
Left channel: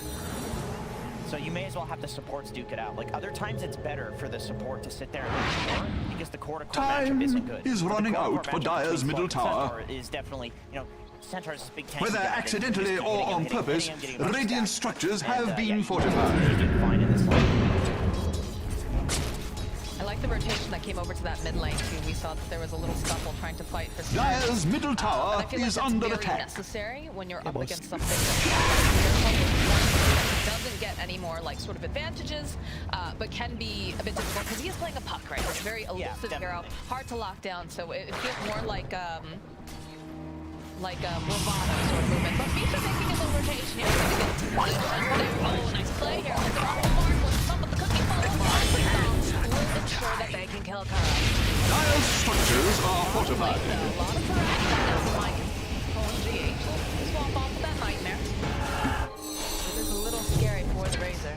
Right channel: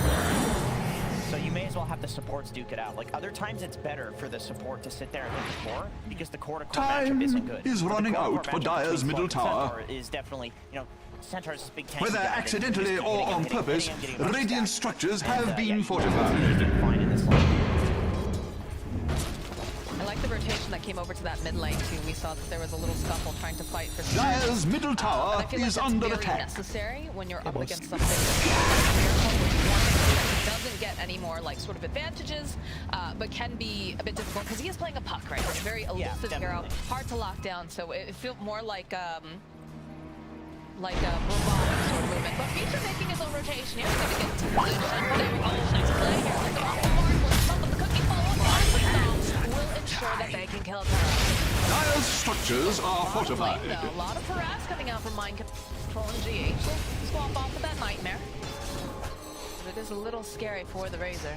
So you may as well have the supports duke it out. Like, other times it's better for the support to sit there and hit the core because the core-to-core matchup isn't good. Is running out for Dire's middle tower. Is definitely, you know, Centaur's big tank. Whether accidentally or on purpose, radiant structures have been fortified. Fine in this lane. I like the rotation that came over to that mid lane too. We saw that there was a little scuffle trying to fight for Dire's middle tower I feel like is that's under very attack. necessary when you're up against something that's miracle with one that doesn't get any more like sort of advantages, but can be a bit difficult because he is playing a puck, right? It's a very elusive hero, hard to lock down. So it feels more like a bravado sort of movement. But Misha making his own rotation here. He's going to get into position. Oh, nice play here. Look at all the mark with some of the cookie follow-up will ensure that they can kill Tara. Dire's structures are fortified. A lot of harass coming out from Mike and GH. We'll swap off with that Nightmare. But it is a little scary for the Razor.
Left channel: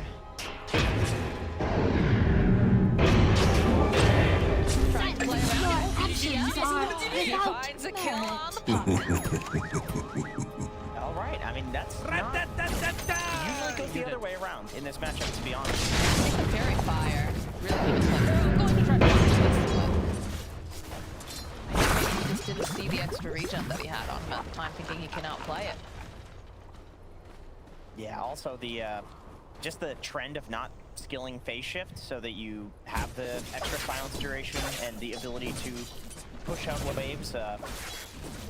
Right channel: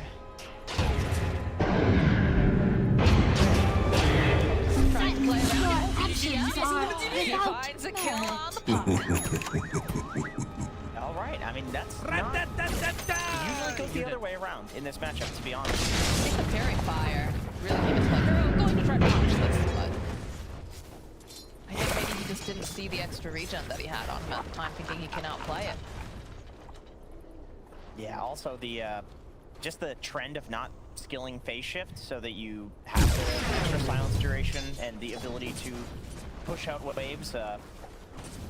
Trying to play around. He finds a kill on the puck. All right, I mean, that's not... usually goes the other way around in this matchup, to be honest. I think the Fairy Fire really came into play. I'm going to try to punish this, but I think maybe he just didn't see the extra regen that he had on him at the time, thinking he can outplay it. Yeah, also the just the trend of not skilling phase shift so that you have the extra silence duration and the ability to push out waves.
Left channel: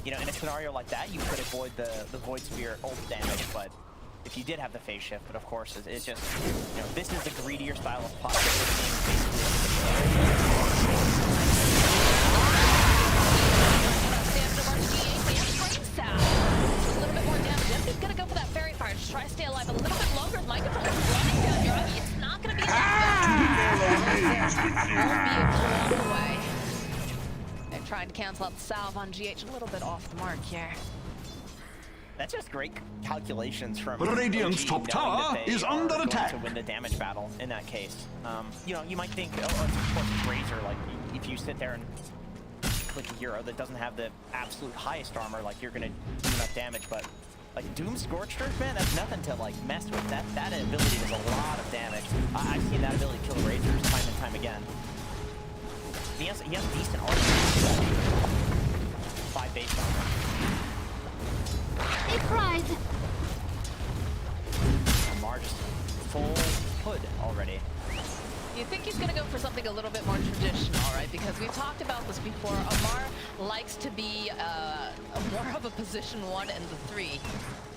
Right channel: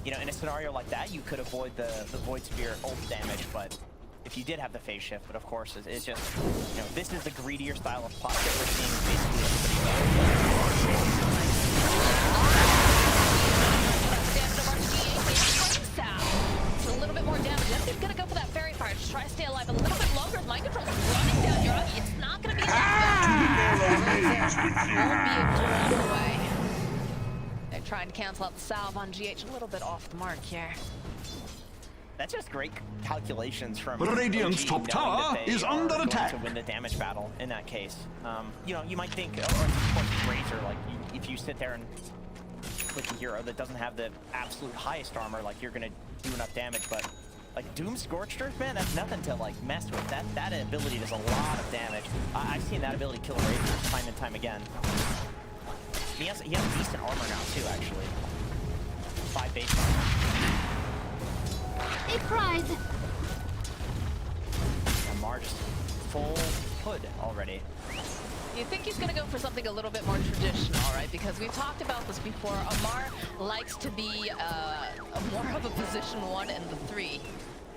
You know, in a scenario like that, you could avoid the Void Spear ult damage, but if you did have the phase shift, but of course, it's just, you know, this is the greedier style of puck that we're seeing basically everybody. It's a little bit more damage. He's gonna go for that Fairy Fire. Just try to stay alive a little bit longer. As Mind Control is running down your Uggy. It's not gonna be enough. Won't be able to walk away. They're trying to cancel out the salve on GH. A little bit off the mark here. That's just great calculations from Radiant's top tower is under attack. To win the damage battle in that case. You know, you might think, oh, of course, Razor, like, if you sit there and click a hero that doesn't have the absolute highest armor, like, you're gonna do enough damage, but like Doom Scorched Earth, man, that's nothing to like mess with. That ability does a lot of damage. I've seen that ability kill Razors time and time again. He has decent armor too, actually. 5 base armor. It cried. Amar just full hood already. You think he's going to go for something a little bit more traditional, right? Because we've talked about this before. Amar likes to be more of a position 1 and the 3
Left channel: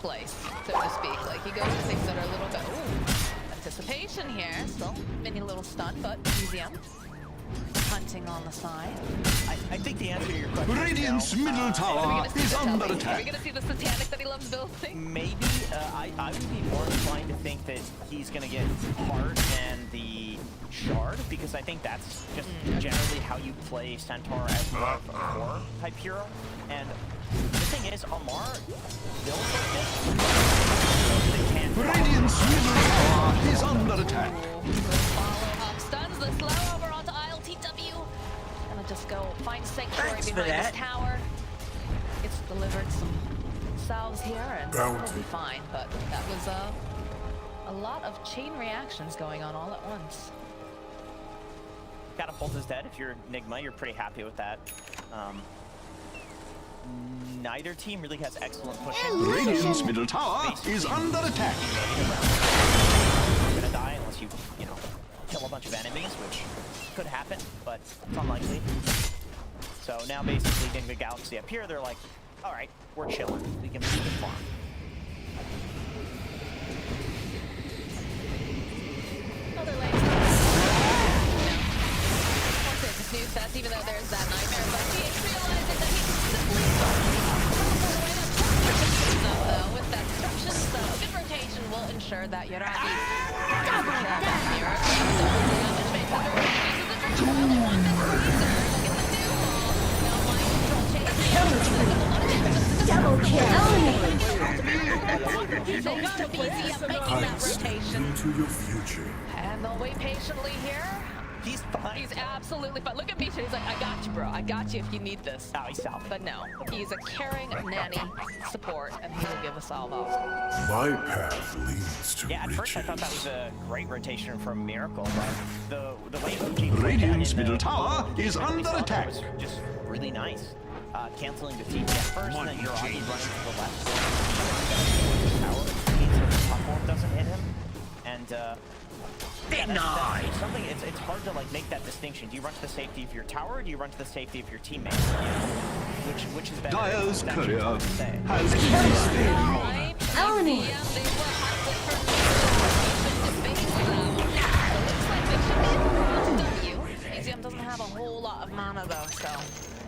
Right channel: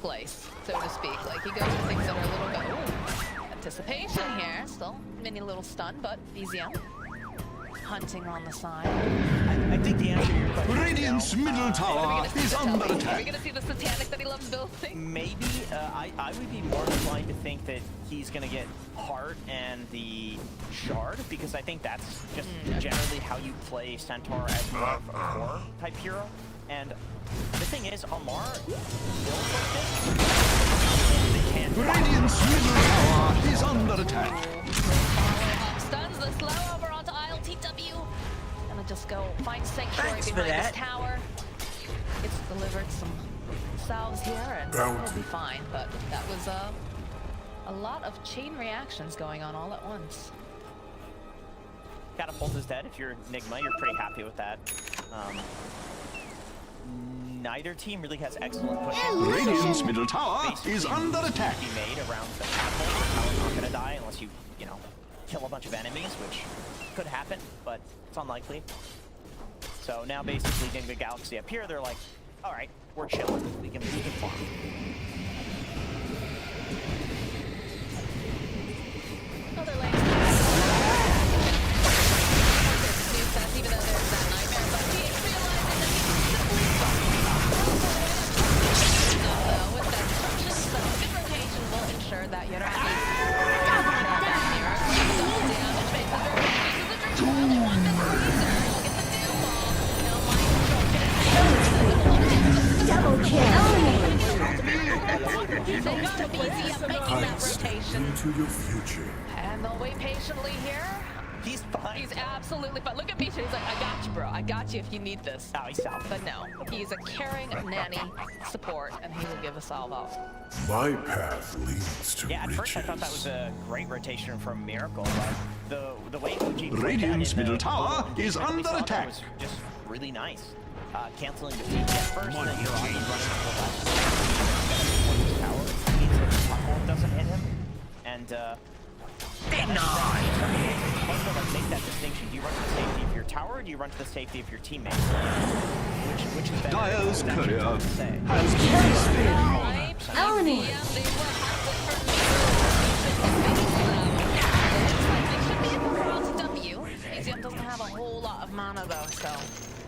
place, so to speak. Like, he goes for things that are a little bit... Ooh, anticipation here. Still mini little stun, but easy up. Hunting on the side. I think the answer to your question Radiant's is no. middle tower is under Are we attack. going to see the Satanic that he loves building? Maybe. I would be more inclined to think that he's going to get Heart and the Shard, because I think that's just generally how you play Centaur as more of a core type hero. And the thing is, Amar builds like this. They can't. Radiant's middle tower is under attack. Follow up stuns the slow over onto ILTW. Gonna just go find sanctuary behind this tower. It's delivered some salves here and we'll be fine. But that was a lot of chain reactions going on all at once. Catapult is dead. If you're Nigma, you're pretty happy with that. Neither team really has excellent pushing. Radiant's middle tower is under attack. Made around the not gonna die unless you know, kill a bunch of enemies, which could happen, but it's unlikely. So now basically Nigma Galaxy up here, they're like, all right, we're chilling. We can farm. Other lanes. That's even though there's that Nightmare, but GH realizing that he can simply teleport away that with that destruction, so a good rotation will ensure that Yoragi that mirror. Double damage makes the other one this Razor. He'll get the doom ball. Now Mind Control chases. Double kill. They got a BZ up making that rotation. Into your future. And they'll wait patiently here. He's fine. He's absolutely fine. Look at Misha. He's like, I got you, bro. I got you if you need this. Oh, he's salve. But no, he's a caring nanny support, and he will give a salve out. My path leads to yeah, at riches. first I thought that was a great rotation from Miracle, but the way Fuji Radiant's middle tower is under attack. Was just really nice. Canceling the TP at first, and then Yoragi running to the left. Towards his tower. It means that the top ult doesn't hit him. And it's hard to like make that distinction. Do you run to the safety of your tower, or do you run to the safety of your teammate? Which is better? Dire's courier has Eleni. mana though, so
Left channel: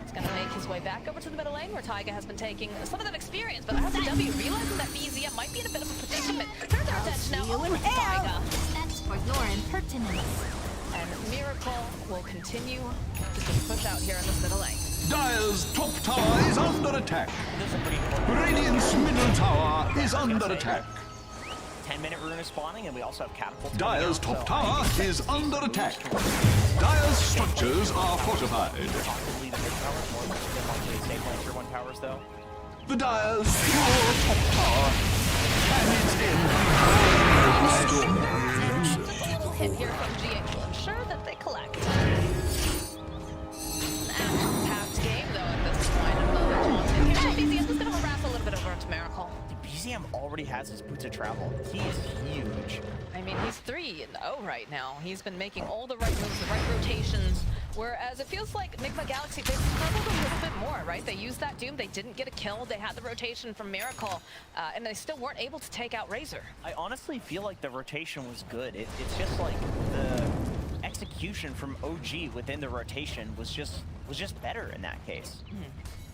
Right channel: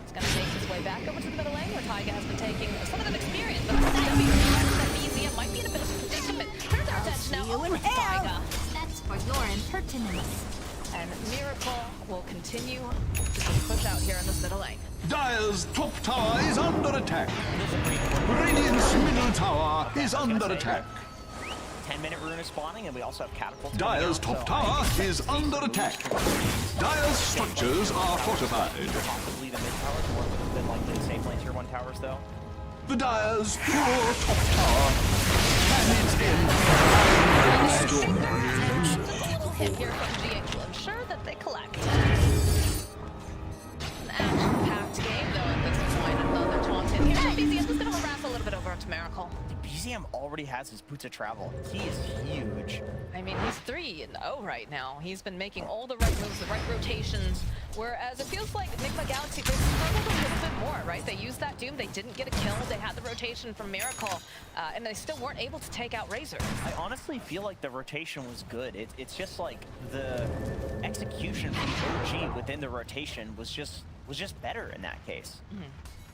he's gonna make his way back over to the middle lane where Taiga has been taking some of that experience, but SCW realizing that BZM might be in a bit of a predicament. Turns our attention now over to Taiga. That's for your impertinence. And Miracle will continue to just push out here in this middle lane. Dire's top tower is under attack. Radiant's middle tower is under attack. 10-minute rune is spawning, and we also have catapults. Dire's top tower is under attack. Dire's structures are fortified. Possibly the mid towers, more than likely the safe lane tier 1 towers, though. The Dire's poor top tower can its end A little hit here from GH will ensure that they collect. An action-packed game, though, at this point. Another taunt in here. BZM is going to harass a little bit over onto Miracle. BZM already has his boots of travel. He is huge. I mean, he's 3-0 right now. He's been making all the right moves, the right rotations, whereas it feels like Enigma Galaxy, they struggled a little bit more, right? They used that Doom, they didn't get a kill, they had the rotation from Miracle, and they still weren't able to take out Razor. I honestly feel like the rotation was good. It's just like the execution from OG within the rotation was just better in that case.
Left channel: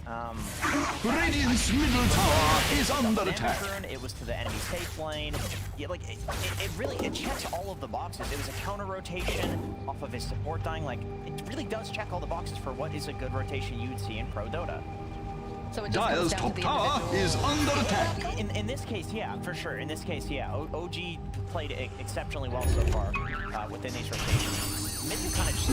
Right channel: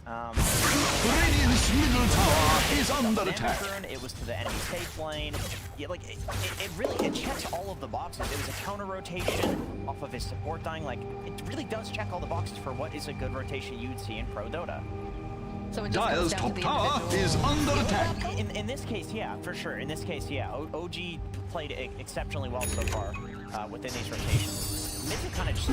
Radiant's middle tower is under attack. It was to the enemy safe lane. Yeah, like it really checked all of the boxes. It was a counter rotation off of his support dying. Like it really does check all the boxes for what is a good rotation you'd see in Pro Dota. So Dire's top tower is under attack. In this case, yeah, for sure. In this case, yeah, OG played exceptionally well so far within these rotations. Mid kind of just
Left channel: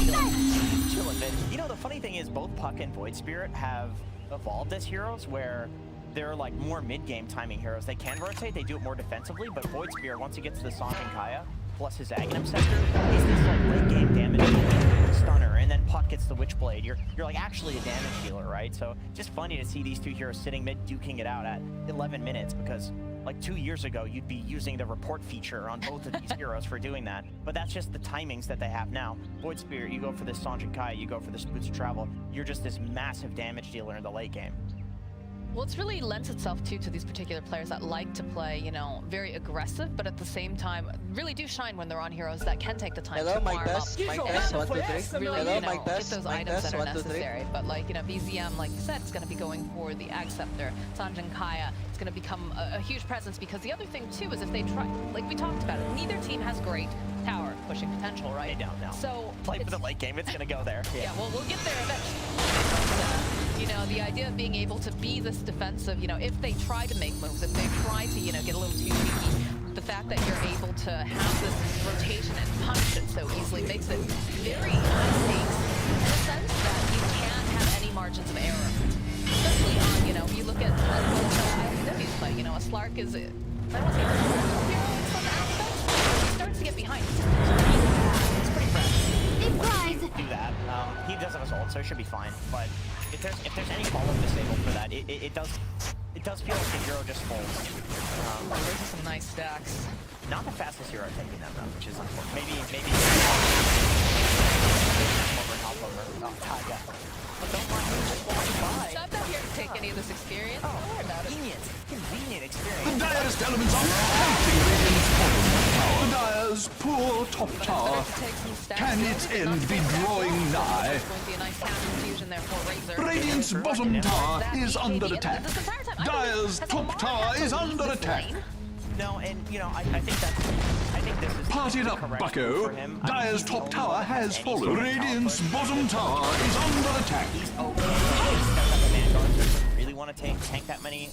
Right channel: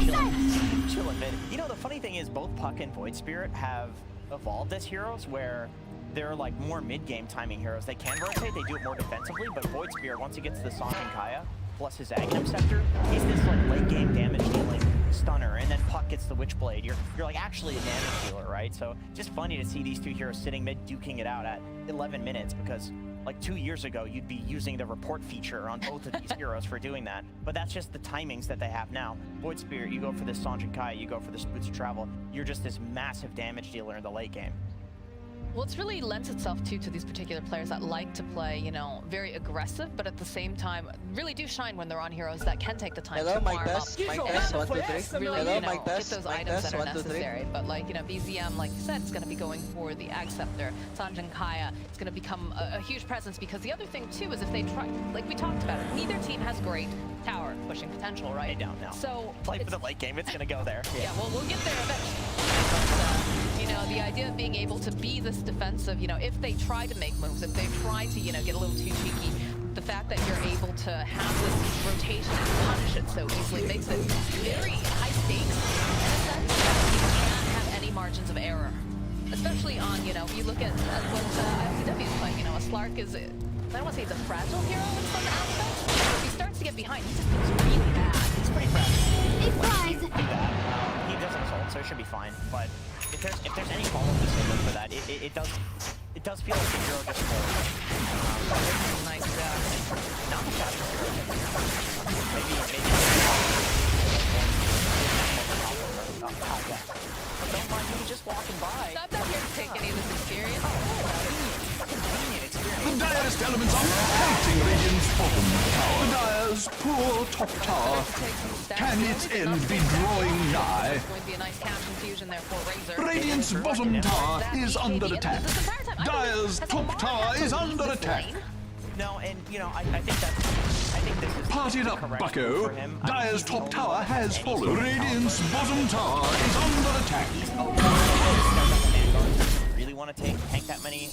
chilling mid. You know, the funny thing is both Puck and Void Spirit have evolved as heroes where they're like more mid-game timing heroes. They can rotate, they do it more defensively, but Void Spirit, once he gets to the Sange and Kaya, plus his Aghanim Scepter, he's this like late-game damage dealing stunner, and then Puck gets the Witchblade. You're like actually a damage dealer, right? So just funny to see these two heroes sitting mid duking it out at 11 minutes because like 2 years ago, you'd be using the report feature on both of these heroes for doing that. But that's just the timings that they have now. Void Spirit, you go for this Sange and Kaya, you go for this Boots of Travel, you're just this massive damage dealer in the late game. Well, it's really lends itself to these particular players that like to play, you know, very aggressive, but at the same time, really do shine when they're on heroes that can take the time to farm up. Mic test, 1, 2, 3. Really, Hello, you know, mic test, get those mic items test, that are 1, 2, 3. necessary. But like, you know, BZM, like you said, is going to be going for the Ag Scepter. Sange and Kaya, it's going to become a huge presence because the other thing too is if they try, like we talked about it, neither team has great tower pushing potential, right? They don't know. So play for the late game, it's going to go there. Yeah, well, we'll get there eventually. But, you know, the idea of being able to be this defensive, you know, if they try to make moves, if they try to, you know, get a little too cheeky, the fact that you're able to have this rotation and punish it so easily makes it very high stakes in a sense that you can't have any margins of error. Especially on, you know, you look at what ILCW is playing, you know, a Slark is, I don't want to say it's a fragile hero in some aspects, but if he starts to get behind, he just feels really bad. It's pretty fragile. It flies. Do that. He doesn't have his ult, so it should be fine. But if there's any follow-up disabled for that, it does feel like the hero just folds. There's some nice stacks. Not the fastest hero I think. Maybe but don't mind me just walking by. So I'm not here to take any of this experience. Don't worry about it. Convenient experience. The direst elements are pelting Radiant's bottom tower. The Dire's poor top tower. Can its end be drawing nigh? There's going to be a nice cash infusion there for Razor. Radiant's bottom tower is under attack. Dire's top tower is under attack. No, and you know, I think this is Party it up, bucko. Dire's top tower has fallen. Radiant's bottom tower is under attack. Really want to tank that many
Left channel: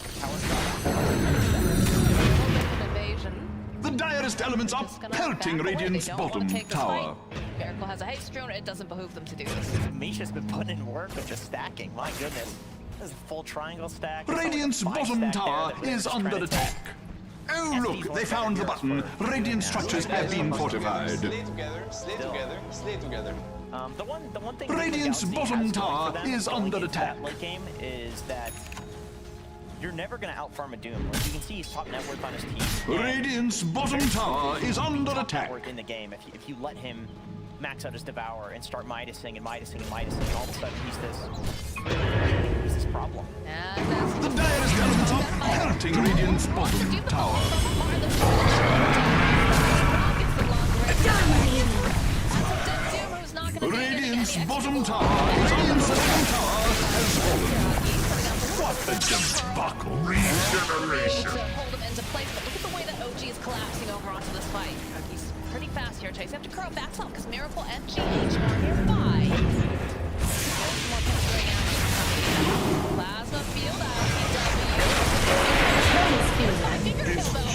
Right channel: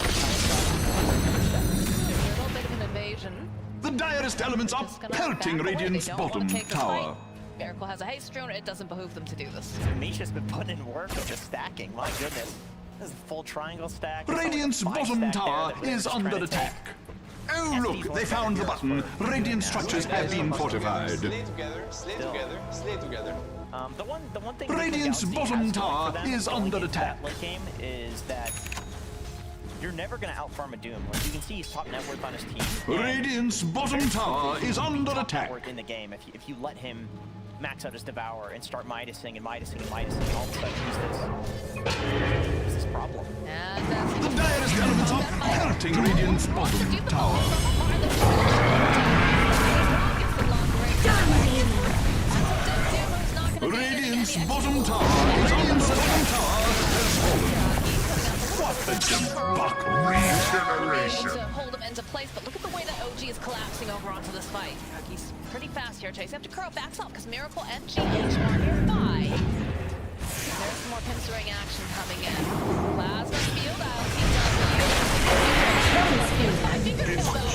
invasion. The direst elements are pelting Radiant's bottom tower. Miracle has a haste drone, it doesn't behoove them to do this. Misha's been putting in work with the stacking, my goodness. This is a full triangle stack. Radiant's bottom tower is under attack. Oh look, they found the button. Radiant structures have been fortified. Slay together, slay together, slay together. The one thing Radiant's bottom tower is under attack. Late game is that you're never gonna outfarm a Doom. Like you can see, he's top net worth on his team. Radiant's bottom tower is under attack. In the game, if you let him max out his Devour and start Midasing and Midasing and Midasing, and all of a sudden he's this problem. The direst elements are pelting Radiant's bottom tower. Radiant's Radiant's bottom tower is under has fallen. What a debacle! Able to hold him into place, but look at the way that OG is collapsing over onto this fight. He's pretty fast here, Chase. You have to curl backs up because Miracle and GH are nearby. There's some more pinstering action coming in. Plasma field out. Here's my finger kill though.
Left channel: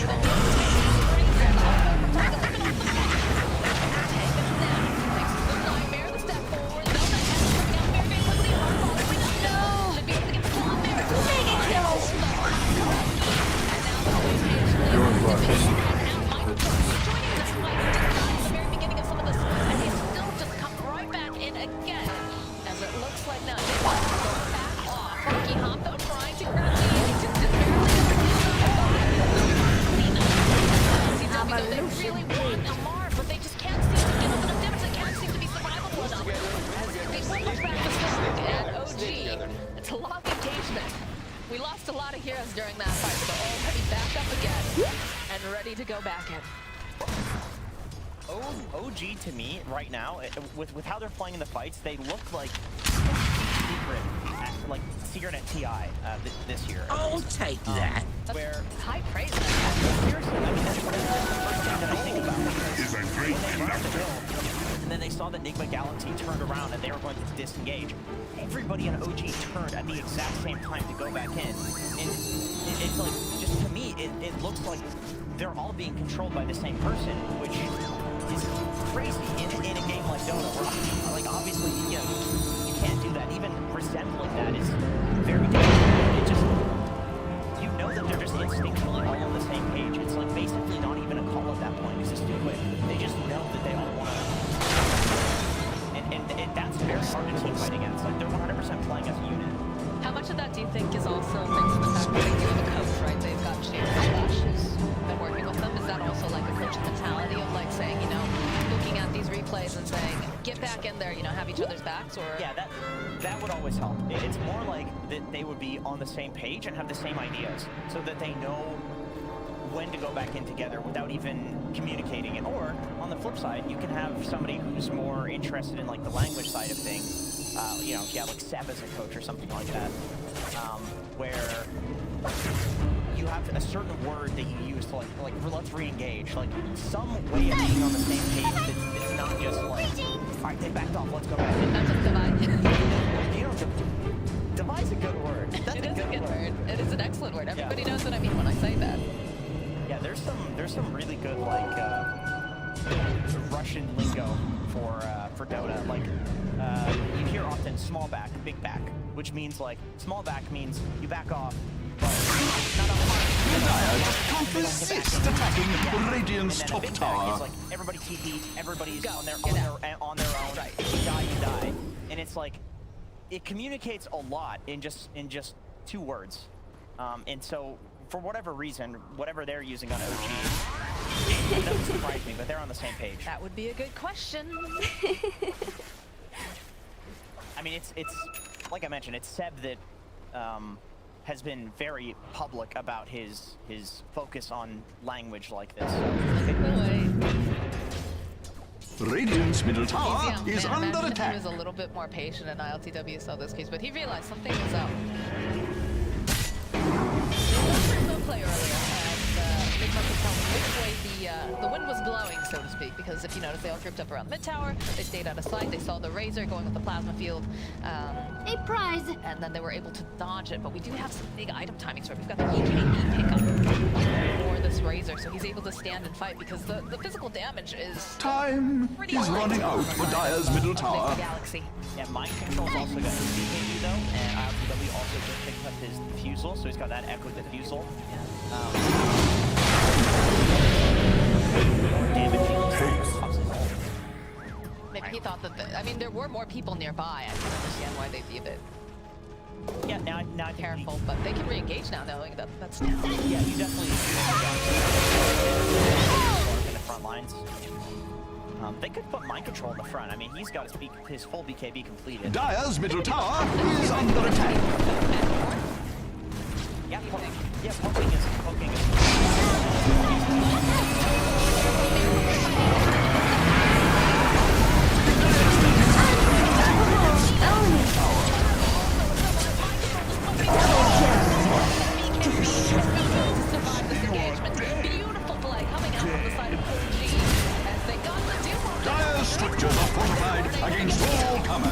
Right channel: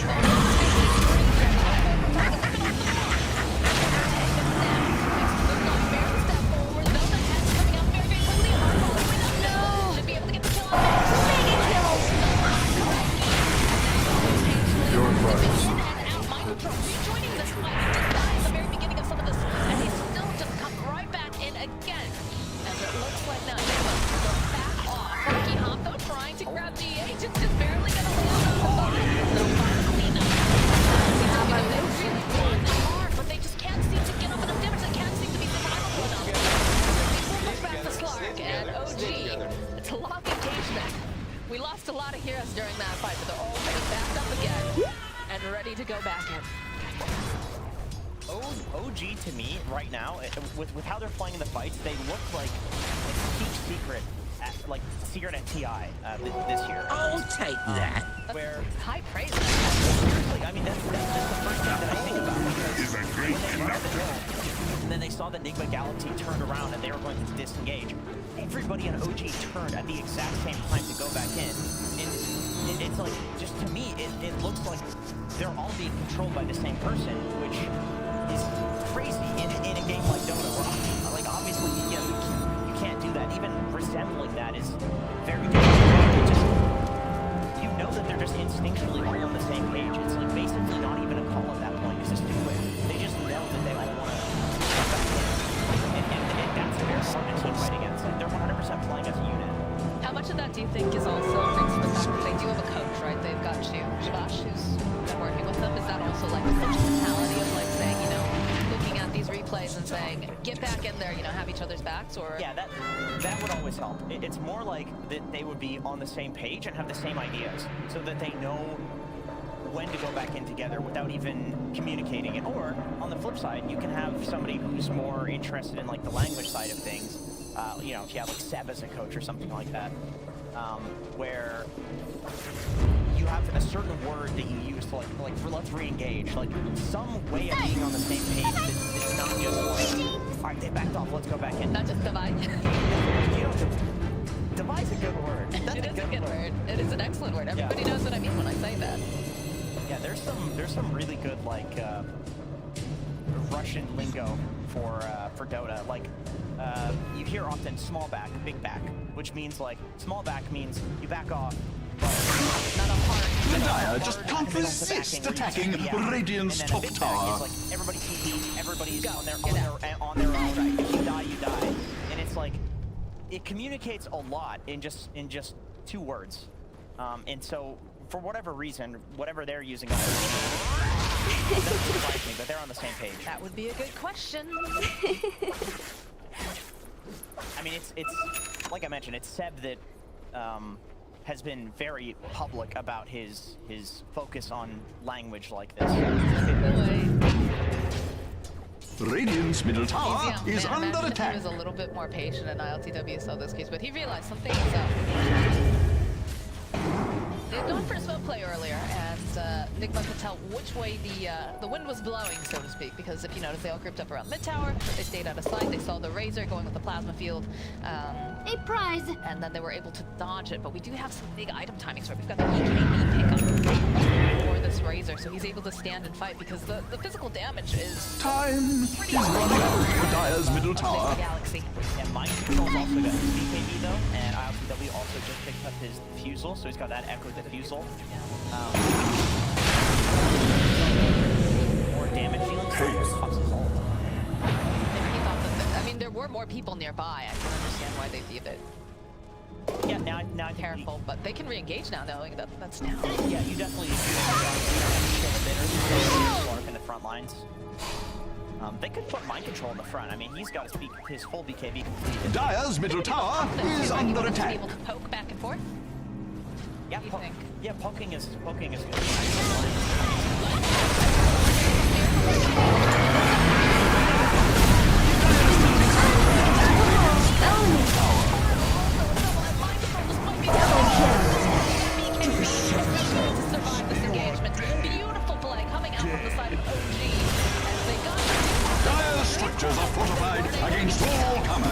It's a long engagement. We lost a lot of heroes during that fight, but they're all pretty back up again and ready to go back in. OG to me right now, with how they're playing in the fights, they look like secret at TI this year. I'll take that. Where high praise. Seriously, I mean that's just the first thing that I think about. Is a great conductor. And then they saw that Nigma Galaxy turned around and they were going to disengage. Everybody on OG turned at the exact same time to go back in. And it's like, just to me, it looks like they're all being controlled by the same person, which is crazy in a game like Dota, where, like, obviously, you know, you can't do that. Even resembling that is very difficult. It just, you know that they're just instinctually all on the same page. It's like basically not even a call at that point, because it's too quick. They just know that they all want to come back in. And that's very hard to team fight against. Like, they're 100% playing as a unit. How much of that do you think is also thanks to the fact that they do have a coach, right? They've got Shabash, who's been working with them. Is that also like the coach's mentality of like saying, you know, looking at these replays and saying, get back in there, you know, have each other's backs? Or yeah, that would always help. It's more like that they would be on the same page and have the same ideas, so that they know when to go back in together without even communicating it. Or on the flip side, you can have somebody who's more interested in like the language side of things. You know, if you have like Seb as a coach or something like that, where you have a certain word that you use to like let's re-engage, like some way of being on the same page that's not just like, all right, they backed off, let's go back in. Not just divide. You know, divide's a good word. That's it is a good word. It is an excellent word. Everybody knows what I mean when I say that. Yeah, there's some really good like Russian lingo for Dota. Like you hear often small back, big back, which means like small back means you back off, but not a hard. The Dire just can't resist attacking Radiant's top tower. Is like everybody TP, everybody's on their own. Right. If you die, you die, and it's like it communicates a lot in just 2 words, and so. For whatever reason, whatever they're using on OG, it doesn't surprise me, but they're on the same page. That would be a good question. I mean, it's like I mentioned, it's Seb that has been very public about his focus on language like this. Radiant's middle tower is under attack. He was a little bit more patient in ILTW saw this case, but he realized something was up. They had gone for a smoke play earlier, and Nigma could tell which way the wind was blowing, so to speak, because if you notice, they all grouped up around mid-tower, they stayed out of sight, they saw the Razor going with the plasma field. A prize! And then they were able to dodge it, but we do have some big item timings, right? We've got the EKB pickup for this Razor, so he's able to stand and fight, because the physical damage is Time is running out for Dire's middle tower. Galaxy. Yeah, Mind Control's also got his BKB though, and ILTW also just picked up his diffusal, so he's got that Echo diffusal. More damage dealing. Maybe he thought that, I mean, there were more people nearby. I can understand why they viewed it. Yeah, now I think careful, but they can re-engage now, knowing that that's down. Yeah, you definitely in the front lines. They could put Mind Control in the front. I mean, he's got his full BKB completed. Dire's middle tower is under attack. Back and forth. Yeah, poking is. structures are fortified against all comers.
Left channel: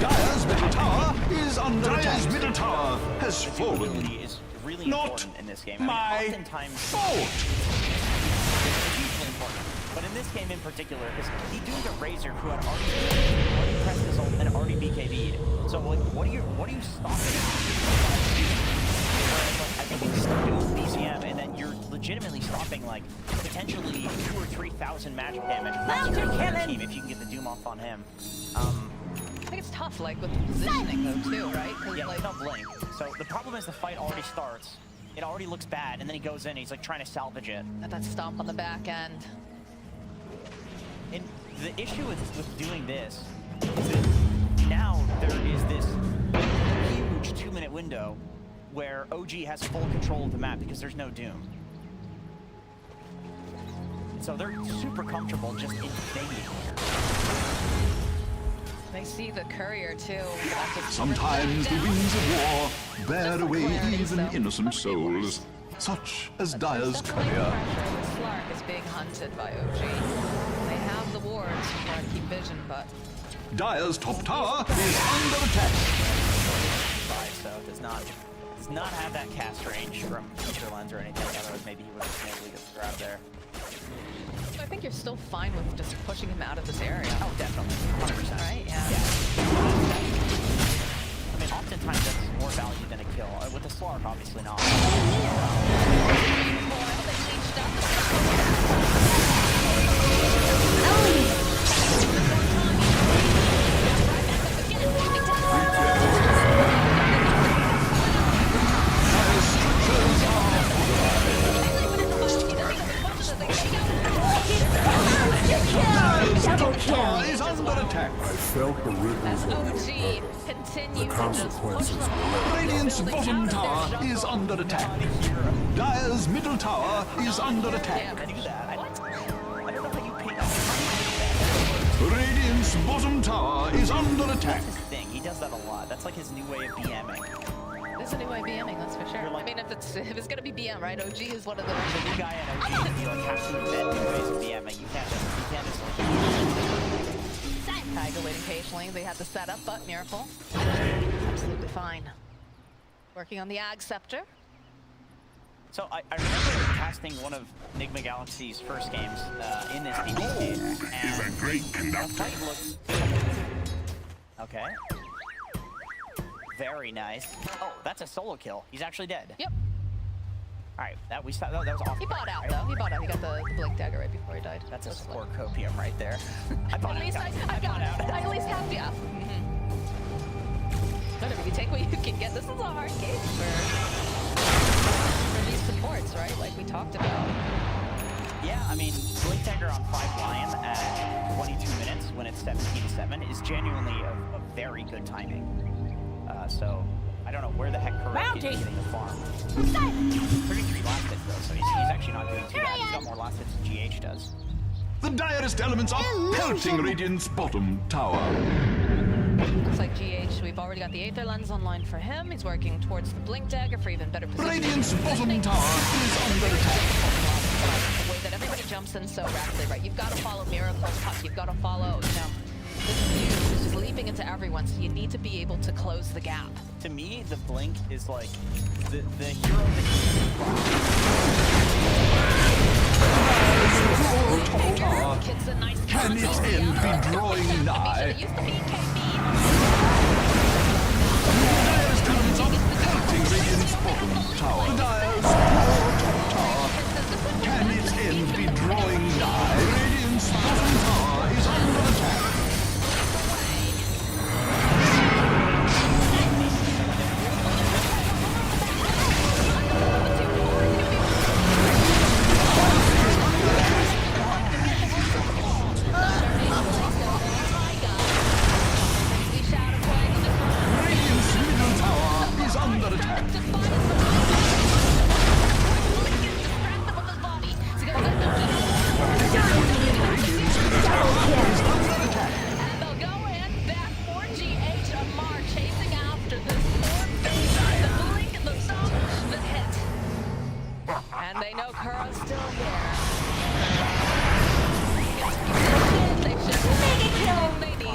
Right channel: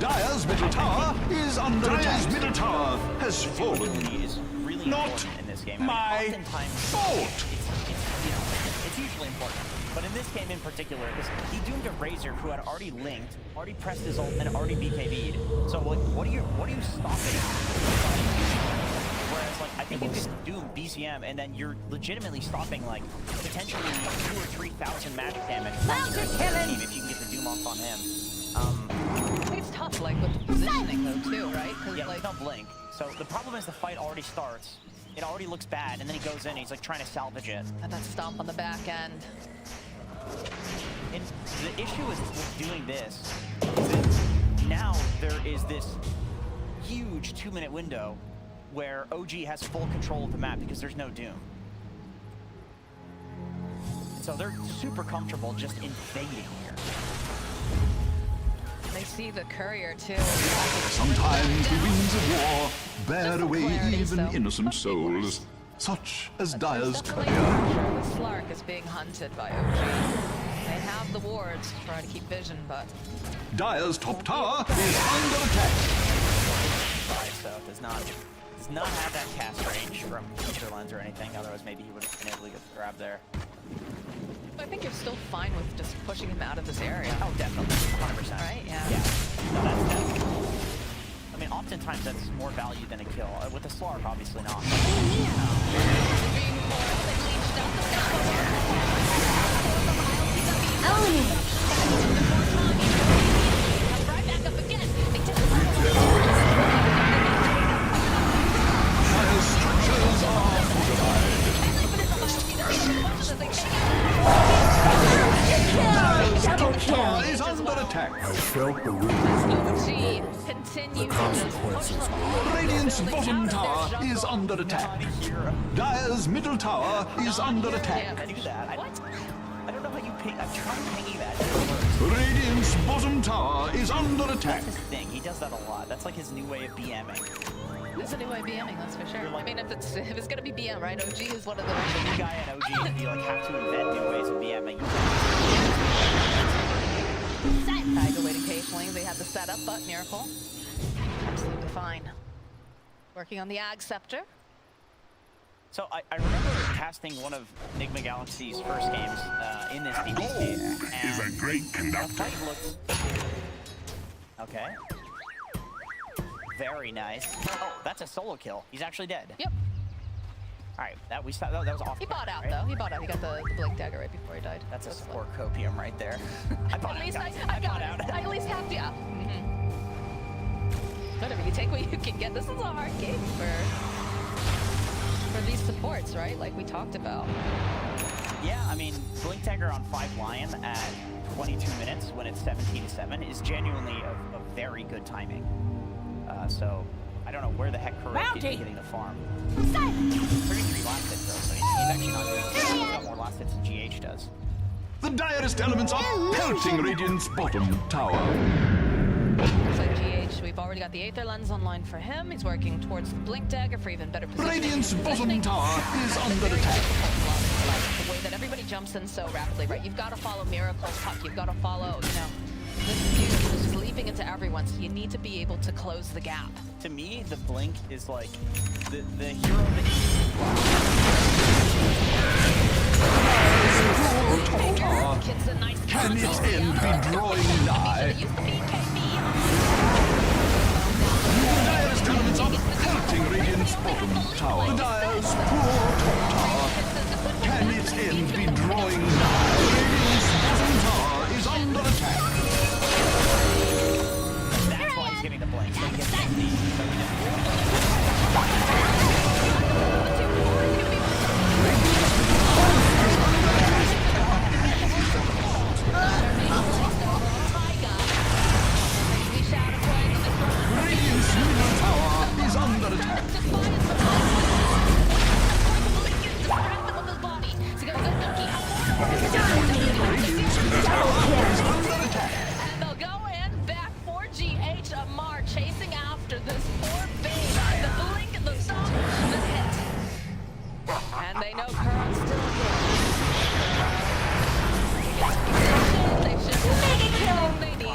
Dire's middle tower is under attack. Dire's middle tower has fallen. Is really Not important in this game. my Oftentimes, fault. it's hugely important. But in this game in particular, because he doomed a Razor who had already lived, already pressed his ult, and already BKB'd. So like, what are you stopping? Whereas like, I think if you doom BCM and then you're legitimately stopping like potentially 2,000 or 3,000 magic damage from your team if you can get the doom off on him. I think it's tough, like with the positioning though too, right? Yeah, like no blink. So the problem is the fight already starts. It already looks bad, and then he goes in. He's like trying to salvage it. and that stomp on the back end. And the issue with doing this is that now there is this huge 2-minute window where OG has full control of the map because there's no doom. So they're super comfortable just invading here. They see the courier too. Sometimes the wings of war bear away even innocent souls, such as Dire's Definitely courier. pressure with Slark is being hunted by OG. They have the wards to try to keep vision, but Dire's top tower is under attack. So it does not have that cast range from Ether Lens or anything. Otherwise, maybe he would have been able to get the grab there. I think you're still fine with just pushing him out of this area. Oh, definitely, 100%. Right? Yeah. Yeah. I mean, oftentimes that's more value than a kill. With the Slark, obviously not. Dire's structures are fortified. Dire's top tower is under attack. I felt the ripples of OG your continue The consequences to were Radiant's bottom tower is under attack. Dire's middle tower is under attack. Do that. I don't know how you ping. I'm trying to ping that. Radiant's bottom tower is under attack. That's his thing. He does that a lot. That's like his new way of BMing. There's a new way of BMing, that's for sure. I mean, if it's gonna be BM, right? OG is one of the new guy at OG. You like have to invent new ways of BMing. You can't. Tiger waiting patiently. They had the setup, but Miracle, absolutely fine. Working on the Ag Scepter. So I remember casting one of Nigma Galaxy's first games in this PvP, and is a great conductor. the fight looked okay. Very nice. Oh, that's a solo kill. He's actually dead. Yep. All right, that was off. He bought out right? though. He bought out. He got the blink dagger right before he died. That's a support copium right there. I bought At out, least guys. I got out. it. I at least have, yeah. Whatever, you take what you can get. This is a hard game for these supports, right? Like we talked about. Yeah, I mean, Blink Dagger on 5 Lion at 22 minutes when it's 17-7 is genuinely a very good timing. So I don't know where the heck Correct is getting the farm. 33 last hits though, so he's actually not doing too bad. He's got more last hits than GH does. The direst elements are pelting Radiant's bottom tower. Looks like GH, we've already got the Aether Lens online for him. He's working towards the Blink Dagger for even better positioning. Radiant's bottom tower is under attack. The way that everybody jumps in so rapidly, right? You've got to follow Miracle's puck. You've got to follow, you know, this Fuse is just leaping into everyone, so you need to be able to close the gap. To me, the Blink is like the hero that Can its end be drawing nigh? The Dire's elements are pelting Radiant's bottom tower. The Dire's poor top tower. Can its end be drawing nigh? Radiant's bottom tower is under attack. Radiant's middle tower is under attack.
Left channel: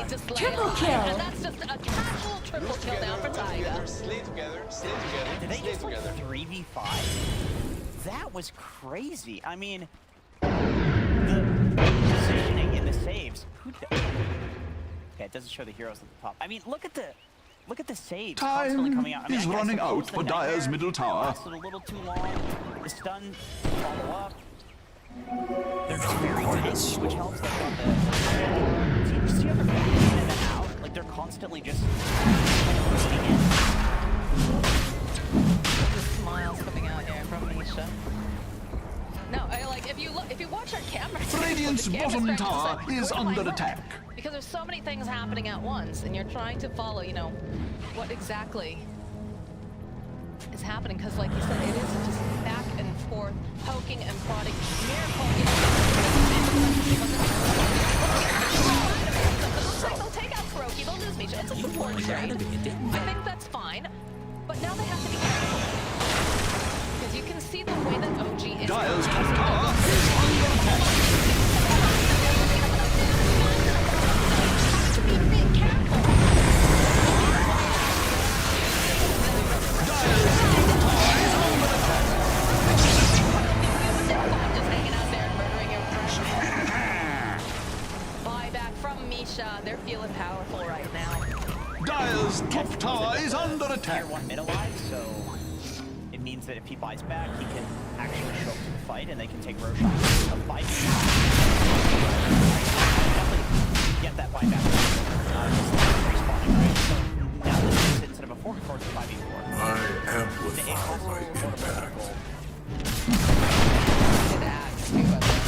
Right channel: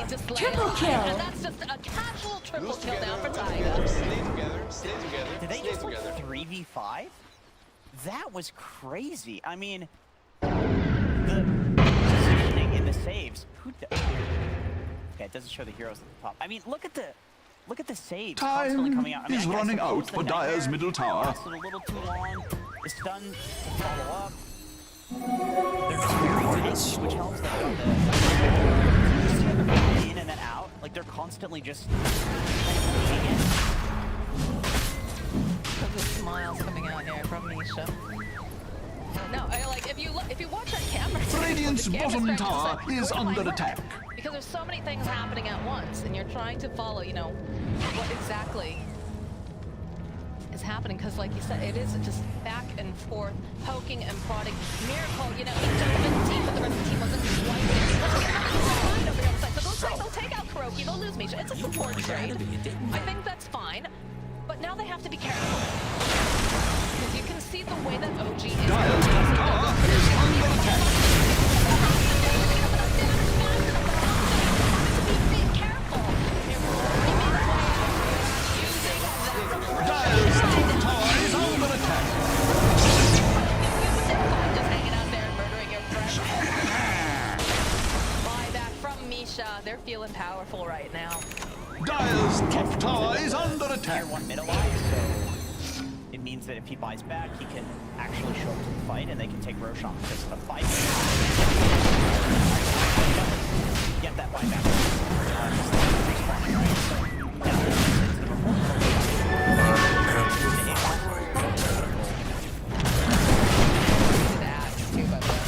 need to slay Triple alive. kill. And that's just a casual triple kill down for Taiga. Slay together, slay together, Did they slay just like together. 3v5? That was crazy. I mean, the positioning in the saves. Okay, it doesn't show the heroes at the top. I mean, look at the saves constantly coming out. I mean, is I guess running suppose out the for Dire's Nightmare middle tower. lasted a little too long. The stun follow up. They're just very tense, which helps. They've got the so you just see how they're going in and then out. Like they're constantly just kind of moving in. There's just smiles coming out here from Misha. No, like if you watch our camera, Radiant's the camera's bottom trying to tower decide, is where do I under look? attack. Because there's so many things happening at once, and you're trying to follow, you know, what exactly is happening. Because, like you said, it is just back and forth, poking and prodding. Miracle, you know, the team, but the rest of the team wasn't quite there. It looks like they'll take out Kuroki, they'll lose Misha. It's a support trade. I think that's fine, but now they have to be careful. Because you can see the way that OG is. Dire's top tower is under attack. Dire's top tower is under attack. Just hanging out there and murdering your friends. Buyback from Misha. They're feeling powerful right now. Dire's top tower is under attack. Tier 1 mid alive, so it means that if he buys back, he can actually show up to the fight and they can take Roshan. A 5 definitely get that buyback. Just respawning, right? So now this is instead of a 4 4 Good axe, too, by the way.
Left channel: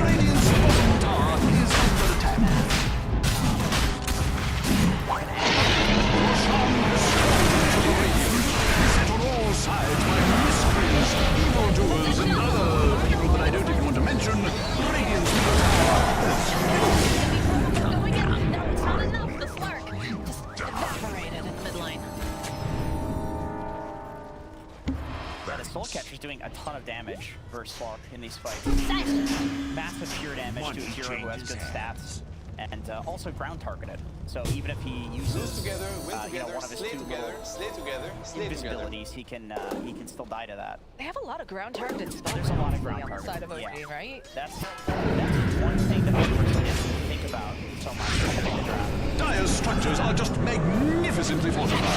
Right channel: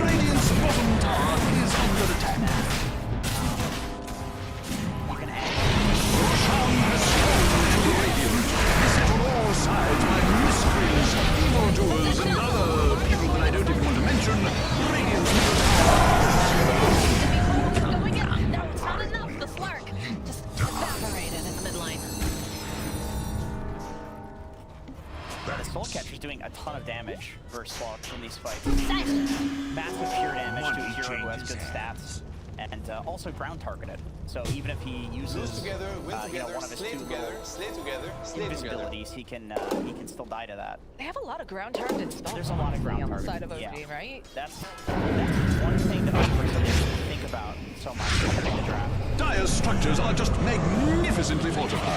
Radiant's bottom tower is under attack. Roshan has fallen to the Radiant, beset on all sides by miscreants, evildoers, and other people that I don't even want to mention. Radiant's middle tower Going in. No, it's not enough. The Slark just evaporated in the midline. Yeah, the Soul Catcher's doing a ton of damage versus Slark in these fights. Massive pure damage to a hero who has good stats. And also ground targeted. So even if he uses Lose together, win together, one of his slay two together, slay together, slay together. invisibilities, he can still die to that. They have a lot of ground targeted spells. There's a lot of ground on the targeted, side of OG, yeah. right? That's one thing that I personally didn't think about so much in the draft. Dire's structures are just magnificently fortified.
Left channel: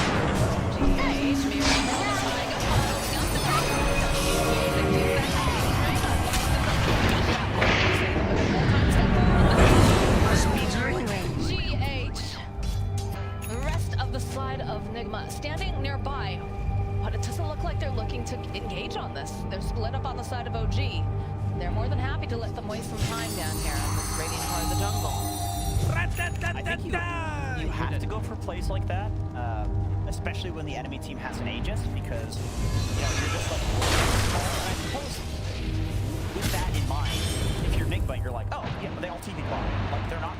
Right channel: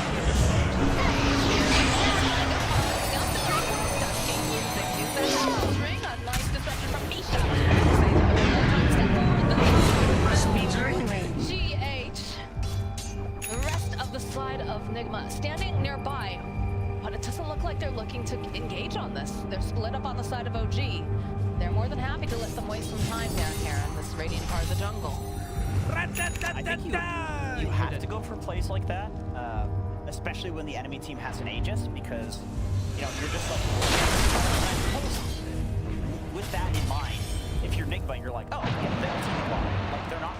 GH. The rest of the side of Nigma standing nearby, but it doesn't look like they're looking to engage on this. They're split up on the side of OG. They're more than happy to let them waste some time down here in this radiant part of the jungle. I think you have to go for plays like that, especially when the enemy team has an Aegis, because you know you're just like. And I suppose with that in mind, if you're Nigma, you're like, oh yeah, they all TV bottom. Like they're not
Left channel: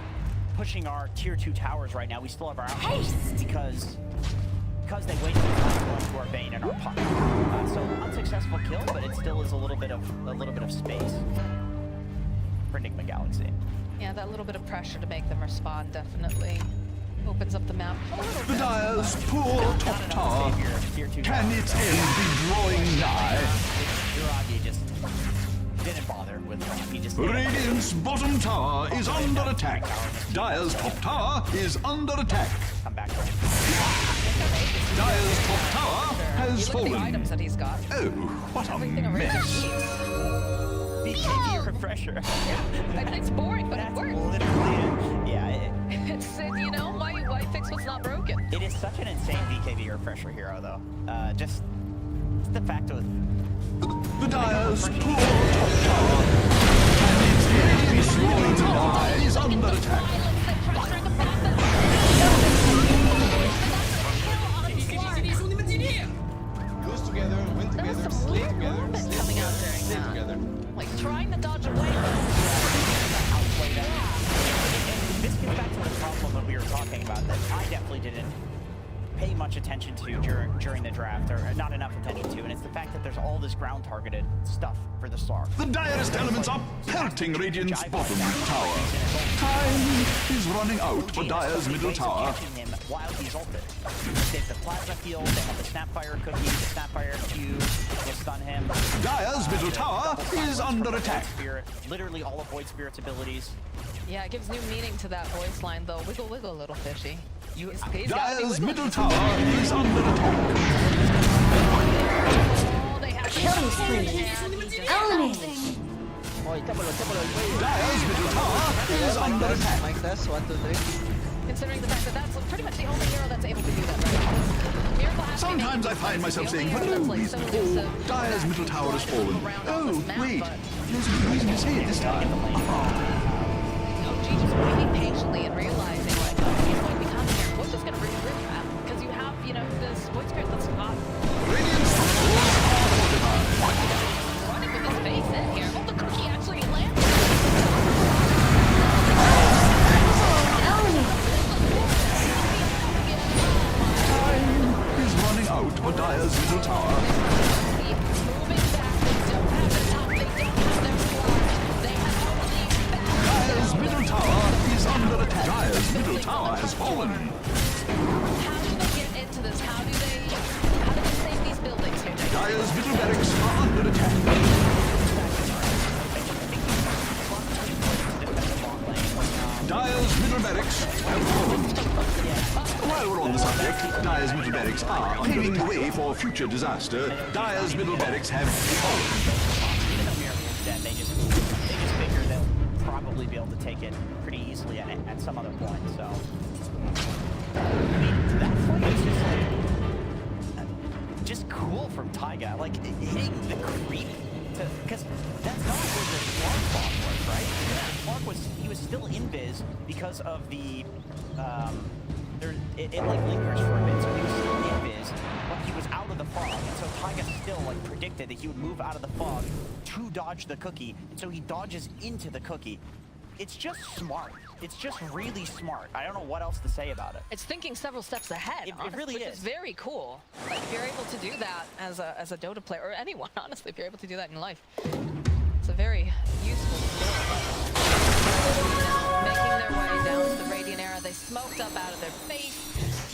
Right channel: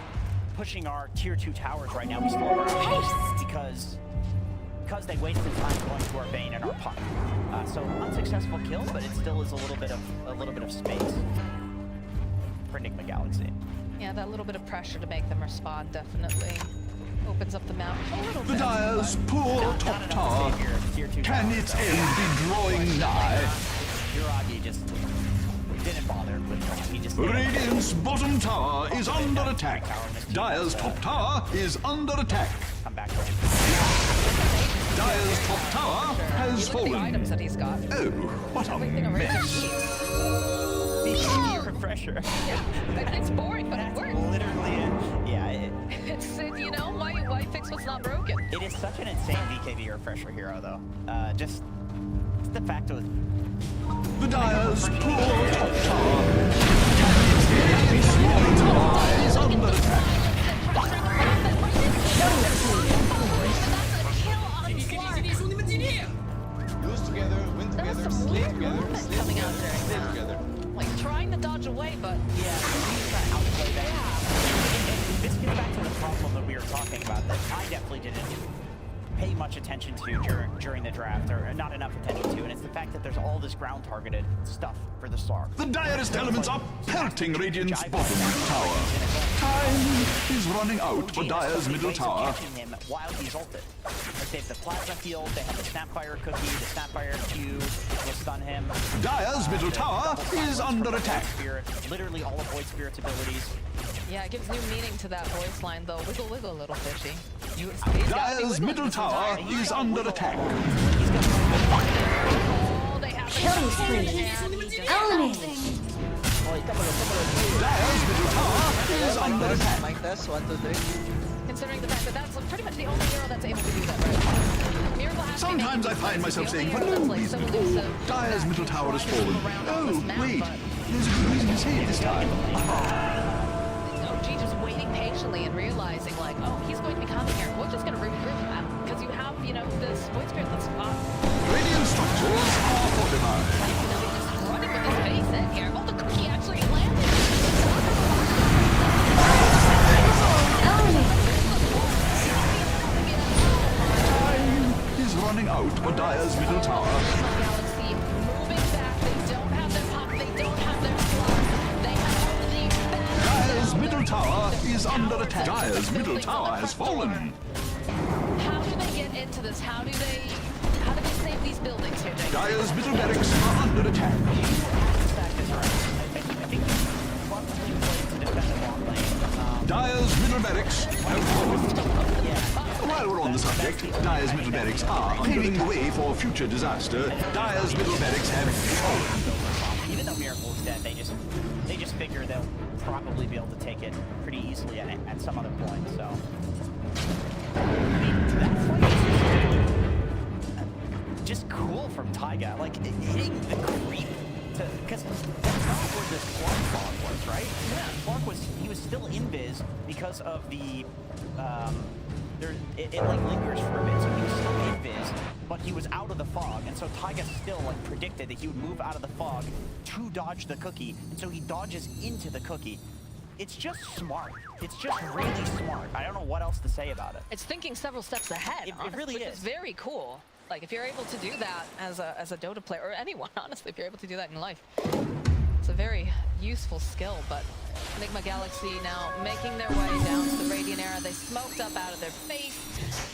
pushing our tier 2 towers right now. We still have our outposts because they wasted time going to our Bane and our Puck. So unsuccessful kill, but it still is a little bit of space for Nigma Galaxy. Yeah, that little bit of pressure to make them respond definitely opens up the map a little The bit. Dire's poor top tower. Can its end be drawing nigh? Uragi just didn't bother with them. He just Radiant's bottom tower is under attack. Dire's top tower is under attack. Come back. Dire's top tower has Look at the fallen. items that he's got. Oh, what a mess. BKB refresher. Yeah, it's boring, but it works. Literally it. Yeah. It's, you know, why fix what's not broken? It is such an insane BKB refresher hero, though. Just the fact of The Dire's poor top tower. Can its end be drawing nigh is under attack. Lose together, win together, slay together, slay coming out together, during slay that. together. Like trying to dodge away, but outplay that. And this gets back to the problem that we were talking about, that I definitely didn't pay much attention to during the draft, or not enough attention to, and it's the fact that there's all this ground targeted stuff for the Slark. The direst elements are pelting Radiant's bottom tower. Time is running out for Dire's middle tower. Catching him while he's ulted. They have the plasma field, they have the Snapfire cookie, the Snapfire Q will stun him. Dire's middle tower is under attack. Spirit, literally all of Void Spirit's abilities. Yeah, it gives new meaning to that voice line, though. Wiggle, wiggle, little fishy. Dire's middle tower is under attack. Killing spree. Eliminated. Dire's middle tower is under attack. Mic test, 1, 2, 3. Considering the fact that that's pretty much the only hero that's able to do that, right? Miracle has Sometimes I find myself saying, for no reason at all, Dire's middle tower has fallen. Oh, wait, there's a good reason to say it this time. OG just waiting patiently and realizing, like, oh, he's going to be coming here. We're just going to regroup, because you have, you know, this Void Spirit that's got... Radiant structures are fortified. Running with his face in here. Oh, the cookie actually landed. Time is running out for Dire's middle tower. Moving back, they don't have their pop, they don't have their slot. They have only back. Dire's middle tower is under attack. Dire's middle tower has fallen. How do they get into this? How do they save these buildings here, Jake? Dire's middle barracks are under attack. Dire's middle barracks have fallen. While we're on the subject, Dire's middle barracks are paving the way for future disaster. Dire's middle barracks have fallen. Even though Miracle's dead, they just figure they'll probably be able to take it pretty easily at some other point. So, I mean, that fight is just cool from Taiga, like hitting the creep. Because that's not where the Slark fog was, right? Yeah. Slark he was still invis because of the, it like lingers for a bit, so he was still invis, but he was out of the fog, and so Taiga still like predicted that he would move out of the fog to dodge the cookie, and so he dodges into the cookie. It's just smart. It's just really smart. I don't know what else to say about it. It's thinking several steps ahead. It really which is. is very cool. Like if you're able to do that as a Dota player, or anyone, honestly, if you're able to do that in life, it's a very useful skill. But Galaxy now making their way down to the Radiant era. They smoked up out of their face.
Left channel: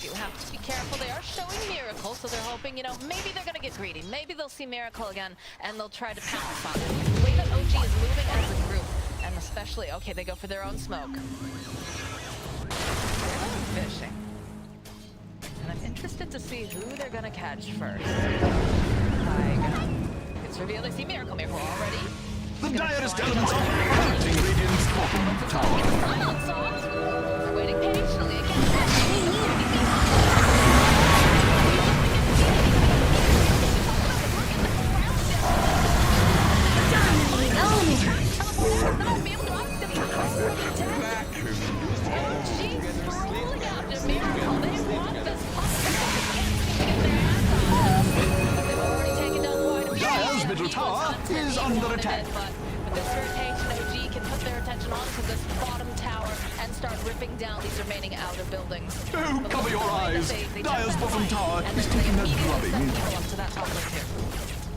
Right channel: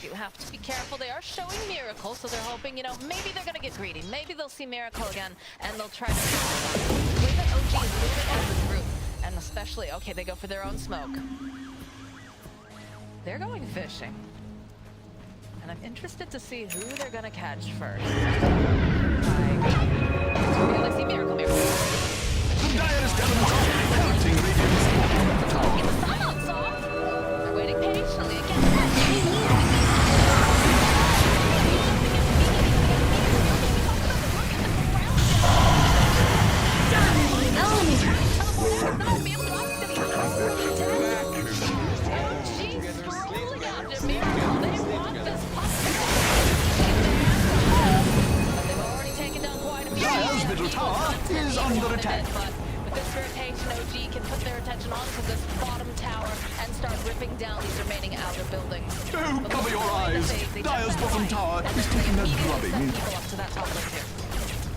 You have to be careful. They are showing Miracle, so they're hoping, you know, maybe they're gonna get greedy. Maybe they'll see Miracle again, and they'll try to pass on it. The way that OG is moving as a group. And especially, okay, they go for their own smoke. They're going fishing. And I'm interested to see who they're gonna catch first. It's revealed I see Miracle already. The direst elements are pelting Radiant's bottom tower. They're waiting patiently again. Dire's middle tower is under attack. But with this rotation, OG can put their attention onto this bottom tower and start ripping down these remaining outer buildings. Oh, cover your eyes! Dire's bottom tower is taking a drubbing.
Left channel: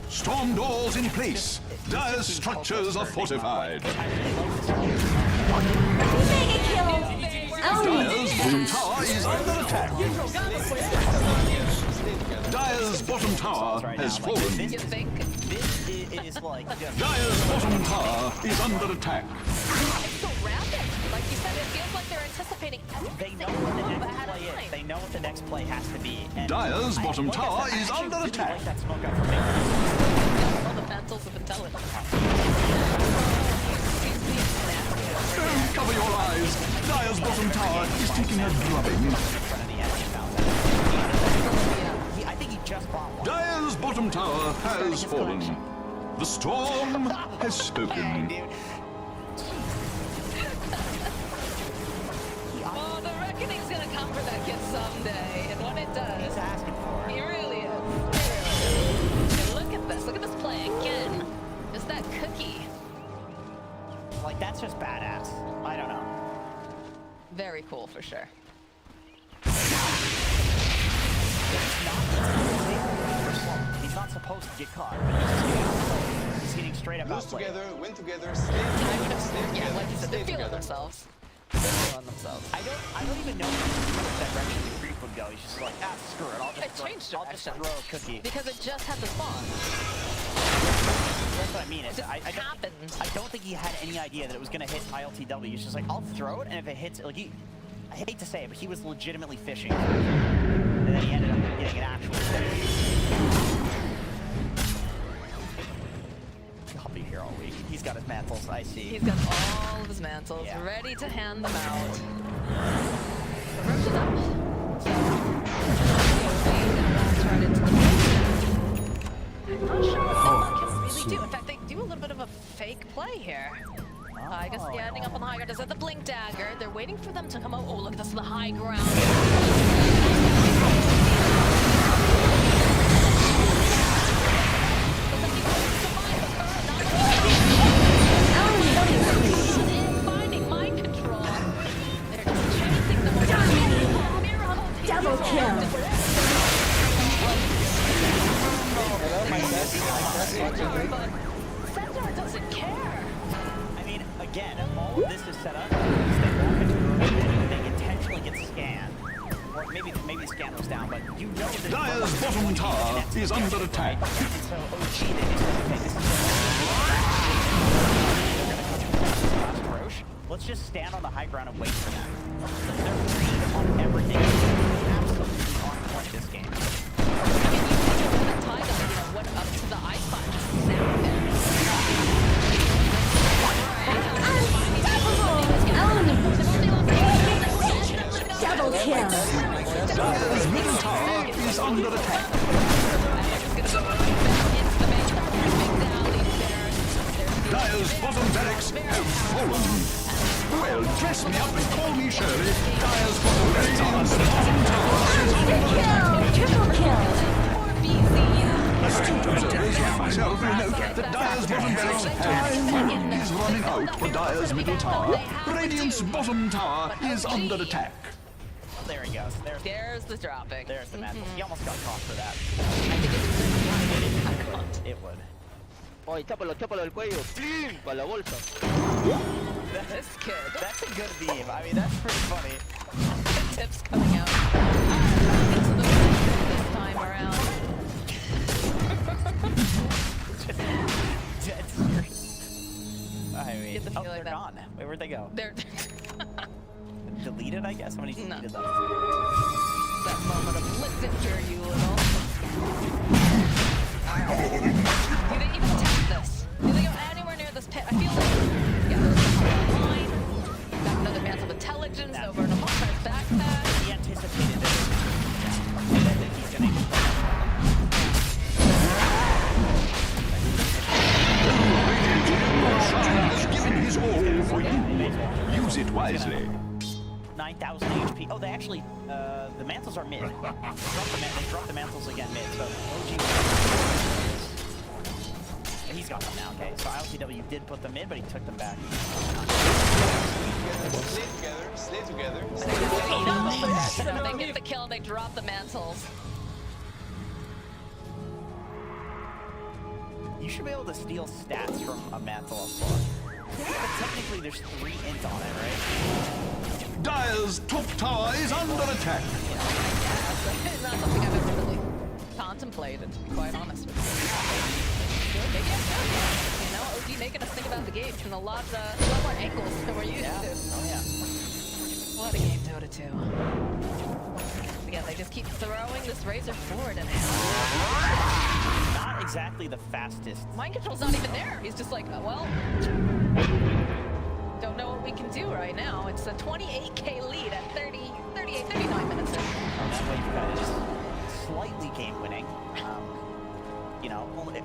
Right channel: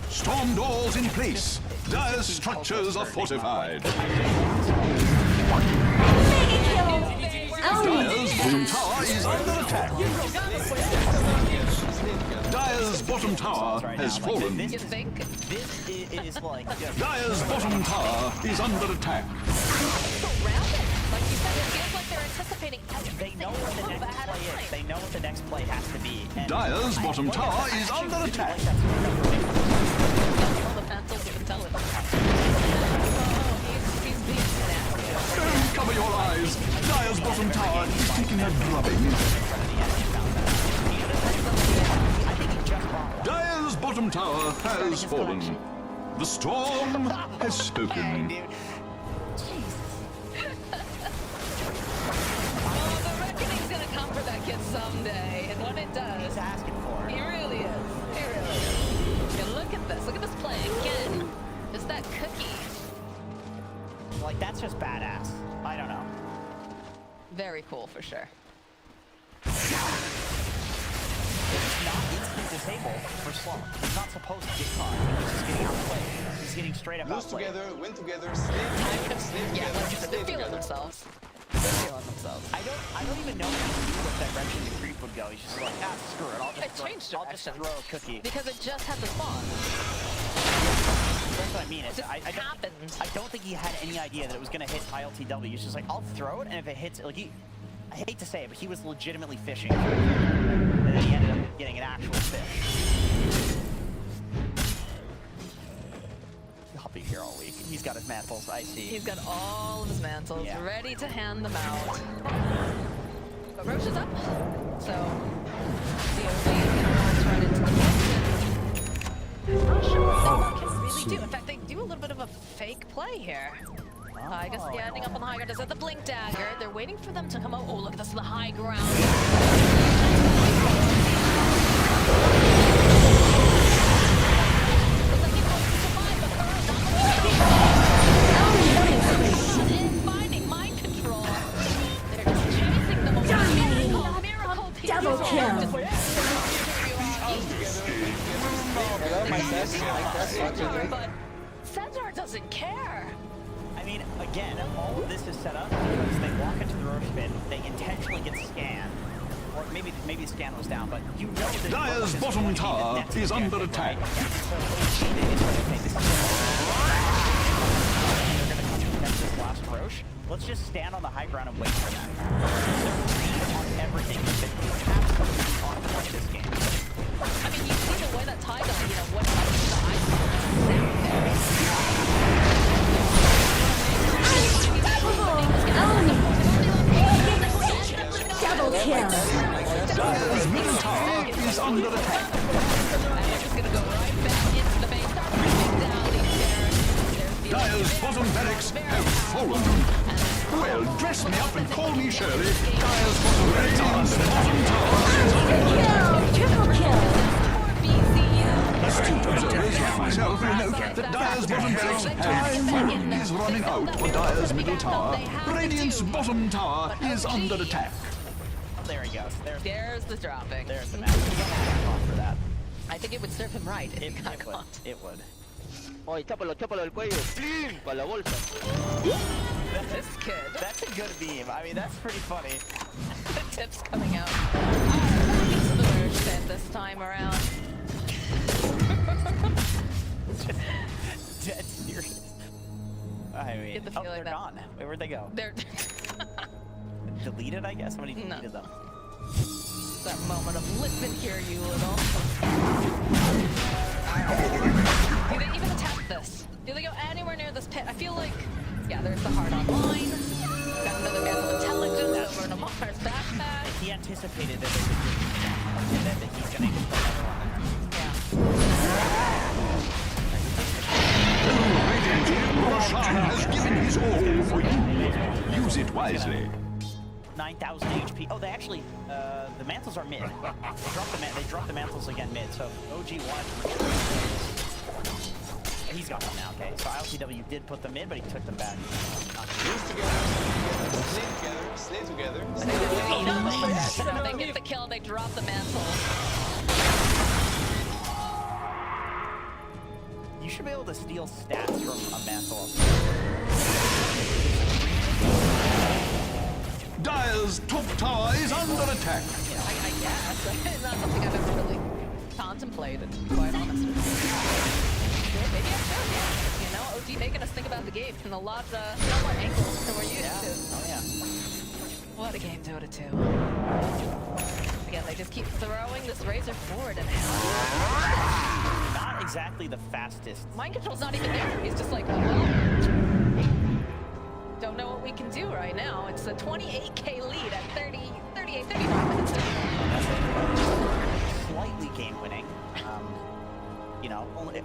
Storm doors in place. Dire's structures are fortified. Dire's bottom tower is under attack. Dire's bottom tower has fallen. You think? This is like... Dire's bottom tower is under attack. So rapid. Like you said, it feels like they're anticipating They know what the next play is. They know what the next play has to be. And Dire's bottom tower is under attack. Like that smoke up from me. All the pencils of intelligence. He's being nasty. Oh, cover your eyes. Dire's bottom tower is taking a drubbing. I think he just bought one. Dire's bottom tower has fallen. The storm has spoken. Oh, the reckoning's gonna come for that kid someday, and when it does, He's asking for it. he really is. He really is. And look at this. Look at this play again. Just that cookie. Like, that's just badass. I don't know. Very cool for sure. supposed to get caught, but he's just getting outplayed. He's getting straight up Lose outplayed. together, win together, slay together, slay Yeah, together, like you said, slay they're feeling together. themselves. They're feeling themselves. I don't even know what direction the creep would go. He's just like, ah, screw it. It changed I'll just direction. throw a cookie. Because it just had to spawn. That's what I mean. It just happened. I don't think he had any idea that it was going to hit ILTW. He's just like, I'll throw it, and if it hits, like I hate to say it, but he was legitimately fishing for a kill there. And then he ended up getting an actual fish. I'll be here all week. He's got his mantles, I see. He's got all of his mantles ready to hand them out. But Roche is up, so he's gonna waltz right into the pit. I'm not sure what Sigma can really do. In fact, they do a little bit of a fake play here. I guess, yeah, ending up on the high ground. Is that the blink dagger? They're waiting for them to come out. Oh, look, this is the high ground. Looks like he wants to survive, but Kuro not looking finding mind control. They're just chasing them away. Miracle Double kill. Hello, my test. But Centaur doesn't care. I mean, again, all of this is set up because they walk into the room and they intentionally get scanned. Or maybe the scan was down, but you know that Dire's bottom tower is under attack. Right? So OG, they just okay, this is they're gonna come to protect this last Roche. Let's just stand on the high ground and wait for them. They're read on everything. They're absolutely on point this game. I mean, you see the way that Ty got, went up to the ice bomb just down there. Double kill. Dire's middle tower is under attack. Dire's bottom barracks have fallen. Well, dress me up and call me Shirley. Dire's bottom tower is under attack. Triple kill. Astute observers like myself will note that Dire's bottom barracks have fallen. Is running out for Dire's middle tower. Radiant's bottom tower is under attack. There he goes. There's the dropping. There's the match. He almost got caught for that. I think it would serve him right if he got caught. It would. Oye, chápalo del cuello. ¡Plim! Con la bolsa. This kid. That's a good meme. I mean, that's pretty funny. The tips coming out. Oh, these are the worst thing this time around. Dead serious. I mean, Get the feeling they're that gone. Wait, where'd they go? They're Deleted, I guess? Somebody deleted them. that moment of listen here, you little. Do they even attempt this? Do they go anywhere near this pit? I feel like, yeah, there's the hard line. Got another massive intelligence over in Amar's backpack. He anticipated that they would do that. And that he's gonna use another one. Roshan has given his all for you. Use it wisely. 9,000 HP. Oh, they actually, the mantles are mid. They dropped the mantles again mid, so OG he's got them now, okay. So ILTW did put them mid, but he took them back. Slay together, So they get the kill, they drop the mantles. You should be able to steal stats from a mantle. Technically, there's 3 indoors. Dire's top tower is under attack. I guess. It's not something I've ever really contemplated, to be quite honest with you. Maybe I should, OG making us think about the game from a lot more angles than we're used to. Oh, yeah. What a game, Dota 2. Again, they just keep throwing this razor forward and Not exactly the fastest. mind control's not even there. He's just like, well, don't know what we can do right now. It's a 28k lead at 39 minutes in. Oh, that way is slightly game winning.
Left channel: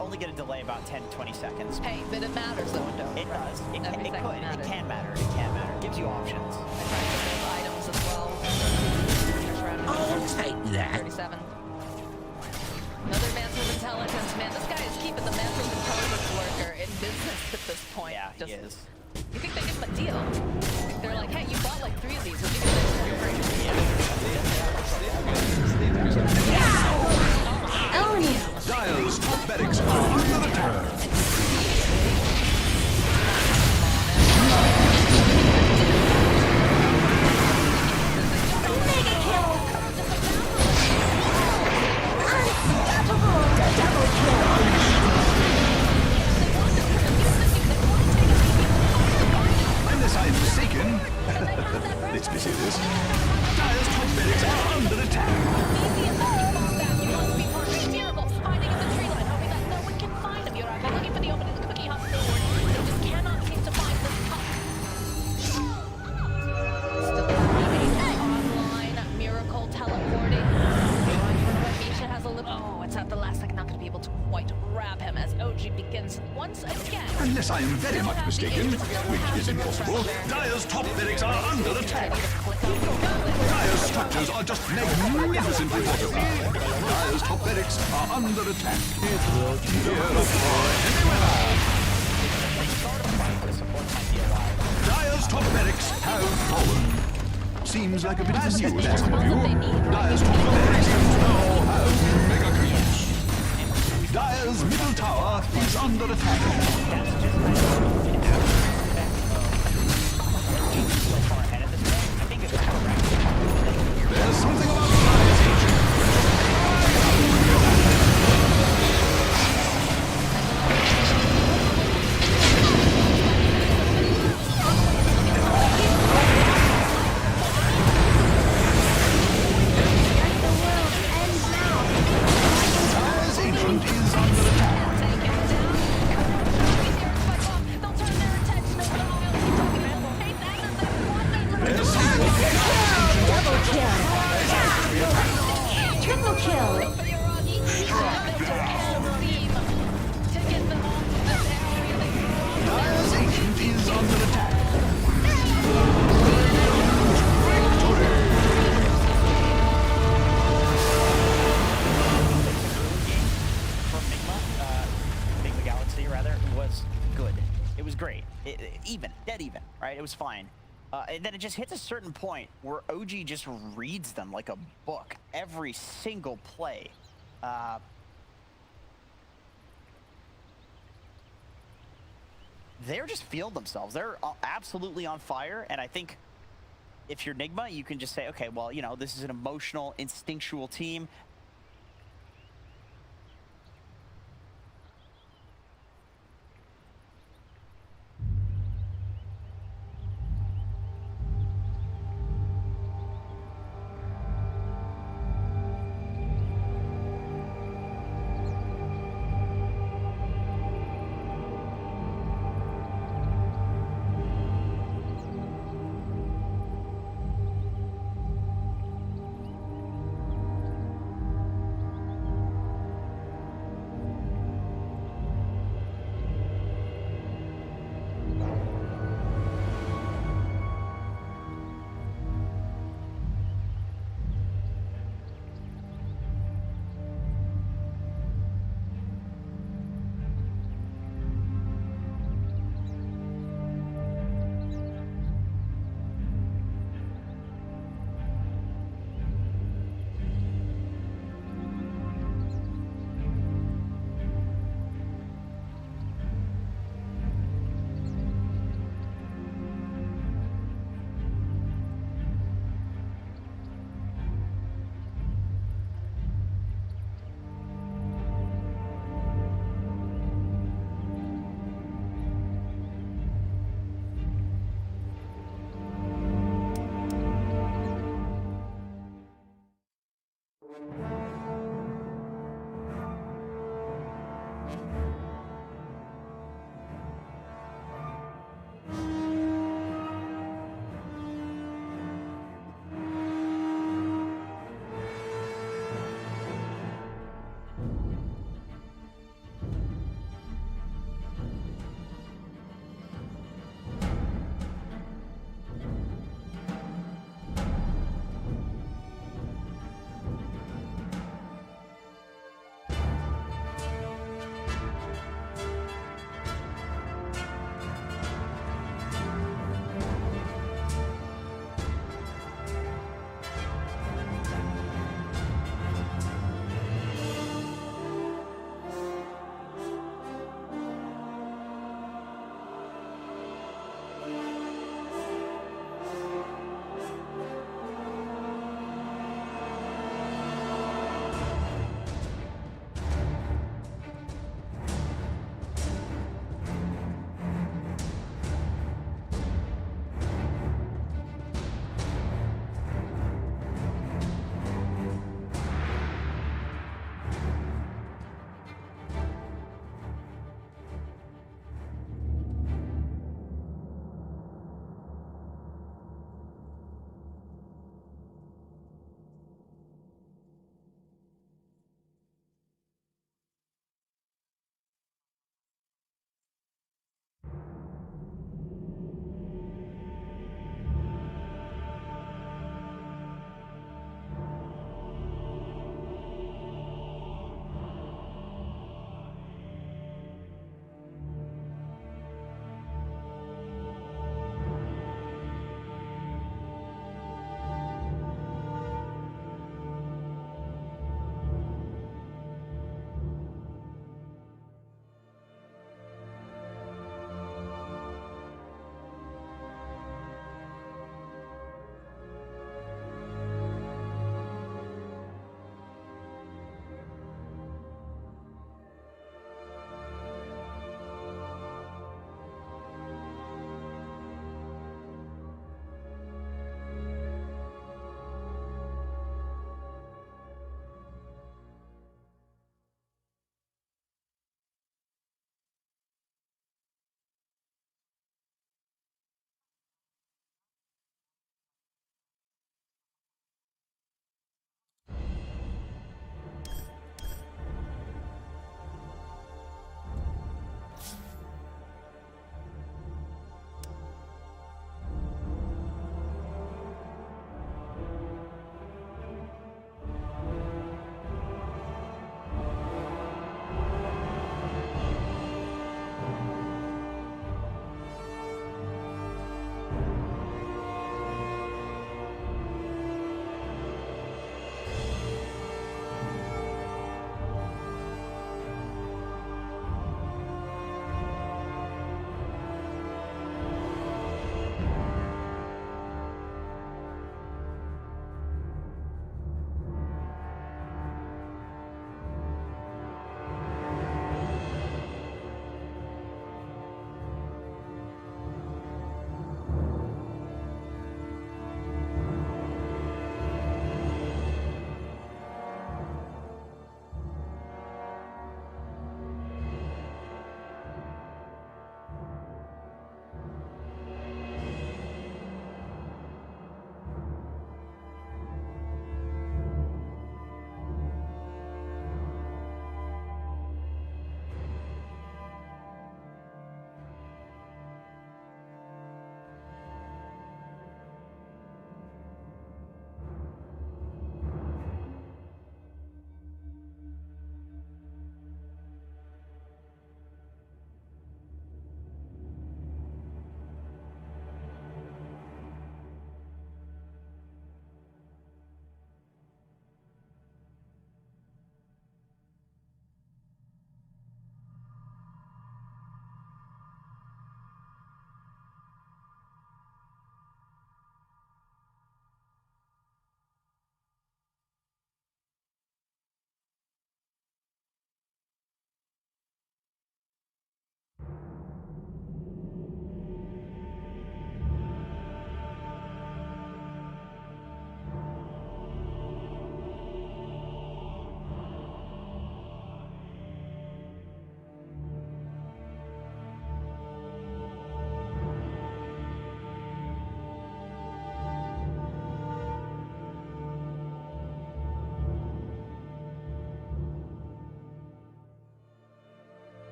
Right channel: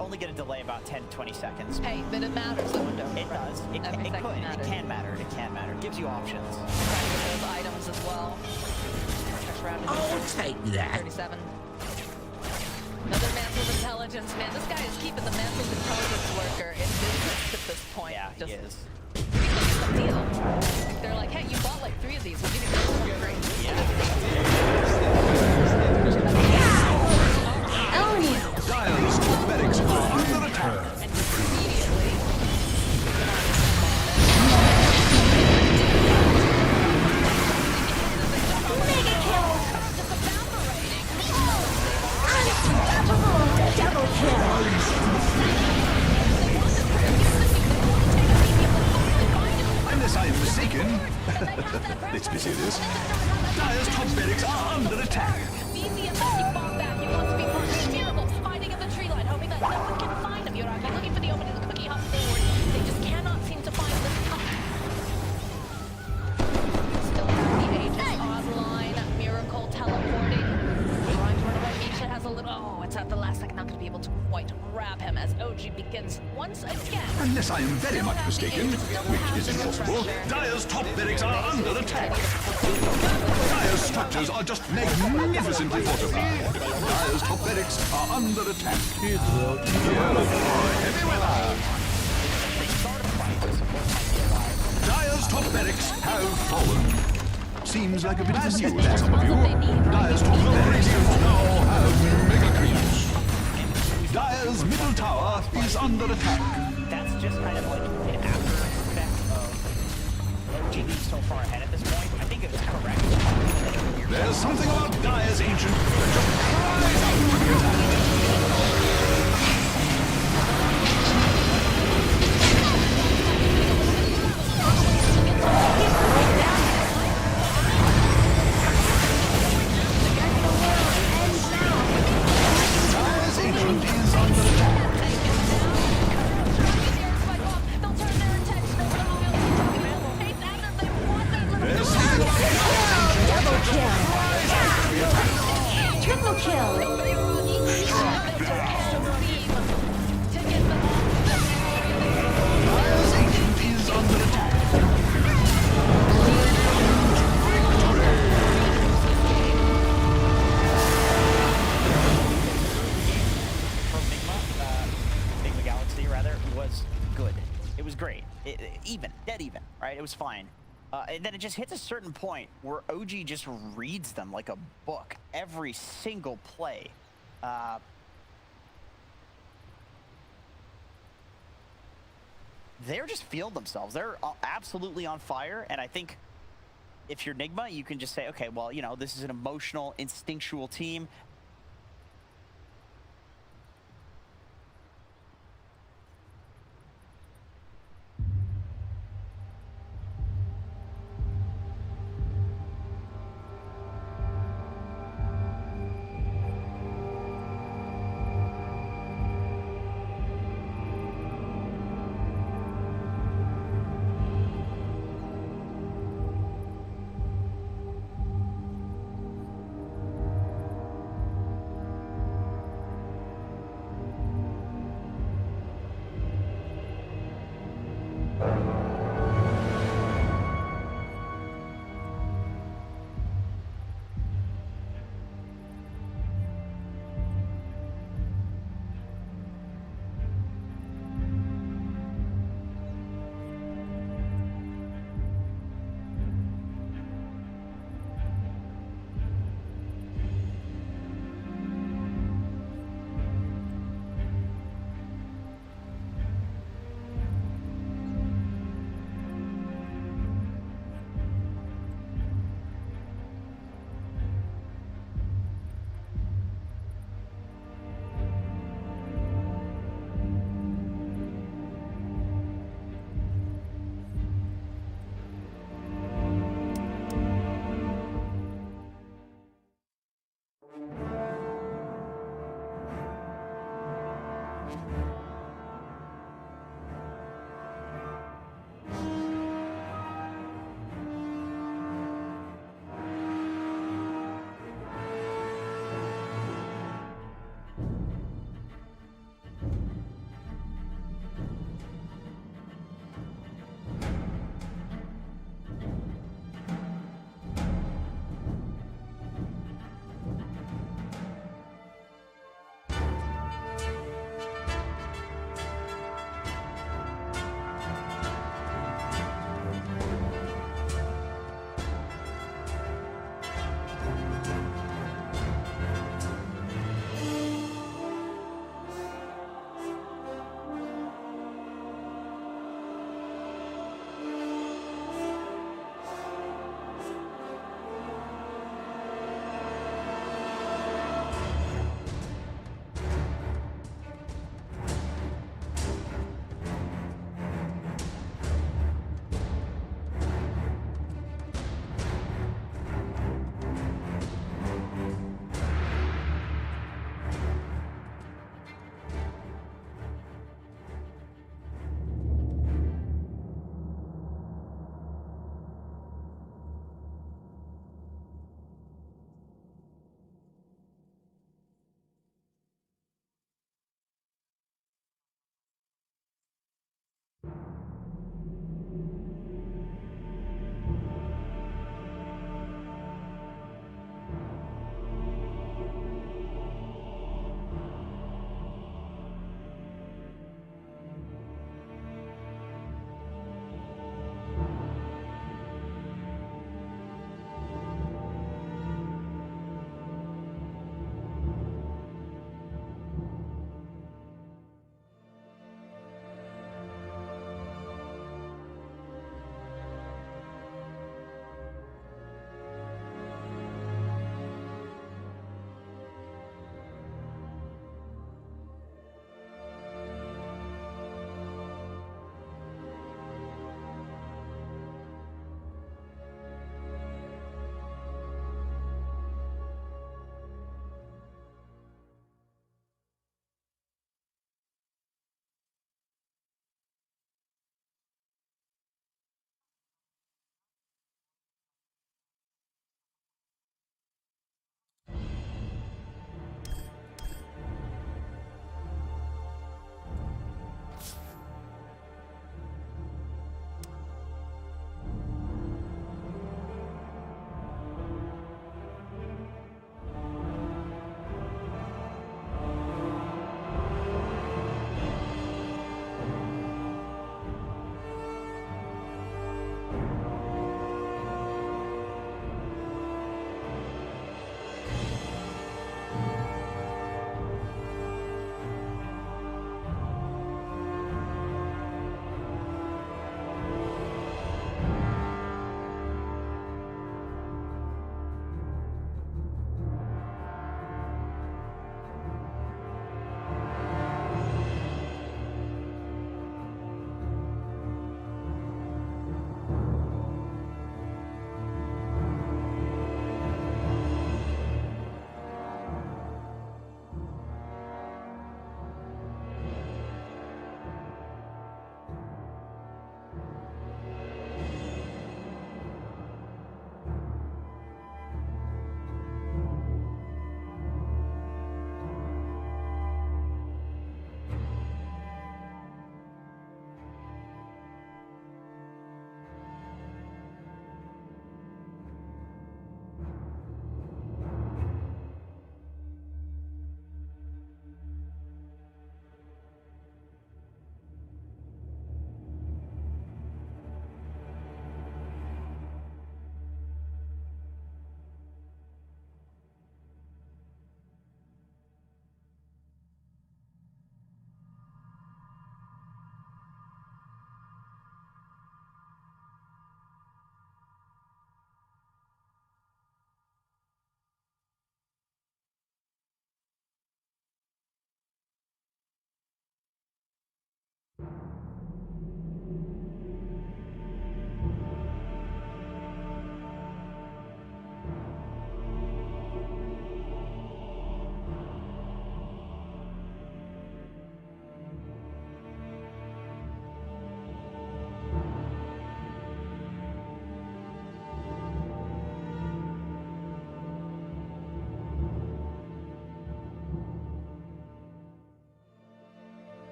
Only get a delay about 10-20 seconds. Hey, but it matters though, Dota. It does. It can matter. It can matter. It gives you options. I'm trying to get those items as well. I'll take that. 37. Another mantle of intelligence. Man, this guy is keeping the mantle of intelligence worker in business at this point. Yeah, he is. You think they get the deal? They're like, hey, you bought like 3 of these. We'll give you this one free. Dire's top Let's be serious. Dire's top barracks are under attack. Easy as that, you fall back. You want to be part of the miracle, hiding in the tree line, hoping that no one can find him. You're out there looking for the opening, the cookie hop forward. They just cannot seem to find this top. Still have the agent online. Miracle teleporting. Trying to run away. Misha has a little. Oh, it's at the last second. Not going to be able to quite grab him as OG begins once again. Unless I am very much mistaken, which is impossible, Dire's top barracks are under attack. Dire's structures are just magnificently fortified. Dire's top barracks are under attack. It will heavy weather. Dire's top barracks have fallen. Seems like a bit of news to some of you. Dire's top barracks now have mega creeps. Dire's middle tower is under attack. That's just kind of like an after effect of OG so far ahead at this point. I think it's correct. There's something about Dire's ancient that just cries out to be attacked. Dire's ancient is under attack. There's something about Dire's ancient that just cries out to be attacked. Triple kill. Dire's ancient is under attack. From Nigma Galaxy rather, was good. It was great. Dead even, right? It was fine. And then it just hits a certain point where OG just reads them like a book. Every single play. They're just feeling themselves. They're absolutely on fire, and I think if you're Nigma, you can just say, okay, well, you know, this is an emotional, instinctual team.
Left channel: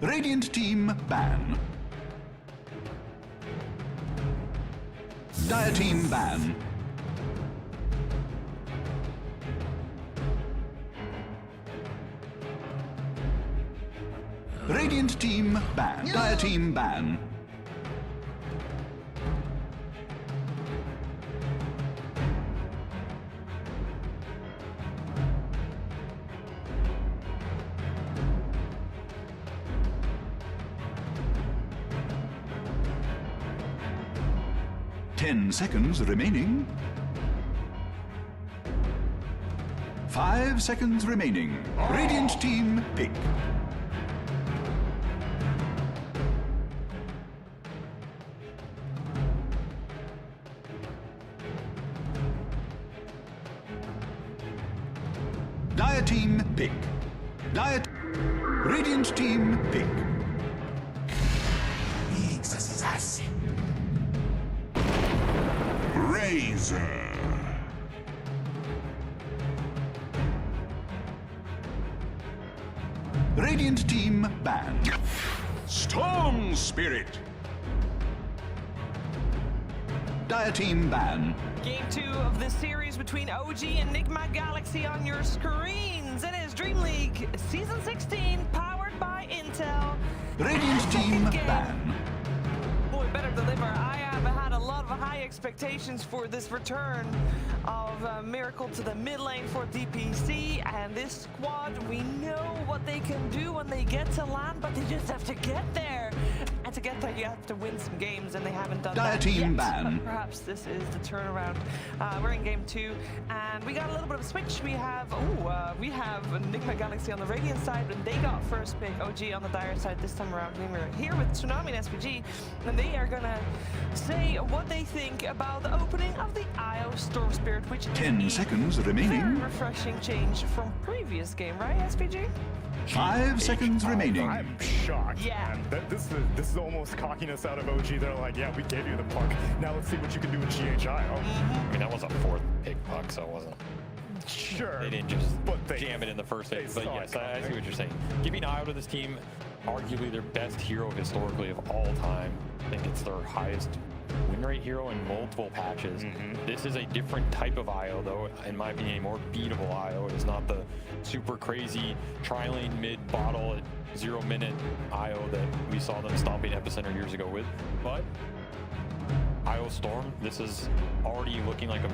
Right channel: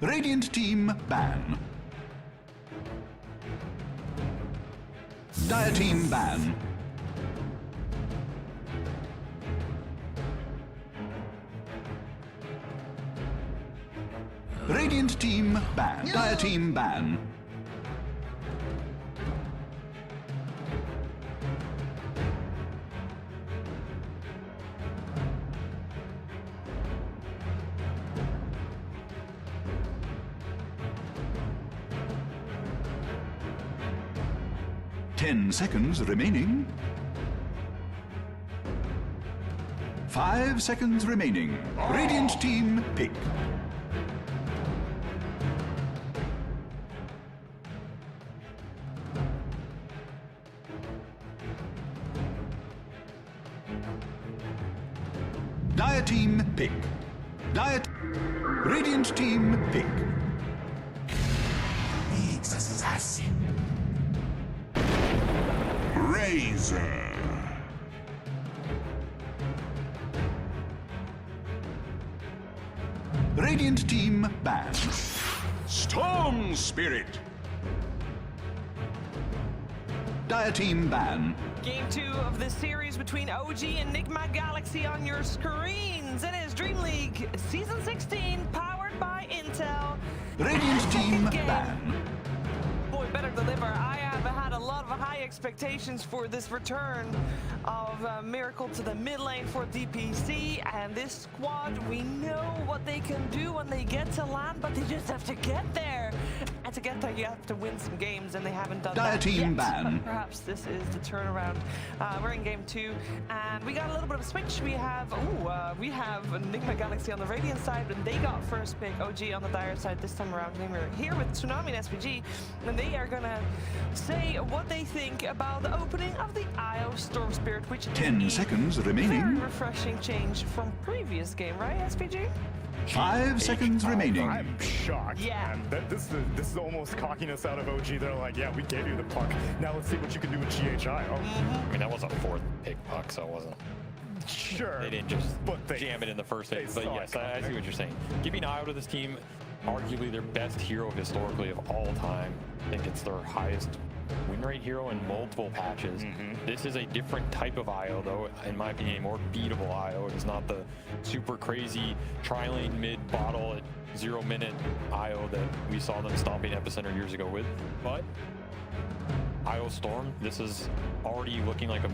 Radiant team ban. Dire team ban. Radiant team ban. Dire team ban. Ten seconds remaining. 5 seconds remaining. Radiant team pick. Dire team pick. Radiant team pick. Needs assassin. Razor. Radiant team ban. Storm Spirit. Dire team ban. Game 2 of the series between OG and Enigma Galaxy on your screens. It is Dream League Season 16, powered by Intel. Radiant team ban. Boy, better deliver. I have had a lot of high expectations for this return of Miracle to the mid lane for DPC, and this squad, we know what they can do when they get to land, but they just have to get there. And to get there, you have to win some games, and they haven't done that team yet. ban. But perhaps this is the turnaround. We're in game 2, and we got a little bit of a switch. We have Enigma Galaxy on the Radiant side, and they got first pick. OG on the Dire side this time around. And we're here with Tsunami and SPG, and they are gonna say what they think about the opening of the IO Storm Spirit, which is 10 seconds remaining. very refreshing change from previous game, right, SPG? 5 seconds remaining. I'm shocked. Yeah. Man. This is almost cockiness out of OG. They're like, yeah, we gave you the puck. Now let's see what you can do with GHIO. I mean, that was a 4th pick puck, so it wasn't. Sure. They didn't just jam it in the first phase. But yes, I see what you're saying. Giving IO to this team, arguably their best hero historically of all time. I think it's their highest win rate hero in multiple patches. This is a different type of IO, though, in my opinion, a more beatable IO. It is not the super crazy tri-lane mid bottle at 0 minute IO that we saw them stomping Epicenter years ago with. But IO Storm, this is already looking like a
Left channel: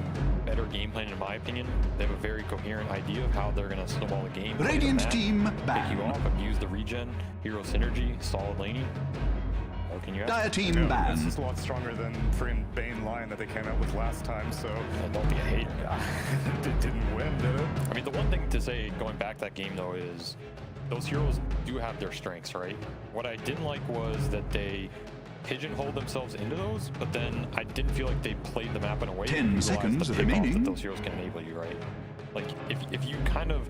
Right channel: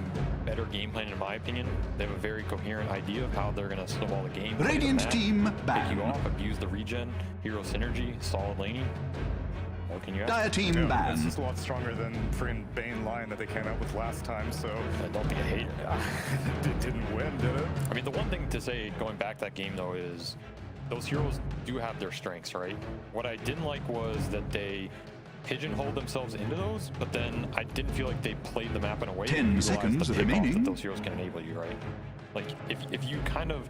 better game plan in my opinion. They have a very coherent idea of how they're going to snowball the game. Radiant team pick you off, abuse the regen, hero synergy, solid laning. What can you ask? Dire team ban. This is a lot stronger than friggin' Bane line that they came out with last time, so... Don't be a hater. It didn't win, did it? I mean, the one thing to say going back to that game, though, is those heroes do have their strengths, right? What I didn't like was that they pigeonholed themselves into those, but then I didn't feel like they played the map in a way 10 seconds remaining. that those heroes can enable you, right? Like, if you kind of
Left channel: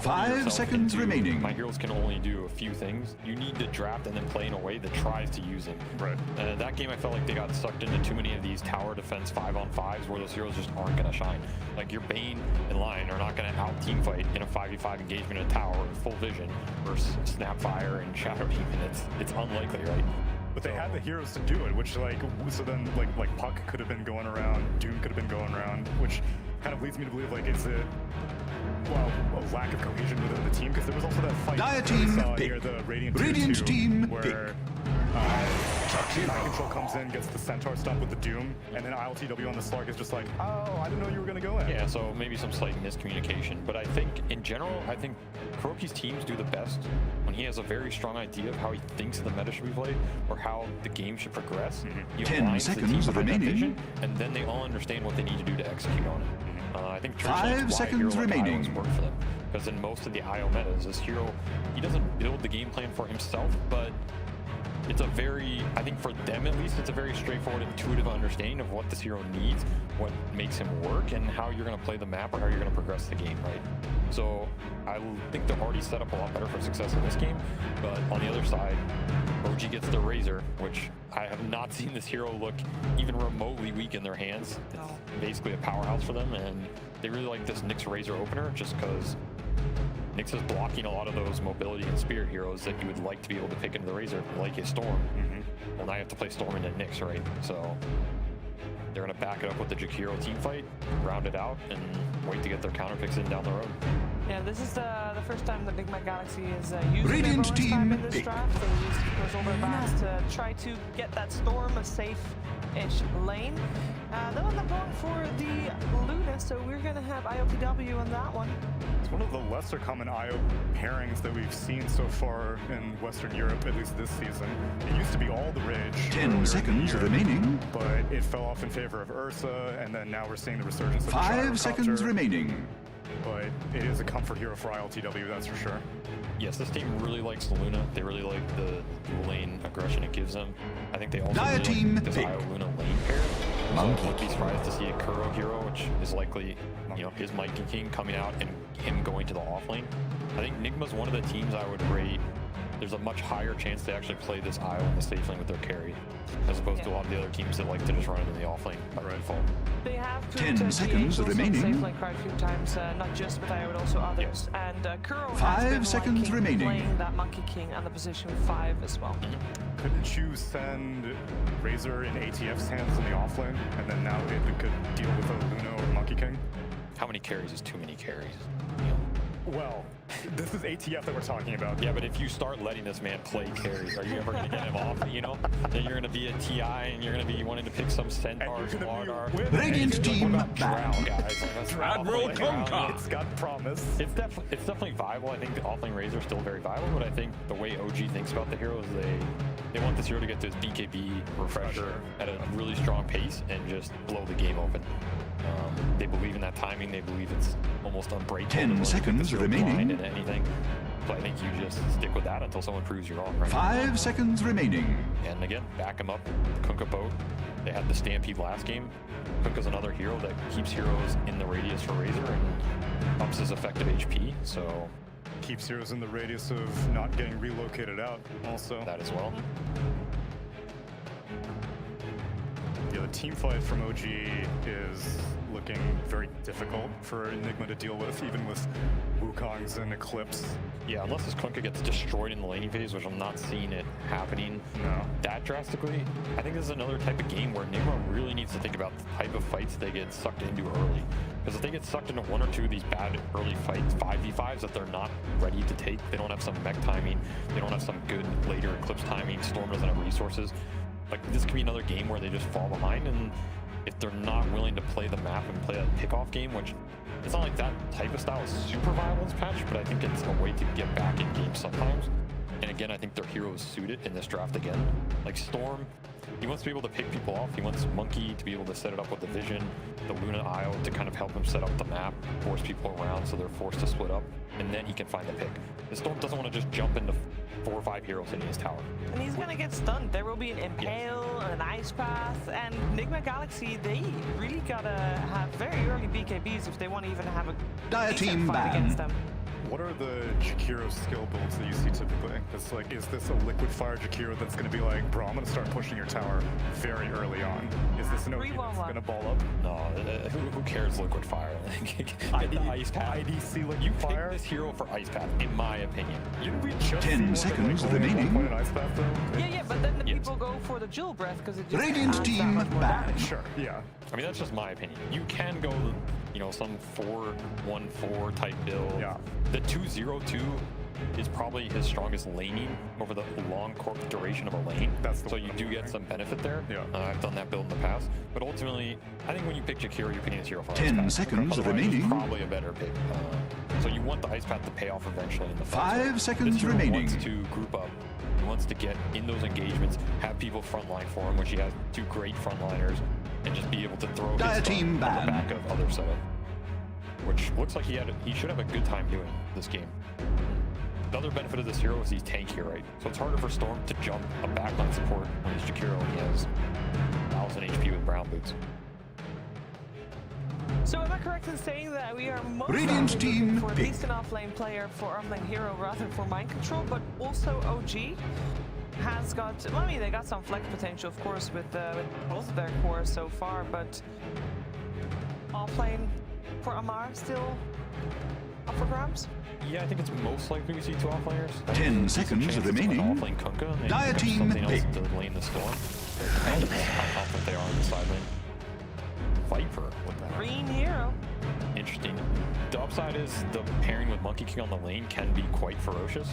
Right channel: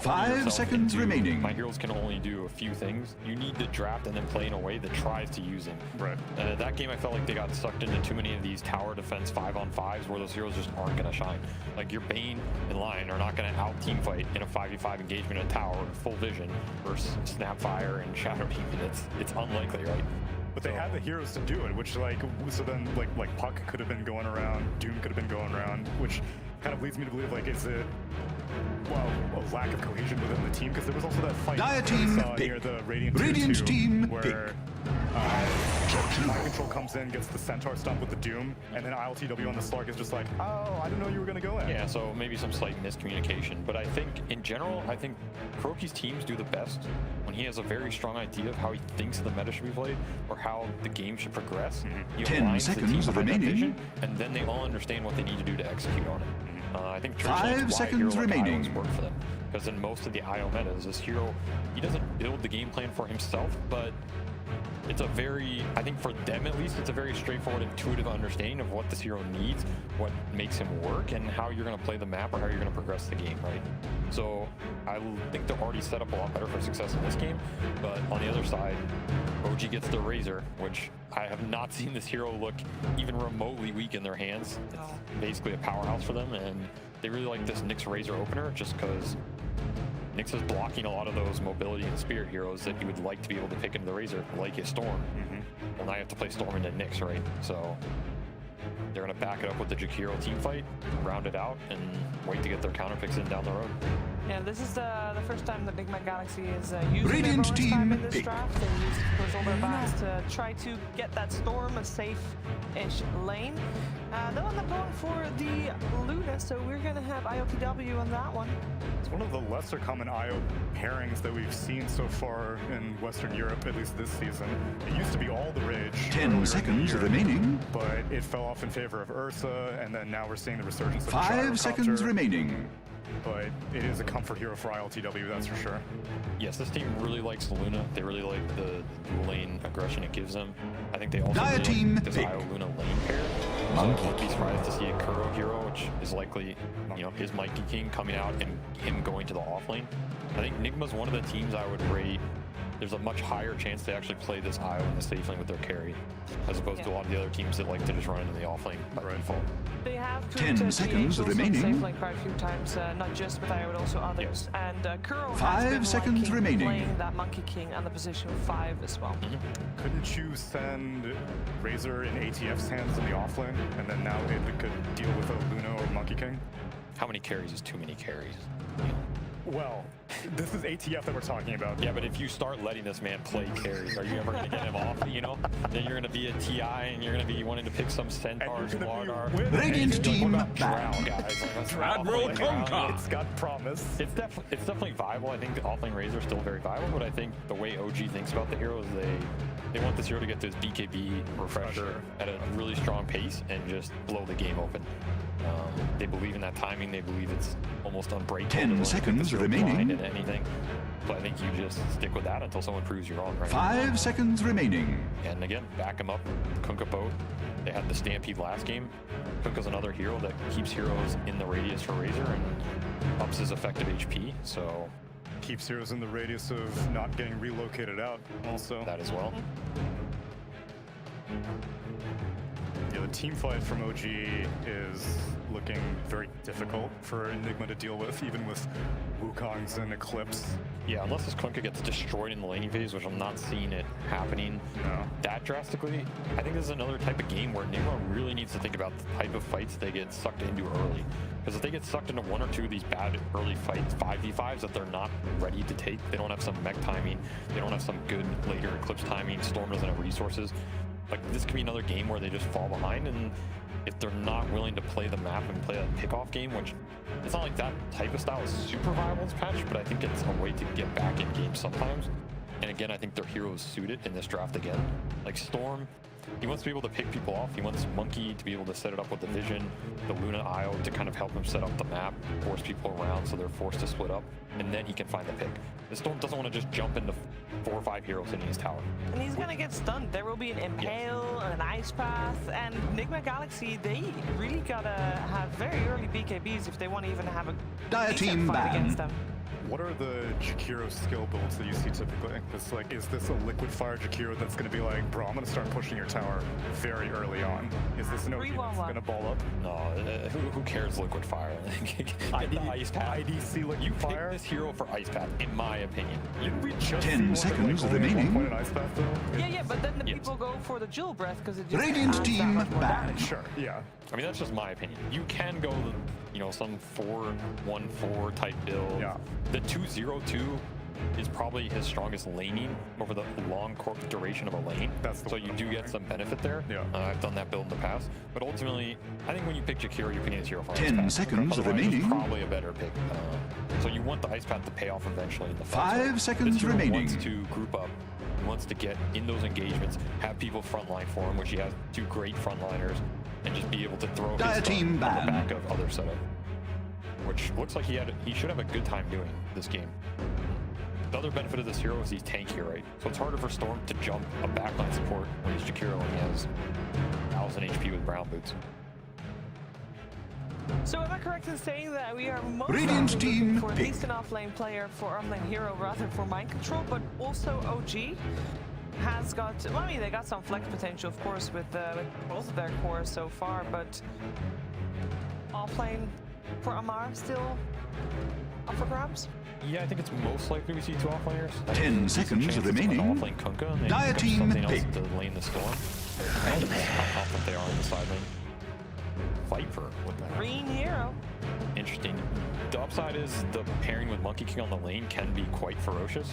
5 seconds remaining. My heroes can only do a few things. You need to draft and then play in a way that tries to use them. Right. That game, I felt like they got sucked into too many of these tower defense 5-on-5s where those heroes just aren't going to shine. Like your Bane and Lion are not going to out team fight in a 5v5 engagement in a tower in full vision versus Snapfire and Shadow Demon. It's unlikely, right? But they had the heroes to do it, which so then like Puck could have been going around, Doom could have been going around, which kind of leads me to believe like is it a lack of cohesion within the team, because there was also that fight Dire team near the Radiant team where Mind Control comes in, gets the Centaur stump with the Doom, and then ILTW on the Slark is just like, oh, I didn't know you were going to go in. Yeah, so maybe some slight miscommunication. But I think, in general, I think Kuroki's teams do the best when he has a very strong idea of how he thinks the meta should be played or how the game should progress. He 10 seconds remaining. And then they all understand what they need to do to execute on it. I think 5 seconds remaining. Work for them. Because in most of the IO metas, this hero, he doesn't build the game plan for himself, but it's a very, I think for them at least, it's a very straightforward, intuitive understanding of what this hero needs, what makes him work, and how you're going to play the map or how you're going to progress the game, right? So I think they're already set up a lot better for success in this game, but on the other side, OG gets the Razor, which I have not seen this hero look even remotely weak in their hands. It's basically a powerhouse for them, and they really like this Nyx Razor opener just because Nyx is blocking a lot of those mobility and spirit heroes that you would like to be able to pick into the Razor, like a Storm. Well, now you have to play Storm into Nyx, right? So they're going to back it up with the Jakiro team fight, round it out, and wait to get their counter picks in down the road. Yeah, this is the first time the Enigma Galaxy is using Radiant their bonus team time in this pick. draft. They used, of course, all their backs to try to get that Storm a safe-ish lane. They'll end up going for the Luna, so we're going to have IOTW on that one. It's one of the lesser common IO pairings that we've seen so far in Western Europe, at least this season. It used to be all the rage. 10 seconds remaining. But it fell off in favor of Ursa, and then now we're seeing the resurgence of 5 seconds remaining. But it is a comfort hero for ILTW, that's for sure. Yes, this team really likes the Luna. They really like the dual lane aggression it gives them. I think they also Dire really team like this pick. IO Luna lane pair. So I wouldn't be surprised to see a Kuro hero, which is likely, you know, his Monkey King coming out and him going to the off lane. I think Nigma's one of the teams I would rate. There's a much higher chance they actually play this IO in the safe lane with their carry, as opposed to a lot of the other teams that like to just run into the off lane by default. They have put 10 seconds DH also remaining. safe lane quite a few times, not just with IO, but also others. And Kuro 5 has been seconds liking remaining. playing that Monkey King on the position 5 as well. Couldn't you send Razor in ATF's hands in the offlane, and then now it could deal with a Luna or Monkey King? How many carries is too many carries? You know? Well, this is ATF that we're talking about. Yeah, but if you start letting this man play carries, are you ever going to get him off, you know? Then you're going to be a TI and you're going to be wanting to pick some Centaur, Squadar. Radiant team Drow, guys. Like, that's Trad roll Conca. It's got promise. It's definitely viable. I think the offlane Razor is still very viable, but I think the way OG thinks about the hero is they want this hero to get to his BKB refresher at a really strong pace and just blow the game open. They believe in that timing. They believe it's almost unbreakable. 10 seconds remaining. And anything. So I think you just stick with that until someone proves you wrong. Right? 5 seconds remaining. And again, back him up. Kunkka boat. They had the Stampede last game. Kunkka's another hero that keeps heroes in the radius for Razor and ups his effective HP. So keeps heroes in the radius of not getting relocated out also. That as well. Yeah, the team fight from OG is looking very difficult for Enigma to deal with, even with Wukongs and Eclipse. Yeah, unless this Kunkka gets destroyed in the laning phase, which I'm not seeing it happening that drastically. I think this is another type of game where Enigma really needs to think about the type of fights they get sucked into early. Because if they get sucked into one or two of these bad early fights, 5v5s that they're not ready to take, they don't have some mech timing, they don't have some good later Eclipse timing, Storm doesn't have resources. Like, this could be another game where they just fall behind, and if they're not willing to play the map and play a pickoff game, which it's not like that type of style is super viable in this patch, but I think it's a way to get back in games sometimes. And again, I think their heroes suit it in this draft again. Like Storm, he wants to be able to pick people off. He wants Monkey to be able to set it up with the Vision, the Luna IO to kind of help him set up the map, force people around so they're forced to split up, and then he can find the pick. The Storm doesn't want to just jump into 4 or 5 heroes hitting his tower. And he's gonna get stunned. There will be an Impale, an Ice Path, and Enigma Galaxy, they really gotta have very early BKBs if they want to even have a Dire decent team fight ban. against them. What are the Jakiro skill builds that you see typically? It's like, is this a liquid fire Jakiro that's going to be like, bro, I'm going to start pushing your tower very early on? Is this an OG that's going to ball up? No, who cares liquid fire? Get the Ice Path. IDC liquid you fire? pick this hero for Ice Path, in my opinion. Didn't we just 10 seconds remaining. Point in Ice Path, though? Yeah, but then the people go for the Jewel Breath because it just Radiant adds that team much more ban. damage. Sure, yeah. I mean, that's just my opinion. You can go, you know, some 4-1-4 type build. Yeah. The 2-0-2 is probably his strongest laning over the long duration of a lane. That's the so one you I'm do get wondering. some benefit there. Yeah. I've done that build in the past. But ultimately, I think when you pick Jakiro, you're picking this hero for 10 Ice Path. seconds Otherwise, remaining. It's probably a better pick. So you want the Ice Path to pay off eventually in the fight. 5 seconds this hero remaining. wants to group up. He wants to get in those engagements, have people frontline for him, which he has 2 great frontliners, and just be able to throw his Dire stuff team on the ban. back of other setup. Which looks like he should have a good time doing this game. The other benefit of this hero is he's tankier, right? So it's harder for Storm to jump a backline support when he's Jakiro and he has 1000 HP with Brown Boots. So am I correct in saying that we are most Radiant likely team looking for at pick. least an offlane player for offlane hero rather than for mind control, but also OG has got, well, I mean, they got some flex potential, of course, with both of their cores so far, but offlane for Amar still up for grabs? Yeah, I think it's most likely we see 2 offlaners. 10 seconds remaining. Offlane Kunkka, and Dire team something else pick. to lane the storm. I don't know how confident they are on the side lane. Viper, what the heck? Green hero. Interesting. The upside is the pairing with Monkey King on the lane can be quite ferocious,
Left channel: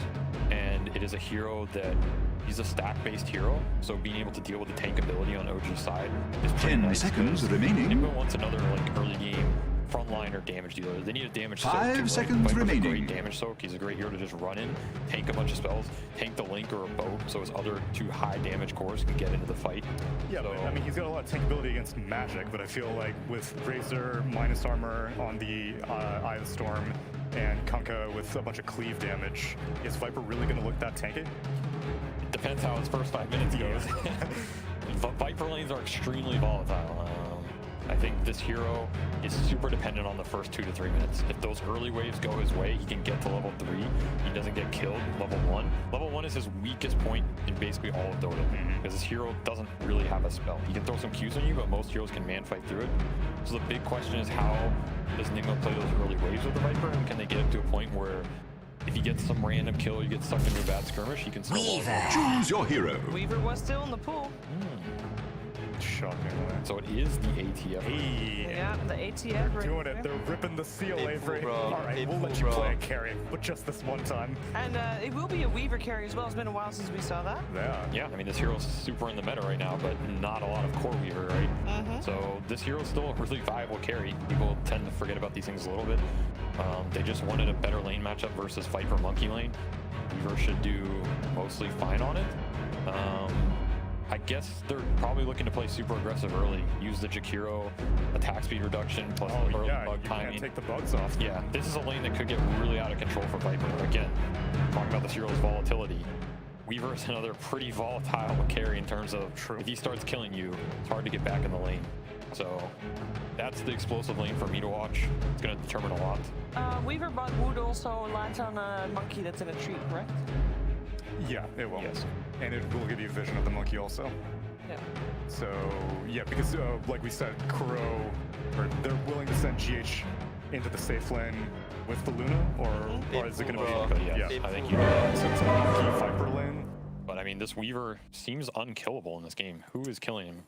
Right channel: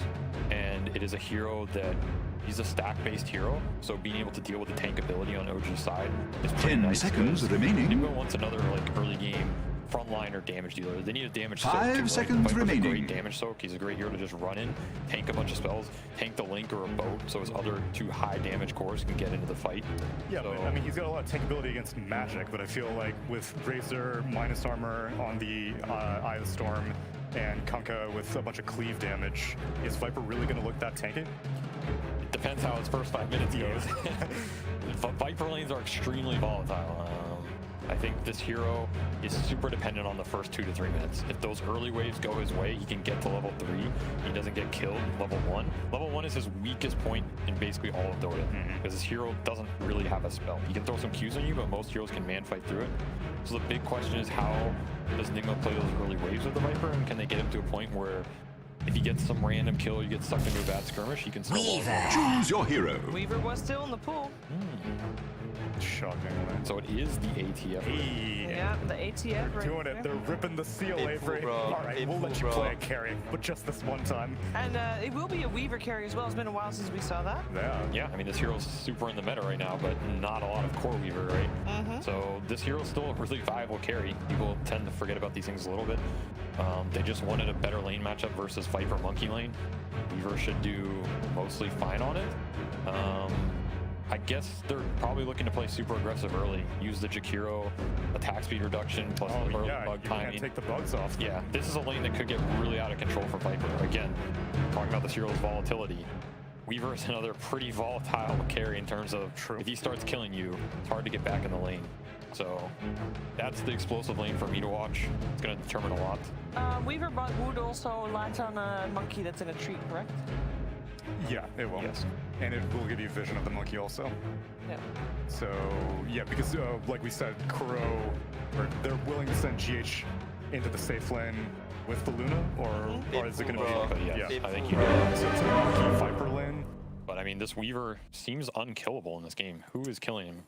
and it is a hero that he's a stack-based hero, so being able to deal with the tank ability on OG side is pretty 10 nice. seconds remaining. Nigma wants another like early game frontliner damage dealer. They need a damage soak. 5 seconds Viper's remaining. A great damage soak. He's a great hero to just run in, tank a bunch of spells, tank the link or a boat, so his other 2 high damage cores can get into the fight. Yeah, so, but I mean, he's got a lot of tank ability against magic, but I feel like with Razor minus armor on the Eye of the Storm and Kunkka with a bunch of cleave damage, is Viper really going to look that tanky? It depends how his first 5 minutes goes. Viper lanes are extremely volatile. I think this hero is super dependent on the first 2 to 3 minutes. If those early waves go his way, he can get to level 3. He doesn't get killed level 1. Level 1 is his weakest point in basically all of Dota, because this hero doesn't really have a spell. He can throw some Qs on you, but most heroes can man fight through it. So the big question is, how does Nigma play those early waves with the Viper, and can they get him to a point where if he gets some random kill, you get sucked into a bad skirmish, he can still Choose your hero. Weaver was still in the pool. Shockingly. So it is the ATF. Hey. Yeah, the ATF. They're doing it. They're ripping the seal, Avery. All right, we'll let you play a carry, but just this one time. And it will be a Weaver carry as well. It's been a while since we saw that. Yeah, I mean, this hero's super in the meta right now, but not a lot of core Weaver, right? So this hero's still a really viable carry. People tend to forget about these things a little bit. They just wanted a better lane matchup versus Viper Monkey lane. Weaver should do mostly fine on it. I guess they're probably looking to play super aggressive early. Use the Jakiro attack speed reduction plus the early bug timing. Can't take the bugs off. Yeah, this is a lane that could get really out of control for Viper. Again, talking about this hero's volatility. Weaver is another pretty volatile carry in terms of if he starts killing you, it's hard to get back in the lane. So that's the explosive lane for me to watch. It's going to determine a lot. Weaver bot would also latch on a monkey that's in a tree, correct? Yeah, it will. Yes. And it will give you vision of the monkey also. Yeah. So, yeah, because like we said, Kuro, or they're willing to send GH into the safe lane with the Luna, or is it going to be? Yeah, I think you know that. So it's a monkey Viper lane. But I mean, this Weaver seems unkillable in this game. Who is killing him?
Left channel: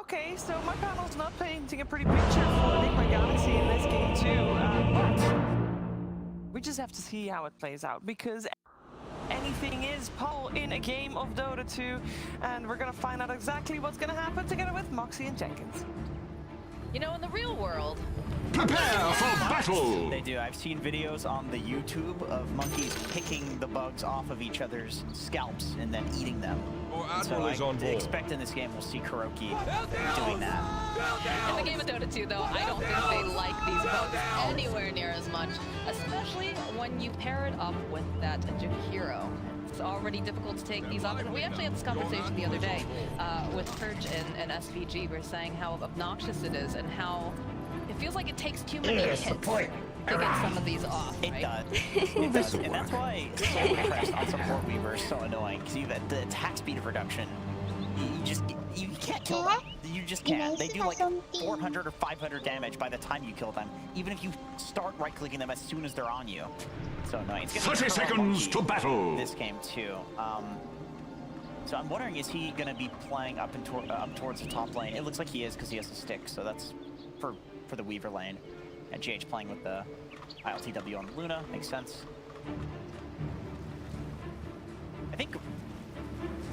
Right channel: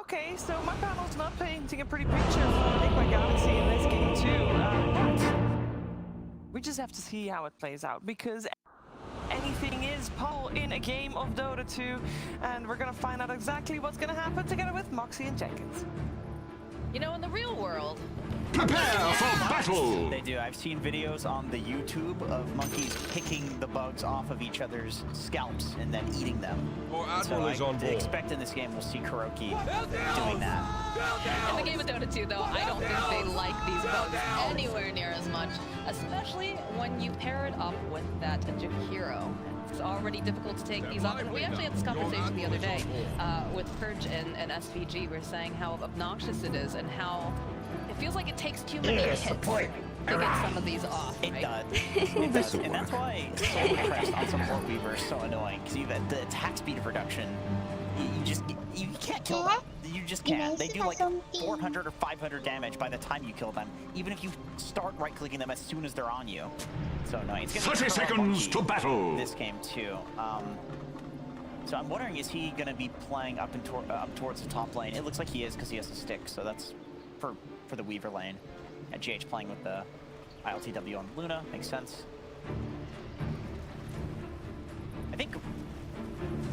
Okay, so my panel's not painting a pretty picture for Enigma Galaxy in this game too, but we just have to see how it plays out, because anything is possible in a game of Dota 2, and we're gonna find out exactly what's gonna happen together with Moxie and Jenkins. You know, in the real world, prepare for battle! They do. I've seen videos on the YouTube of monkeys picking the bugs off of each other's scalps and then eating them. Admiral is on board. Expect in this game we'll see Kuroki doing that. in the game of Dota 2, though, I don't think they like these bugs anywhere near as much, especially when you pair it up with that Jakiro. It's already difficult to take these off. And we actually had this conversation the other day with Purge and SVG. We were saying how obnoxious it is and how it feels like it takes too many hits to get some of these off. It right? does. It does. And that's why Solo Crest on Support Weaver is so annoying, because you have the attack speed reduction. You can't kill them. You just can't. They do like 400 or 500 damage by the time you kill them, even if you start right-clicking them as soon as they're on you. So annoying. It's 30 seconds to battle. This game too. So I'm wondering, is he going to be playing up towards the top lane? It looks like he is, because he has a stick. So that's for the Weaver lane. And GH playing with the ILTW on Luna makes sense. I think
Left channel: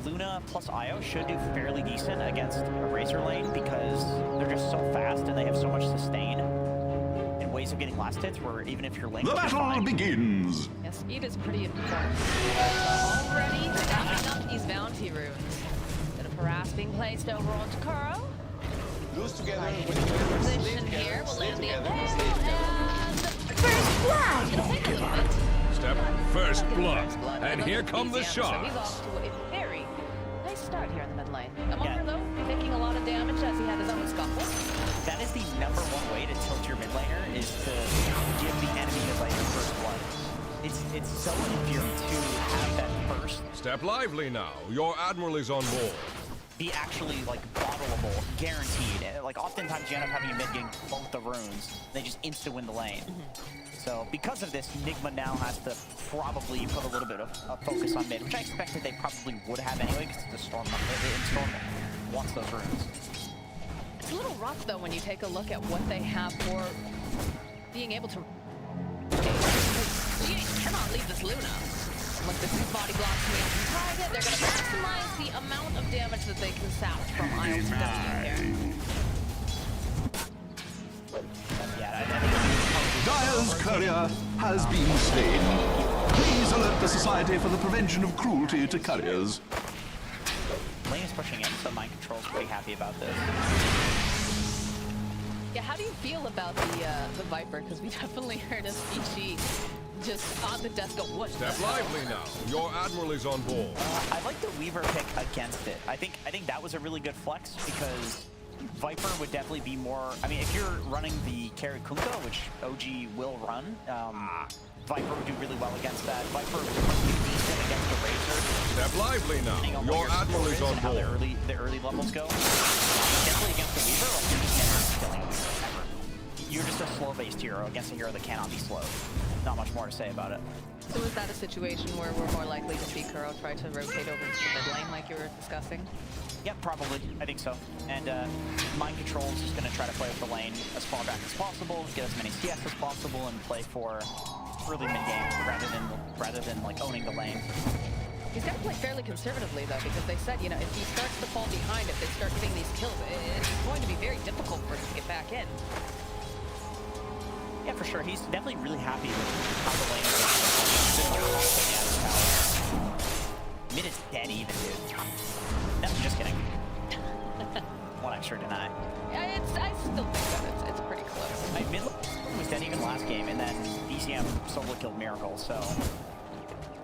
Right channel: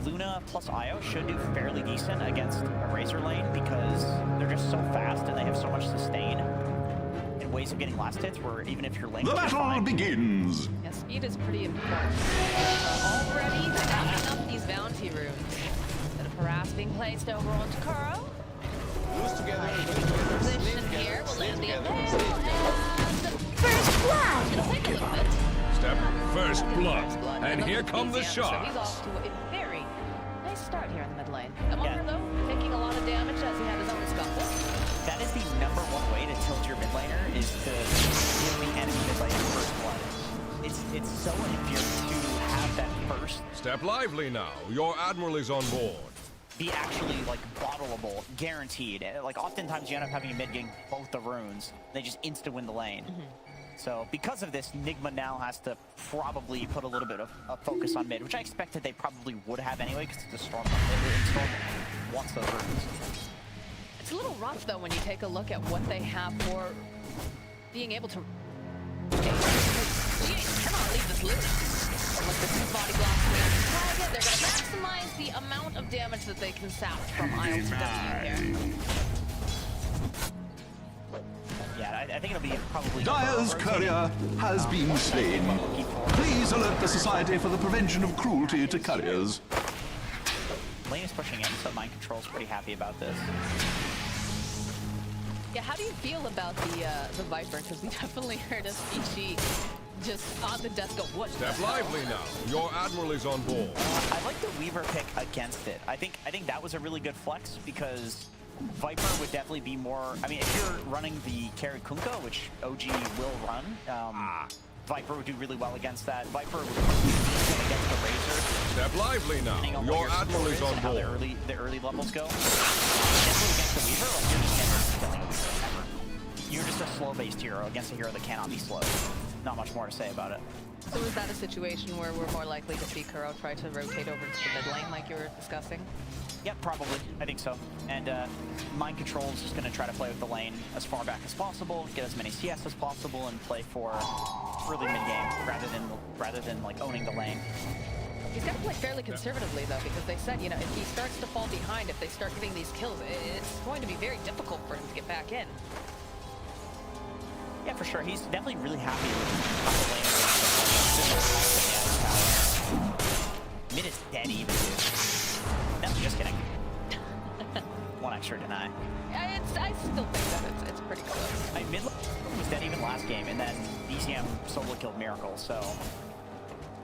Luna plus Io should do fairly decent against a Razor lane, because they're just so fast and they have so much sustain and ways of getting last hits where even if you're linked, the battle begins. Yeah, speed is pretty important. Already stacking up these bounty runes. Bit of harass being placed over on Takuro. Lose together, Position here, we'll land the impale, and first blood! It'll take a little bit. Step first blood, and here come the So he's shots. off to a very nice start here in the mid lane. Amara, though, taking a lot of damage as he had his own scuffle. That is the #1 way to tilt your mid laner, is to give the enemy mid laner first blood. It's so infuriating to have that first. Step lively now. Your admiral is on board. Be actually like bottleable, guaranteed. Like oftentimes you end up having a mid getting both the runes. They just insta win the lane. So because of this, Nigma now has to probably put a little bit of focus on mid, which I expected they probably would have anyway, because the Storm wants those runes. It's a little rough though when you take a look at what they have for being able to. GH cannot leave this Luna. Look, this is body block coming out to target. They're going to maximize the amount of damage that they can sap from ILTW here. Yeah, I think it'll be probably... Dire's courier has been slain. Please alert the Society for the Prevention of Cruelty to Couriers. Lane is pushing in, so Mind Control's pretty happy about this. Yeah, how do you feel about the Viper? Because we definitely heard a CG just on the desk go, what? Step lively now. Your Admiral is on board. I like the Weaver pick against it. I think that was a really good flex because Viper would definitely be more... I mean, if you're running the carry Kunkka, which OG will run, Viper would do really well against that. Viper would be decent against the Razor. Step lively now. Your Admiral is on board. How the early levels go. Definitely against the Weaver, like you're just never killing a Weaver, ever. You're just a slow-based hero against a hero that cannot be slowed. Not much more to say about it. So is that a situation where we're more likely to see Kuro try to rotate over to the mid lane like you were discussing? Yep, probably. I think so. And Mind Control is just going to try to play with the lane as far back as possible, get as many CS as possible, and play for early mid-game rather than like owning the lane. He's got to play fairly conservatively though, because they said, you know, if he starts to fall behind, if they start getting these kills, it's going to be very difficult for him to get back in. Yeah, for sure. He's definitely really happy with how the lane is going. He's been constantly out of power. Mid is dead even, dude. No, just kidding. One extra deny. Yeah, I still think that it's pretty close. Mid was dead even last game, and then DCM solo killed Miracle, so...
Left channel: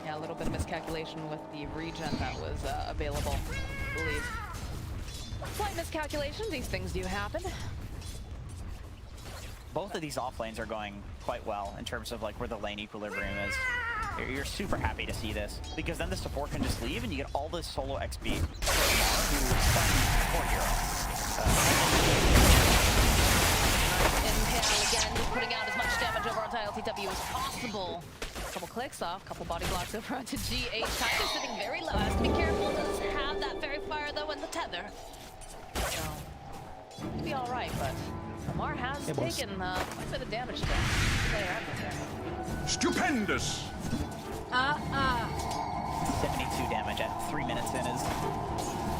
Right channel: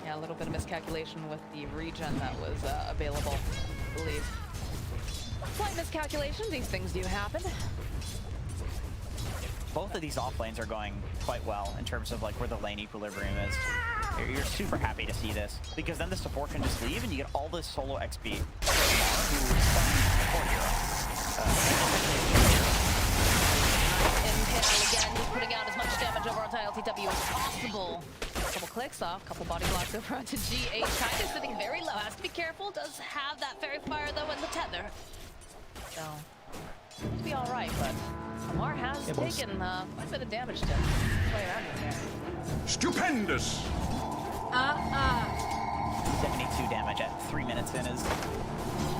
Yeah, a little bit of miscalculation with the regen that was available, I believe. Slight miscalculation, these things do happen. Both of these off lanes are going quite well in terms of like where the lane equilibrium is. You're super happy to see this because then the support can just leave and you get all this solo XP for Mar, who is the core hero. Impale again, he's putting out as much damage over onto ILTW as possible. Couple clicks off, couple body blocks over onto GH. Kind of sitting very low, has to be careful. Does have that fairy fire though and the tether. So, it'll be alright, but Amar has taken quite a bit of damage to play around with here. Stupendous! 72 damage at 3 minutes in is...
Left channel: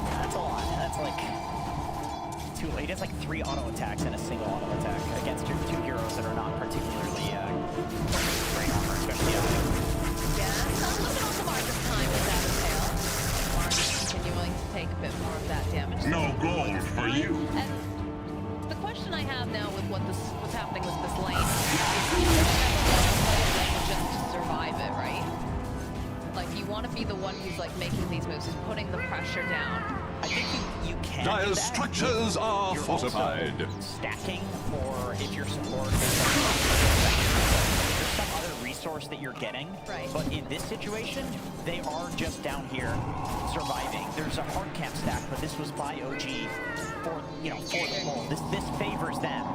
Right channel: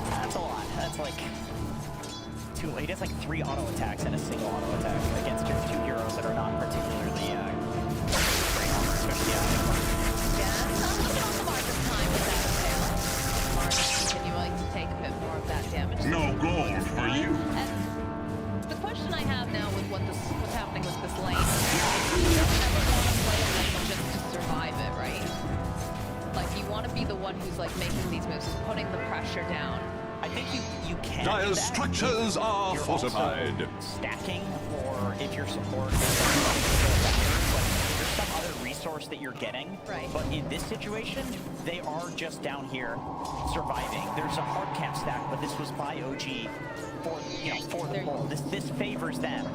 That's a lot. That's like... He does like 3 auto attacks and a single auto attack against your 2 heroes that are not particularly great armor, especially Yeah, not looking on the Mar this time with that Impale. Mar just continuing to take a bit more of that damage. No gold for you! And the question I have now with what's happening with this lane is you don't ever want to play a lane just to survive it, right? Like, you want to be the one who's like making these moves, who's putting the pressure down. I think you can. Dire's structures are fortified. Stacking, or if your support is there's some other resource that you're getting. Right. But in this situation, they are just down here surviving. There's a hard camp stack, but this was by OG for the pull. This favors them.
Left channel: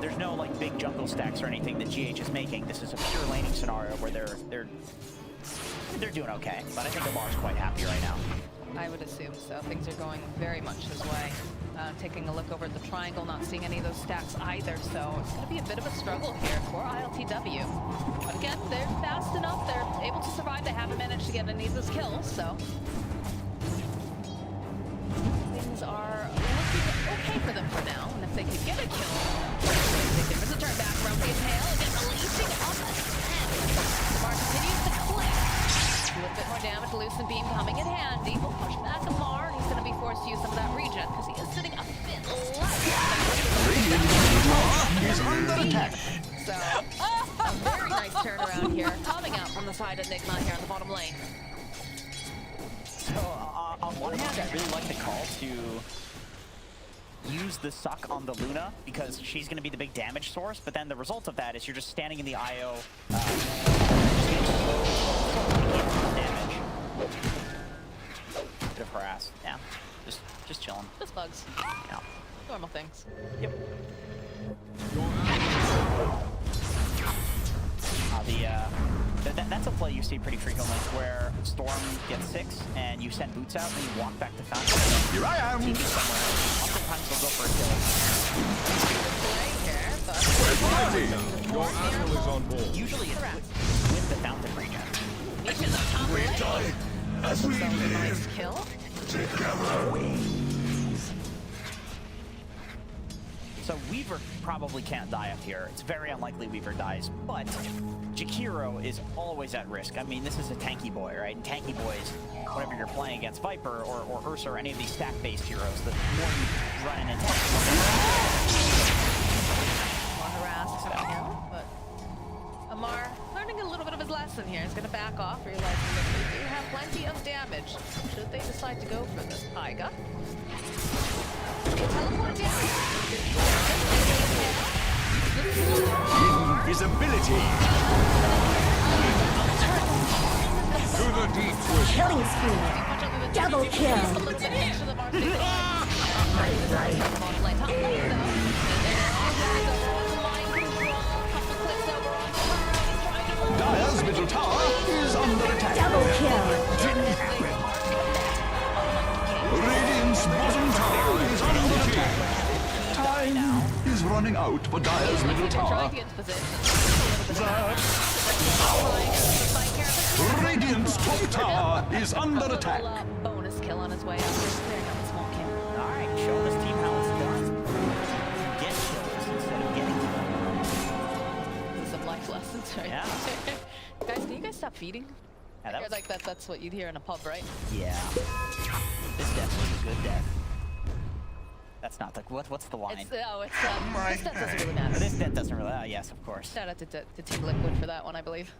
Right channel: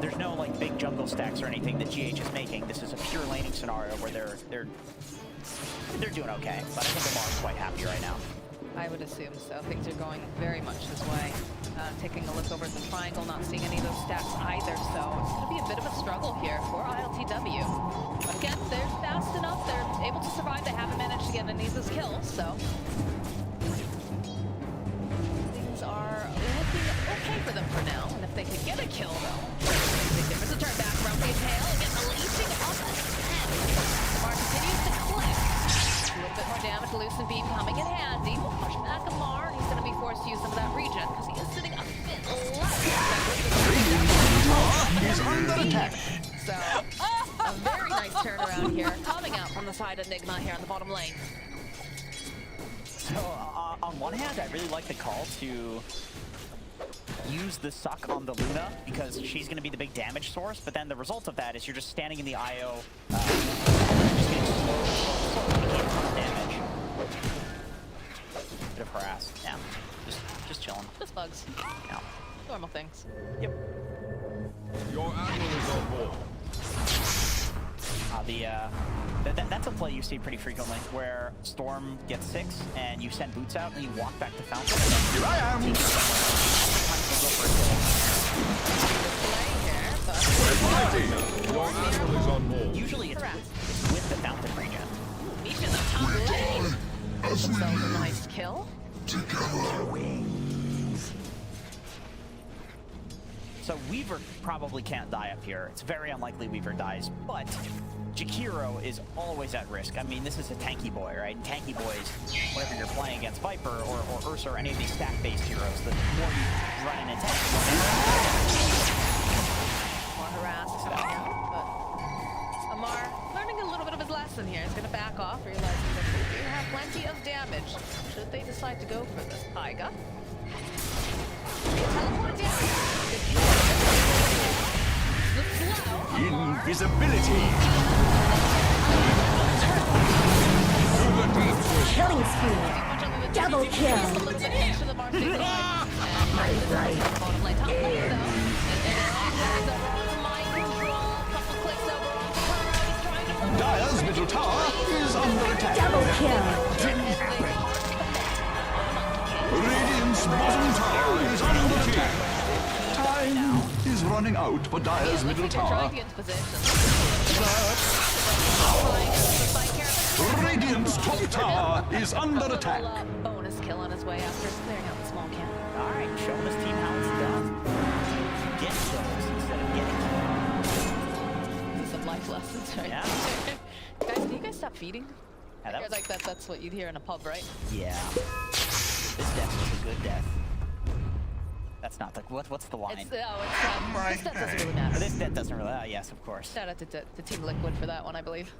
There's no like big jungle stacks or anything that GH is making. This is a pure laning scenario where they're doing okay. But I think Amar's quite happy right now. I would assume so. Things are going very much his way. Taking a look over at the triangle, not seeing any of those stats either, so it's going to be a bit of a struggle here for ILTW. But again, they're fast enough, they're able to survive, they haven't managed to get any of those kills, so... Things are looking okay for them for now, and if they could get a kill, though, big difference. A turn back around the Impale, again, releasing up a 10. Amar continues to click. A little bit more damage, Lucent Beam coming in handy. We'll push back Amar, and he's going to be forced to use some of that regen, because he is sitting a bit less. He's under attack. So, a very nice turnaround here, coming out from the side of Nigma here on the bottom lane. So, on one hand, I really like the call to use the suck on the Luna, because she's going to be the big damage source, but then the result of that is you're just standing in the IO, just getting slowed, taking damage. Bit of harass, yeah. Just chilling. Just bugs. Yeah. Normal things. Yep. Your Admiral is on board. That's a play you see pretty frequently, where Storm gets 6 and you send boots out and you walk back to Fountain. Here I am! Oftentimes they'll go for a kill. Your admiral is on board. Usually it's with the Fountain regen. Mission of top lane. This is a nice kill. So Weaver probably can't die up here. It's very unlikely Weaver dies, but Jakiro is always at risk. I mean, this is a tanky boy, right? And tanky boys, whenever you're playing against Viper or Ursa or any of these stack-based heroes, the more you run in tank, More harassed coming out, but Amar learning a little bit of his lesson here. He's going to back off, realizing that they do have plenty of damage. Should they decide to go for this? Taiga. Teleport down. Invisibility. To the deep with Killing spree. Double kill. Dire's middle tower is under attack. Double kill. Radiant's bottom tower is under attack. Time is running out for Dire's middle tower. Radiant's top tower is under attack. Bonus kill on his way after clearing out the small camp. All right, show this team how it's done. Get kills instead of getting killed. Some life lessons, right? Yeah. Guys, can you guys stop feeding? Yeah, I heard like that's what you'd hear in a pub, right? Yeah. This death was a good death. That's not the what's the line? This death doesn't really matter. This death doesn't really. Yes, of course. Shout out to Team Liquid for that one, I believe.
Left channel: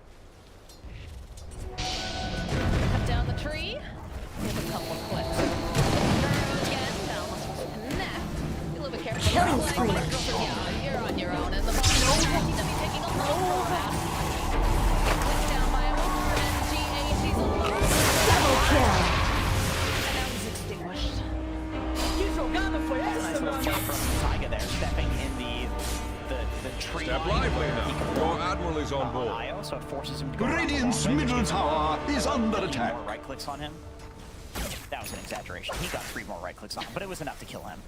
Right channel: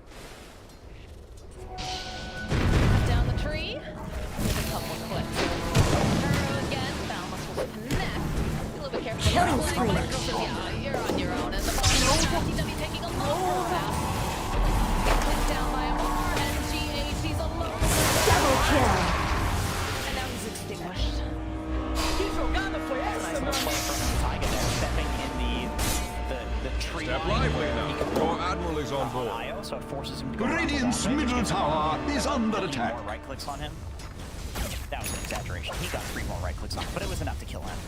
Cut down the tree. Get a couple clicks. Burrow again. Boundless will connect. Be a little bit careful. Killing spree. Yeah, you're on your own. And the bottom TW taking a low pass. Clicked down by Amar and GH's alone. Double kill. And now he's extinguished. Nice little play from Taiga there, stepping in the tree Step line lively where now. he can Your admiral is on board. IO, so it forces him to go Radiant's around the middle wall. tower is under attack. More right clicks on him. That was an exaggeration. He got 3 more right clicks on him, but it was enough to kill him.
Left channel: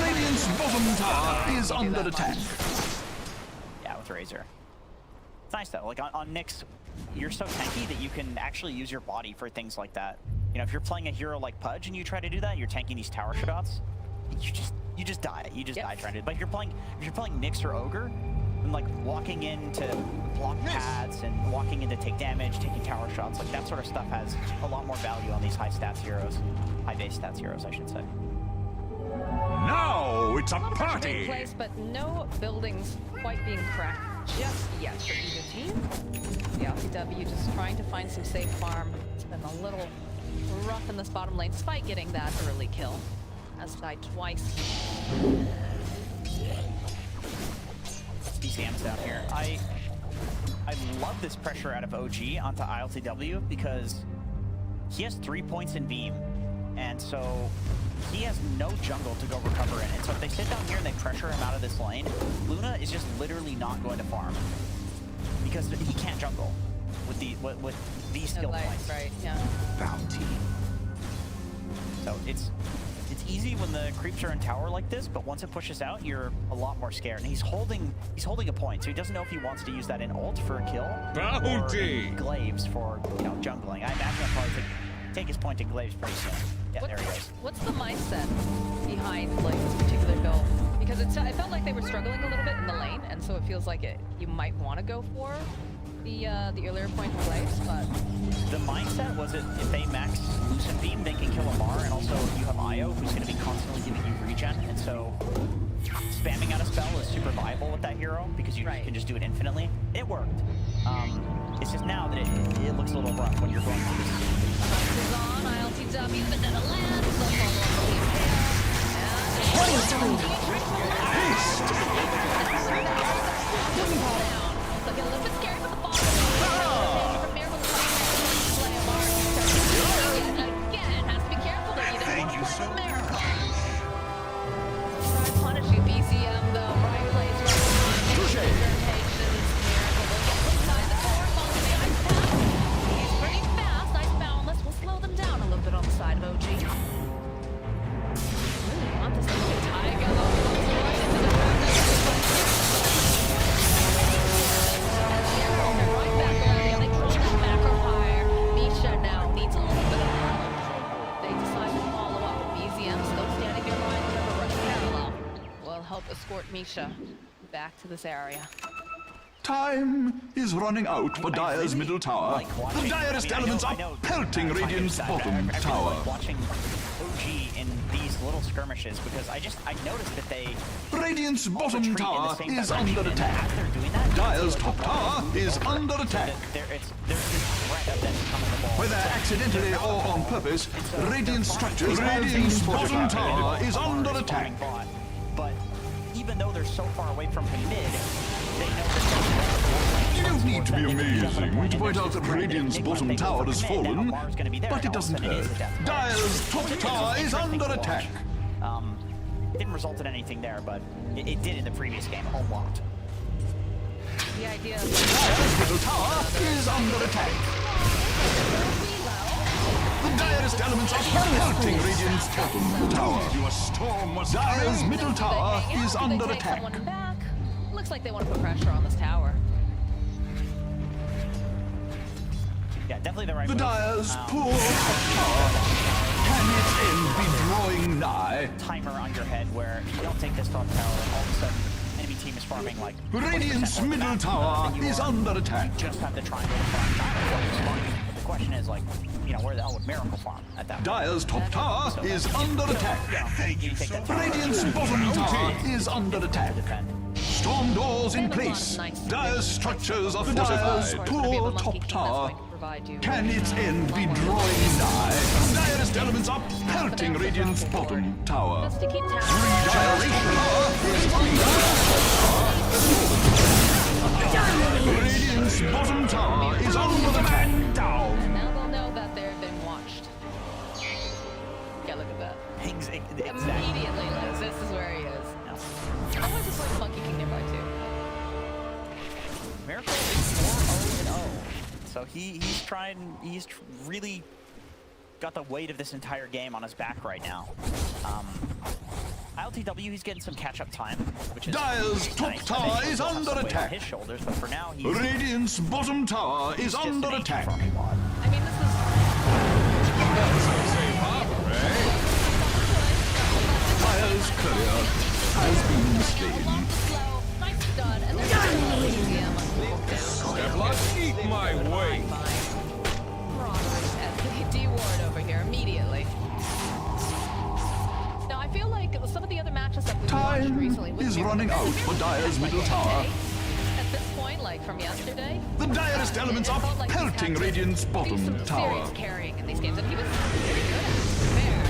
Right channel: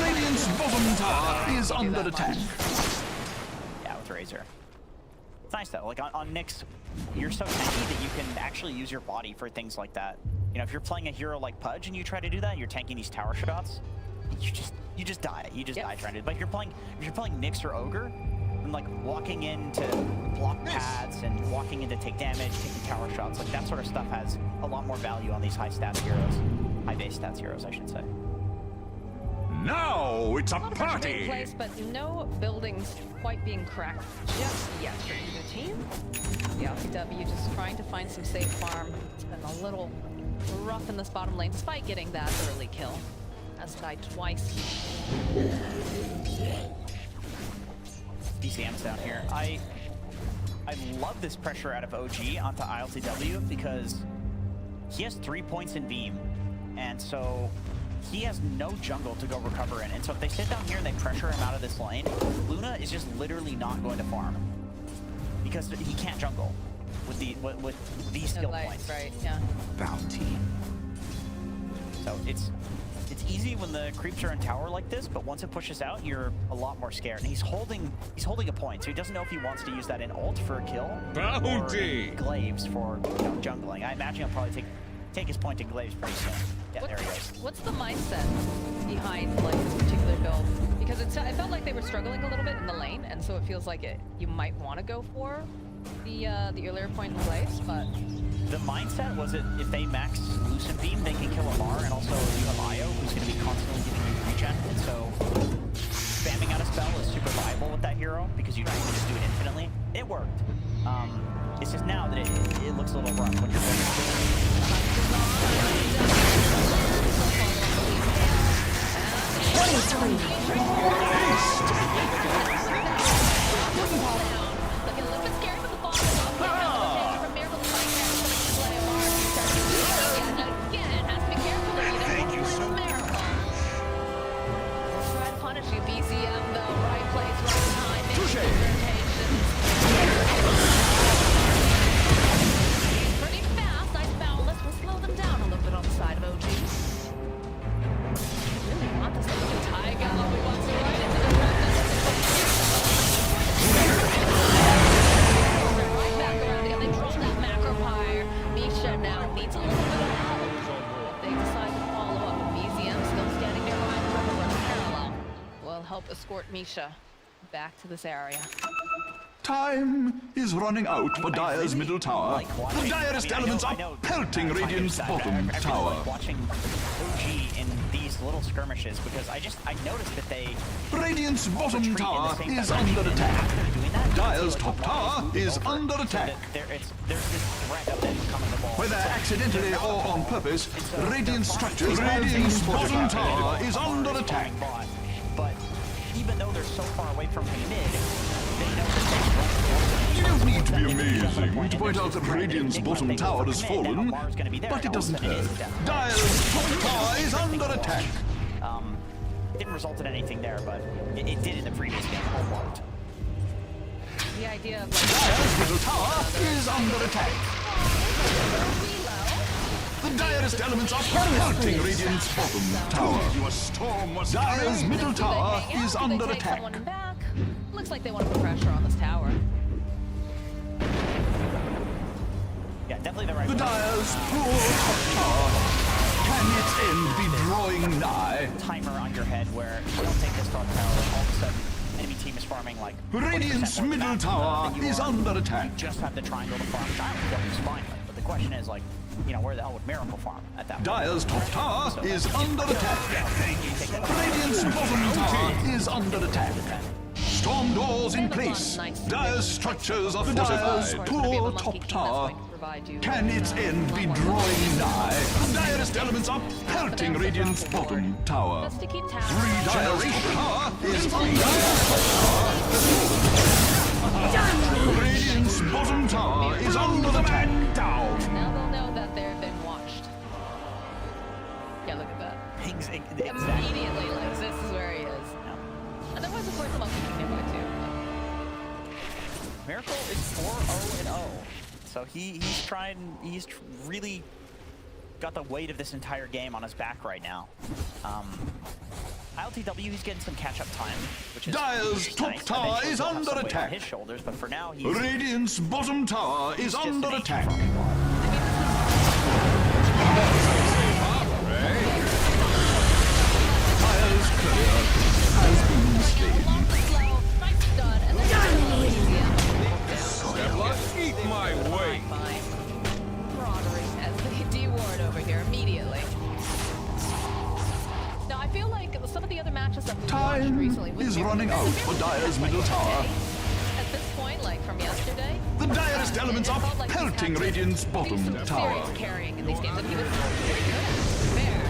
Radiant's bottom tower is under attack. Yeah, with Razor. It's nice though. Like on Nyx, you're so tanky that you can actually use your body for things like that. You know, if you're playing a hero like Pudge and you try to do that, you're tanking these tower shots. You just die. You just die trying to. But if you're playing Nyx or Ogre, and like walking into block pads and walking in to take damage, taking tower shots, like that sort of stuff has a lot more value on these high stats heroes, high base stats heroes, I should say. Now it's a Party! Place, but no buildings quite being cracked just yet for either team. The LCW just trying to find some safe farm. It's been a little rough in this bottom lane, despite getting that early kill. Has died twice. DCM's down here. I love this pressure out of OG onto ILTW because he has 3 points in beam, and so he has no jungle to go recover in. And so if they sit down here and they pressure him out of this lane, Luna is just literally not going to farm because he can't jungle with these skill points. Right? Yeah. Bounty. So it's easy when the creeps are in tower like this, but once it pushes out, you're a lot more scared. And he's holding a point, so he doesn't know if he wants to use that in ult for a kill. Bounty! Or in Glaives for jungling. I imagine he'll probably take his point in Glaives pretty soon. Yeah, there he goes. What's the mindset behind like this particular build? Because it felt like they were struggling a little bit in the lane, and so it feels like you might want to go for the earlier point in Glaives, but the mindset was that if they max Lucent Beam, they can kill Amar, and also you have Io, who's going to be constantly giving you regen, and so spamming out a spell is super viable with that hero because you can just do it infinitely. It worked. It's just now that it looks a little rough when you're going with looking a little bit scary, but the ball from Miracle to fight play Amar. Again, has to be careful that you don't want to play with Miracle. We'll try to punish you, BCM though. Right place, right time. positions. He's pretty fast. Nice boundless. We'll slow them down a little bit on the side of OG. Really want this to be Taiga wants to ride into the road. Right back around here. They draw that macro pyre. Misha now needs a little bit of help. They decide to follow up, but BZM still standing behind the river, running parallel. Will help escort Misha back to this area. Time is running out for Dire's middle tower. The direst elements are pelting Radiant's bottom tower. Watching OG in these little skirmishes because I noticed that they Radiant's bottom tower is under attack. Dire's top tower is under attack. There's this threat of them coming the ball. Whether accidentally or on purpose, Radiant structures Radiant's bottom tower is under attack. But even though they're so far away from him mid, they know that you don't need to be amazing to point out that Radiant's bottom tower has fallen, but it doesn't hurt. Dire's top tower is under attack. It didn't result in anything there, but it did in the previous game. Homeworked. The idea of Dire's middle tower is under attack. The direst elements are pelting Radiant's bottom tower. Dire's middle tower is under attack. Looks like they want to put pressure on this tower. Yeah, definitely the right The Dire's poor top tower. Can its end be drawing nigh? Timer on your head where you don't take this top tower, all of a sudden enemy team is farming like Radiant's middle tower is under attack. You just have the triangle to farm. Triangle is fine, but the question is like, you know, where the hell would Miracle farm at that point? Dire's top tower is under attack. Radiant's bottom tower is under attack. Storm doors in place. Dire's structures are fortified. Poor top tower. Can its end be drawing nigh? The direst elements are pelting Radiant's bottom tower. Dire's top tower is under attack. Radiant's bottom tower is under attack. Down. Now they'll know that they've been watched. Yeah, look at that. Exactly. Immediately, like, this is where he is. No. And there was of course a Monkey King nearby too. But... Miracle is 4-0-0. So he's really got the weight of this entire game on his back right now. ILTW, he's getting some catch-up time, which is Dire's top tower is under attack. On his shoulders, but for now he's Radiant's bottom tower is under attack. Dire's courier has been slain. Eat my way. Marauders as they deward over here immediately. Now I feel like some of the other matches that we've watched recently is running out for Dire's middle tower. At this point, like from yesterday, the direst elements are pelting Radiant's bottom tower. Serious carrying in these games, and he was pretty good at fair.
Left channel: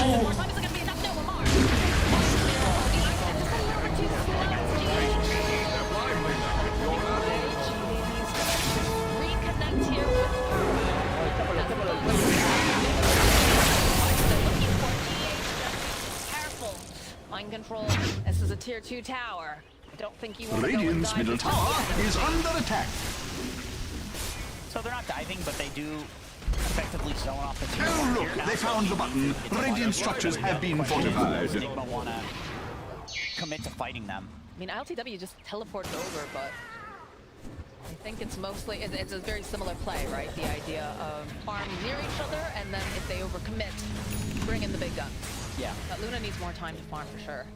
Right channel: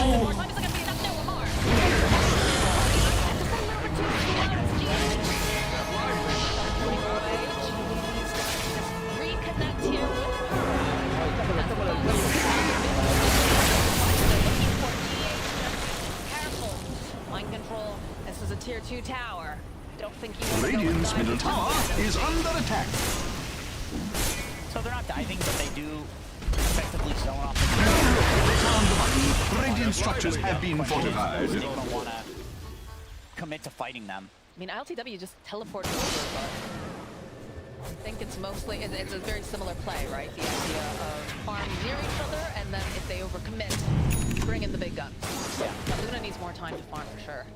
More time isn't gonna be enough. No, Amar. Reconnect here with Careful. Mind control. This is a tier 2 tower. I don't think you want to Radiant's middle tower is under attack. So they're not diving, but they do effectively zone off the Oh, look, they found the button. Radiant structures have been fortified. Enigma want to commit to fighting them. I mean, ILTW just teleported over, but I think it's mostly, it's a very similar play, right? The idea of farm near each other, and then if they overcommit, bring in the big guns. Yeah. But Luna needs more time to farm for sure.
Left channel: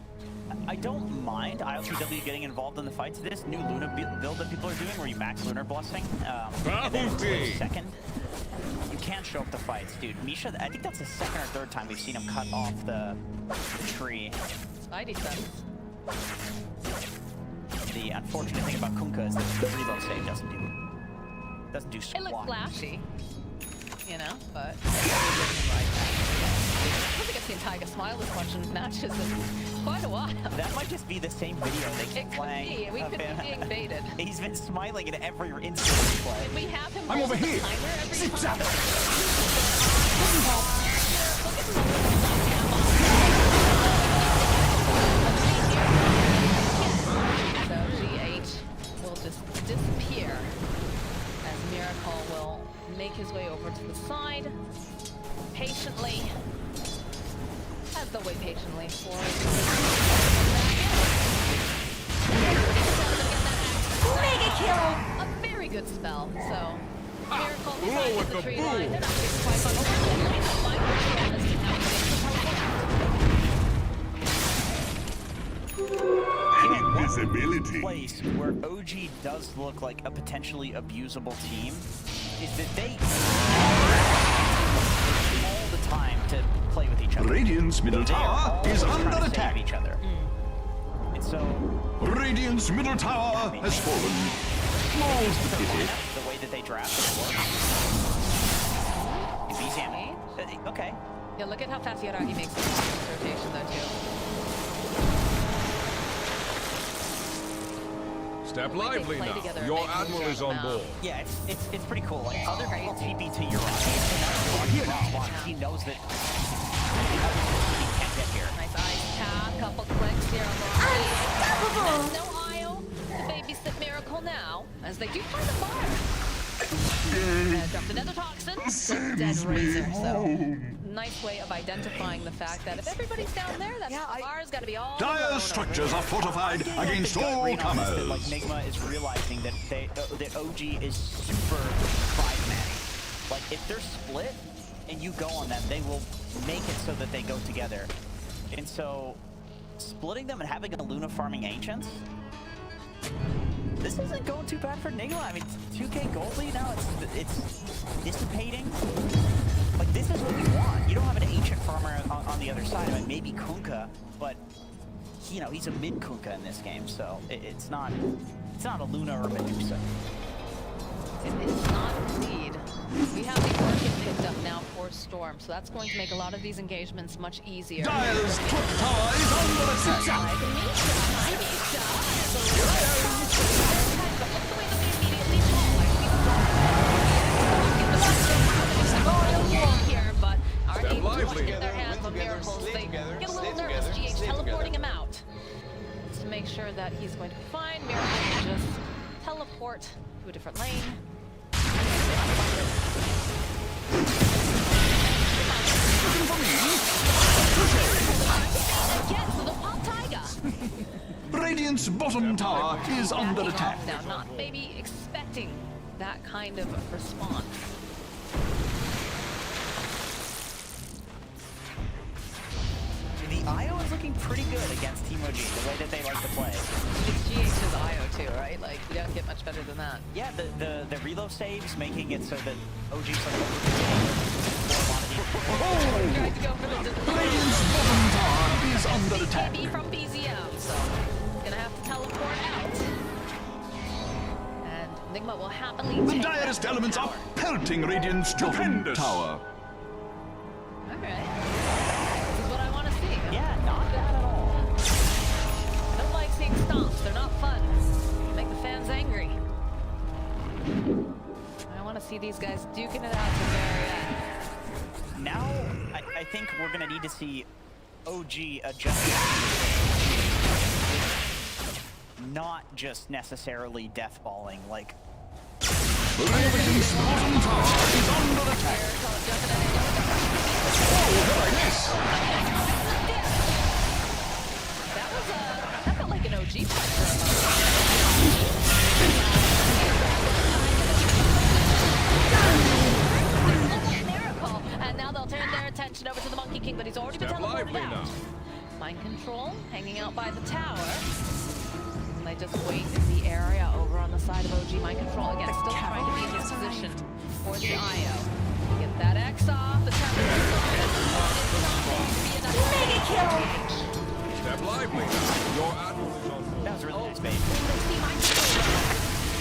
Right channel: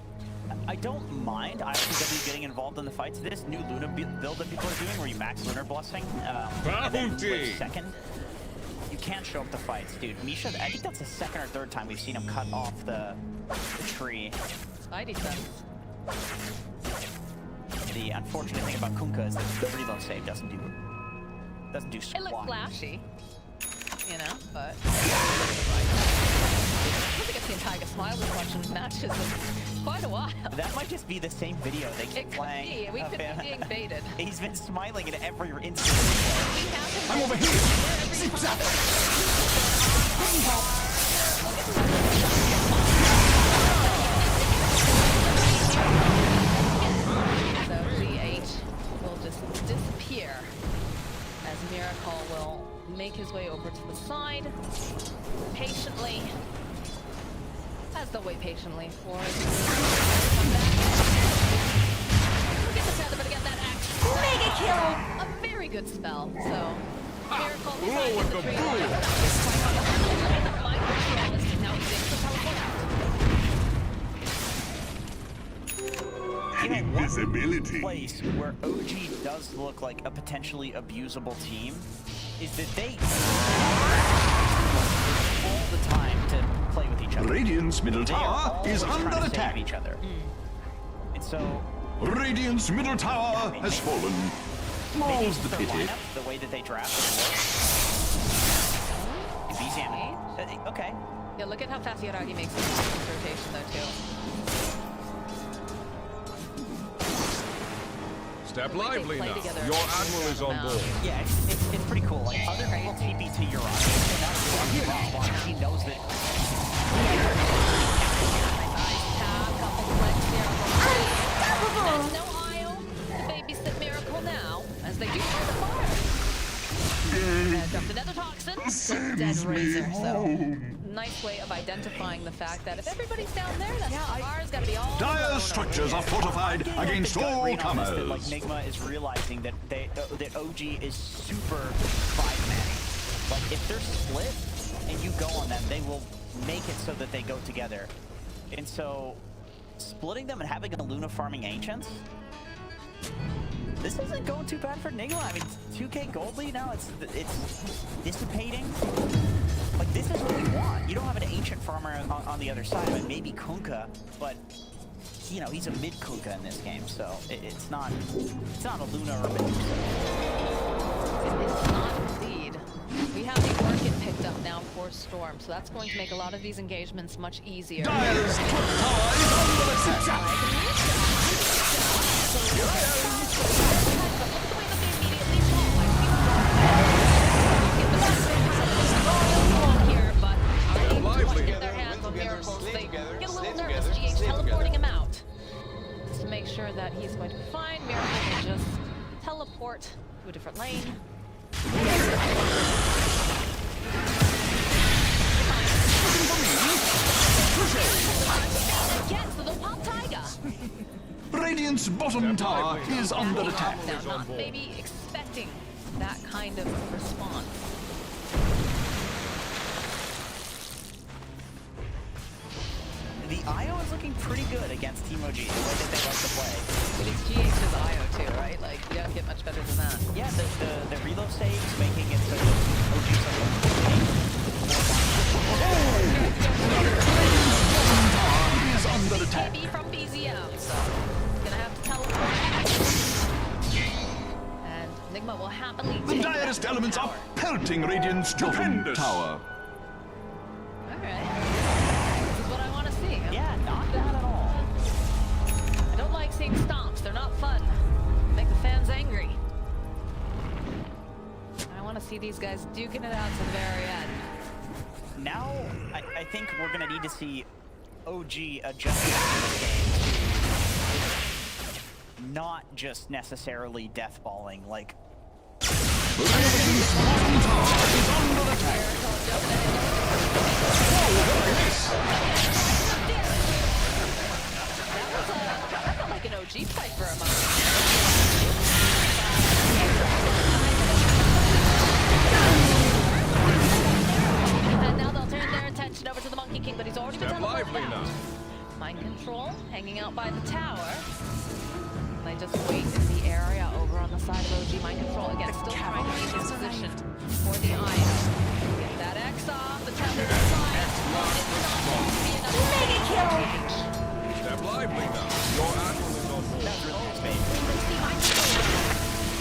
I don't mind ILTW getting involved in the fights. This new Luna build that people are doing, where you max Lunar Blessing, and then live second, you can't show up the fights, dude. Misha, I think that's the second or third time we've seen him cut off the tree. Spidey sense. The unfortunate thing about Kunkka is that the reload save doesn't do squat. It looks flashy, you know, but I don't think I've seen Tiger smile this much in matches in quite a while. That might just be the same video they keep playing. It could be. We could be being baited. He's been smiling in every instant. We have him. I'm over here. Zip zap. So GH will just disappear as Miracle will make his way over to the side patiently. As they'll wait patiently for it to come back in. Mega kill! A very good spell. So Miracle Blow with the the tree boom. line. We're not getting quite on the line. Mind control is now he's able to teleport out. Invisibility. Place where OG does look like a potentially abusable team is that they all the time to play with each other. Radiant's middle tower is under attack. Each other. And so Radiant's middle tower has fallen. More's the pity. lineup, the way that they draft it works. BZM. Okay. Yeah, look at how fast Yaragi makes this rotation though too. Step lively now. Your admiral is on board. Yeah, it's pretty cool. Like other people TP to Yaragi, so now Yaragi he knows that. Nice ice tap, couple clicks here on the line. There's no IO to babysit Miracle now, as they do find the fire. Dropped another toxin, dead Razor. So nice way of identifying the fact that if everybody's down there, that fire's got to be all. Dire structures are fortified against all comers. Like Nigma is realizing that that OG is super five-manning. Like if they're split and you go on them, they will make it so that they go together. And so splitting them and having a Luna farming Ancients, this isn't going too bad for Nigma. I mean, 2k gold lead now, it's dissipating. Like, this is what we want. You don't have an Ancient farmer on the other side. I mean, maybe Kunkka, but, you know, he's a mid-Kunkka in this game, so it's not a Luna or a Medusa. It is not indeed. We have the Orchid picked up now for Storm, so that's going to make a lot of these engagements much easier. Dire's top tower is under attack. But aren't able to get their hands on Miracles. They get a little nervous. GH teleporting him out just to make sure that he's going to be fine. Miracle will just teleport to a different lane. Again, so they'll pop Taiga. Radiant's bottom tower is under attack. Now, not maybe expecting that kind of response. The IO is looking pretty good against Team OG, the way that they like to play. But it's GH's IO too, right? Like, you don't get much better than that. Yeah, the reload saves, making it so that OG's Radiant's bottom tower is under attack. TB from BZM, so gonna have to teleport out. And Nigma will happily The take direst that elements tower. are pelting Radiant's bottom tower. Alright. This is what I want to see. Yeah, not bad at all. I don't like seeing stomps. They're not fun. They make the fans angry. I want to see these guys duking it out to the very end. Now, I think we're going to need to see OG adjust this game to not just necessarily deathballing, like... Radiant's bottom tower is under attack. Oh, did I miss? That felt like an OG fight for a moment. And now they'll turn their attention over to the Monkey King, but he's already been teleported out. Mind control, hanging out by the tower. And they just wait in the area over on the side of OG. Mind control, again, still trying to be in this position for the IO. Get that X off, the tether inside. It's not going to be enough. Mega kill! Step lively now. Your admiral is on board. That was really nice, babe.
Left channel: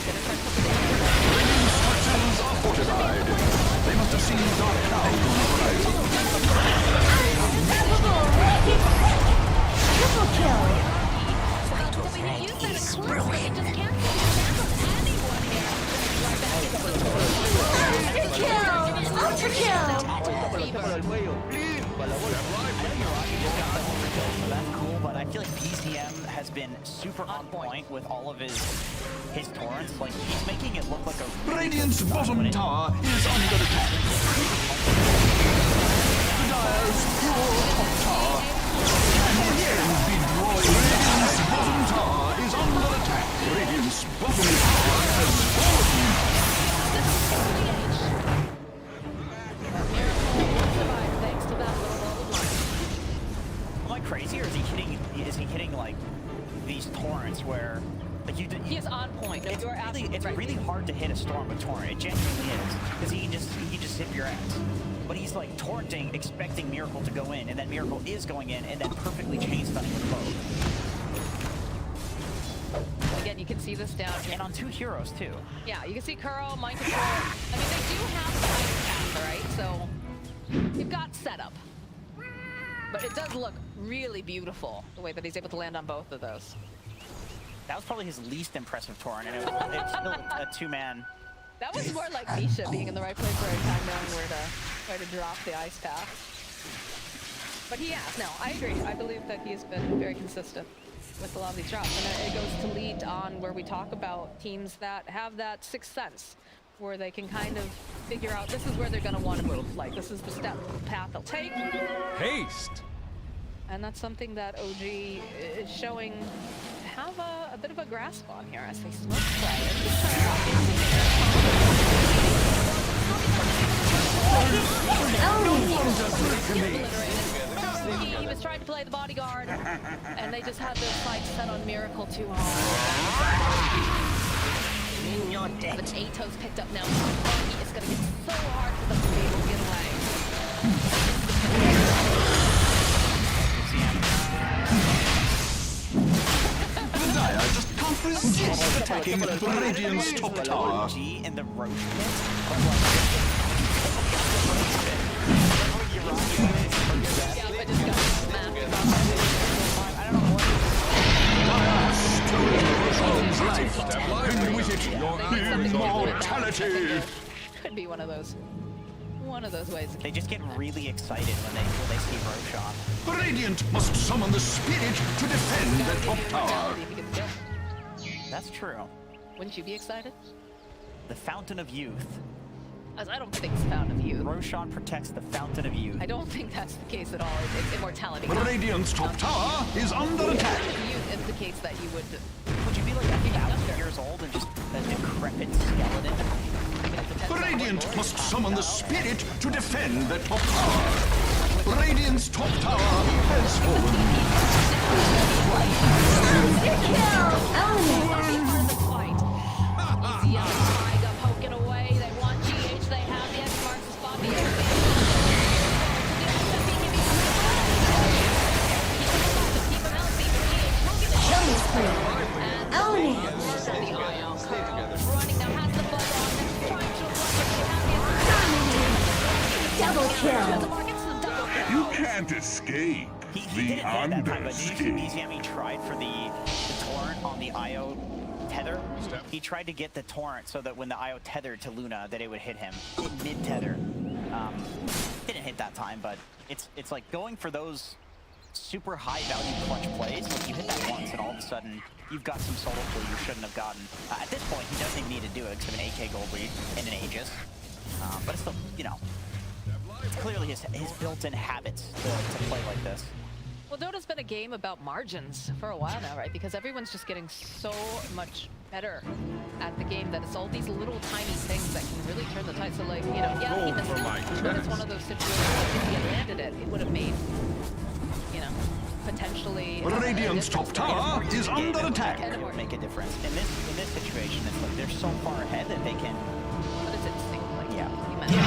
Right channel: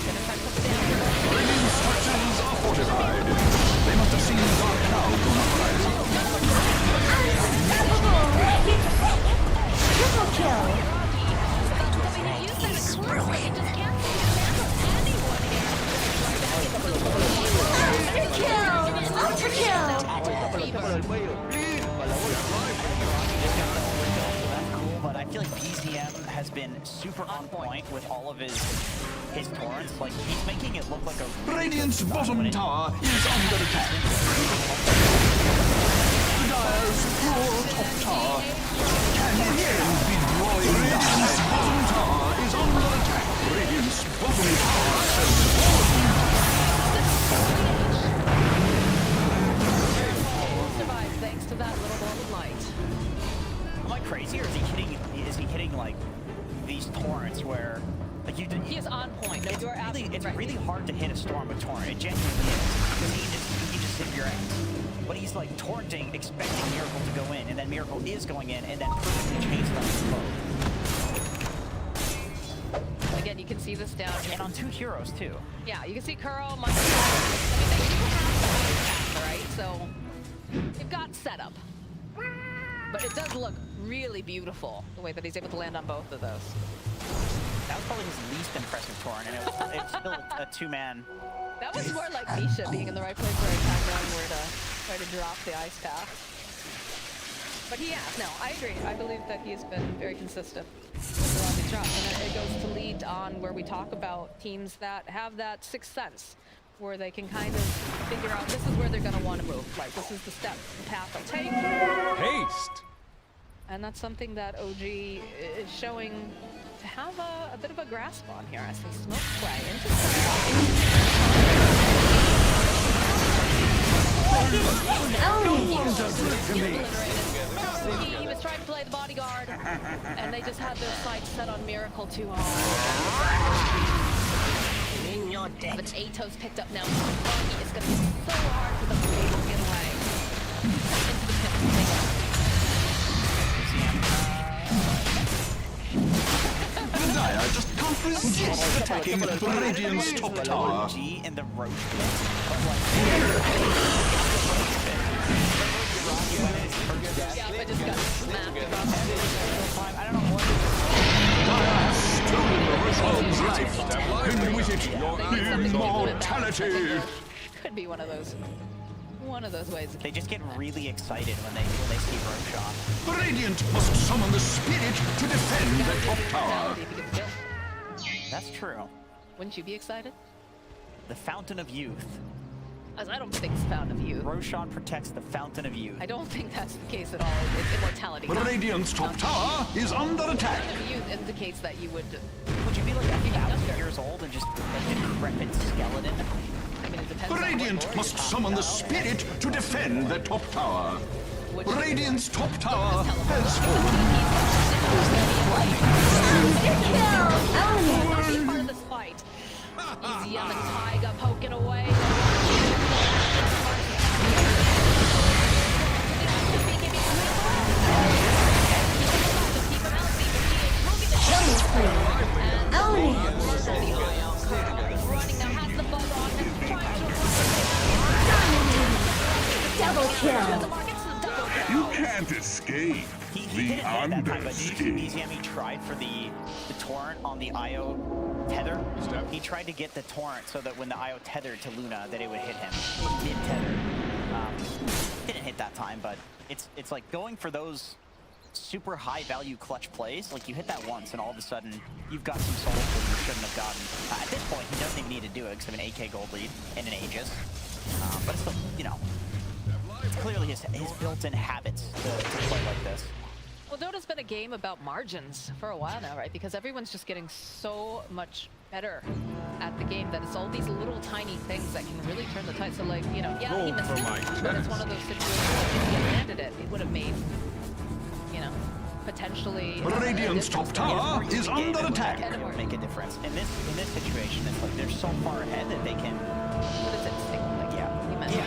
Radiant's structures are fortified. They must have seen dark clouds on the horizon. Unstoppable! Triple kill! Ultra kill! Ultra kill! build, so that's cool, but I feel like BZM has been super on point with all of his torrents. Like, he's making it look like a really Radiant's bottom tower is under attack. The Dire's poor top tower can again be drawing. Radiant's bottom tower is under attack. Radiant's bottom tower has fallen. Survived thanks to that little ball of light. Am I crazy, or is he hitting like these torrents where like you did? He is on point. No, you're absolutely It's right. really hard to hit a storm with torrent. It genuinely is, because he can just zip your ass. But he's like torrenting, expecting Miracle to go in, and then Miracle is going in, and then perfectly chain stunning with both. Again, you can see this down here. And on 2 heroes too. Yeah, you can see Kuro, Michael. I mean, they do have the iron path, right? So you've got setup. But it does look really beautiful, the way that he's able to land on both of those. That was probably his least impressive torrent, and it's still a 2-man. That was more like Misha being in the right place, right time, knowing where to try to drop the ice path. But he has. No, I agree. I believe that he has been very consistent with a lot of these drops. And it goes to lead on where we talk about teams that have that sixth sense, where they can kind of figure out this is where they're going to want to move. Like, this is the step path they'll take. Haste! And that's something that OG is showing to have a bit of a grasp on here as they smoke play into He was trying to play the bodyguard, and they just had their sights set on Miracle too hard. But Ato's picked up now. It's going to get so hard for them to be able to get away. The Dire just can't resist attacking Radiant's top tower. G in the Roach pit, but Stolen the Roshan's life, and with it, immortality. Could be one of those ways. They just get really excited when they see Roshan. Radiant must summon the spirit to defend the top tower. That's true. Wouldn't you be excited? The Fountain of Youth. As I don't think it's Fountain of Youth. Roshan protects the Fountain of Youth. I don't think that's the case at all. It's immortality. Radiant's top tower is under attack. Fountain of Youth indicates that you would you be like 1,000 years old and just a decrepit skeleton? I mean, it depends Radiant must summon the spirit to defend the top tower. Radiant's top tower has fallen. Be part of the fight. Easy on the Taiga poking away. They want you. They have the X-Marks to stop the running now, has the buzz on, trying to Double kill. You can't escape He the didn't hit that time, but did you see underskin. BZM tried for the torrent on the IO tether? He tried to get the torrent so that when the IO tethered to Luna, that it would hit him in mid-tether. Didn't hit that time, but it's like going for those super high-value clutch plays. Like, you hit that once, and all of a sudden, you've got some solo play you shouldn't have gotten. At this point, he doesn't even need to do it because of an AK gold lead and an Aegis. But it's still, you know, it's clearly his built-in habits to play like this. Well, Dota's been a game about margins for a while now, right? Because everyone's just getting so much better at the game that it's all these little tiny things that can really turn the tide. So, like, you know, yeah, he missed it, but it's one of those situations that if he had landed it, it would have made, you know, potentially... Radiant's top tower is under attack. It would make a difference. In this situation, it's like they're so far ahead that they can... What is it? Like, yeah. You mentioned.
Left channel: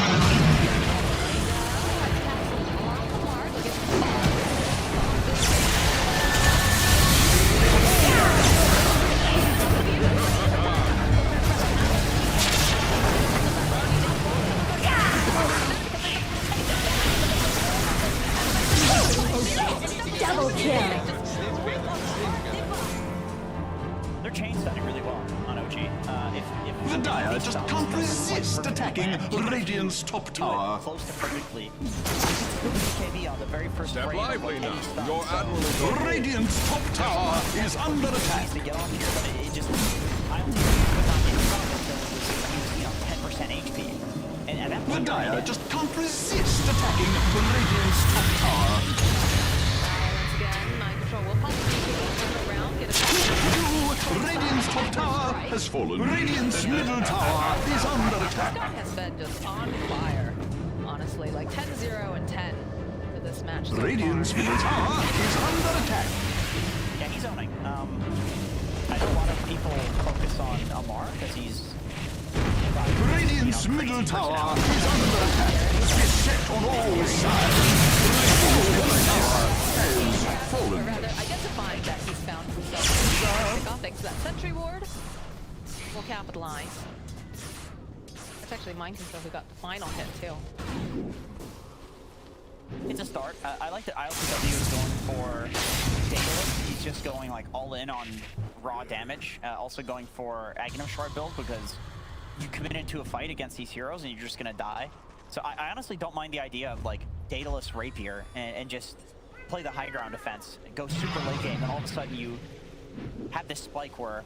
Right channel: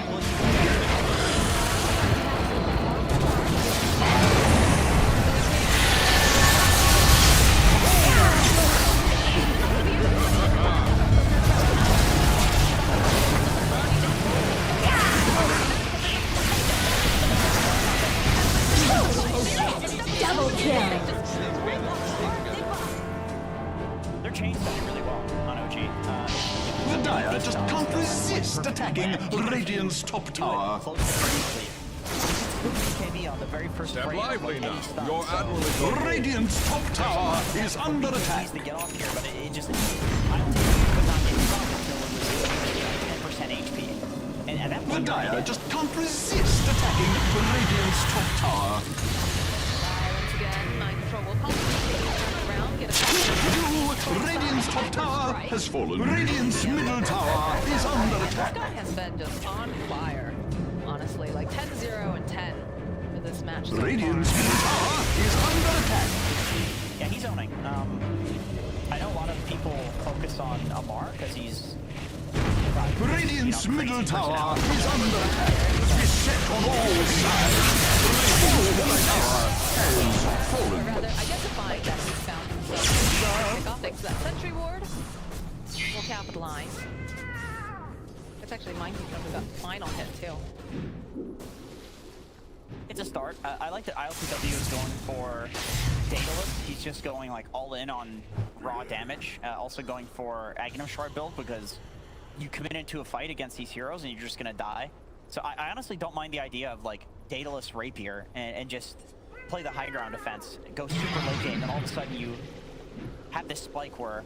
Double kill. They're chain stunning really well on OG. The Dire just can't can't resist attacking Radiant's top tower. Close to completely. BKB on the very first Step frame. lively now. Stuff, Your so admiral is on. Radiant's top tower is under attack. needs to get off here, but it just I don't think he could not get dropped until it was 10% HP. And at that The point, Dire just can't resist attacking Radiant's top tower. Silence again. Mind control will pump. Turn around. Get a Radiant's top tower has fallen. Radiant's middle tower is under This attack. guy has been just on fire. Honestly, like 10-0 and 10 for this match. So Radiant's far. middle tower is under attack. yeah, he's owning. I know a lot of people focus on Amar because he's Radiant's middle tower is under attack. Beset on all sides. Radiant's middle tower has Or fallen. rather, identifying that he's found himself. Pick off thanks to that sentry ward. We'll capitalize. That's actually Mind Control who got the final hit too. It's a start. I like that ILCW is going for Daedalus. He's just going like all in on raw damage. Also going for Aghanim Shard build because you commit into a fight against these heroes and you're just gonna die. So I honestly don't mind the idea of like Daedalus Rapier and just play the high ground defense, go super late game, and all of a sudden you have this spike where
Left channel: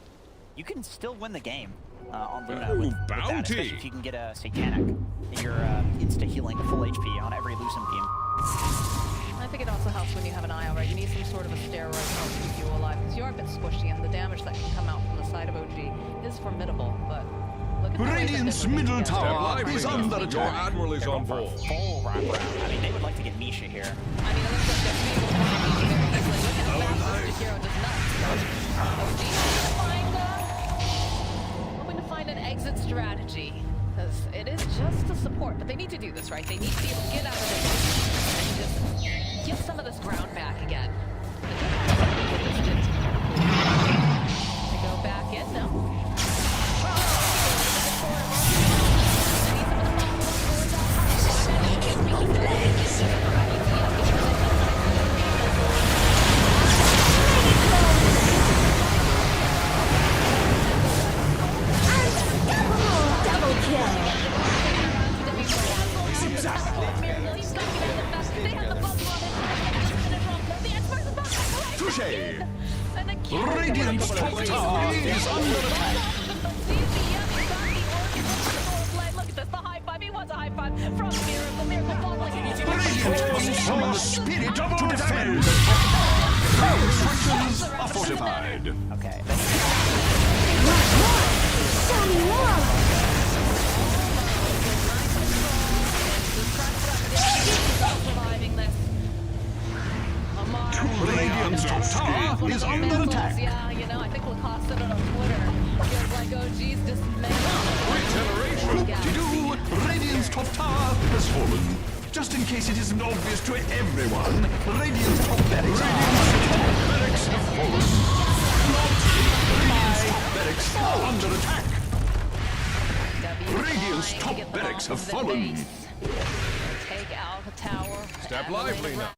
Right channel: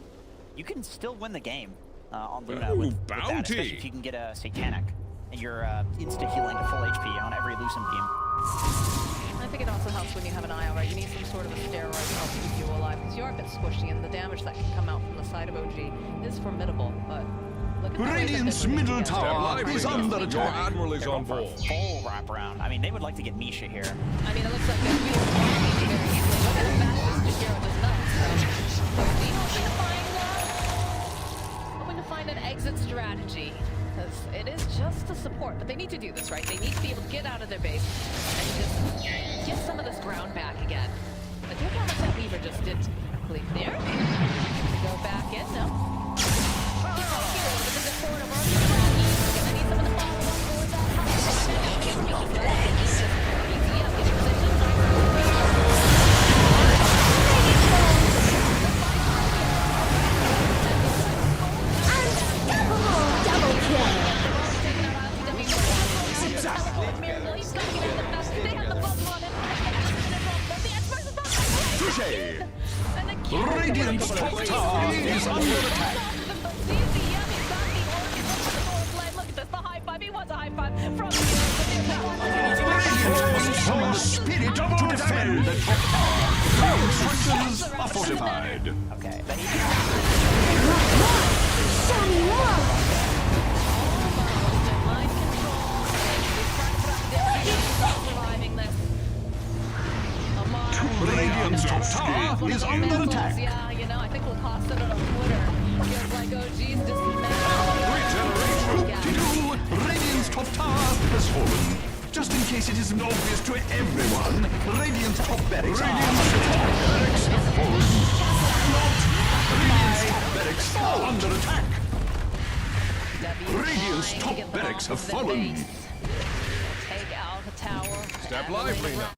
you can still win the game on Luna with that, especially if you can get a Satanic and you're insta-healing to full HP on every Lucent beam. I think it also helps when you have an IO, right? You need some sort of a steroid to help keep you alive because you are a bit squishy and the damage that can come out from the side of OG is formidable, but look at the way that Radiant's they're moving middle together. tower is under Your attack. admiral is on board. Full wraparound. I mean, they would like to get Misha here. I mean, it looks like they're being Misha very easily. Look at how fast this Jakiro does nuts. So OG hoping to find an exit strategy. Because it is just a support, but they need to do this, right? They need to be able to get out of their base and just get some of this ground back again. But look how much that Weaver just did to completely. They go back in, no? Double kill. Touché! Radiant's top tower is under attack. Look at this, the high five. He wants a high five from Mira. Radiant must summon the spirit to defend the top tower. Radiant structures are fortified. Okay. Show me love. Surviving this. Radiant's top tower is under attack. Yeah, you know, I think Lacoste said it on Twitter. Feels like OG's dismantled. Whoop-de-doo! Radiant's top tower has fallen. Just in case it isn't obvious to everyone, Radiant's top barracks have fallen. Radiant's top barracks are under attack. Radiant's top barracks have fallen. Take out a tower. Step lively now.